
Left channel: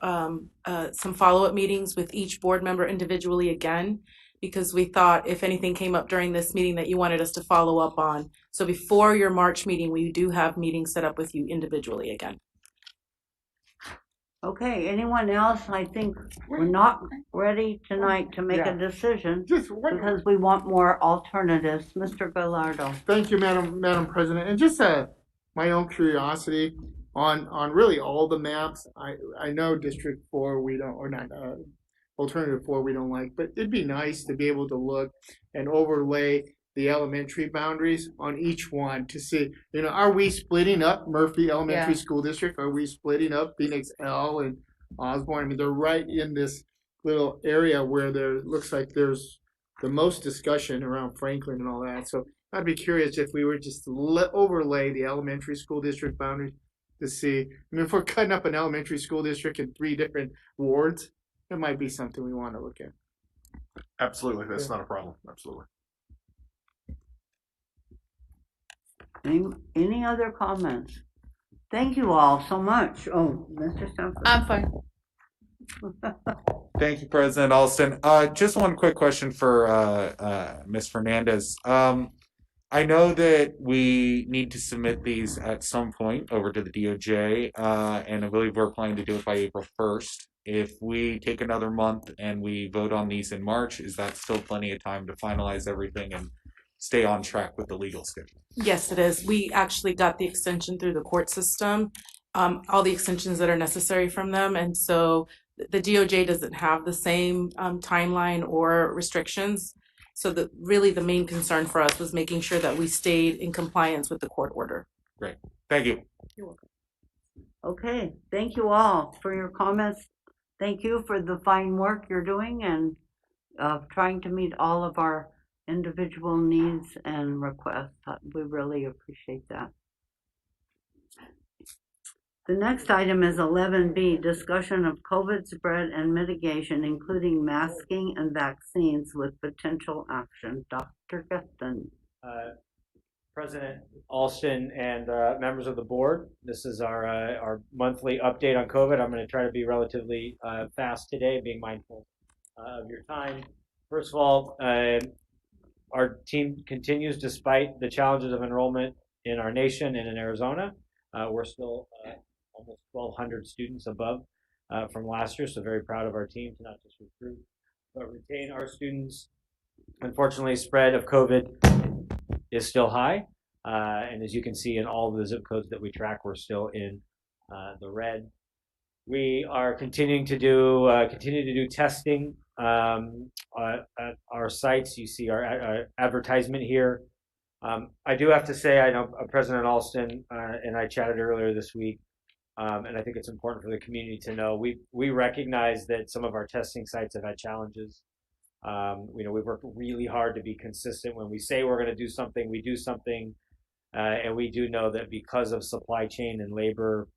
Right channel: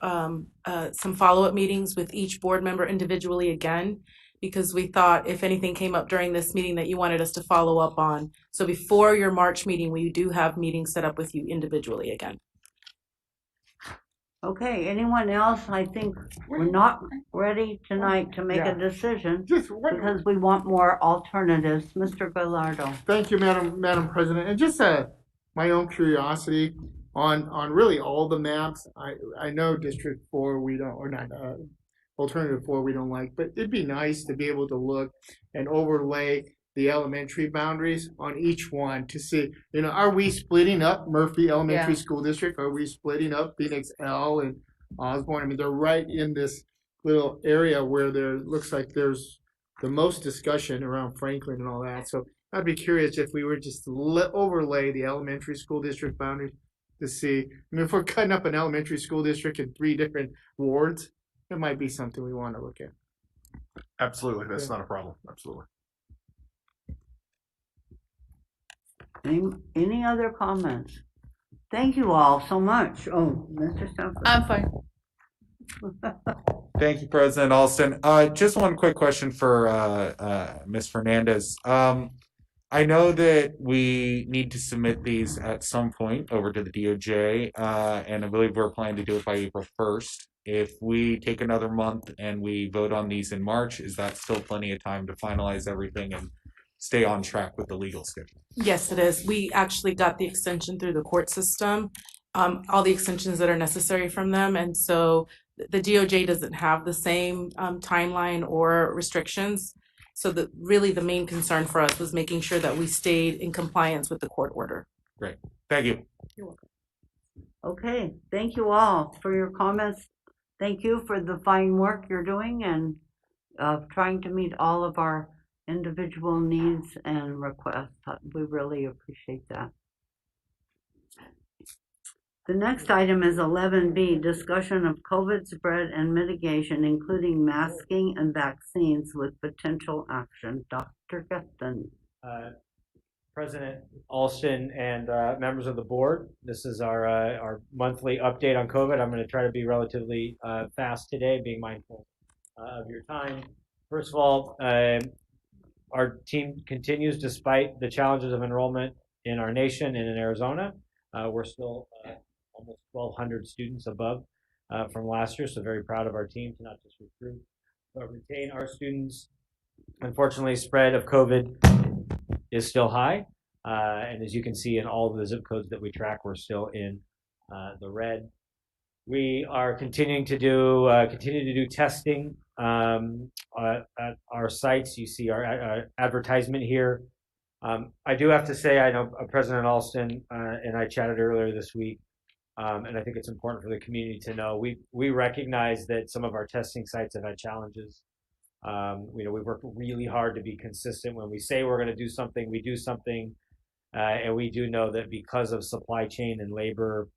some follow-up meetings with each board member individually again, because we thought if anything came up during this meeting that you wanted us to follow up on. So before your March meeting, we do have meetings set up with you individually again. Okay, anyone else? I think we're not ready tonight to make a decision because we want more alternatives. Mr. Gallardo. Thank you, Madam President. And just my own curiosity on really all the maps. I know District 4 we don't, or not, Alternative 4 we don't like, but it'd be nice to be able to look and overlay the elementary boundaries on each one to see, are we splitting up Murphy Elementary School District? Are we splitting up Phoenix L and Osborne? I mean, they're right in this little area where there looks like there's the most discussion around Franklin and all that. So I'd be curious if we were just to overlay the elementary school district boundaries to see. I mean, if we're cutting up an elementary school district in 3 different wards, it might be something we want to look at. Absolutely, that's not a problem. Absolutely. Any other comments? Thank you all so much. Oh, Mr. Stumper. I'm fine. Thank you, President Alston. Just one quick question for Ms. Fernandez. I know that we need to submit these at some point over to the DOJ, and I believe we're planning to do it by April 1st. If we take another month and we vote on these in March, is that still plenty of time to finalize everything and stay on track with the legal schedule? Yes, it is. We actually got the extension through the court system, all the extensions that are necessary from them. And so the DOJ doesn't have the same timeline or restrictions. So really the main concern for us was making sure that we stayed in compliance with the court order. Great. Thank you. You're welcome. Okay, thank you all for your comments. Thank you for the fine work you're doing and trying to meet all of our individual needs and requests. We really appreciate that. The next item is 11B, discussion of COVID spread and mitigation, including masking and vaccines with potential action. Dr. Guston. President Alston and members of the board, this is our monthly update on COVID. I'm going to try to be relatively fast today, being mindful of your time. First of all, our team continues despite the challenges of enrollment in our nation and in Arizona. We're still almost 1,200 students above from last year, so very proud of our team to not just recruit, but retain our students. Unfortunately, spread of COVID is still high, and as you can see in all of the zip codes that we track, we're still in the red. We are continuing to do testing at our sites. You see our advertisement here. I do have to say, I know President Alston and I chatted earlier this week, and I think it's important for the community to know we recognize that some of our testing sites have had challenges. We've worked really hard to be consistent. When we say we're going to do something, we do something, and we do know that because of supply chain and labor,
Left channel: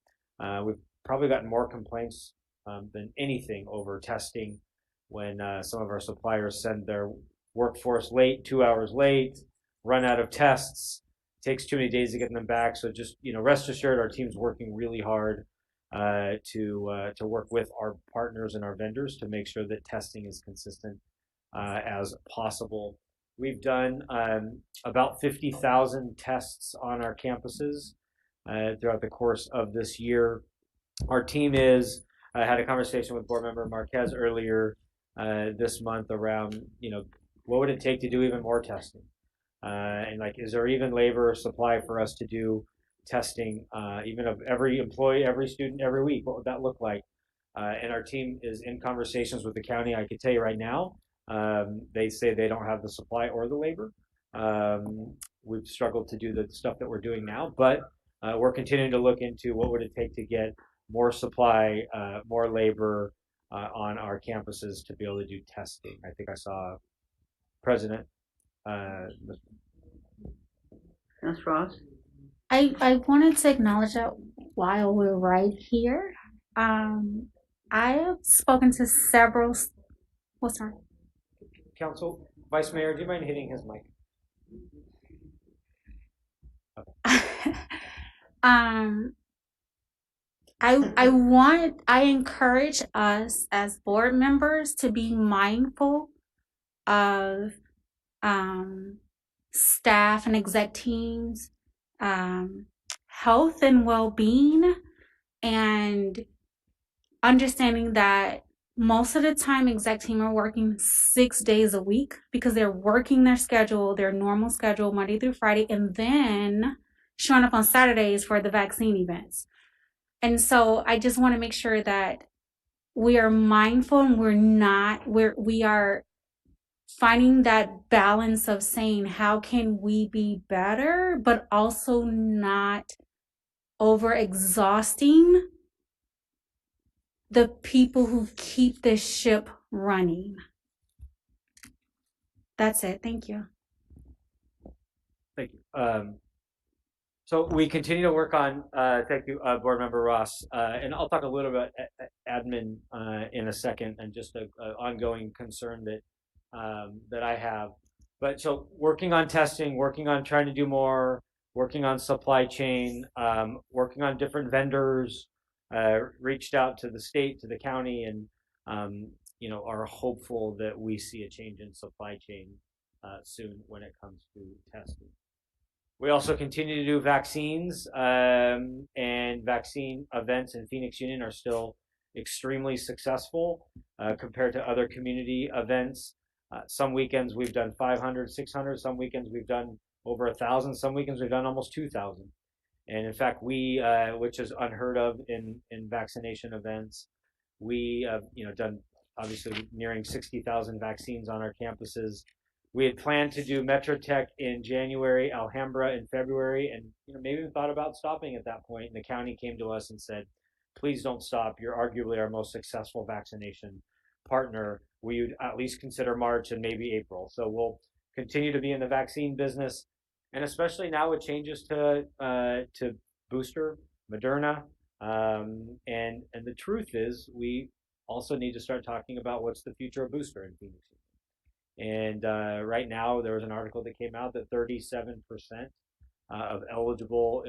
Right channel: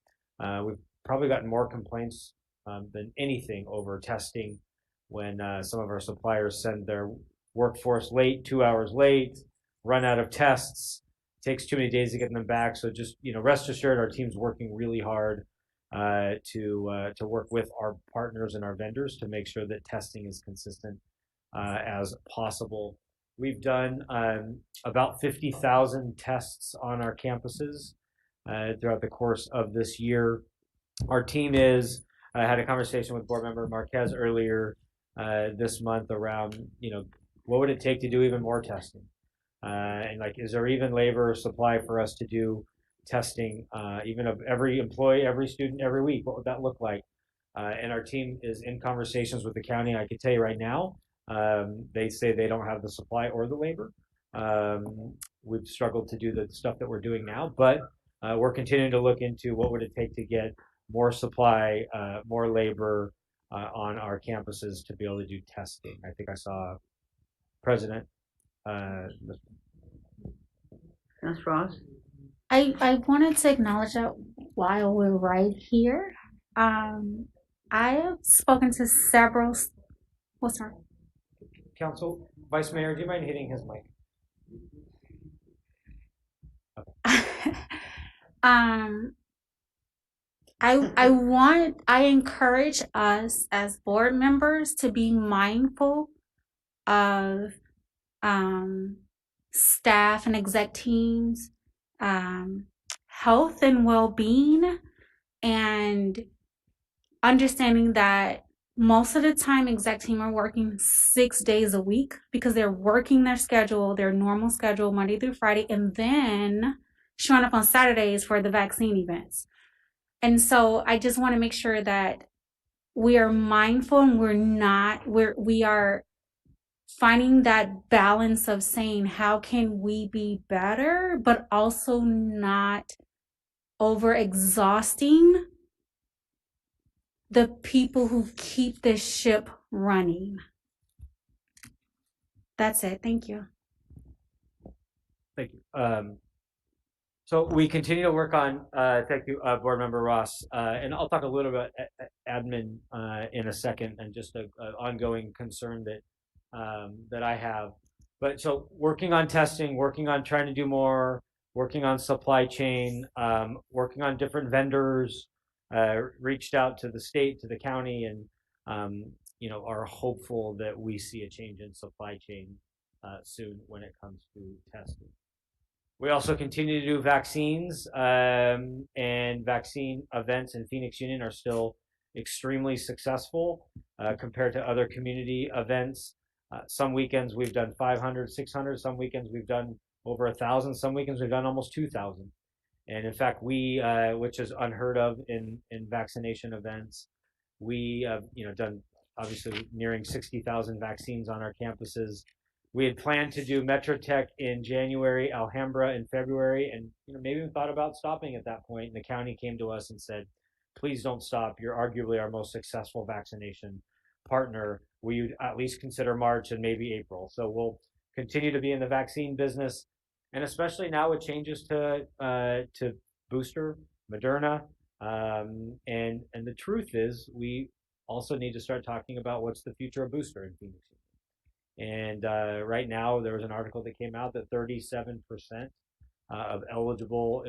we've probably gotten more complaints than anything over testing when some of our suppliers send their workforce late, 2 hours late, run out of tests, takes too many days to get them back. So just rest assured, our team's working really hard to work with our partners and our vendors to make sure that testing is consistent as possible. We've done about 50,000 tests on our campuses throughout the course of this year. Our team I had a conversation with board member Marquez earlier this month around, what would it take to do even more testing? And is there even labor supply for us to do testing, even of every employee, every student, every week? What would that look like? And our team is in conversations with the county. I can tell you right now, they say they don't have the supply or the labor. We've struggled to do the stuff that we're doing now, but we're continuing to look into what would it take to get more supply, more labor on our campuses to be able to do testing. I think I saw President. Ms. Ross? I wanted to acknowledge that while we're right here, I have spoken to several. What's wrong? Council Vice Mayor, do you mind hitting his mic? I encourage us as board members to be mindful of staff and exec teams, health and well-being, and understanding that most of the time exec team are working 6 days a week because they're working their normal schedule Monday through Friday, and then showing up on Saturdays for the vaccine events. And so I just want to make sure that we are mindful and we are finding that balance of saying, how can we be better, but also not over exhausting the people who keep the ship running. That's it. Thank you. Thank you. So we continue to work on, thank you, Board Member Ross, and I'll talk a little bit about admin in a second, and just an ongoing concern that that I have. But so working on testing, working on trying to do more, working on supply chain, working on different vendors, reached out to the state, to the county, and are hopeful that we see a change in supply chain soon when it comes to testing. We also continue to do vaccines, and vaccine events in Phoenix Union are still extremely successful compared to other community events. Some weekends we've done 500, 600. Some weekends we've done over 1,000. Some weekends we've done almost 2,000. And in fact, which is unheard of in vaccination events, we have done obviously nearing 60,000 vaccines on our campuses. We had planned to do Metro Tech in January, Alhambra in February, and maybe we thought about stopping at that point. And the county came to us and said, "Please don't stop. You're arguably our most successful vaccination partner. Will you at least consider March and maybe April?" So we'll continue to be in the vaccine business, and especially now with changes to booster, Moderna, and the truth is we also need to start talking about what's the future of booster in Phoenix. And right now, there was an article that came out that 37% of eligible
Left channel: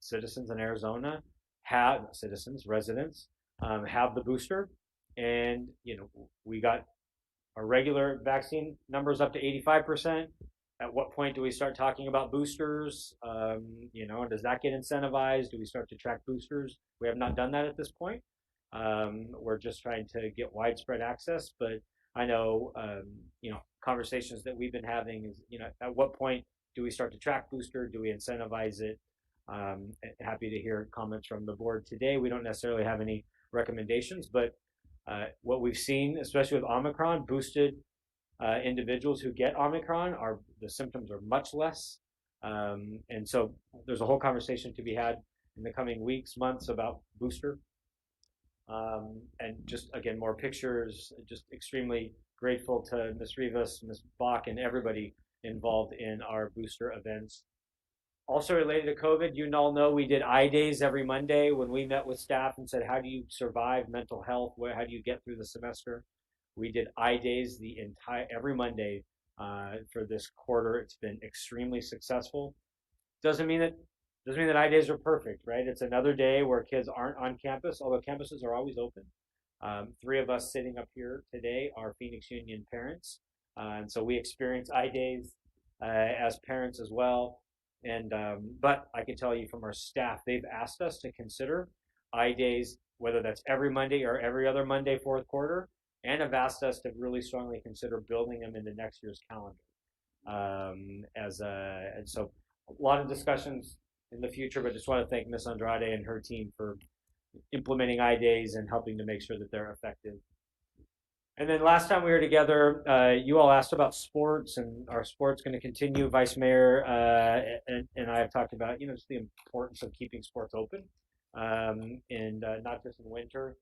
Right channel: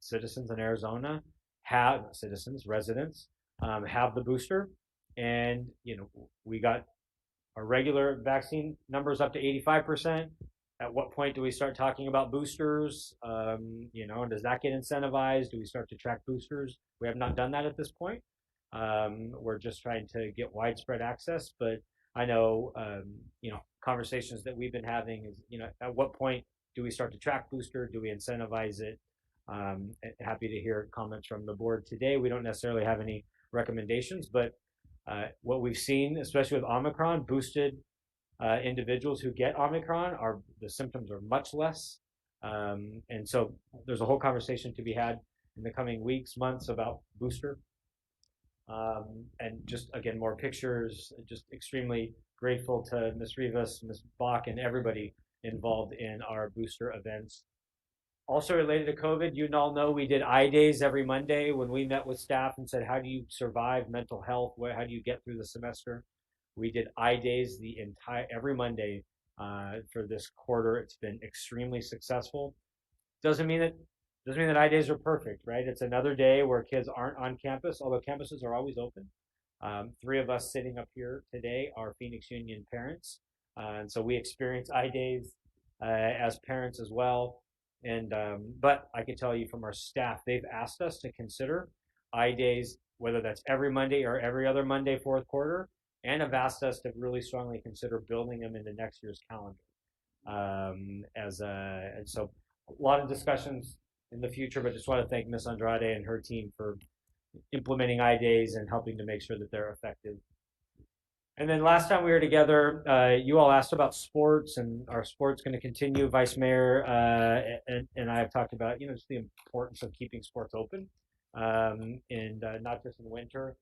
citizens in Arizona residents, have the booster. And, we got our regular vaccine numbers up to 85%. At what point do we start talking about boosters? And does that get incentivized? Do we start to track boosters? We have not done that at this point. We're just trying to get widespread access, but I know, conversations that we've been having is, at what point do we start to track booster? Do we incentivize it? Happy to hear comments from the board today. We don't necessarily have any recommendations, but what we've seen, especially with Omicron, boosted individuals who get Omicron the symptoms are much less. And so there's a whole conversation to be had in the coming weeks, months about booster. And just again, more pictures, just extremely grateful to Ms. Rivas, Ms. Bach, and everybody involved in our booster events. Also related to COVID, you all know we did eye days every Monday when we met with staff and said, how do you survive mental health? How do you get through the semester? We did eye days every Monday for this quarter. It's been extremely successful. Doesn't mean that eye days are perfect, right? It's another day where kids aren't on campus, although campuses are always open. 3 of us sitting up here today are Phoenix Union parents, and so we experience eye days as parents as well. And but I can tell you from our staff, they've asked us to consider eye days, whether that's every Monday or every other Monday, fourth quarter, and have asked us to really strongly consider building them into next year's calendar. And so a lot of discussions in the future, but just want to thank Ms. Andrade and her team for implementing eye days and helping to make sure that they're effective. And then last time we were together, you all asked about sports, and our sports going to continue. Vice Mayor and I have talked about, just the importance of keeping sports open, and not just in winter.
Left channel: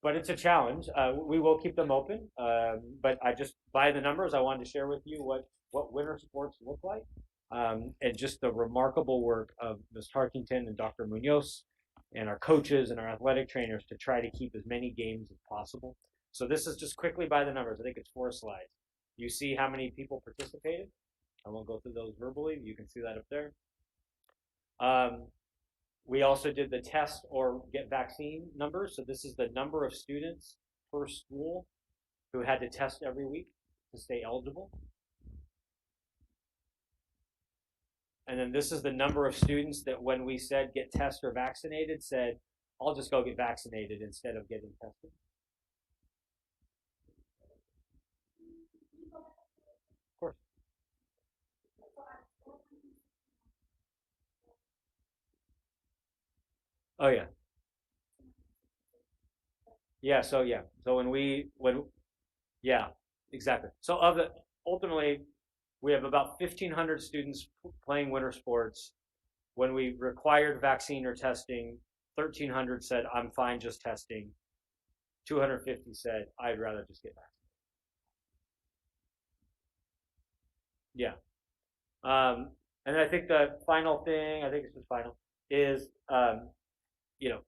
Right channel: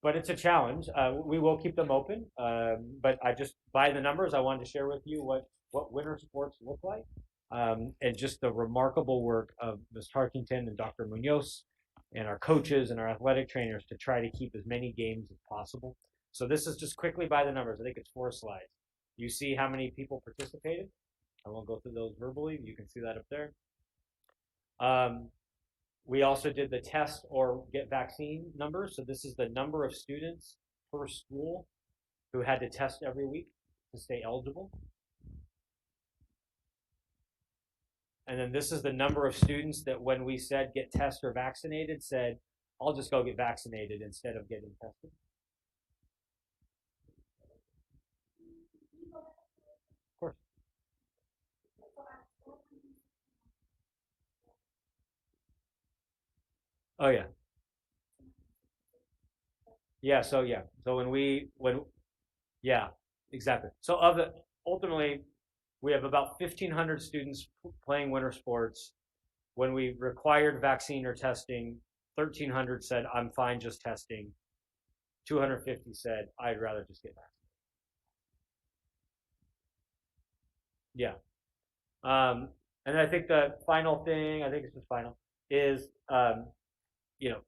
But it's a challenge. We will keep them open, but I just, by the numbers, I wanted to share with you what winter sports look like, and just the remarkable work of Ms. Tarkington and Dr. Munoz and our coaches and our athletic trainers to try to keep as many games as possible. So this is just quickly by the numbers. I think it's 4 slides. You see how many people participated. I won't go through those verbally. You can see that up there. We also did the test or get vaccine numbers. So this is the number of students per school who had to test every week to stay eligible. And then this is the number of students that when we said get tested or vaccinated, said, I'll just go get vaccinated instead of getting tested. Of course. Oh yeah. Yeah, so yeah, exactly. So ultimately, we have about 1,500 students playing winter sports. When we required vaccine or testing, 1,300 said, I'm fine just testing. 250 said, I'd rather just get vaccinated. Yeah. And I think the final thing, is,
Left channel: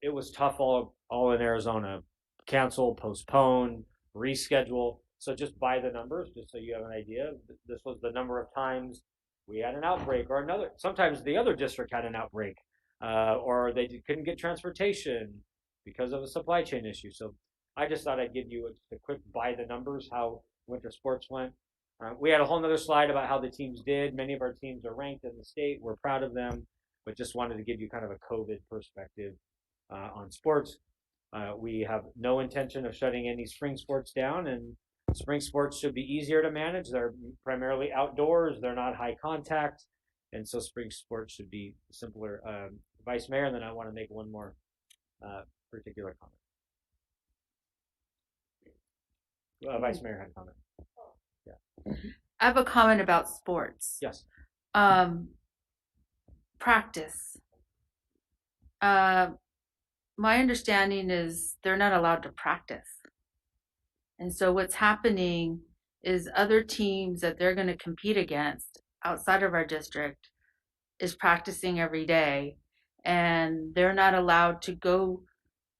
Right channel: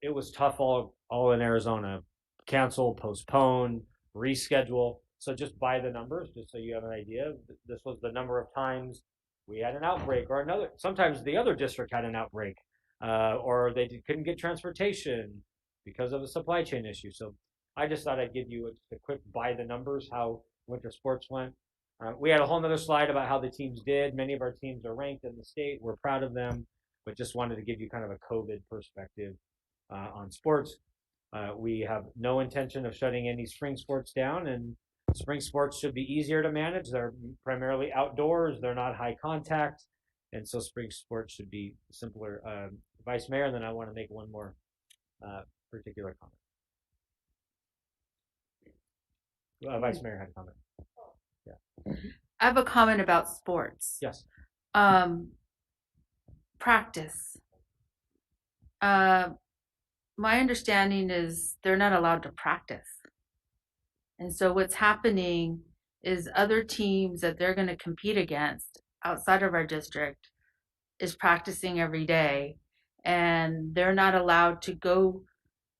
it was tough all in Arizona. Cancel, postpone, reschedule. So just by the numbers, just so you have an idea, this was the number of times we had an outbreak, or another. Sometimes the other district had an outbreak, or they couldn't get transportation because of a supply chain issue. So I just thought I'd give you a quick by the numbers how winter sports went. We had a whole nother slide about how the teams did. Many of our teams are ranked in the state. We're proud of them, but just wanted to give you kind of a COVID perspective on sports. We have no intention of shutting any spring sports down, and spring sports should be easier to manage. They're primarily outdoors. They're not high contact, and so spring sports should be simpler. Vice Mayor, and then I want to make one more particular comment. Vice Mayor had a comment. Yeah. I have a comment about sports. Yes. Practice. My understanding is they're not allowed to practice. And so what's happening is other teams that they're going to compete against outside of our district is practicing every day, and they're not allowed to go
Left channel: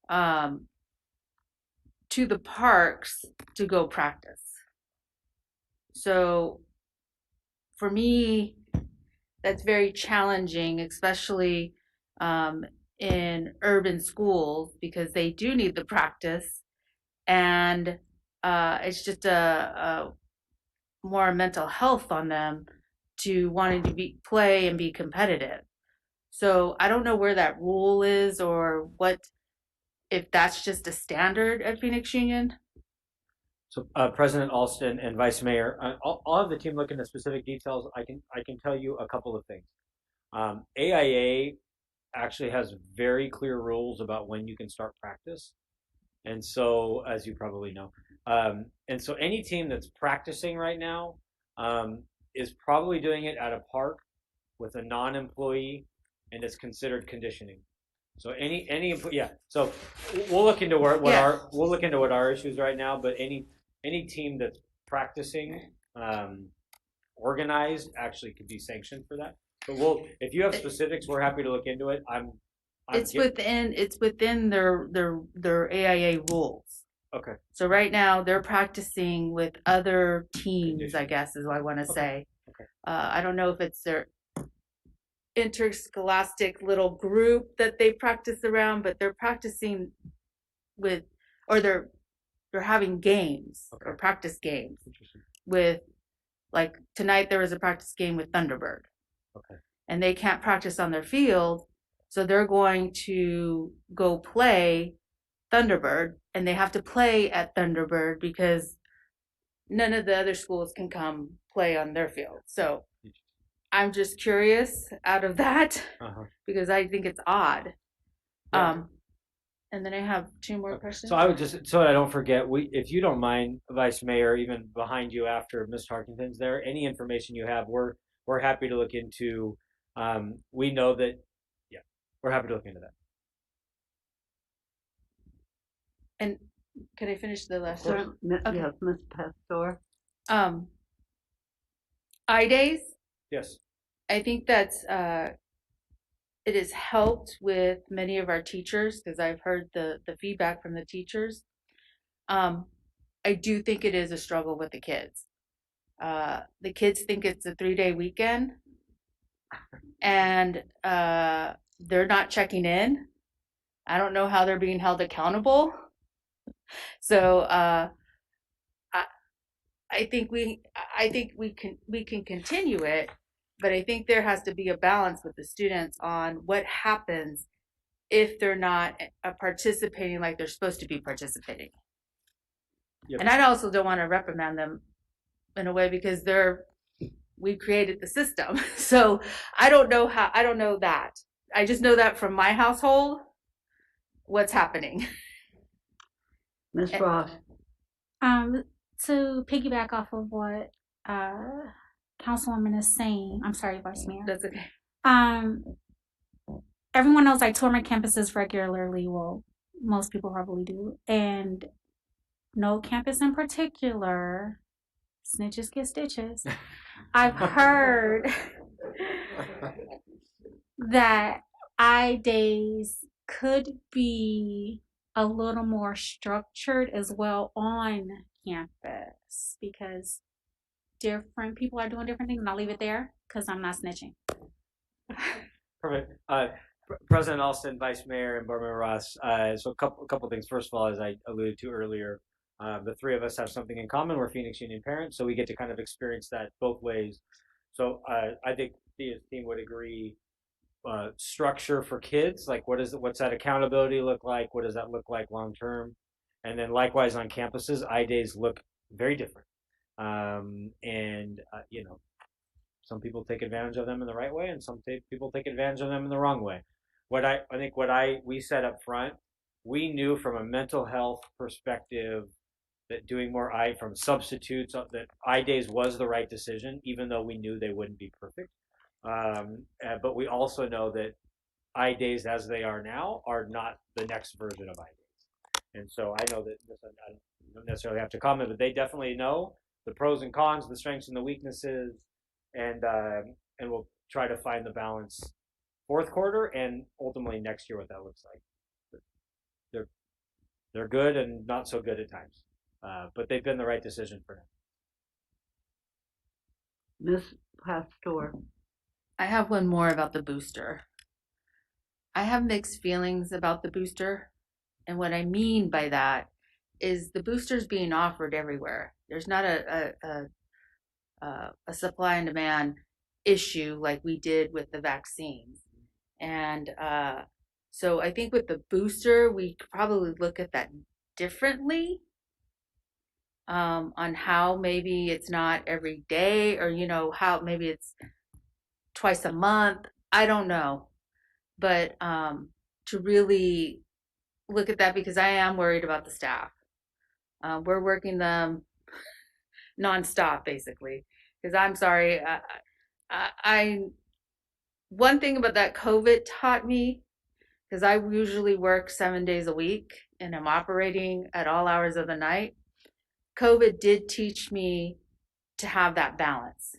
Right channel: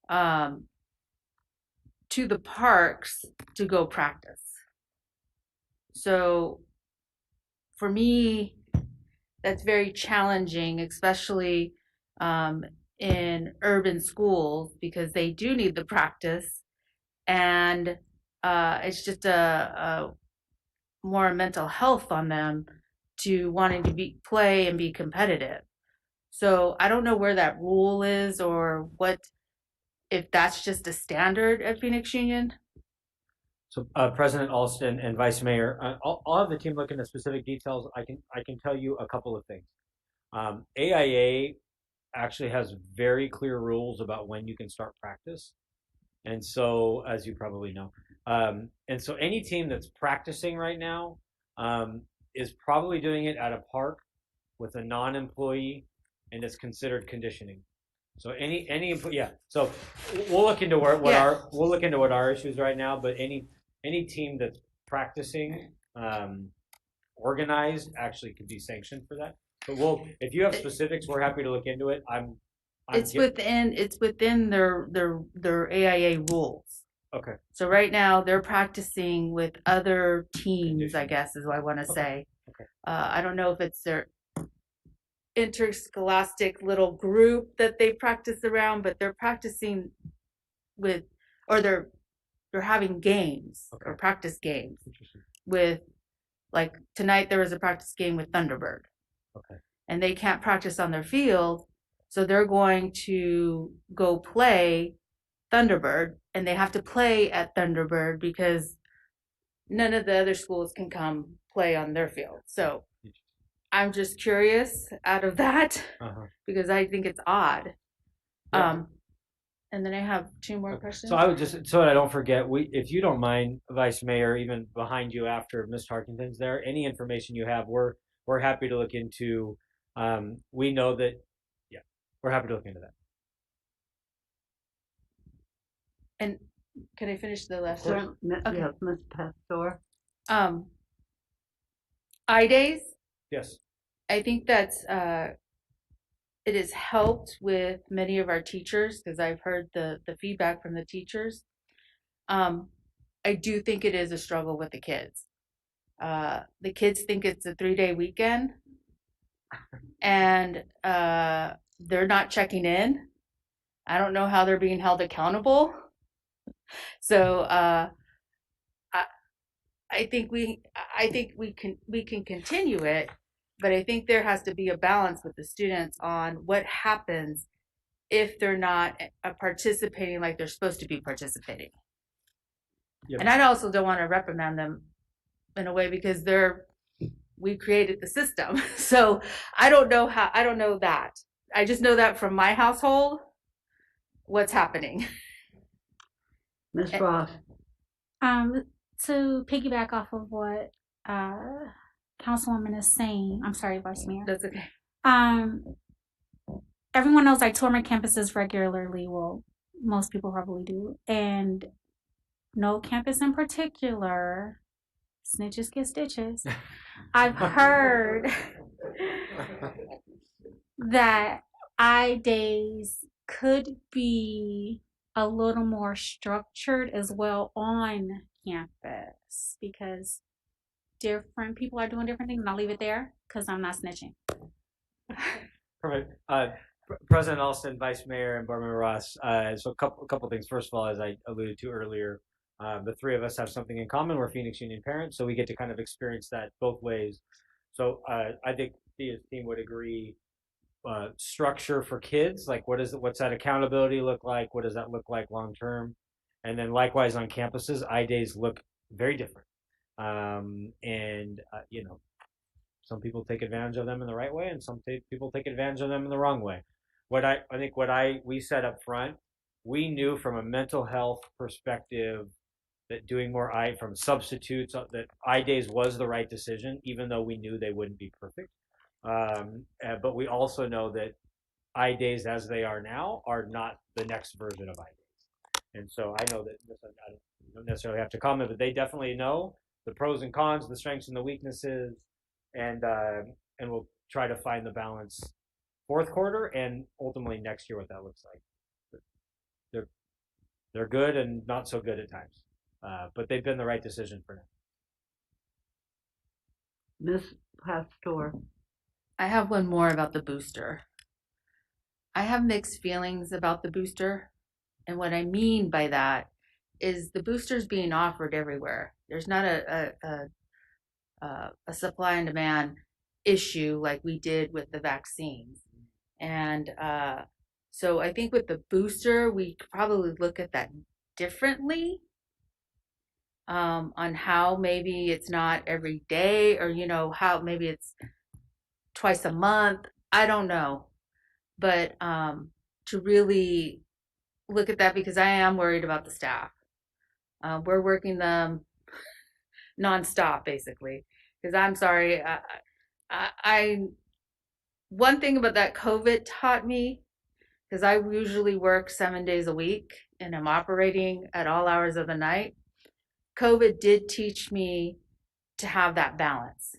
to the parks to go practice. So for me, that's very challenging, especially in urban schools, because they do need the practice, and it's just a more mental health on them to wanting to play and be competitive. So I don't know where that rule is, or what, if that's just a standard at Phoenix Union. So President Alston and Vice Mayor, I'll have the team look into specific details. I can tell you a couple of things. AIA actually has very clear rules about when you can start practice, and so, as you probably know, and so any team that's practicing right now is probably doing it at a park with a non-employee, and it's considered conditioning. So any yeah. So we'll look into what our issues right now. But any team that's practicing organized actually could be sanctioned for that. But if you have specifics, we're happy to look into it. It's within their AIA rules. Okay. So right now they're practicing with other teams, I guess is what I want to say. Okay. I don't know if it's their interscholastic little group that they practice around, but they're practicing with, or they're having games or practice games with, like tonight there was a practice game with Thunderbird. Okay. And they can't practice on their field, so they're going to go play Thunderbird, and they have to play at Thunderbird because none of the other schools can come play on their field. So I'm just curious out of that because I think it's odd. Yeah. And then I have two more questions. So I would just, so I don't forget, if you don't mind, Vice Mayor, even behind you after Ms. Tarkenton's there, any information you have, we're happy to look into. We know that, yeah, we're happy to look into that. And can I finish the last one? Okay. Yes, Ms. Pastor. I-Days. Yes. I think that's it has helped with many of our teachers, because I've heard the feedback from the teachers. I do think it is a struggle with the kids. The kids think it's a 3-day weekend, and they're not checking in. I don't know how they're being held accountable. So I think we can continue it, but I think there has to be a balance with the students on what happens if they're not participating like they're supposed to be participating. Yep. And I also don't want to reprimand them in a way because we created the system. So I don't know that. I just know that from my household, what's happening. Ms. Ross. To piggyback off of what Councilwoman is saying, I'm sorry, Vice Mayor. That's okay. Everyone knows I tour my campuses regularly. Well, most people probably do. And no campus in particular, snitches get stitches. I've heard that I-Days could be a little more structured as well on campus because different people are doing different things, and I'll leave it there because I'm not snitching. Perfect. President Alston, Vice Mayor, and Board Member Ross. So a couple things. First of all, as I alluded to earlier, the three of us have something in common. We're Phoenix Union parents, so we get to kind of experience that both ways. So I think Thea's team would agree. Structure for kids, like what's that accountability look like? What does that look like long term? And then likewise on campuses, I-days look very different. And some people take advantage of them in the right way, and some people take advantage of them in the wrong way. We said up front, we knew from a mental health perspective that doing more from substitutes that I-days was the right decision, even though we knew they wouldn't be perfect. But we also know that I-days as they are now are not the next version of I-days. And so I know that I don't necessarily have to comment, but they definitely know the pros and cons, the strengths and the weaknesses, and we'll try to find the balance fourth quarter and ultimately next year what that looks like. They're good and not so good at times, but they've been the right decision for now. Ms. Pastor. I have one more about the booster. I have mixed feelings about the booster. And what I mean by that is the booster's being offered everywhere. There's not a supply and demand issue like we did with the vaccines. And so I think with the booster, we could probably look at that differently on how maybe it's not every day or, how maybe it's twice a month. I don't know. But to really look at that, because I am worried about the staff. We're working them nonstop, basically. Because I'm sorry, one thing about that COVID taught me, because I usually work 7 days a week and I'm operating at all hours of the night. COVID did teach me to have that balance.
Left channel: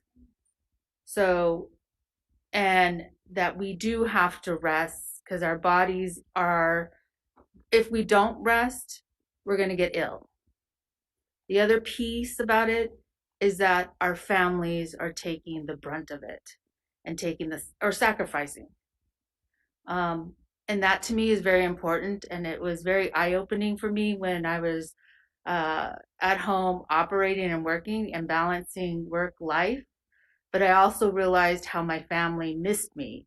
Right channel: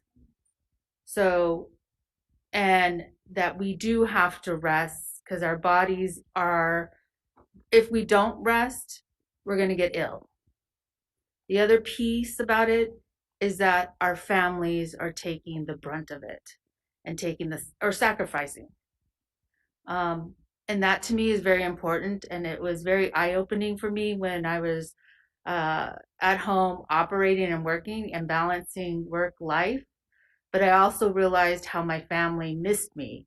So, and that we do have to rest because our bodies are, if we don't rest, we're going to get ill. The other piece about it is that our families are taking the brunt of it and taking this or sacrificing. And that to me is very important. And it was very eye-opening for me when I was at home operating and working and balancing work life. But I also realized how my family missed me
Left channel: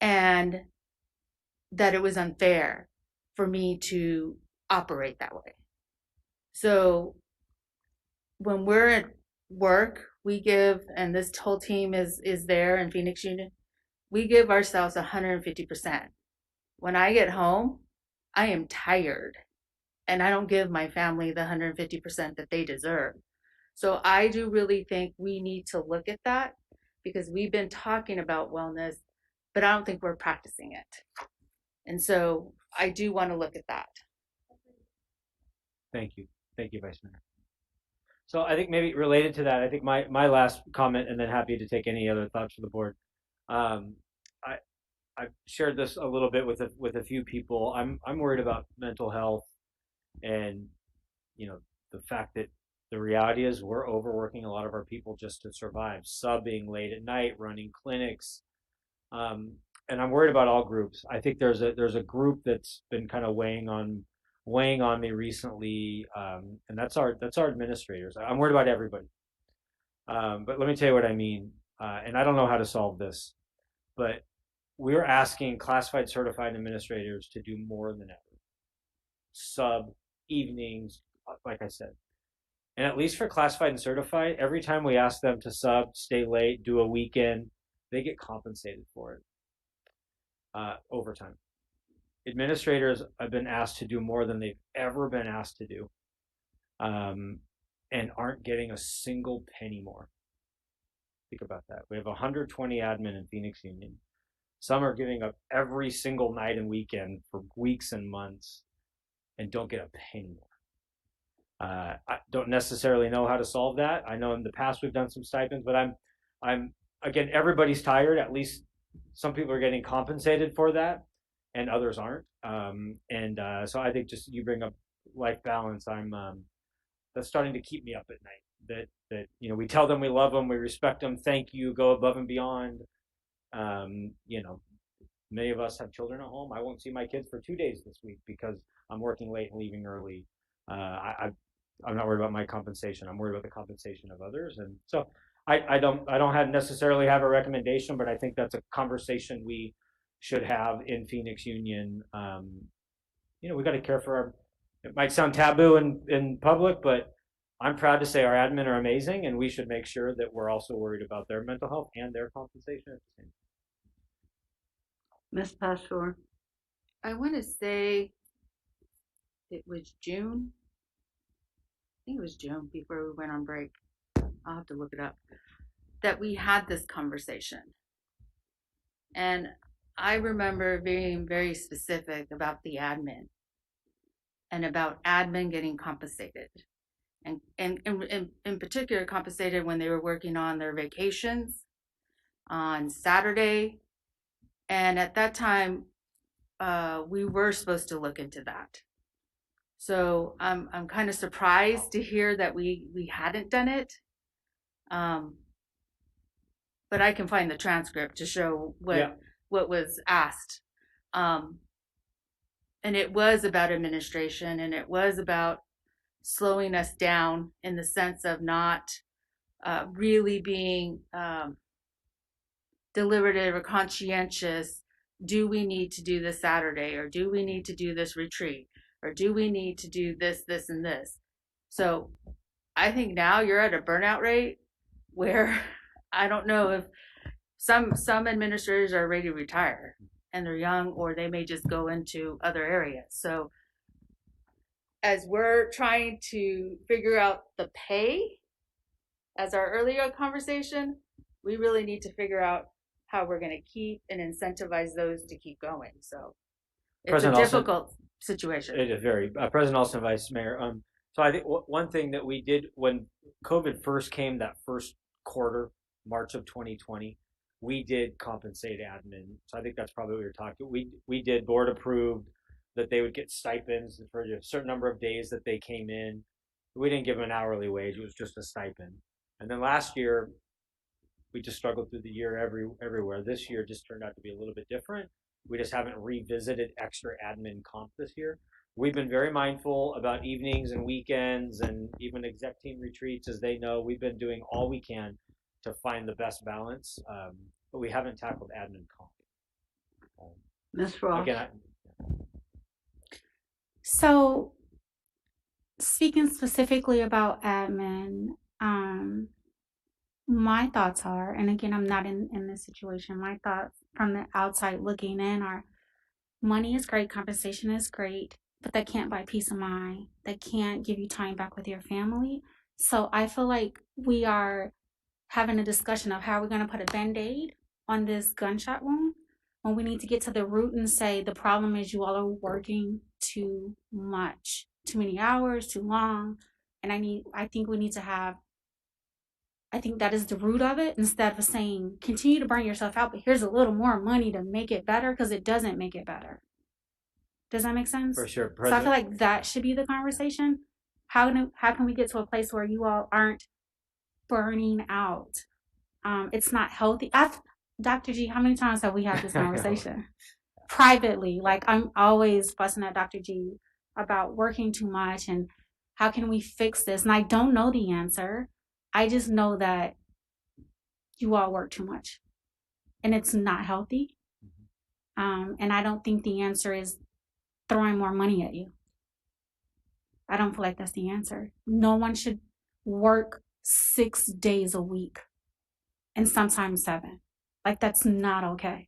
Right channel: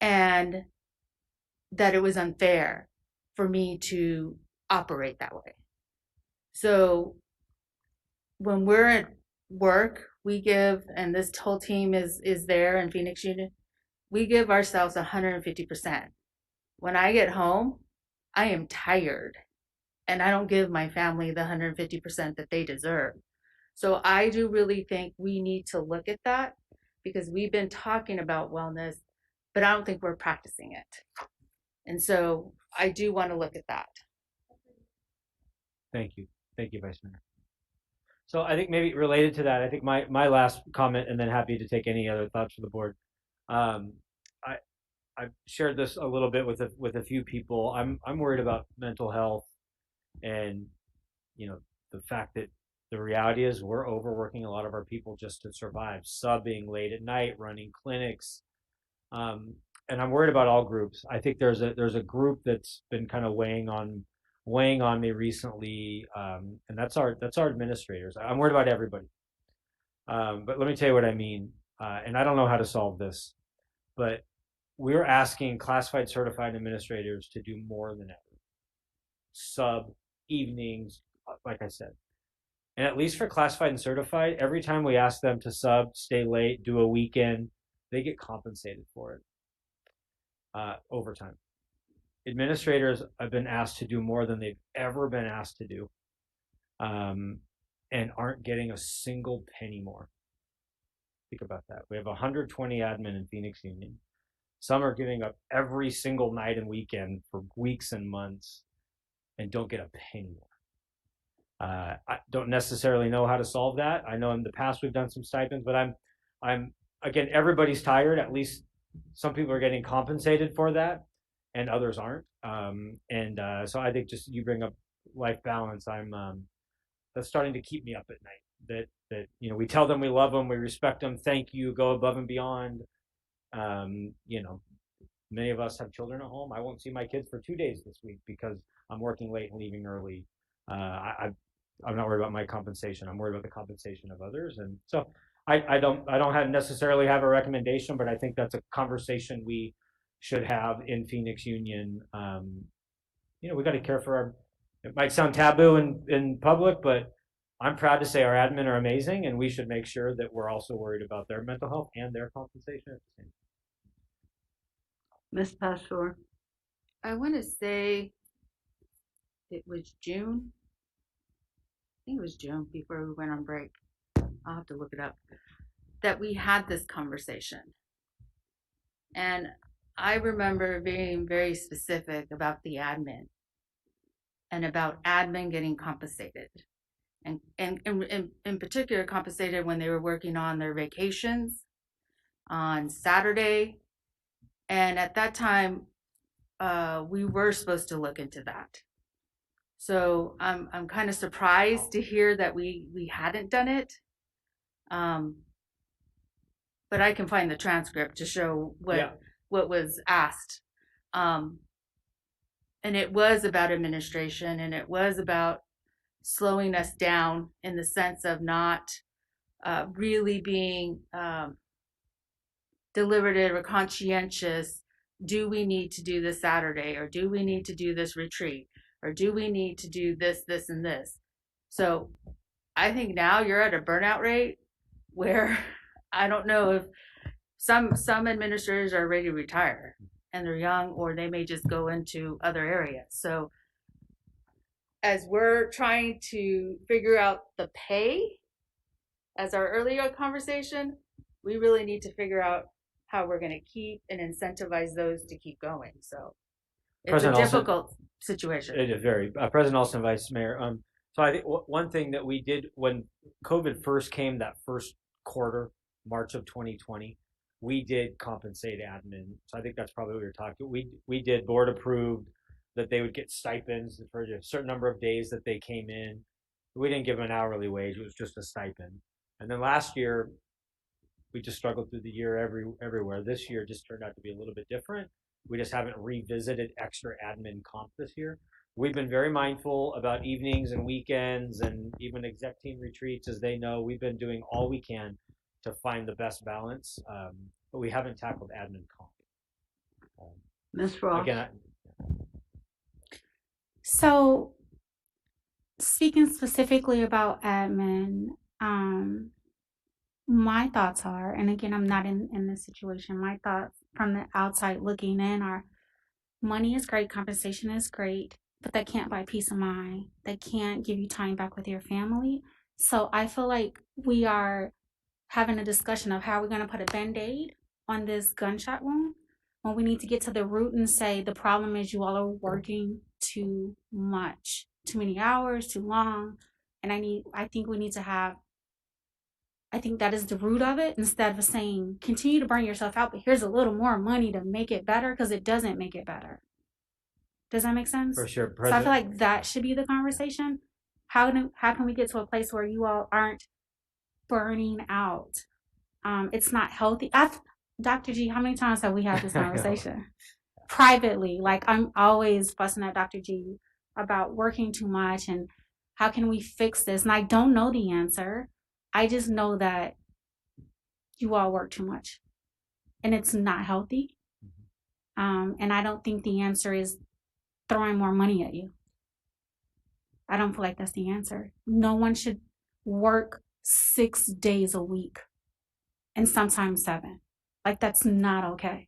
and that it was unfair for me to operate that way. So when we're at work, we give, and this whole team is there in Phoenix Union, we give ourselves 150%. When I get home, I am tired and I don't give my family the 150% that they deserve. So I do really think we need to look at that because we've been talking about wellness, but I don't think we're practicing it. And so I do want to look at that. Thank you, Vice Mayor. So I think maybe related to that, I think my last comment, and then happy to take any other thoughts from the board. I've shared this a little bit with a few people. I'm worried about mental health, and the fact that the reality is we're overworking a lot of our people just to survive, subbing late at night, running clinics, and I'm worried about all groups. I think there's a group that's been kind of weighing on me recently, and that's our administrators. I'm worried about everybody, but let me tell you what I mean. And I don't know how to solve this, but we're asking classified certified administrators to do more than ever. Sub, evenings, like I said. And at least for classified and certified, every time we ask them to sub, stay late, do a weekend, they get compensated for it overtime. Administrators have been asked to do more than they've ever been asked to do, and aren't getting a single penny more. Think about that. We have 120 admin in Phoenix Union. Some are giving up every single night and weekend for weeks and months and don't get a penny more. I don't necessarily know how to solve that. I know in the past we've done some stipends, but I'm again, everybody's tired. At least some people are getting compensated for that and others aren't. So I think just you bring up life balance. that's starting to keep me up at night. That we tell them we love them, we respect them, thank you, go above and beyond. Many of us have children at home. I won't see my kids for 2 days this week because I'm working late and leaving early. I'm not worried about my compensation. I'm worried about the compensation of others. And so I don't necessarily have a recommendation, but I think that's a conversation we should have in Phoenix Union. We got to care for our. It might sound taboo in public, but I'm proud to say our admin are amazing, and we should make sure that we're also worried about their mental health and their compensation at the same time. Ms. Pastor? I want to say it was June. I think it was June before we went on break. I'll have to look it up. That we had this conversation. And I remember being very specific about the admin and about admin getting compensated. And in particular, compensated when they were working on their vacations on Saturday. And at that time, we were supposed to look into that. So I'm kind of surprised to hear that we hadn't done it. But I can find the transcript to show what was asked. And it was about administration, and it was about slowing us down in the sense of not really being deliberative or conscientious. Do we need to do this Saturday, or do we need to do this retreat, or do we need to do this, this, and this? So I think now you're at a burnout rate where I don't know if some administrators are ready to retire and they're young, or they may just go into other areas. So as we're trying to figure out the pay, as our earlier conversation, we really need to figure out how we're going to keep and incentivize those to keep going. So it's President a difficult situation. It is very. President Olson, Vice Mayor. So I think one thing that we did when COVID first came, that first quarter, March of 2020, we did compensate admin. So I think that's probably what you're talking. We did board approved that they would get stipends for a certain number of days that they came in. We didn't give them an hourly wage. It was just a stipend. And then last year, we just struggled through the year everywhere. This year just turned out to be a little bit different. We just haven't revisited extra admin comp this year. We've been very mindful about evenings and weekends and even exec team retreats. As they know, we've been doing all we can to find the best balance, but we haven't tackled admin comp. Ms. Ross? Again, So, speaking specifically about admin, my thoughts are, and again, I'm not in this situation, my thoughts from the outside looking in are, money is great, compensation is great, but that can't buy peace of mind. That can't give you time back with your family. So I feel like we are having a discussion of how we're going to put a Band-Aid on this gunshot wound when we need to get to the root and say the problem is you all are working too much, too many hours, too long. And I think we need to have, I think that is the root of it, instead of saying continue to burn yourself out, but here's a little more money to make it better, because it doesn't make it better. Does that make sense? For sure. So I feel like that should be the conversation. How can we get to a place where you all aren't burning out? It's not healthy. Dr. G, how many times have we had this conversation? Privately, like I'm always fussing at Dr. G about working too much and how can we fix this? And I don't know the answer. I just know that you all work too much and it's not healthy. And I don't think the answer is throwing more money at you. I don't feel like that's the answer. No one should work 6 days a week and sometimes 7. Like, that's not okay.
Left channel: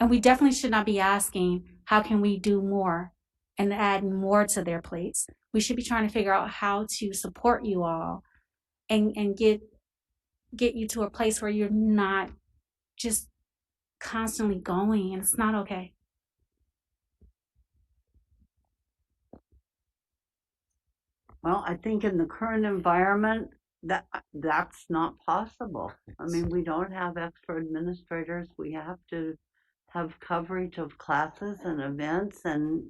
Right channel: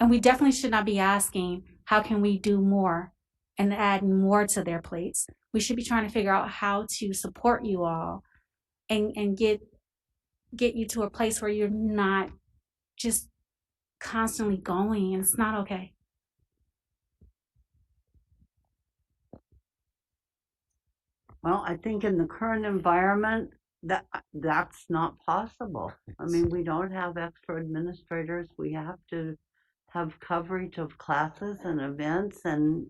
And we definitely should not be asking, how can we do more and add more to their plates? We should be trying to figure out how to support you all and get you to a place where you're not just constantly going, and it's not okay. Well, I think in the current environment, that's not possible. I mean, we don't have extra administrators. We have to have coverage of classes and events, and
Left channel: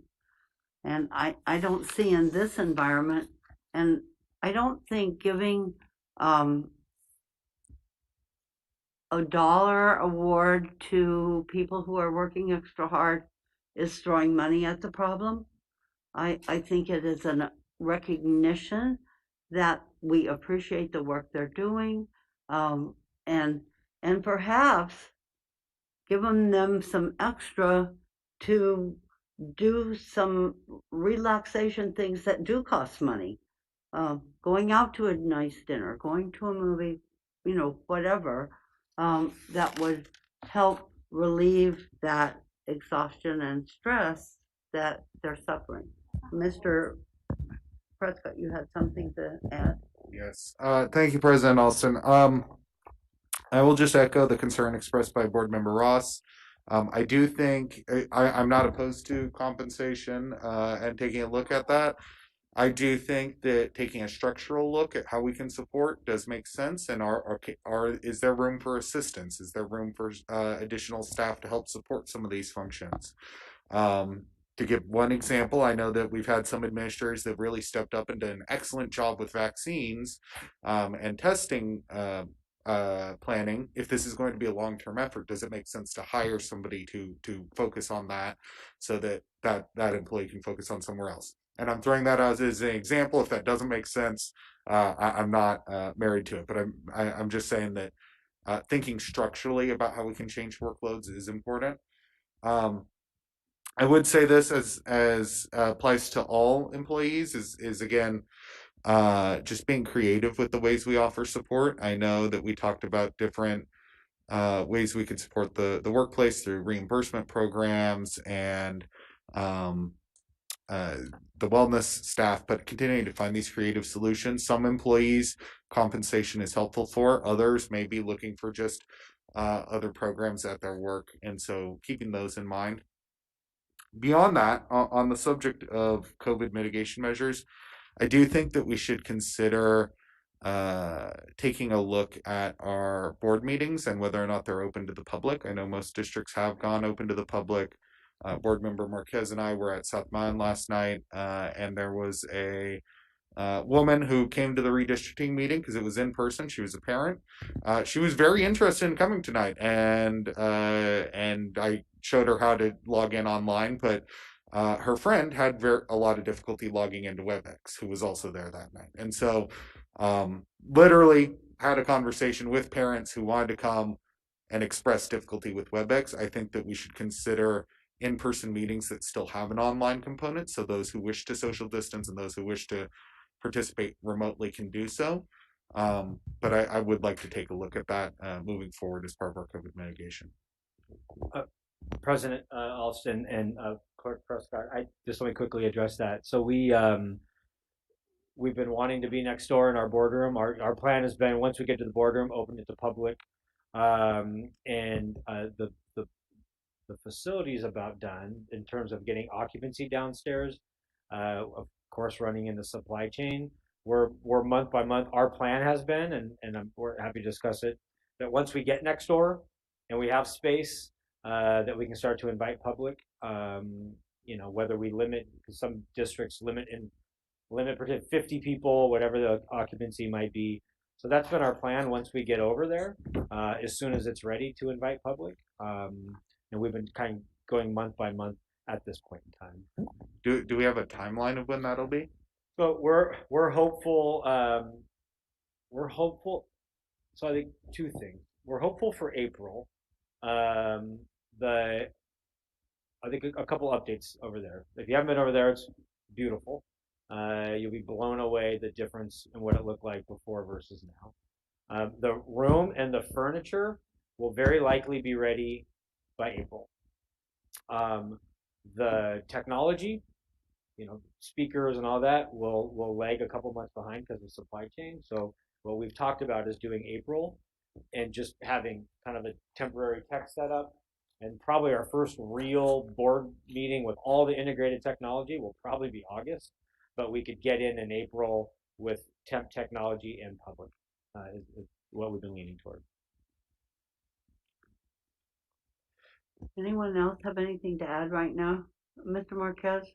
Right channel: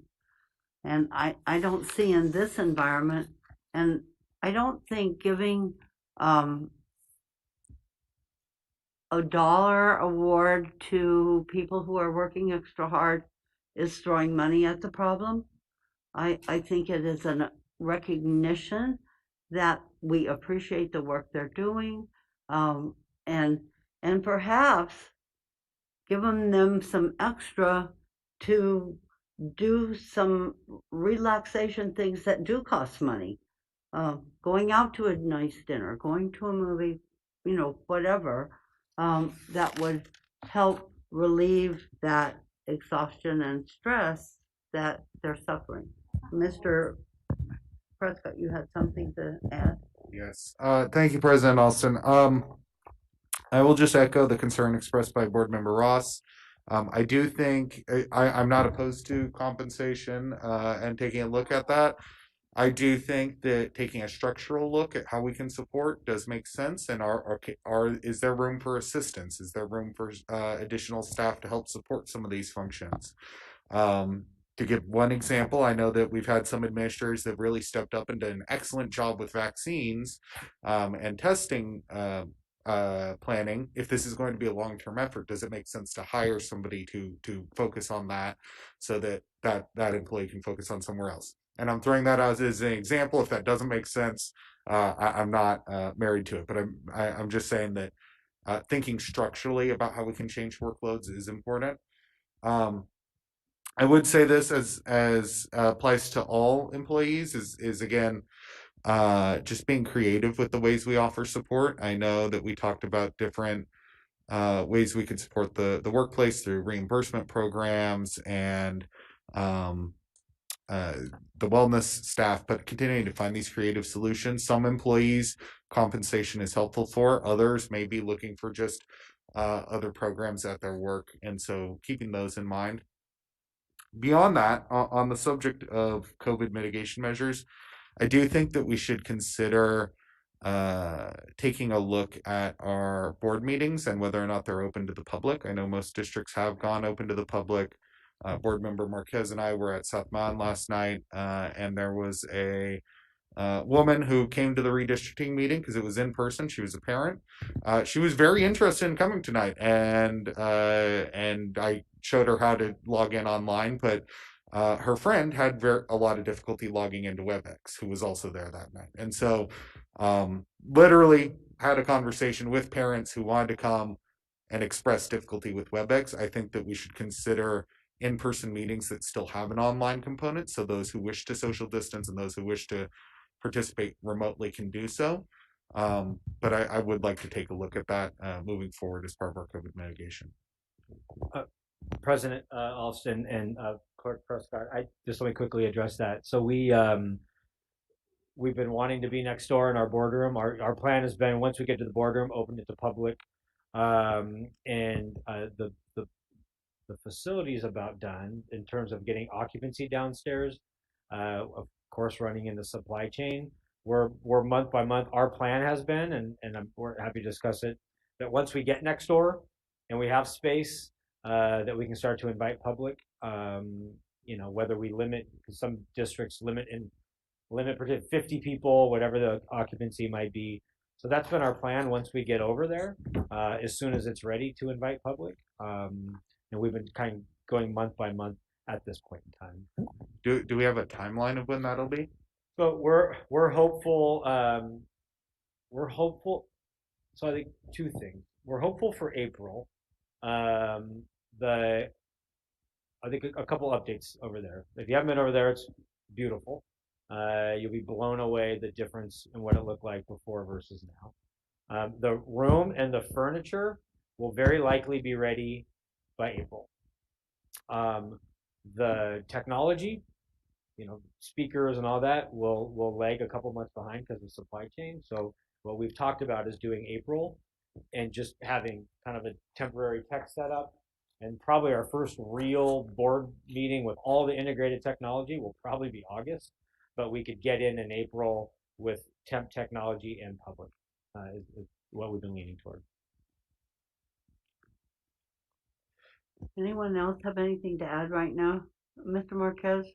I don't see in this environment And I don't think giving a dollar award to people who are working extra hard is throwing money at the problem. I think it is a recognition that we appreciate the work they're doing, and perhaps giving them some extra to do some relaxation things that do cost money. Going out to a nice dinner, going to a movie, whatever, that would help relieve that exhaustion and stress that they're suffering. Mr. Prescott, you had something to add? Yes. Thank you, President Alston. I will just echo the concern expressed by Board Member Ross. I do think I'm not opposed to compensation and taking a look at that. I do think that taking a structural look at how we can support does make sense. And is there room for assistance? Is there room for additional staff to help support some of these functions? To give one example, I know that we've had some administrators that really stepped up and done an excellent job with vaccines and testing planning. If this is going to be a long-term effort, does it make sense to hire somebody to focus on that so that employee can focus on somewhere else? And I'm throwing that out as an example. If that doesn't make sense, I'm not married to it, but I'm just saying that thinking structurally about how we can change workloads is important. I would say this as applies to all employees is again just being creative with the ways we offer support. I know that we talked about different ways we could support the workplace through reimbursement programs and the wellness staff, but continuing to find these creative solutions. Some employees compensation is helpful for, others may be looking for just other programs at their work, and so keeping those in mind. Beyond that, on the subject of COVID mitigation measures, I do think that we should consider taking a look at our board meetings and whether or not they're open to the public. I know most districts have gone open to the public. Board member Marquez and I were at South Mountain last night, and there was a woman who came to the redistricting meeting because it was in person. She was a parent. She was very interested in coming tonight, and I showed her how to log in online, but her friend had a lot of difficulty logging into WebEx, who was also there that night. And so literally had a conversation with parents who wanted to come and express difficulty with WebEx. I think that we should consider in-person meetings that still have an online component, so those who wish to social distance and those who wish to participate remotely can do so. But I would like to take a look at that moving forward as part of our COVID mitigation. President Alston and Clerk Prescott, let me quickly address that. So we've been wanting to be next door in our boardroom. Our plan has been, once we get to the boardroom, open it to public. The facility is about done in terms of getting occupancy downstairs. Of course, running in the supply chain. We're month by month. Our plan has been, and we're happy to discuss it, that once we get next door and we have space, that we can start to invite public. Whether we limit, because some districts limit 50 people, whatever the occupancy might be. So that's been our plan once we get over there, as soon as it's ready to invite public. And we've been kind of going month by month at this point in time. Do we have a timeline of when that'll be? So we're hopeful. We're hopeful. So I think two things. We're hopeful for April. I think a couple updates over there. If you haven't been over there, it's beautiful. You'll be blown away the difference in what it looked like before versus now. The room and the furniture will very likely be ready by April. The technology, speakers and all that will lag a couple months behind because of supply chain. So what we've talked about is doing April and just having kind of a temporary tech setup. And probably our first real board meeting with all the integrated technology will probably be August, but we could get in April with temp technology and public is what we've been leaning toward. Anyone else have anything to add right now? Mr. Marquez?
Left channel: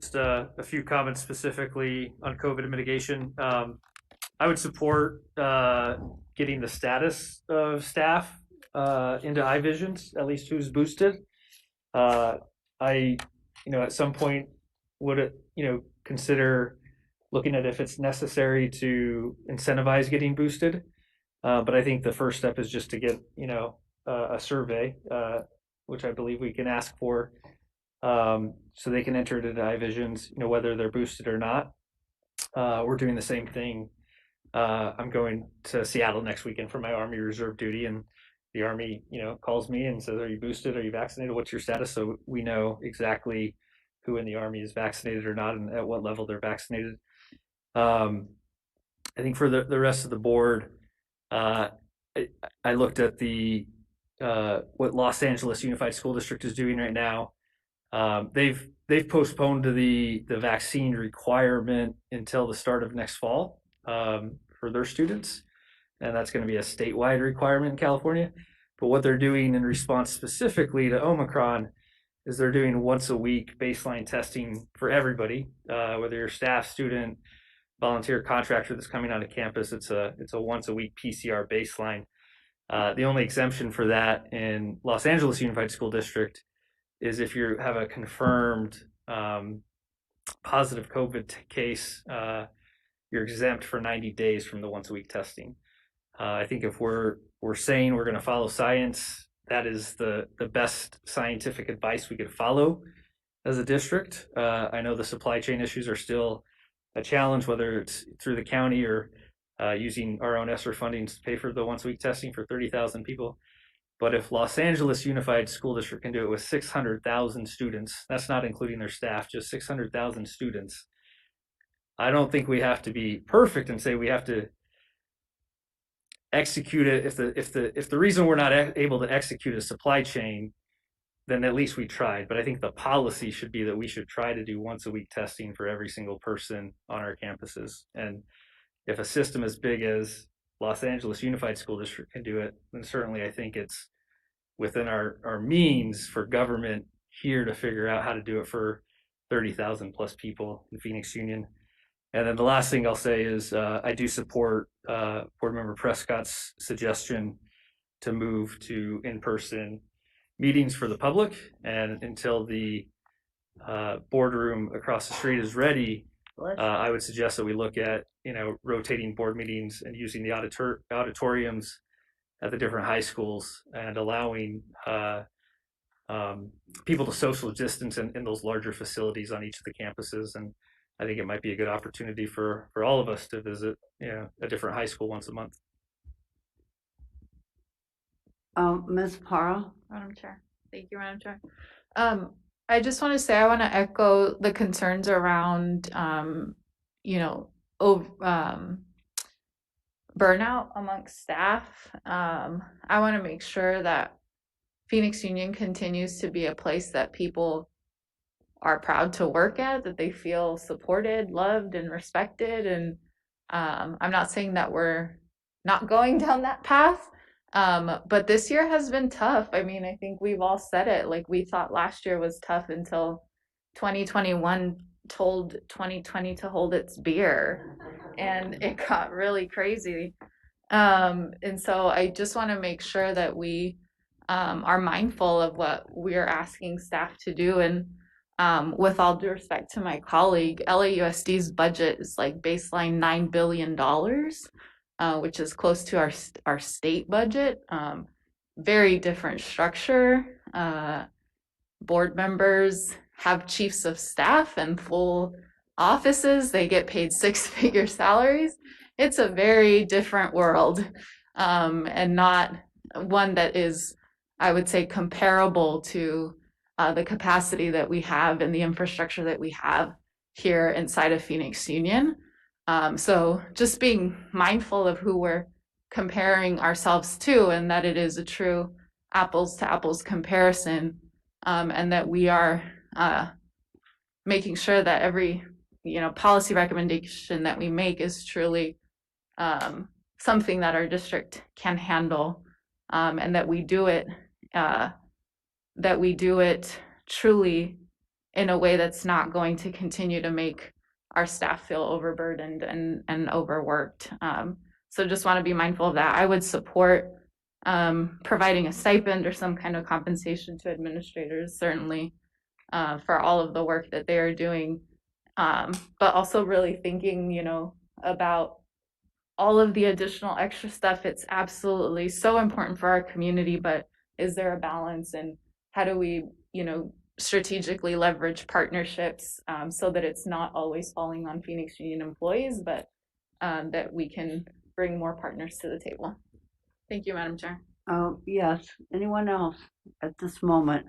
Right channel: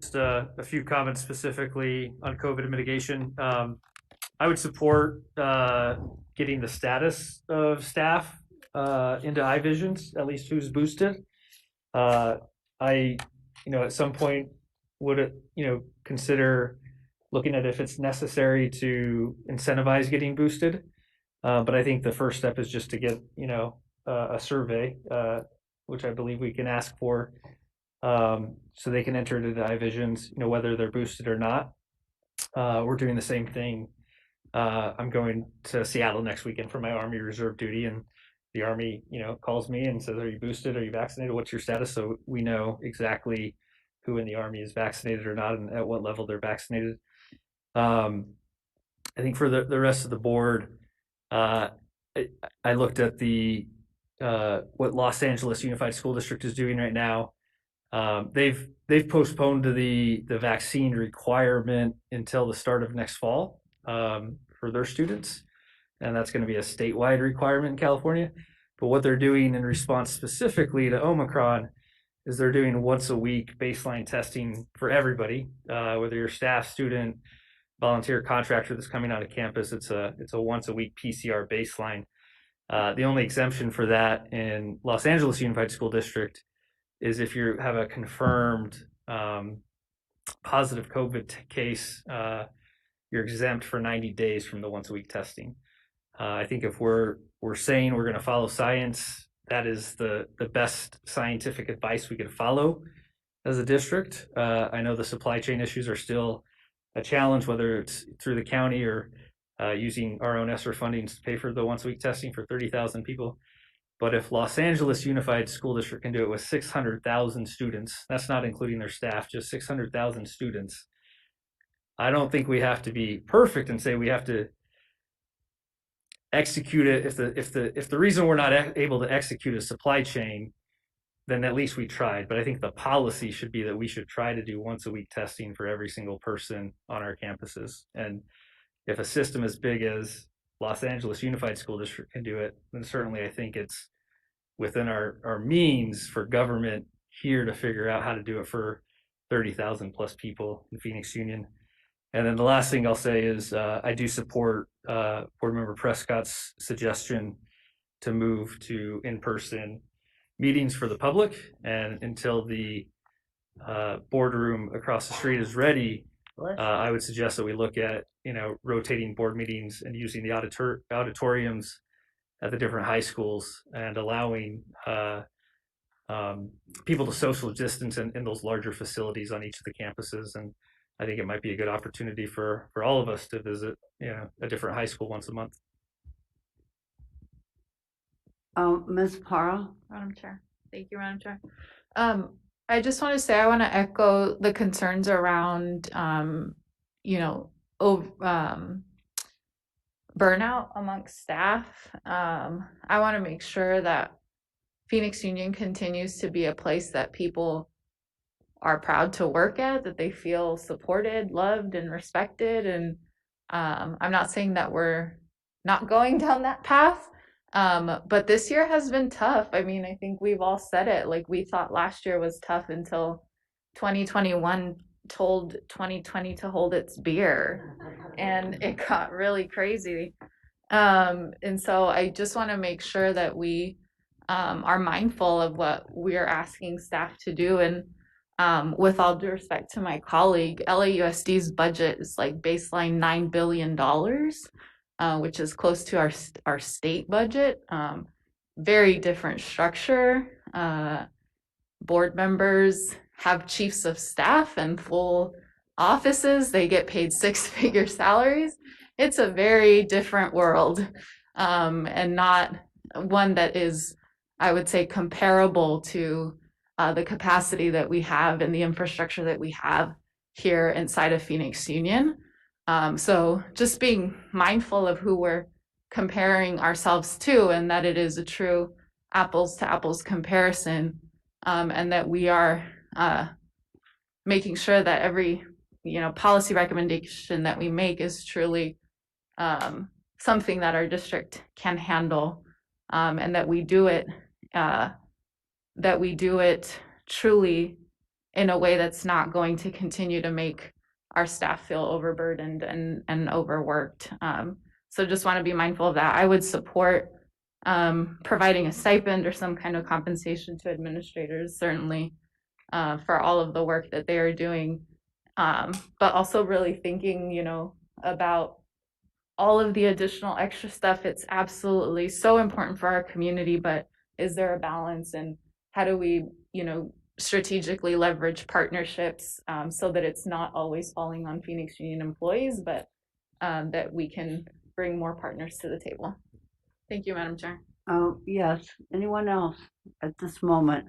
Just a few comments specifically on COVID mitigation. I would support getting the status of staff into iVisions, at least who's boosted. I, at some point would, consider looking at if it's necessary to incentivize getting boosted. But I think the first step is just to get, a survey, which I believe we can ask for, so they can enter it into iVisions, whether they're boosted or not. We're doing the same thing. I'm going to Seattle next weekend for my Army Reserve duty, and the Army, calls me and says, "Are you boosted? Are you vaccinated? What's your status?" So we know exactly who in the Army is vaccinated or not, and at what level they're vaccinated. I think for the rest of the board, I looked at the what Los Angeles Unified School District is doing right now. They've postponed the vaccine requirement until the start of next fall for their students, and that's going to be a statewide requirement in California. But what they're doing in response specifically to Omicron is they're doing once a week baseline testing for everybody, whether you're staff, student, volunteer, contractor that's coming onto campus. It's a once a week PCR baseline. The only exemption for that in Los Angeles Unified School District is if you have a confirmed positive COVID case, you're exempt for 90 days from the once a week testing. I think if we're saying we're going to follow science, that is the best scientific advice we could follow as a district. I know the supply chain issues are still a challenge, whether it's through the county or using our own ESSER funding to pay for the once a week testing for 30,000 people. But if Los Angeles Unified School District can do it with 600,000 students, that's not including their staff, just 600,000 students. I don't think we have to be perfect and say we have to execute it. If the reason we're not able to execute a supply chain, then at least we tried. But I think the policy should be that we should try to do once a week testing for every single person on our campuses. And if a system as big as Los Angeles Unified School District can do it, then certainly I think it's within our means for government here to figure out how to do it for 30,000 plus people in Phoenix Union. And then the last thing I'll say is I do support Board Member Prescott's suggestion to move to in-person meetings for the public. And until the boardroom across the street is ready, I would suggest that we look at rotating board meetings and using the auditoriums at the different high schools and allowing people to social distance in those larger facilities on each of the campuses. And I think it might be a good opportunity for all of us to visit a different high school once a month. Ms. Parra? Madam Chair. Thank you, Madam Chair. I just want to say I want to echo the concerns around, burnout amongst staff. I want to make sure that Phoenix Union continues to be a place that people are proud to work at, that they feel supported, loved, and respected. And I'm not saying that we're not going down that path. But this year has been tough. I mean, I think we've all said it. Like, we thought last year was tough until 2021 told 2020 to hold its beer, and it got really crazy. And so I just want to make sure that we are mindful of what we're asking staff to do. And with all due respect to my colleague, LAUSD's budget is like baseline $9 billion. Which is close to our state budget. Very different structure. Board members have chiefs of staff and full offices. They get paid six-figure salaries. It's a very different world, and not one that is, I would say, comparable to the capacity that we have and the infrastructure that we have here inside of Phoenix Union. So just being mindful of who we're comparing ourselves to, and that it is a true apples to apples comparison, and that we are making sure that every policy recommendation that we make is truly something that our district can handle, and that we do it truly in a way that's not going to continue to make our staff feel overburdened and overworked. So just want to be mindful of that. I would support providing a stipend or some kind of compensation to administrators, certainly, for all of the work that they are doing. But also really thinking, about all of the additional extra stuff. It's absolutely so important for our community, but is there a balance, and how do we, strategically leverage partnerships so that it's not always falling on Phoenix Union employees, but that we can bring more partners to the table. Thank you, Madam Chair. Yes, anyone else at this moment?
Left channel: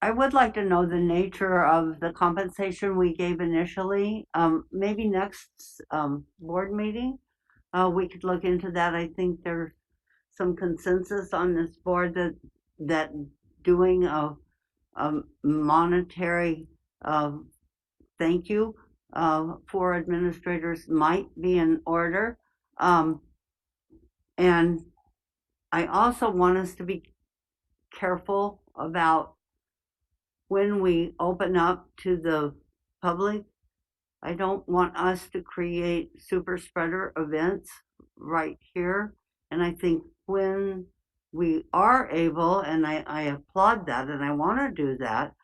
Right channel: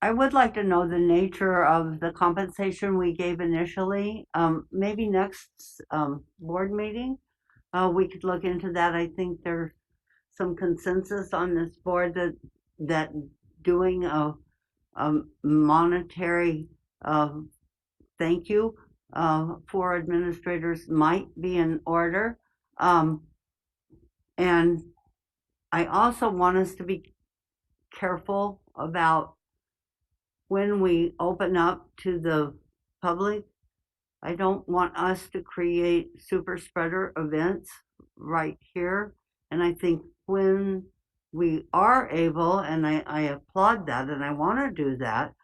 I would like to know the nature of the compensation we gave initially. Maybe next board meeting, we could look into that. I think there's some consensus on this board that doing a monetary thank you for administrators might be in order. And I also want us to be careful about when we open up to the public. I don't want us to create super spreader events right here. And I think when we are able, and I applaud that and I want to do that,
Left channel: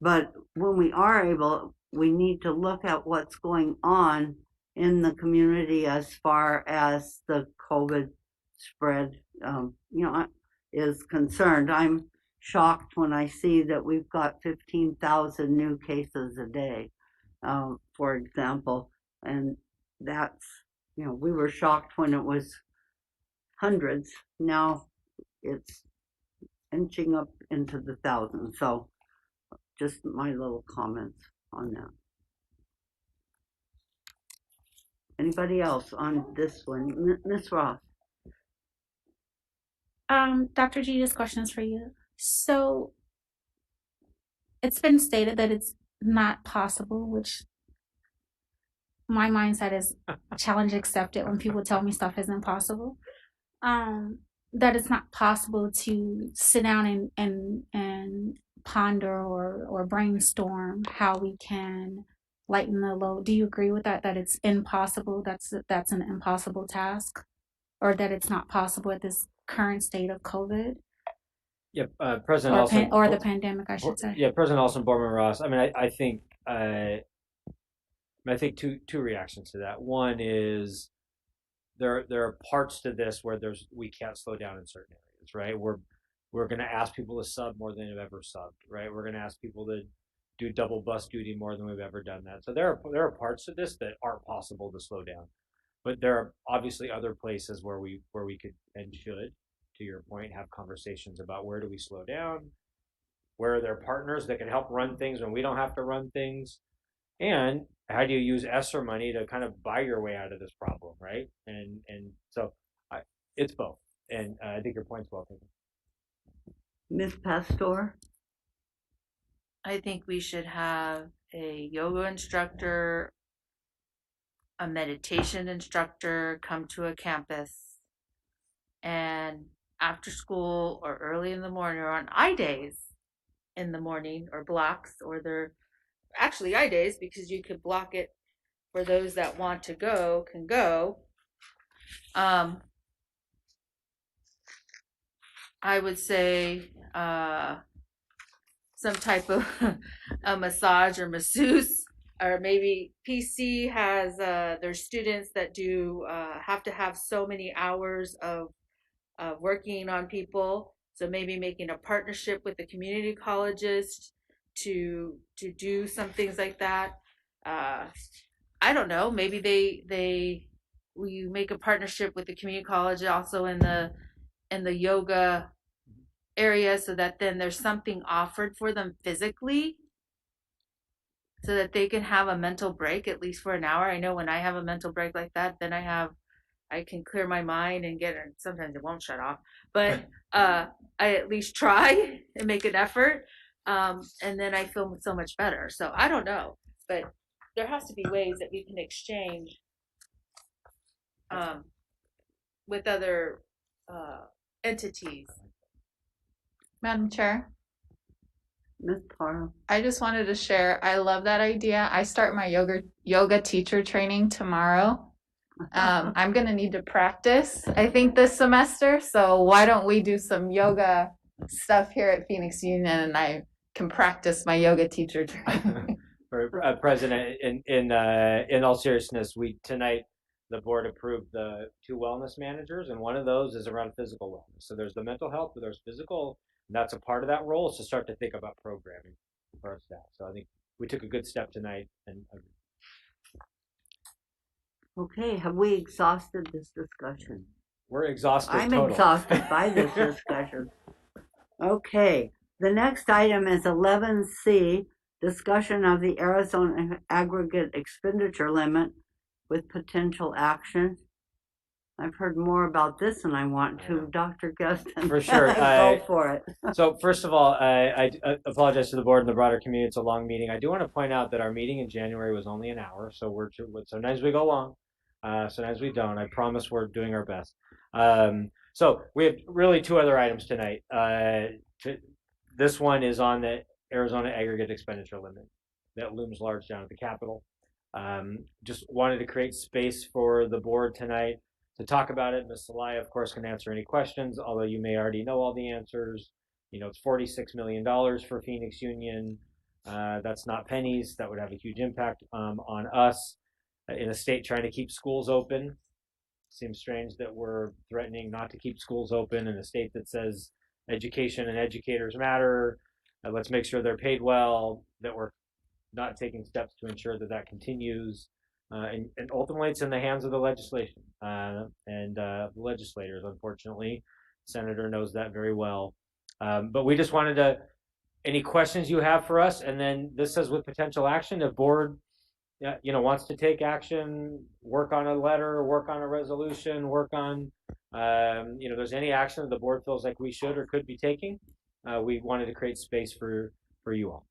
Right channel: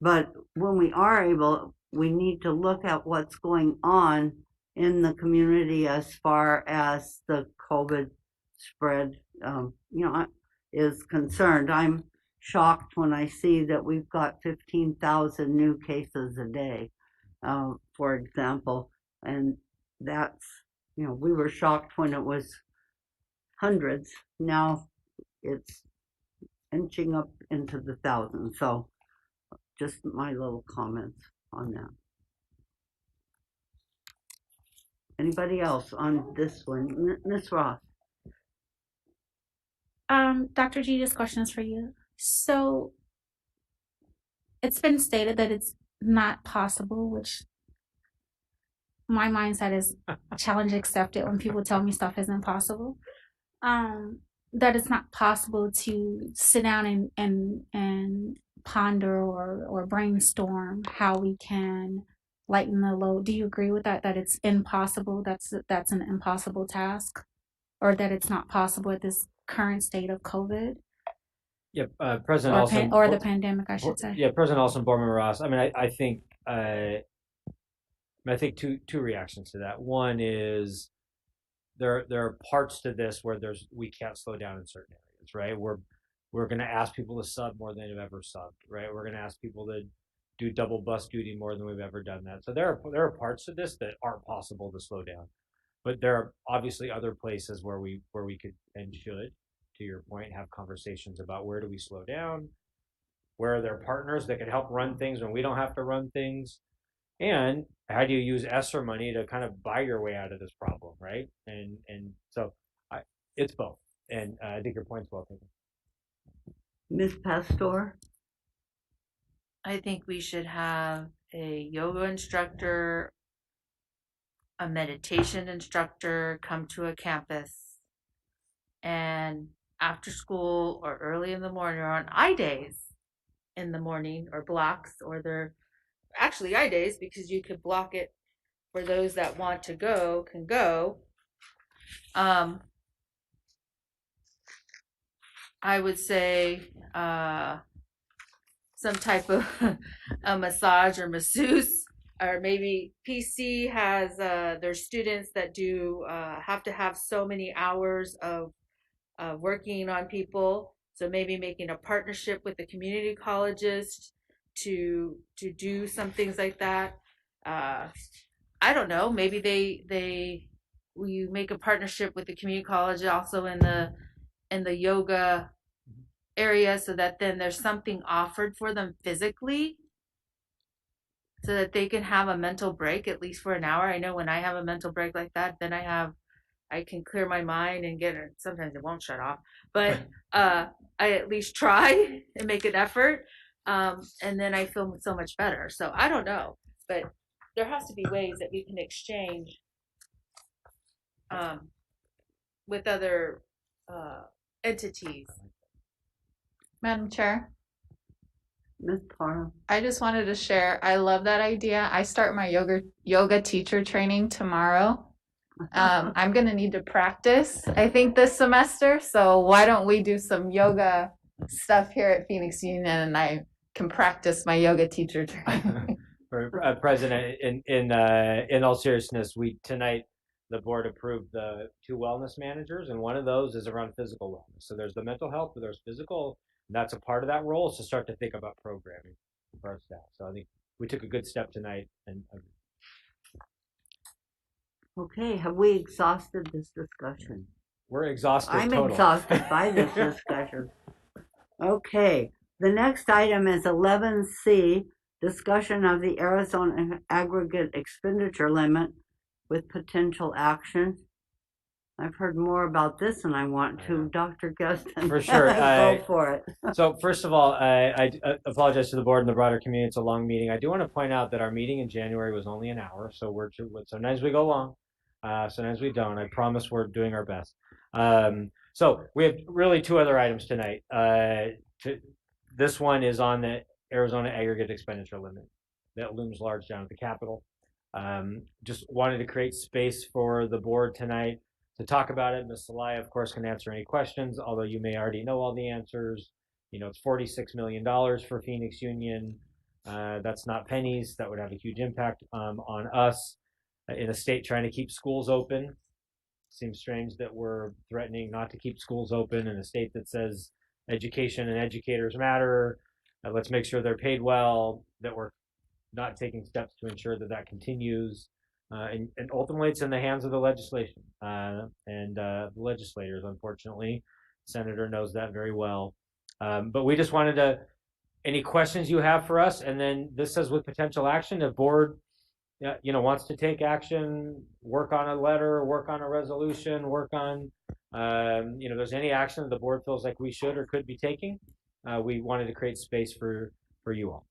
but when we are able, we need to look at what's going on in the community as far as the COVID spread, is concerned. I'm shocked when I see that we've got 15,000 new cases a day, for example, and that's, we were shocked when it was hundreds. Now it's inching up into the thousands. So just my little comments on that. Anybody else on this one? Ms. Ross. Dr. G, this question is for you. So it's been stated that it's not possible, which my mindset is challenge accepted when people tell me stuff isn't possible. That it's not possible to sit down and ponder or brainstorm how we can lighten the load. Do you agree with that? That it's impossible? That's an impossible task, or that it's not possible at this current state of COVID? Yep, President Olson, or the pandemic, I should say. Yeah, President Olson, Boardman Ross. I mean, I think two reactions to that. One is there are parts to this where we can't slow down in certain areas, right? We're going to ask people to sub more than they've ever subbed, right? We're going to ask people to do double bus duty more than we've ever done that. So there are parts to this that aren't possible to slow down, but there are obviously other places where we could and should, to your point, have conversations about where do we slow down, where are there partners that can help run things when we don't have to run things, and how do you use ESSER money to kind of buy your way out of this problem, right? And so it's both, and I think your point's well taken. Ms. Pastor? I think we should have a yoga instructor, a meditation instructor come to a campus, and after school or early in the morning or on I days in the morning, or blocks, or they're actually I days because you could block it for those that want to go can go. I would say some type of a massage or masseuse, or maybe PC has their students that do have to have so many hours of working on people. So maybe making a partnership with the community colleges to do some things like that. I don't know. Maybe we make a partnership with the community college also in the yoga area, so that then there's something offered for them physically, so that they can have a mental break at least for an hour. I know when I have a mental break like that, then I can clear my mind and sometimes it won't shut off, but I at least try and make an effort, and then I feel so much better. So I don't know, but there has to be ways that we can exchange with other entities. Madam Chair? Ms. Parra. I just wanted to share. I love that idea. I start my yoga teacher training tomorrow. I'm gonna need to practice, I think, this semester. So why don't we do some yoga stuff here at Phoenix Union, and I can practice my yoga teacher training. President, in all seriousness, tonight the board approved the 2 wellness managers, and one of those is around physical wellness. So there's the mental health, but there's physical, and that's a part of that role. Is to start to think about programming for our staff. So I think we took a good step tonight. And Okay, have we exhausted this discussion? We're exhausted. I'm total. exhausted by this discussion. Okay, the next item is 11C, discussion of the Arizona aggregate expenditure limit with potential action. I've heard more about this than I want to. Dr. Gustin, For sure. Go for it. So first of all, I apologize to the board and the broader community. It's a long meeting. I do want to point out that our meeting in January was only an hour, so sometimes we go long, sometimes we don't. I promise we're doing our best. So we have really 2 other items tonight. This one is on the Arizona aggregate expenditure limit that looms large down at the Capitol. Just wanted to create space for the board tonight to talk about it. Ms. Salaya, of course, can answer any questions, although you may already know all the answers. You know, it's $46 million for Phoenix Union. That's not pennies. That would have a huge impact on us in a state trying to keep schools open. Seems strange that we're threatening not to keep schools open in a state that says education and educators matter. Let's make sure they're paid well, that we're not taking steps to ensure that that continues. And ultimately, it's in the hands of the legislation and the legislators, unfortunately. The senator knows that very well. But we just wanted to, any questions you have for us? And then this says with potential action, the board wants to take action, work on a letter, work on a resolution, work on, there's any action that the board feels like we should or could be taking. We wanted to create space for you all.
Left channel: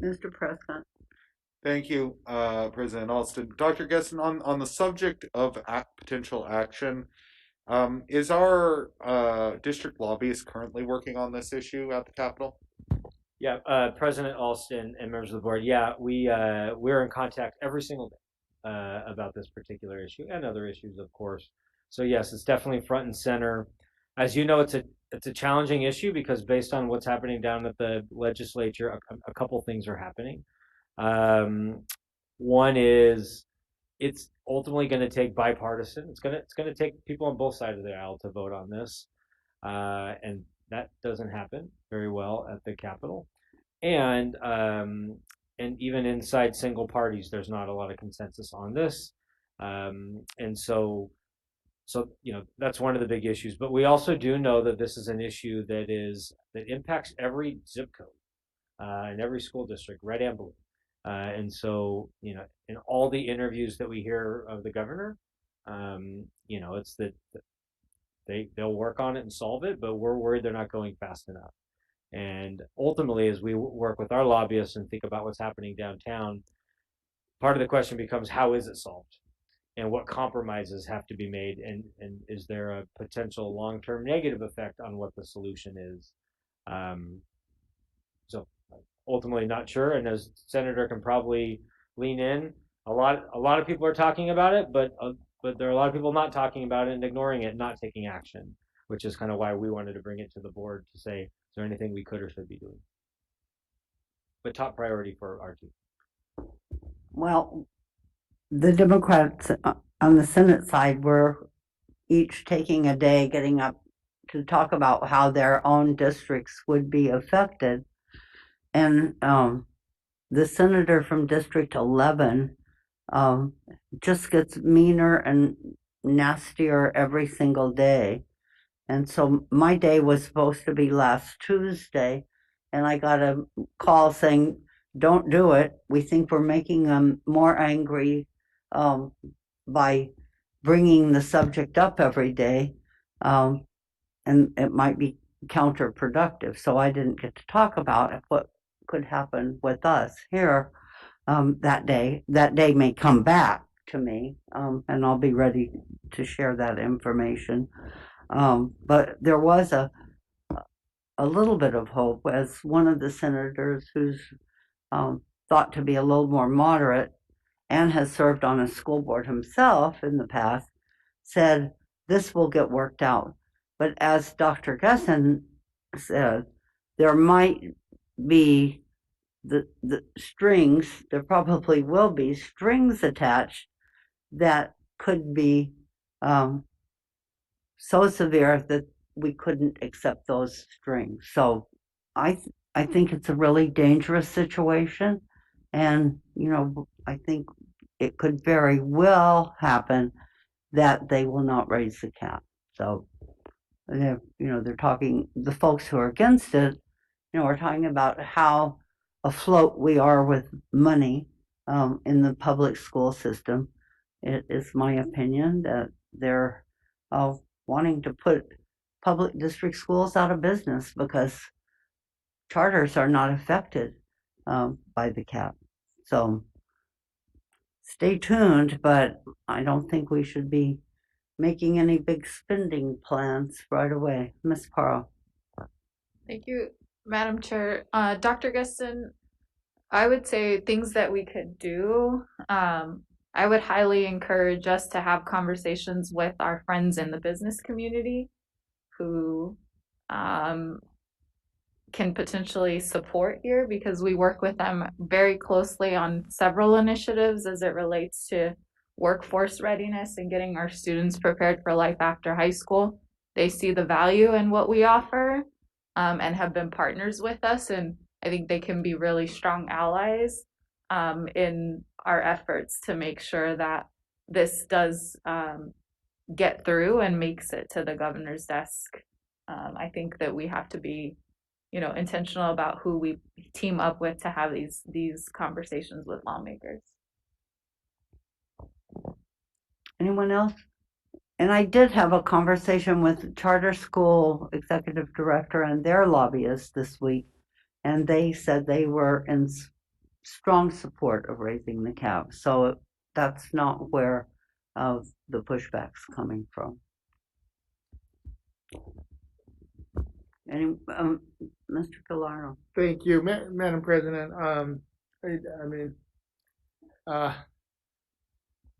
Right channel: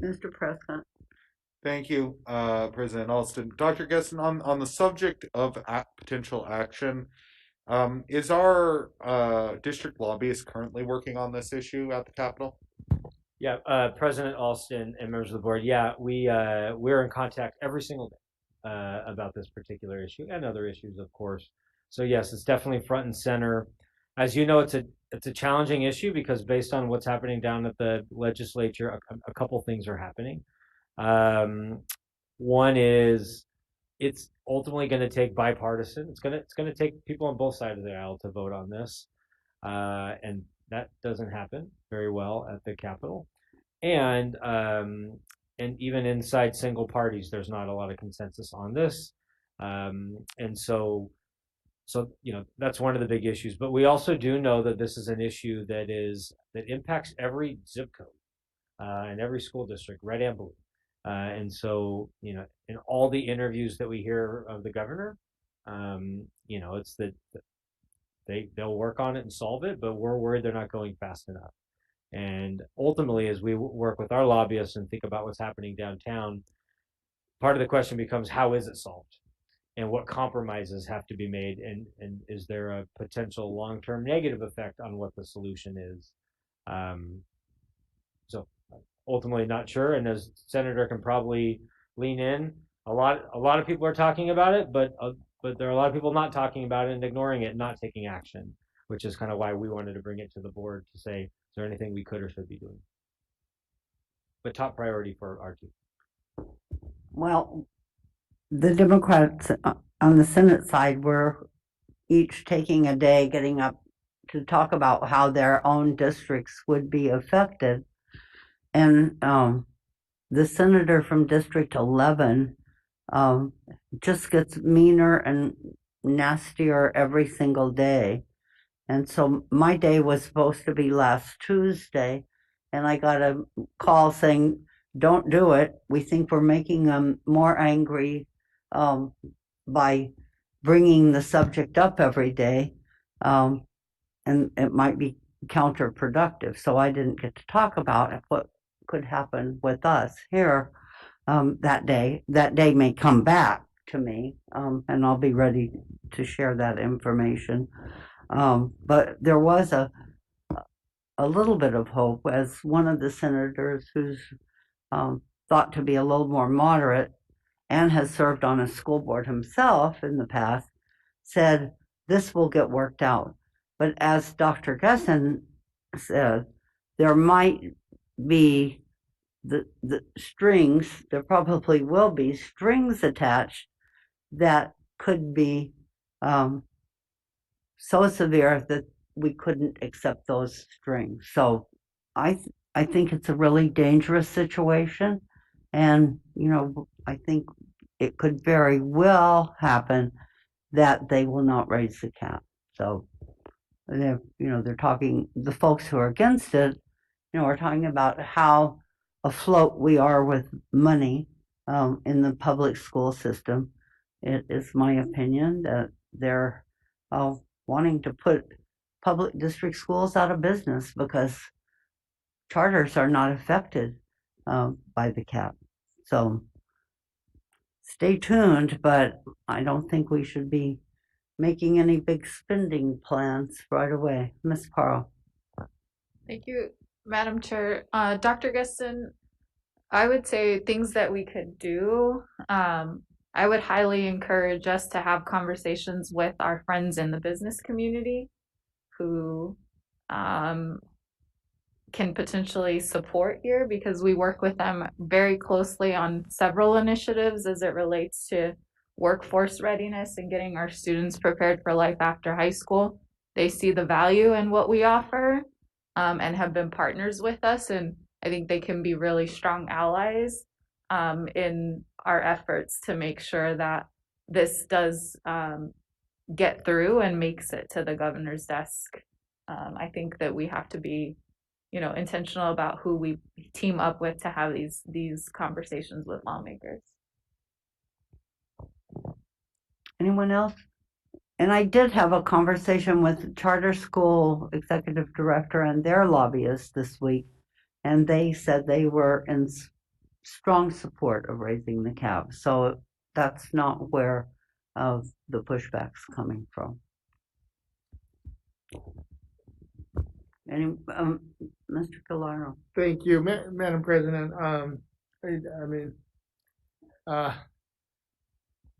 Mr. Prescott. Thank you, President Alston. Dr. Gesson, on the subject of potential action, is our district lobbyist currently working on this issue at the Capitol? Yeah, President Alston and members of the board, yeah, we're in contact every single day about this particular issue and other issues, of course. So yes, it's definitely front and center. As you know, it's a challenging issue because based on what's happening down at the legislature, a couple things are happening. One is it's ultimately going to take bipartisan. It's going to take people on both sides of the aisle to vote on this, and that doesn't happen very well at the Capitol. And even inside single parties, there's not a lot of consensus on this, and so that's one of the big issues. But we also do know that this is an issue that impacts every zip code in every school district, red and blue. And so, in all the interviews that we hear of the governor, it's that they'll work on it and solve it, but we're worried they're not going fast enough. And ultimately, as we work with our lobbyists and think about what's happening downtown, part of the question becomes, how is it solved? And what compromises have to be made? And is there a potential long-term negative effect on what the solution is? So ultimately not sure. And as Senator can probably lean in, a lot of people are talking about it, but there are a lot of people not talking about it and ignoring it, not taking action, which is kind of why we wanted to bring it to the board to say, is there anything we could or should be doing? But top priority for our team. Well, the Democrats on the Senate side were each taking a day getting up to talk about how their own districts would be affected. And the senator from District 11 just gets meaner and nastier every single day. And so my day was supposed to be last Tuesday, and I got a call saying, don't do it. We think we're making them more angry by bringing the subject up every day, and it might be counterproductive. So I didn't get to talk about what could happen with us here that day. That day may come back to me, and I'll be ready to share that information. But there was a little bit of hope, as one of the senators who's thought to be a little more moderate and has served on a school board himself in the past, said this will get worked out. But as Dr. Gesson said, there might be the strings, there probably will be strings attached that could be so severe that we couldn't accept those strings. So I think it's a really dangerous situation, and I think it could very well happen that they will not raise the cap. So they're talking, the folks who are against it, are talking about how afloat we are with money in the public school system. It is my opinion that they're wanting to put public district schools out of business because charters are not affected by the cap. So stay tuned, but I don't think we should be making any big spending plans right away. Ms. Parle. Thank you, Madam Chair. Dr. Geston, I would say things that we could do. I would highly encourage us to have conversations with our friends in the business community who can potentially support here, because we work with them very closely on several initiatives as it relates to workforce readiness and getting our students prepared for life after high school. They see the value in what we offer and have been partners with us, and I think they can be really strong allies in our efforts to make sure that this does get through and makes it to the governor's desk. I think that we have to be intentional about who we team up with to have these conversations with lawmakers. Anyone else? And I did have a conversation with charter school executive director and their lobbyists this week, and they said they were in strong support of raising the cap. So that's not where the pushback's coming from. Any, Mr. Gallardo. Thank you, Madam President.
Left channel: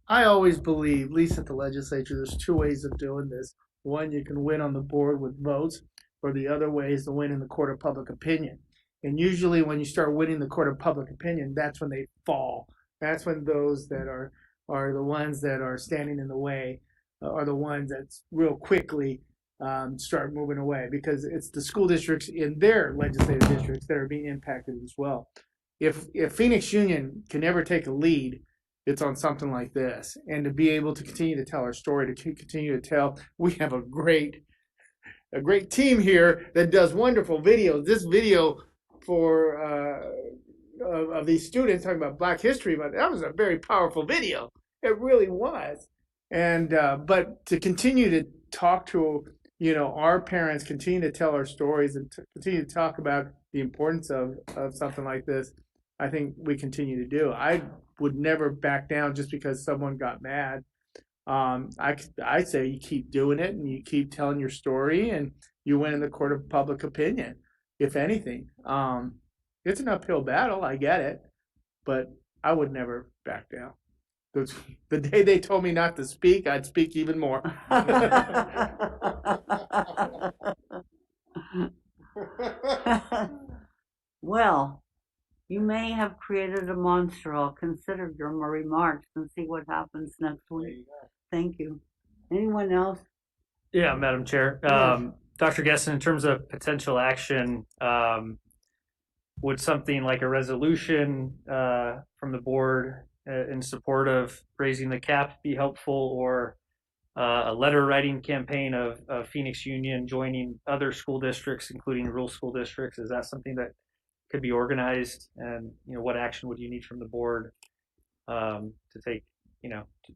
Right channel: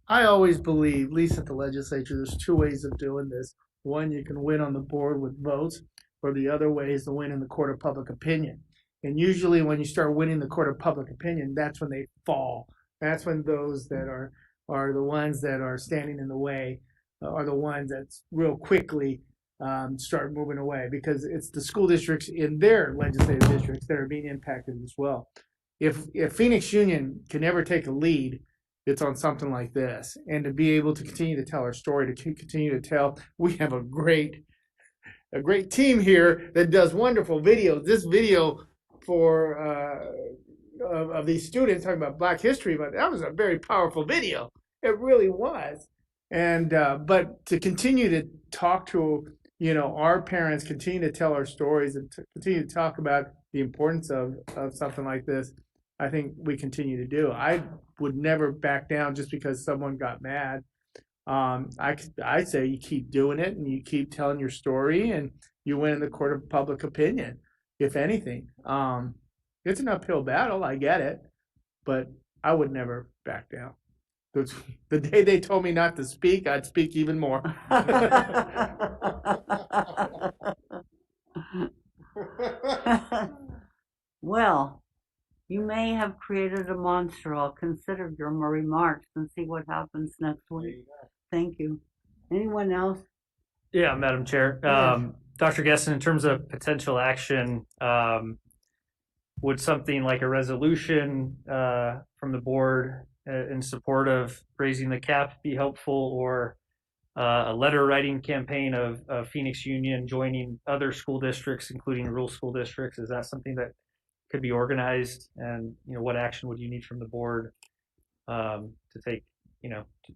I always believe, at least at the legislature, there's two ways of doing this. One, you can win on the board with votes, or the other way is to win in the court of public opinion. And usually when you start winning the court of public opinion, that's when they fall. That's when those that are the ones that are standing in the way are the ones that real quickly start moving away, because it's the school districts in their legislative districts that are being impacted as well. If Phoenix Union can ever take a lead, it's on something like this, and to be able to continue to tell our story, to continue to tell, we have a great team here that does wonderful videos. This video for of these students talking about Black history, but that was a very powerful video. It really was. And but to continue to talk to our parents, continue to tell our stories, and to continue to talk about the importance of something like this, I think we continue to do. I would never back down just because someone got mad. I say you keep doing it and you keep telling your story, and you win in the court of public opinion, if anything. It's an uphill battle, I get it, but I would never back down. The day they told me not to speak, I'd speak even more. Well, you may have created a monster. I'll consider your remarks and see what happens next week. Thank you. Anyone else? Yeah, Madam Chair. Yes. Dr. Gesson, in terms of potential action, would something like a resolution from the board in support of raising the cap be helpful, or a letter writing campaign of Phoenix Union joining other school districts, including rural school districts? Is that something that could be organized? And what action would you need from the board to take,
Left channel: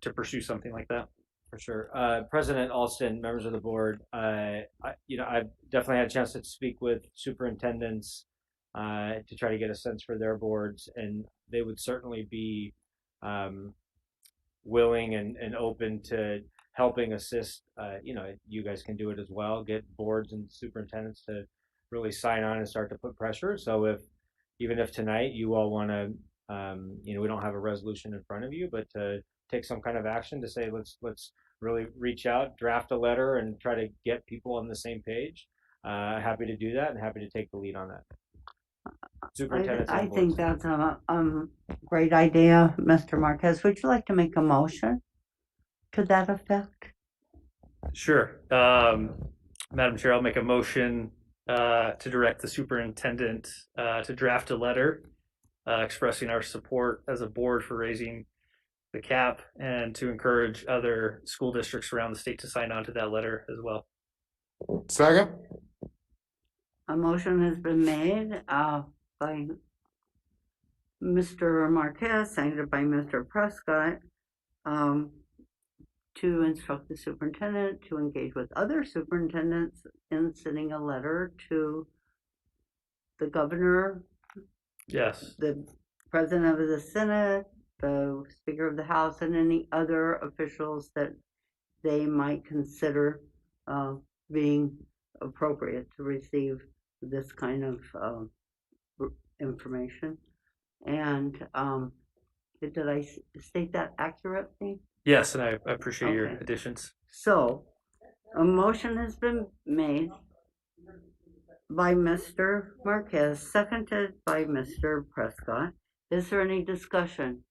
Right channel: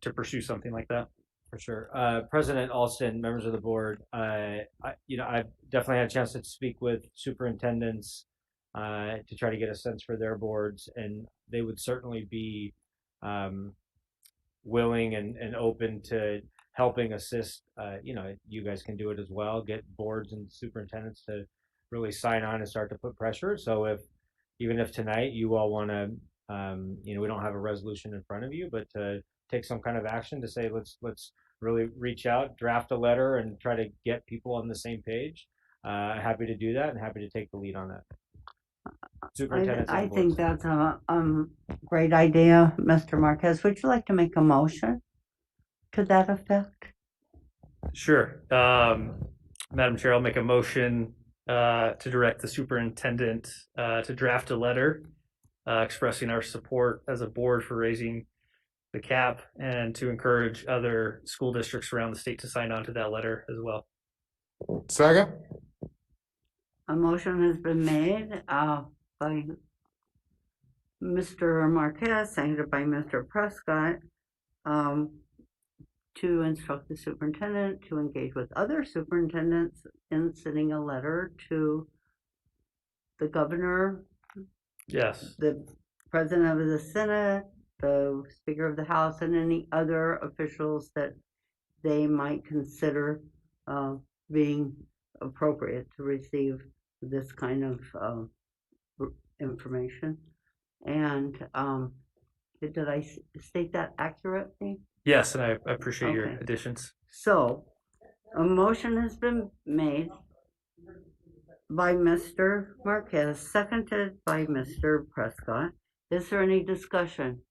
to pursue something like that? For sure. President Alston, members of the board, I've definitely had a chance to speak with superintendents to try to get a sense for their boards, and they would certainly be willing and open to helping assist. You guys can do it as well, get boards and superintendents to really sign on and start to put pressure. So even if tonight you all want to, we don't have a resolution in front of you, but to take some kind of action to say, let's really reach out, draft a letter, and try to get people on the same page. Happy to do that, and happy to take the lead on that. Superintendent's I on board. think that's a great idea, Mr. Marquez. Would you like to make a motion to that effect? Sure. Madam Chair, I'll make a motion to direct the superintendent to draft a letter expressing our support as a board for raising the cap and to encourage other school districts around the state to sign on to that letter as well. Second. A motion has been made by Mr. Marquez, seconded by Mr. Prescott, to instruct the superintendent to engage with other superintendents in sending a letter to the governor, Yes, the president of the Senate, the Speaker of the House, and any other officials that they might consider being appropriate to receive this kind of information. And did I state that accurately? yes, and I appreciate your Okay. additions. So, a motion has been made by Mr. Marquez, seconded by Mr. Prescott. Is there any discussion?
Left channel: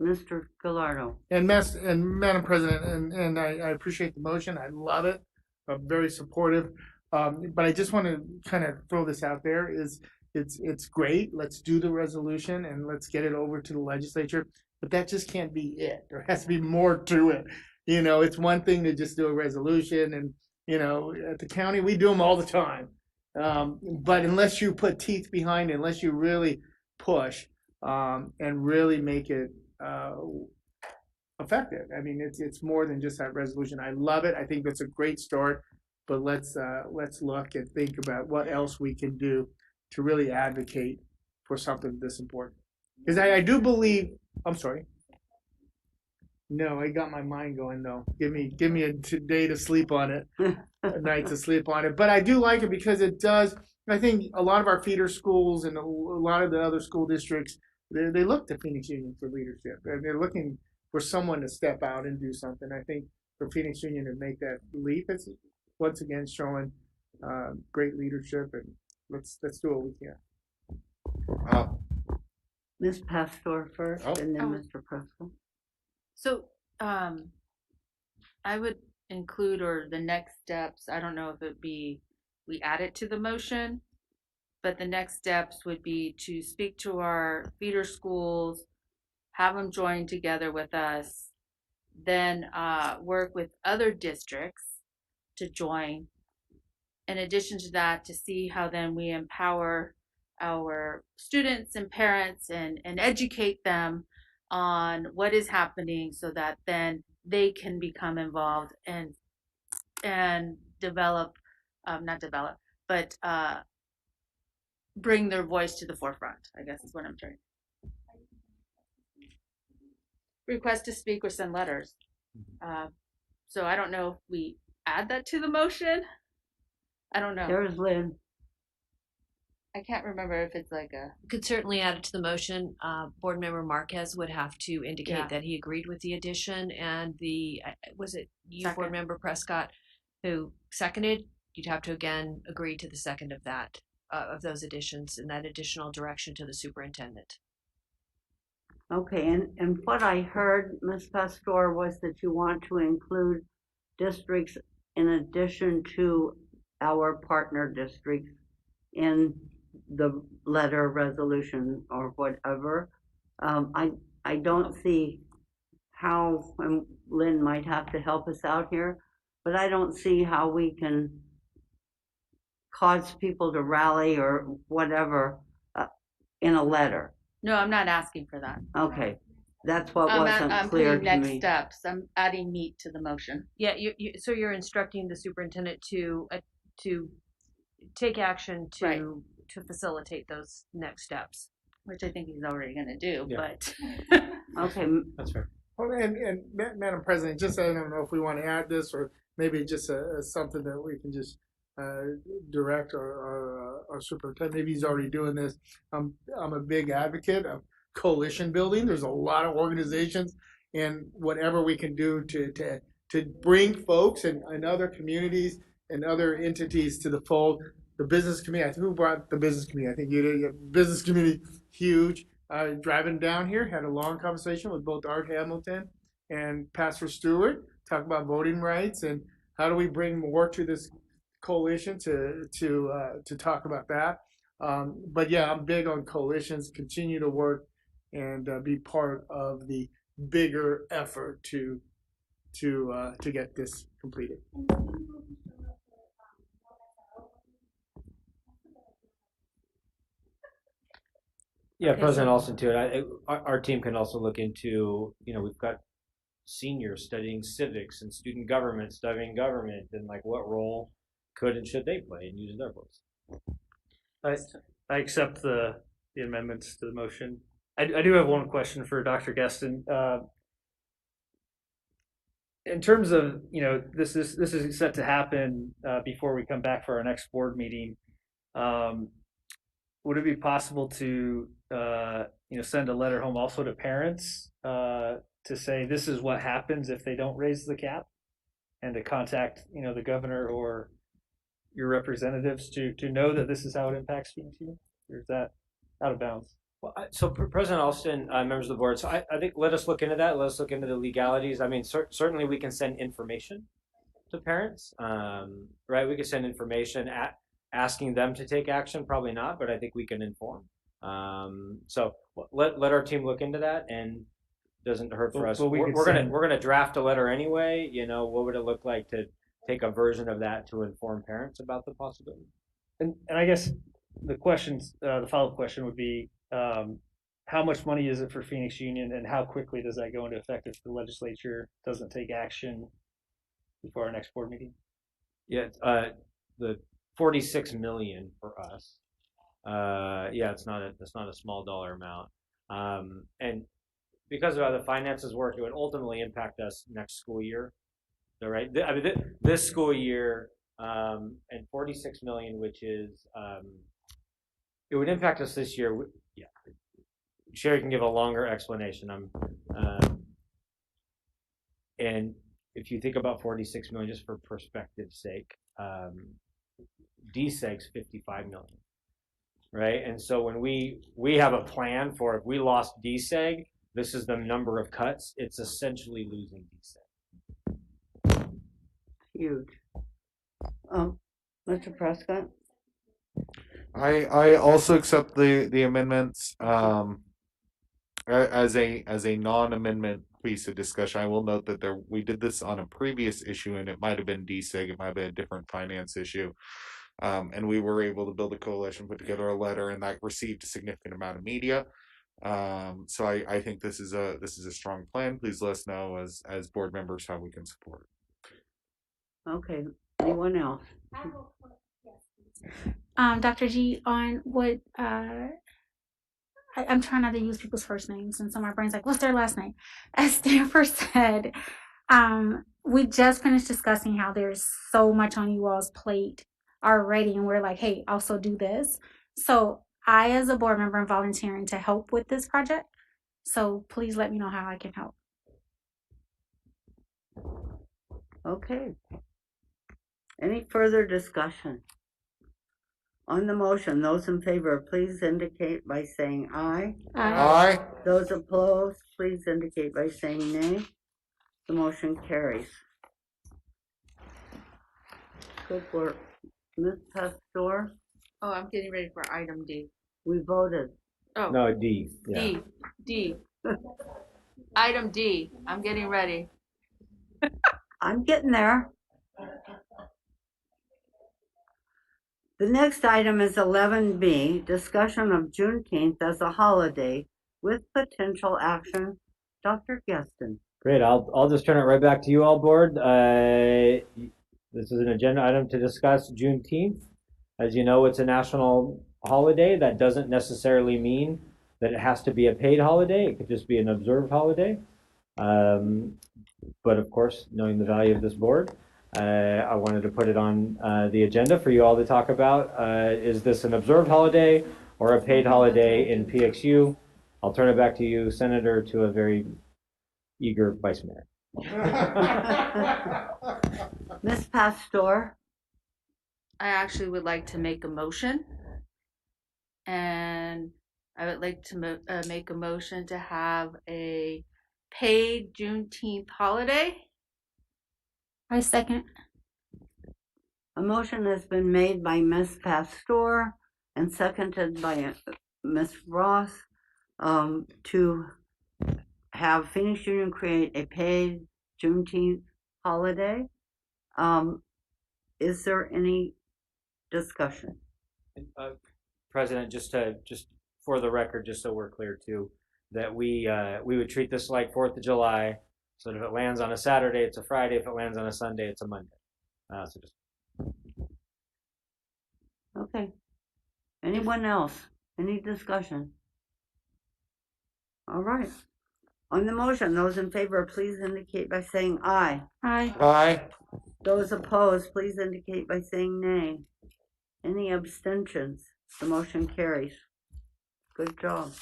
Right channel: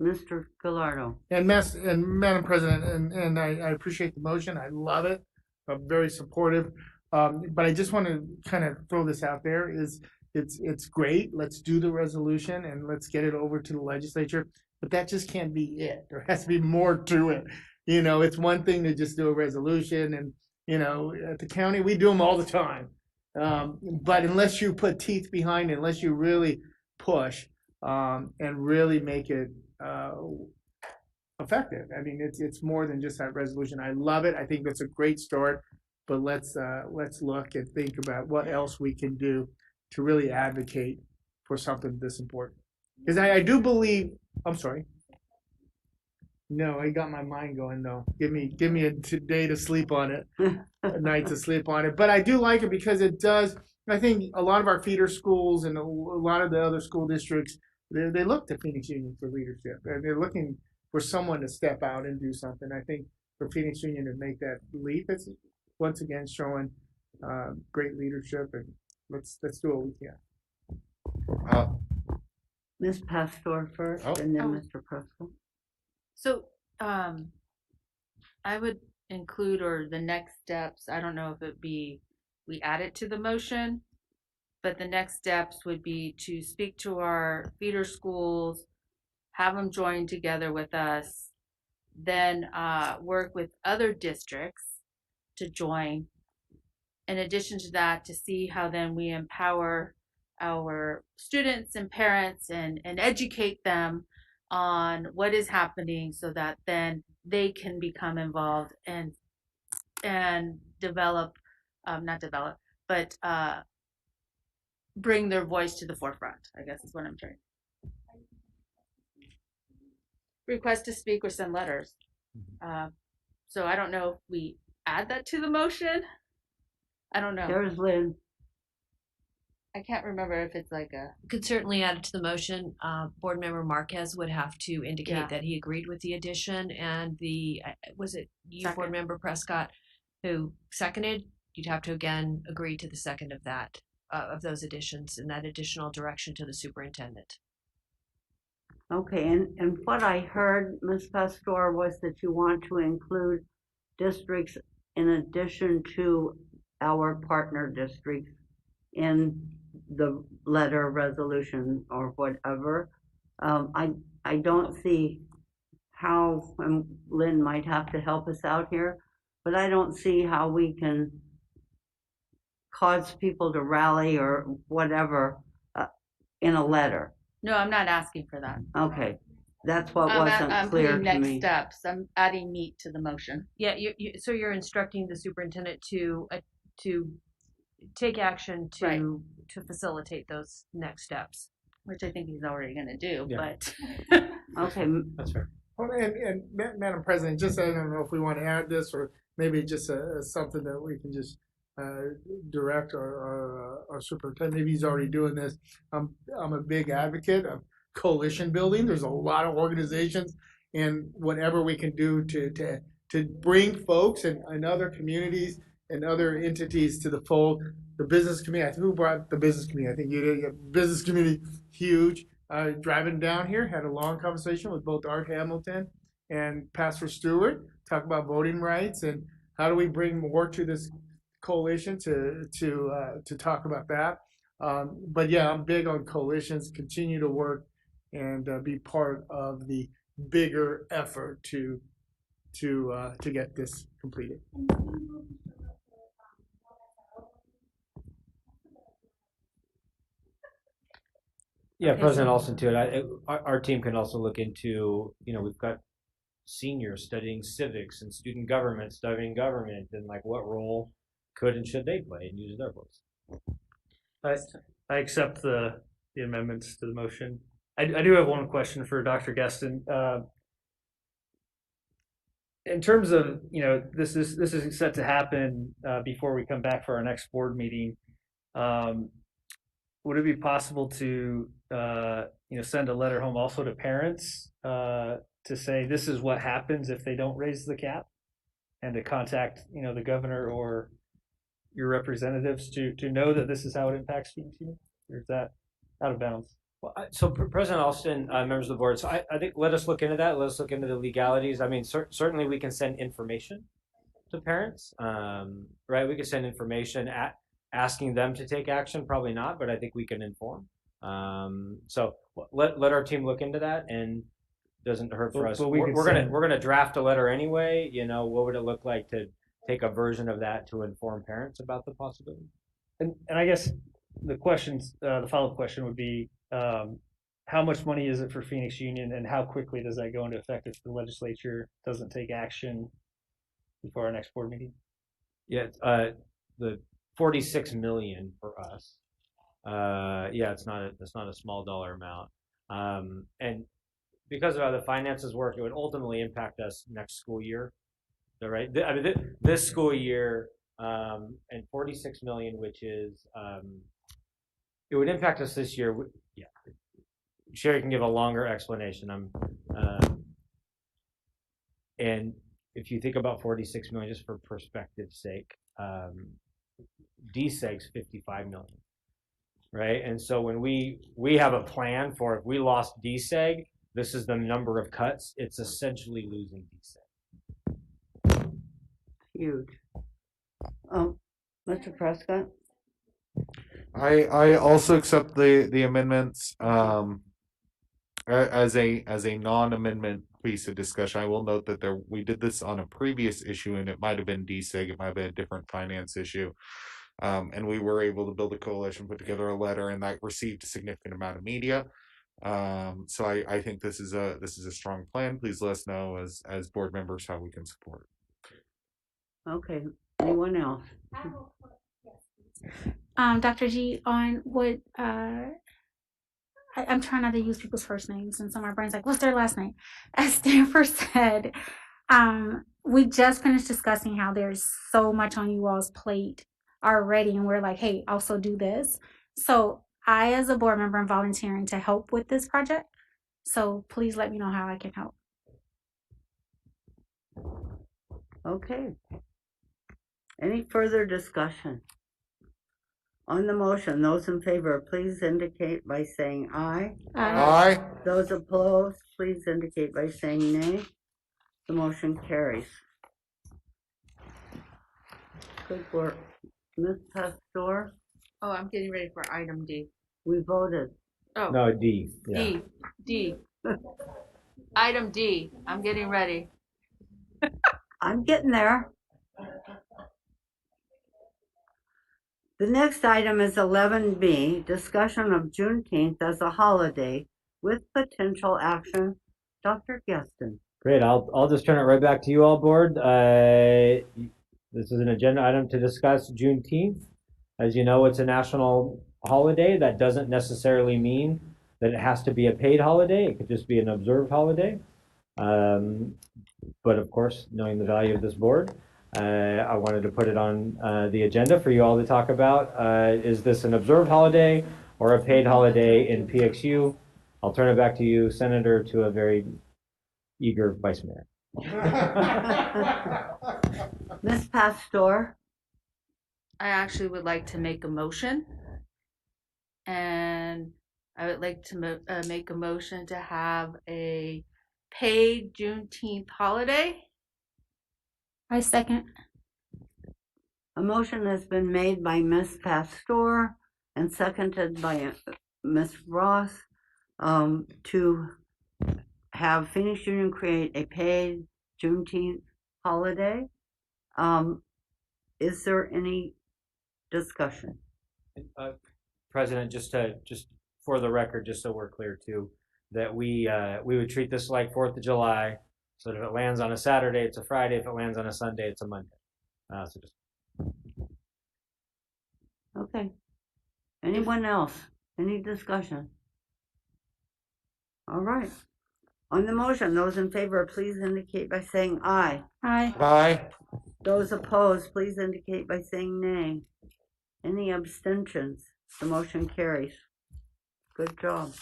Mr. Gallardo? And Madam President, and I appreciate the motion. I love it. I'm very supportive. But I just want to kind of throw this out there is it's great. Let's do the resolution and let's get it over to the legislature. But that just can't be it. There has to be more to it. It's one thing to just do a resolution, and at the county we do them all the time. But unless you put teeth behind it, unless you really push and really make it effective. I mean, it's more than just that resolution. I love it. I think that's a great start. But let's look and think about what else we can do to really advocate for something this important. Because I do believe. I'm sorry. No, I got my mind going though. Give me a day to sleep on it, a night to sleep on it. But I do like it because it does. I think a lot of our feeder schools and a lot of the other school districts, they look to Phoenix Union for leadership, and they're looking for someone to step out and do something. I think for Phoenix Union to make that leap, it's once again showing great leadership, and let's do what we can. Ms. Pastor first, and then Mr. Prescott. So, I would include, or the next steps, I don't know if it'd be, we add it to the motion, but the next steps would be to speak to our feeder schools, have them join together with us, then work with other districts to join. In addition to that, to see how then we empower our students and parents and educate them on what is happening so that then they can become involved and bring their voice to the forefront, I guess is what I'm trying. Request to speak or send letters. So I don't know if we add that to the motion. I don't know. There's Lynn. I can't remember if it's like a. Could certainly add it to the motion. Board Member Marquez would have to indicate that he agreed with the addition, and was it you, Second. Board Member Prescott, who seconded? You'd have to again agree to the second of that, of those additions, and that additional direction to the superintendent. Okay, and what I heard, Ms. Pastor, was that you want to include districts in addition to our partner districts in the letter, resolution, or whatever. I don't see how, and Lynn might have to help us out here, but I don't see how we can cause people to rally or whatever in a letter. No, I'm not asking for that. Okay, that's what wasn't clear to next me. steps. I'm adding meat to the motion. Yeah, so you're instructing the superintendent to take action to facilitate those next steps, which I think he's already going to do. Yeah. But okay, that's fair. Well, and Madam President, just I don't know if we want to add this or maybe just something that we can just direct our superintendent. Maybe he's already doing this. I'm a big advocate of coalition building. There's a lot of organizations, and whatever we can do to bring folks and other communities and other entities to the fold. The business community. Who brought the business community? I think you did. Business community, huge. Driving down here, had a long conversation with both Art Hamilton and Pastor Stewart, talk about voting rights and how do we bring more to this coalition to talk about that. But yeah, I'm big on coalitions. Continue to work and be part of the bigger effort to get this completed. Yeah, Okay, President so- Alston too. Our team can also look into, we've got seniors studying civics and student government, studying government, and like what role could and should they play and use their votes. I accept the amendments to the motion. I do have one question for Dr. Guestin. In terms of, this is set to happen before we come back for our next board meeting. Would it be possible to send a letter home also to parents to say this is what happens if they don't raise the cap, and to contact the governor or your representatives to know that this is how it impacts students? Or is that out of bounds? Well, so President Alston, members of the board, so I think let us look into that. Let us look into the legalities. I mean, certainly we can send information to parents, right? We can send information asking them to take action. Probably not, but I think we can inform. So let our team look into that, and doesn't hurt for us. But we're gonna draft a letter anyway. What would it look like to take a version of that to inform parents about the possibility? And I guess the questions, the follow-up question would be, how much money is it for Phoenix Union, and how quickly does that go into effect if the legislature doesn't take action before our next board meeting? Yeah, the 46 million for us. Yeah, it's not a small dollar amount. And because of how the finances work, it would ultimately impact us next school year. So, right? I mean, this school year, and 46 million, which is, it would impact us this year. Yeah. Sherry can give a longer explanation. And if you think about 46 million, just for perspective's sake, DSEG's 55 million, right? And so when we have a plan for if we lost DSEG, this is the number of cuts. It's essentially losing DSEG. Huge. Mr. Prescott? I also accept the amendments as a non-amendment piece of discussion. I will note that we did this on a previous issue, and it might have been DSEG, it might have been a different finance issue, and we were able to build a coalition, put together a letter, and that received a significant amount of media. So I think this is a strong plan. Please let us know as board members how we can support it. Okay. Anyone else? Dr. G, on what I'm trying not to use people's first names, and so my brain's like, what's their last name? As Stanford said, we just finished discussing how there's so much on you all's plate already, and we're like, hey, also do this. So I, as a board member, am volunteering to help with this project. So please let me know how I can help. Okay. Any further discussion? On the motion, those in favor, please indicate by saying aye. Aye. Those opposed, please indicate by saying nay. The motion carries. Good work. Ms. Pastor? Oh, I'm getting ready for item D. We voted. Oh. No, D. Yeah. D. Item D. I'm getting ready. I'm getting there. The next item is 11B, discussion of Juneteenth as a holiday with potential action. Dr. Guestin. Great. I'll just turn it right back to you all, board. This is an agenda item to discuss Juneteenth. As you know, it's a national holiday. That doesn't necessarily mean that it has to be a paid holiday. It could just be an observed holiday. But of course, knowing the value of this board, I wanted to put it on the agenda for you all to talk about. Is this an observed holiday or a paid holiday in PXU? I'll turn it back to you, Senator, to a very eager Vice Mayor. Ms. Pastor? I actually would like to make a motion, and I would like to make a motion to have a paid Juneteenth holiday. I second. A motion has been made by Ms. Pastor and seconded by Ms. Ross to have Phoenix Union create a paid Juneteenth holiday. Is there any discussion? President, just for the record, just so we're clear too, that we would treat this like 4th of July. So if it lands on a Saturday, it's a Friday. If it lands on a Sunday, it's a Monday. So just Okay. Anyone else? Any discussion? All right. On the motion, those in favor, please indicate by saying aye. Aye. Aye. Those opposed, please indicate by saying nay. Any abstentions? The motion carries. Good job.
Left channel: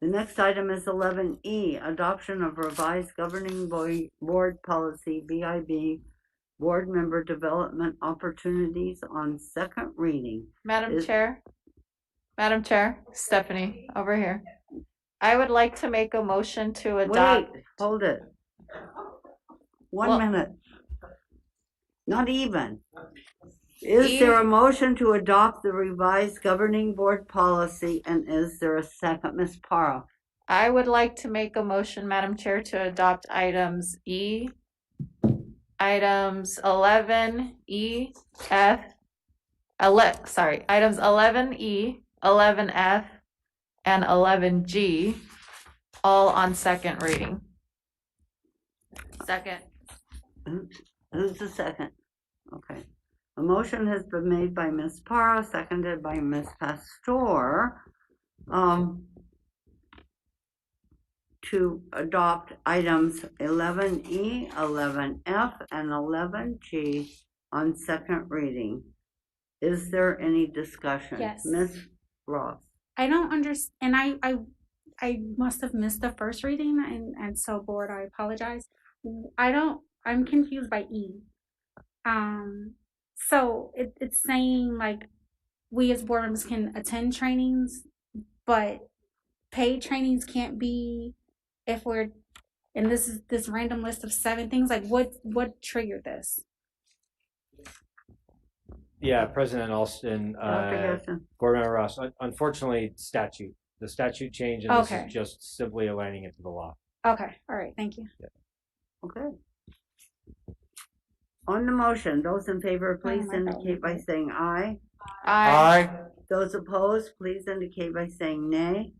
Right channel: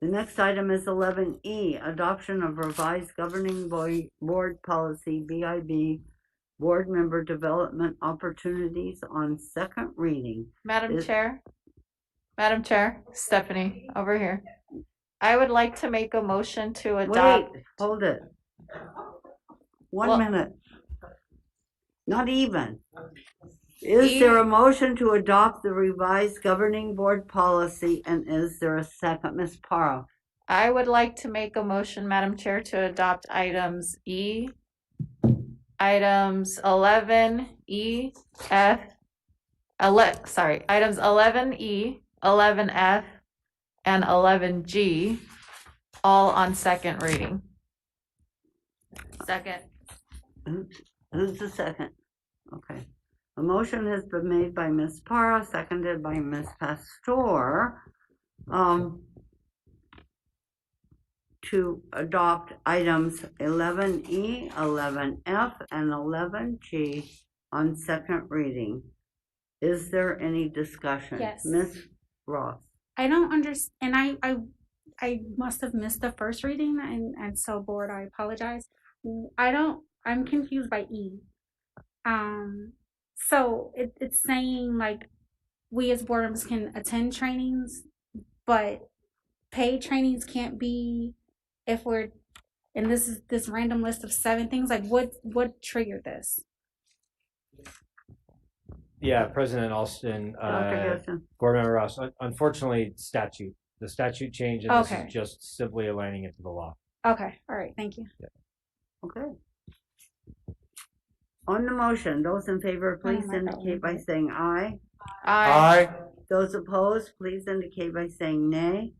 The next item is 11E, adoption of revised governing board policy, BIB, board member development opportunities on second reading. Madam Chair, Stephanie, over here. I would like to make a motion to adopt. Wait, hold it. One minute. Not even. Is there a motion to adopt the revised governing board policy, and is there a second? Ms. Parra? I would like to make a motion, Madam Chair, to adopt items items 11E, F, items 11E, 11F, and 11G, all on second reading. Second. Who's the second? Okay. A motion has been made by Ms. Parra, seconded by Ms. Pastor, to adopt items 11E, 11F, and 11G on second reading. Is there any discussion? Yes. Ms. Ross? I don't understand, and I must have missed the first reading, and so board, I apologize. I'm confused by E. So it's saying like we as board members can attend trainings, but paid trainings can't be if we're, and this is this random list of 7 things. Like what triggered this? yeah, President Alston, Board Member Ross. Unfortunately, the statute changed, and this is just simply aligning it to the law. Okay, all right, thank you. Yeah. Okay. On the motion, those in favor, please indicate by saying aye. Aye. Those opposed, please indicate by saying nay.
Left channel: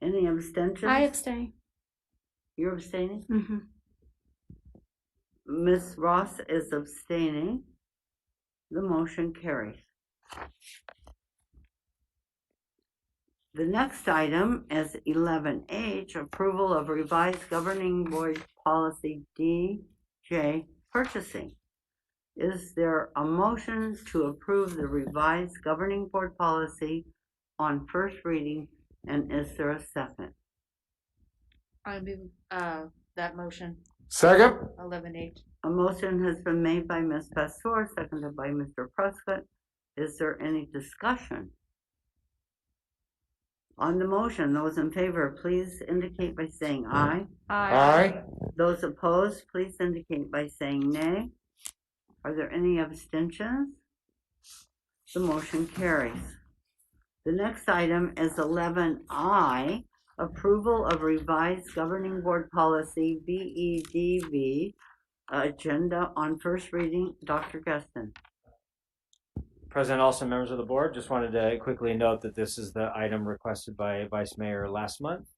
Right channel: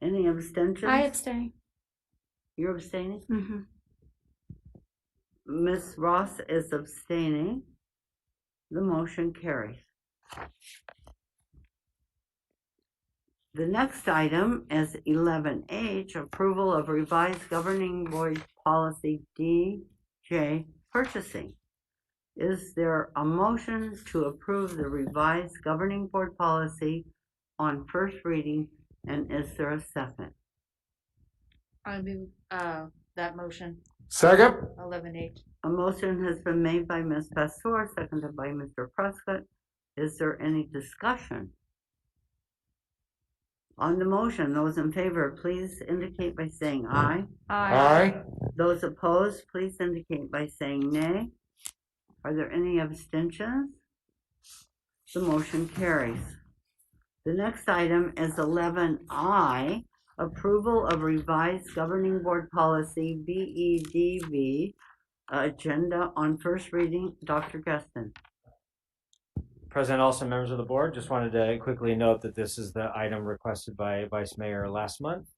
Any abstentions? I abstain. You're abstaining? Mm-hmm. Ms. Ross is abstaining. The motion carries. The next item is 11H, approval of revised governing board policy DJ, purchasing. Is there a motion to approve the revised governing board policy on first reading, and is there a second? I move that motion. Second. 11H. A motion has been made by Ms. Pastor, seconded by Mr. Prescott. Is there any discussion? On the motion, those in favor, please indicate by saying aye. Aye. Those opposed, please indicate by saying nay. Are there any abstentions? The motion carries. The next item is 11I, approval of revised governing board policy BEDV, agenda on first reading. Dr. Gustin. President Alston, members of the board, just wanted to quickly note that this is the item requested by Vice Mayor last month.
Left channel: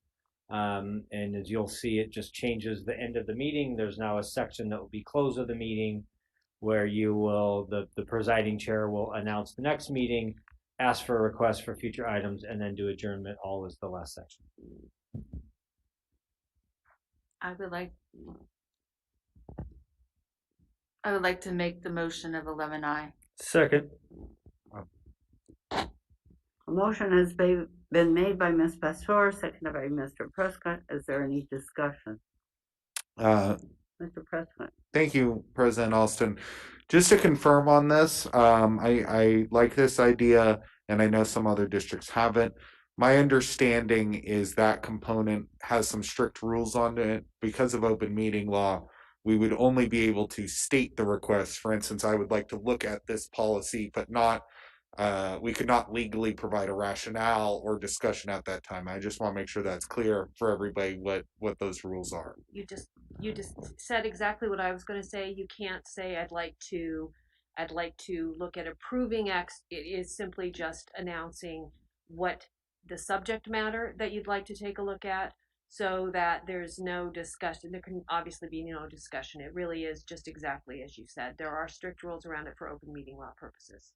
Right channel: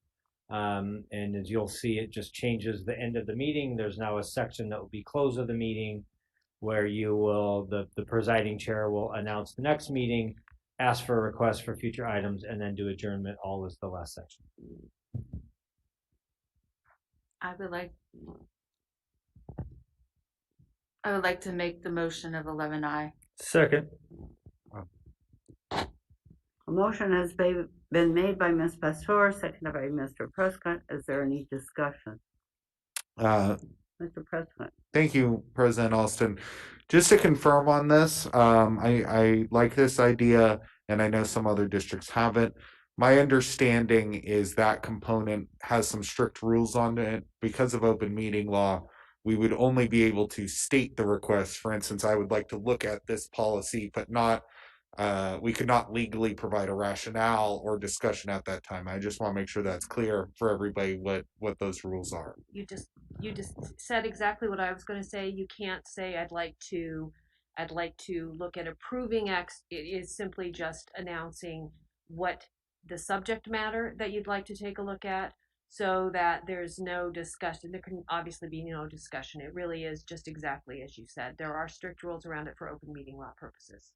And as you'll see, it just changes the end of the meeting. There's now a section that will be close of the meeting where you will, the presiding chair will announce the next meeting, ask for a request for future items, and then do adjournment, all is the last section. I would like to make the motion of 11I. Second. A motion has been made by Ms. Pastor, seconded by Mr. Prescott. Is there any discussion? Mr. Prescott. Thank you, President Alston. Just to confirm on this, I like this idea, and I know some other districts haven't. My understanding is that component has some strict rules on it because of open meeting law. We would only be able to state the request. For instance, I would like to look at this policy, but not. We could not legally provide a rationale or discussion at that time. I just want to make sure that's clear for everybody what those rules are. You just said exactly what I was going to say. You can't say I'd like to look at approving X. It is simply just announcing what the subject matter that you'd like to take a look at, so that there's no discussion. There can obviously be no discussion. It really is just exactly as you said. There are strict rules around it for open meeting law purposes.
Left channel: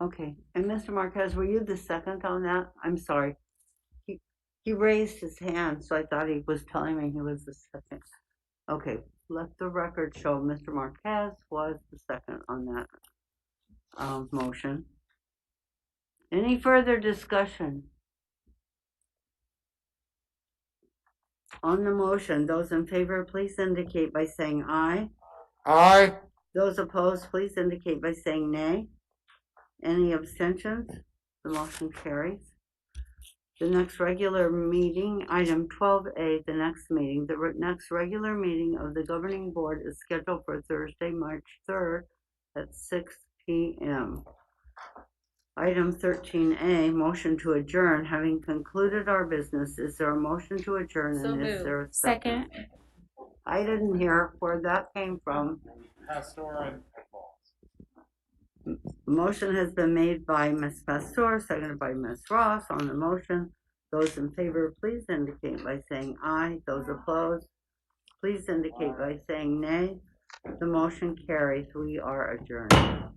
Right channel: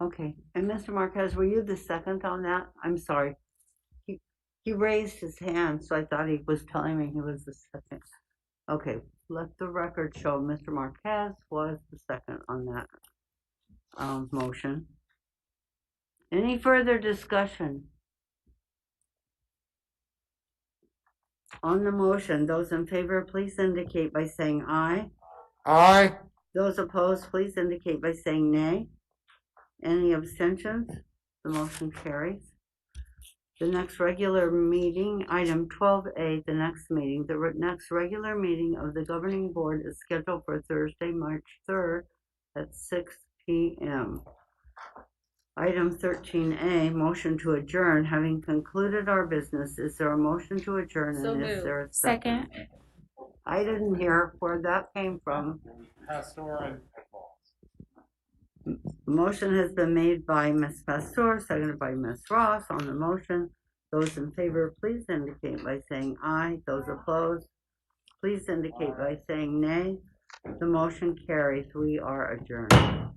Okay, and Mr. Marquez, were you the second on that? I'm sorry. He raised his hand, so I thought he was telling me he was the second. Okay, let the record show Mr. Marquez was the second on that motion. Any further discussion? On the motion, those in favor, please indicate by saying aye. Aye. Those opposed, please indicate by saying nay. Any abstentions? The motion carries. The next regular meeting, item 12A, the next meeting. The next regular meeting of the governing board is scheduled for Thursday, March 3rd at 6 p.m. Item 13A, motion to adjourn. Having concluded our business, is there a motion to adjourn? So and is moved. there a second? I didn't hear where that came from. Pastor and Motion has been made by Ms. Pastor, seconded by Ms. Ross. On the motion, those in favor, please indicate by saying aye. Those opposed, please indicate by saying nay. The motion carries. We are adjourned.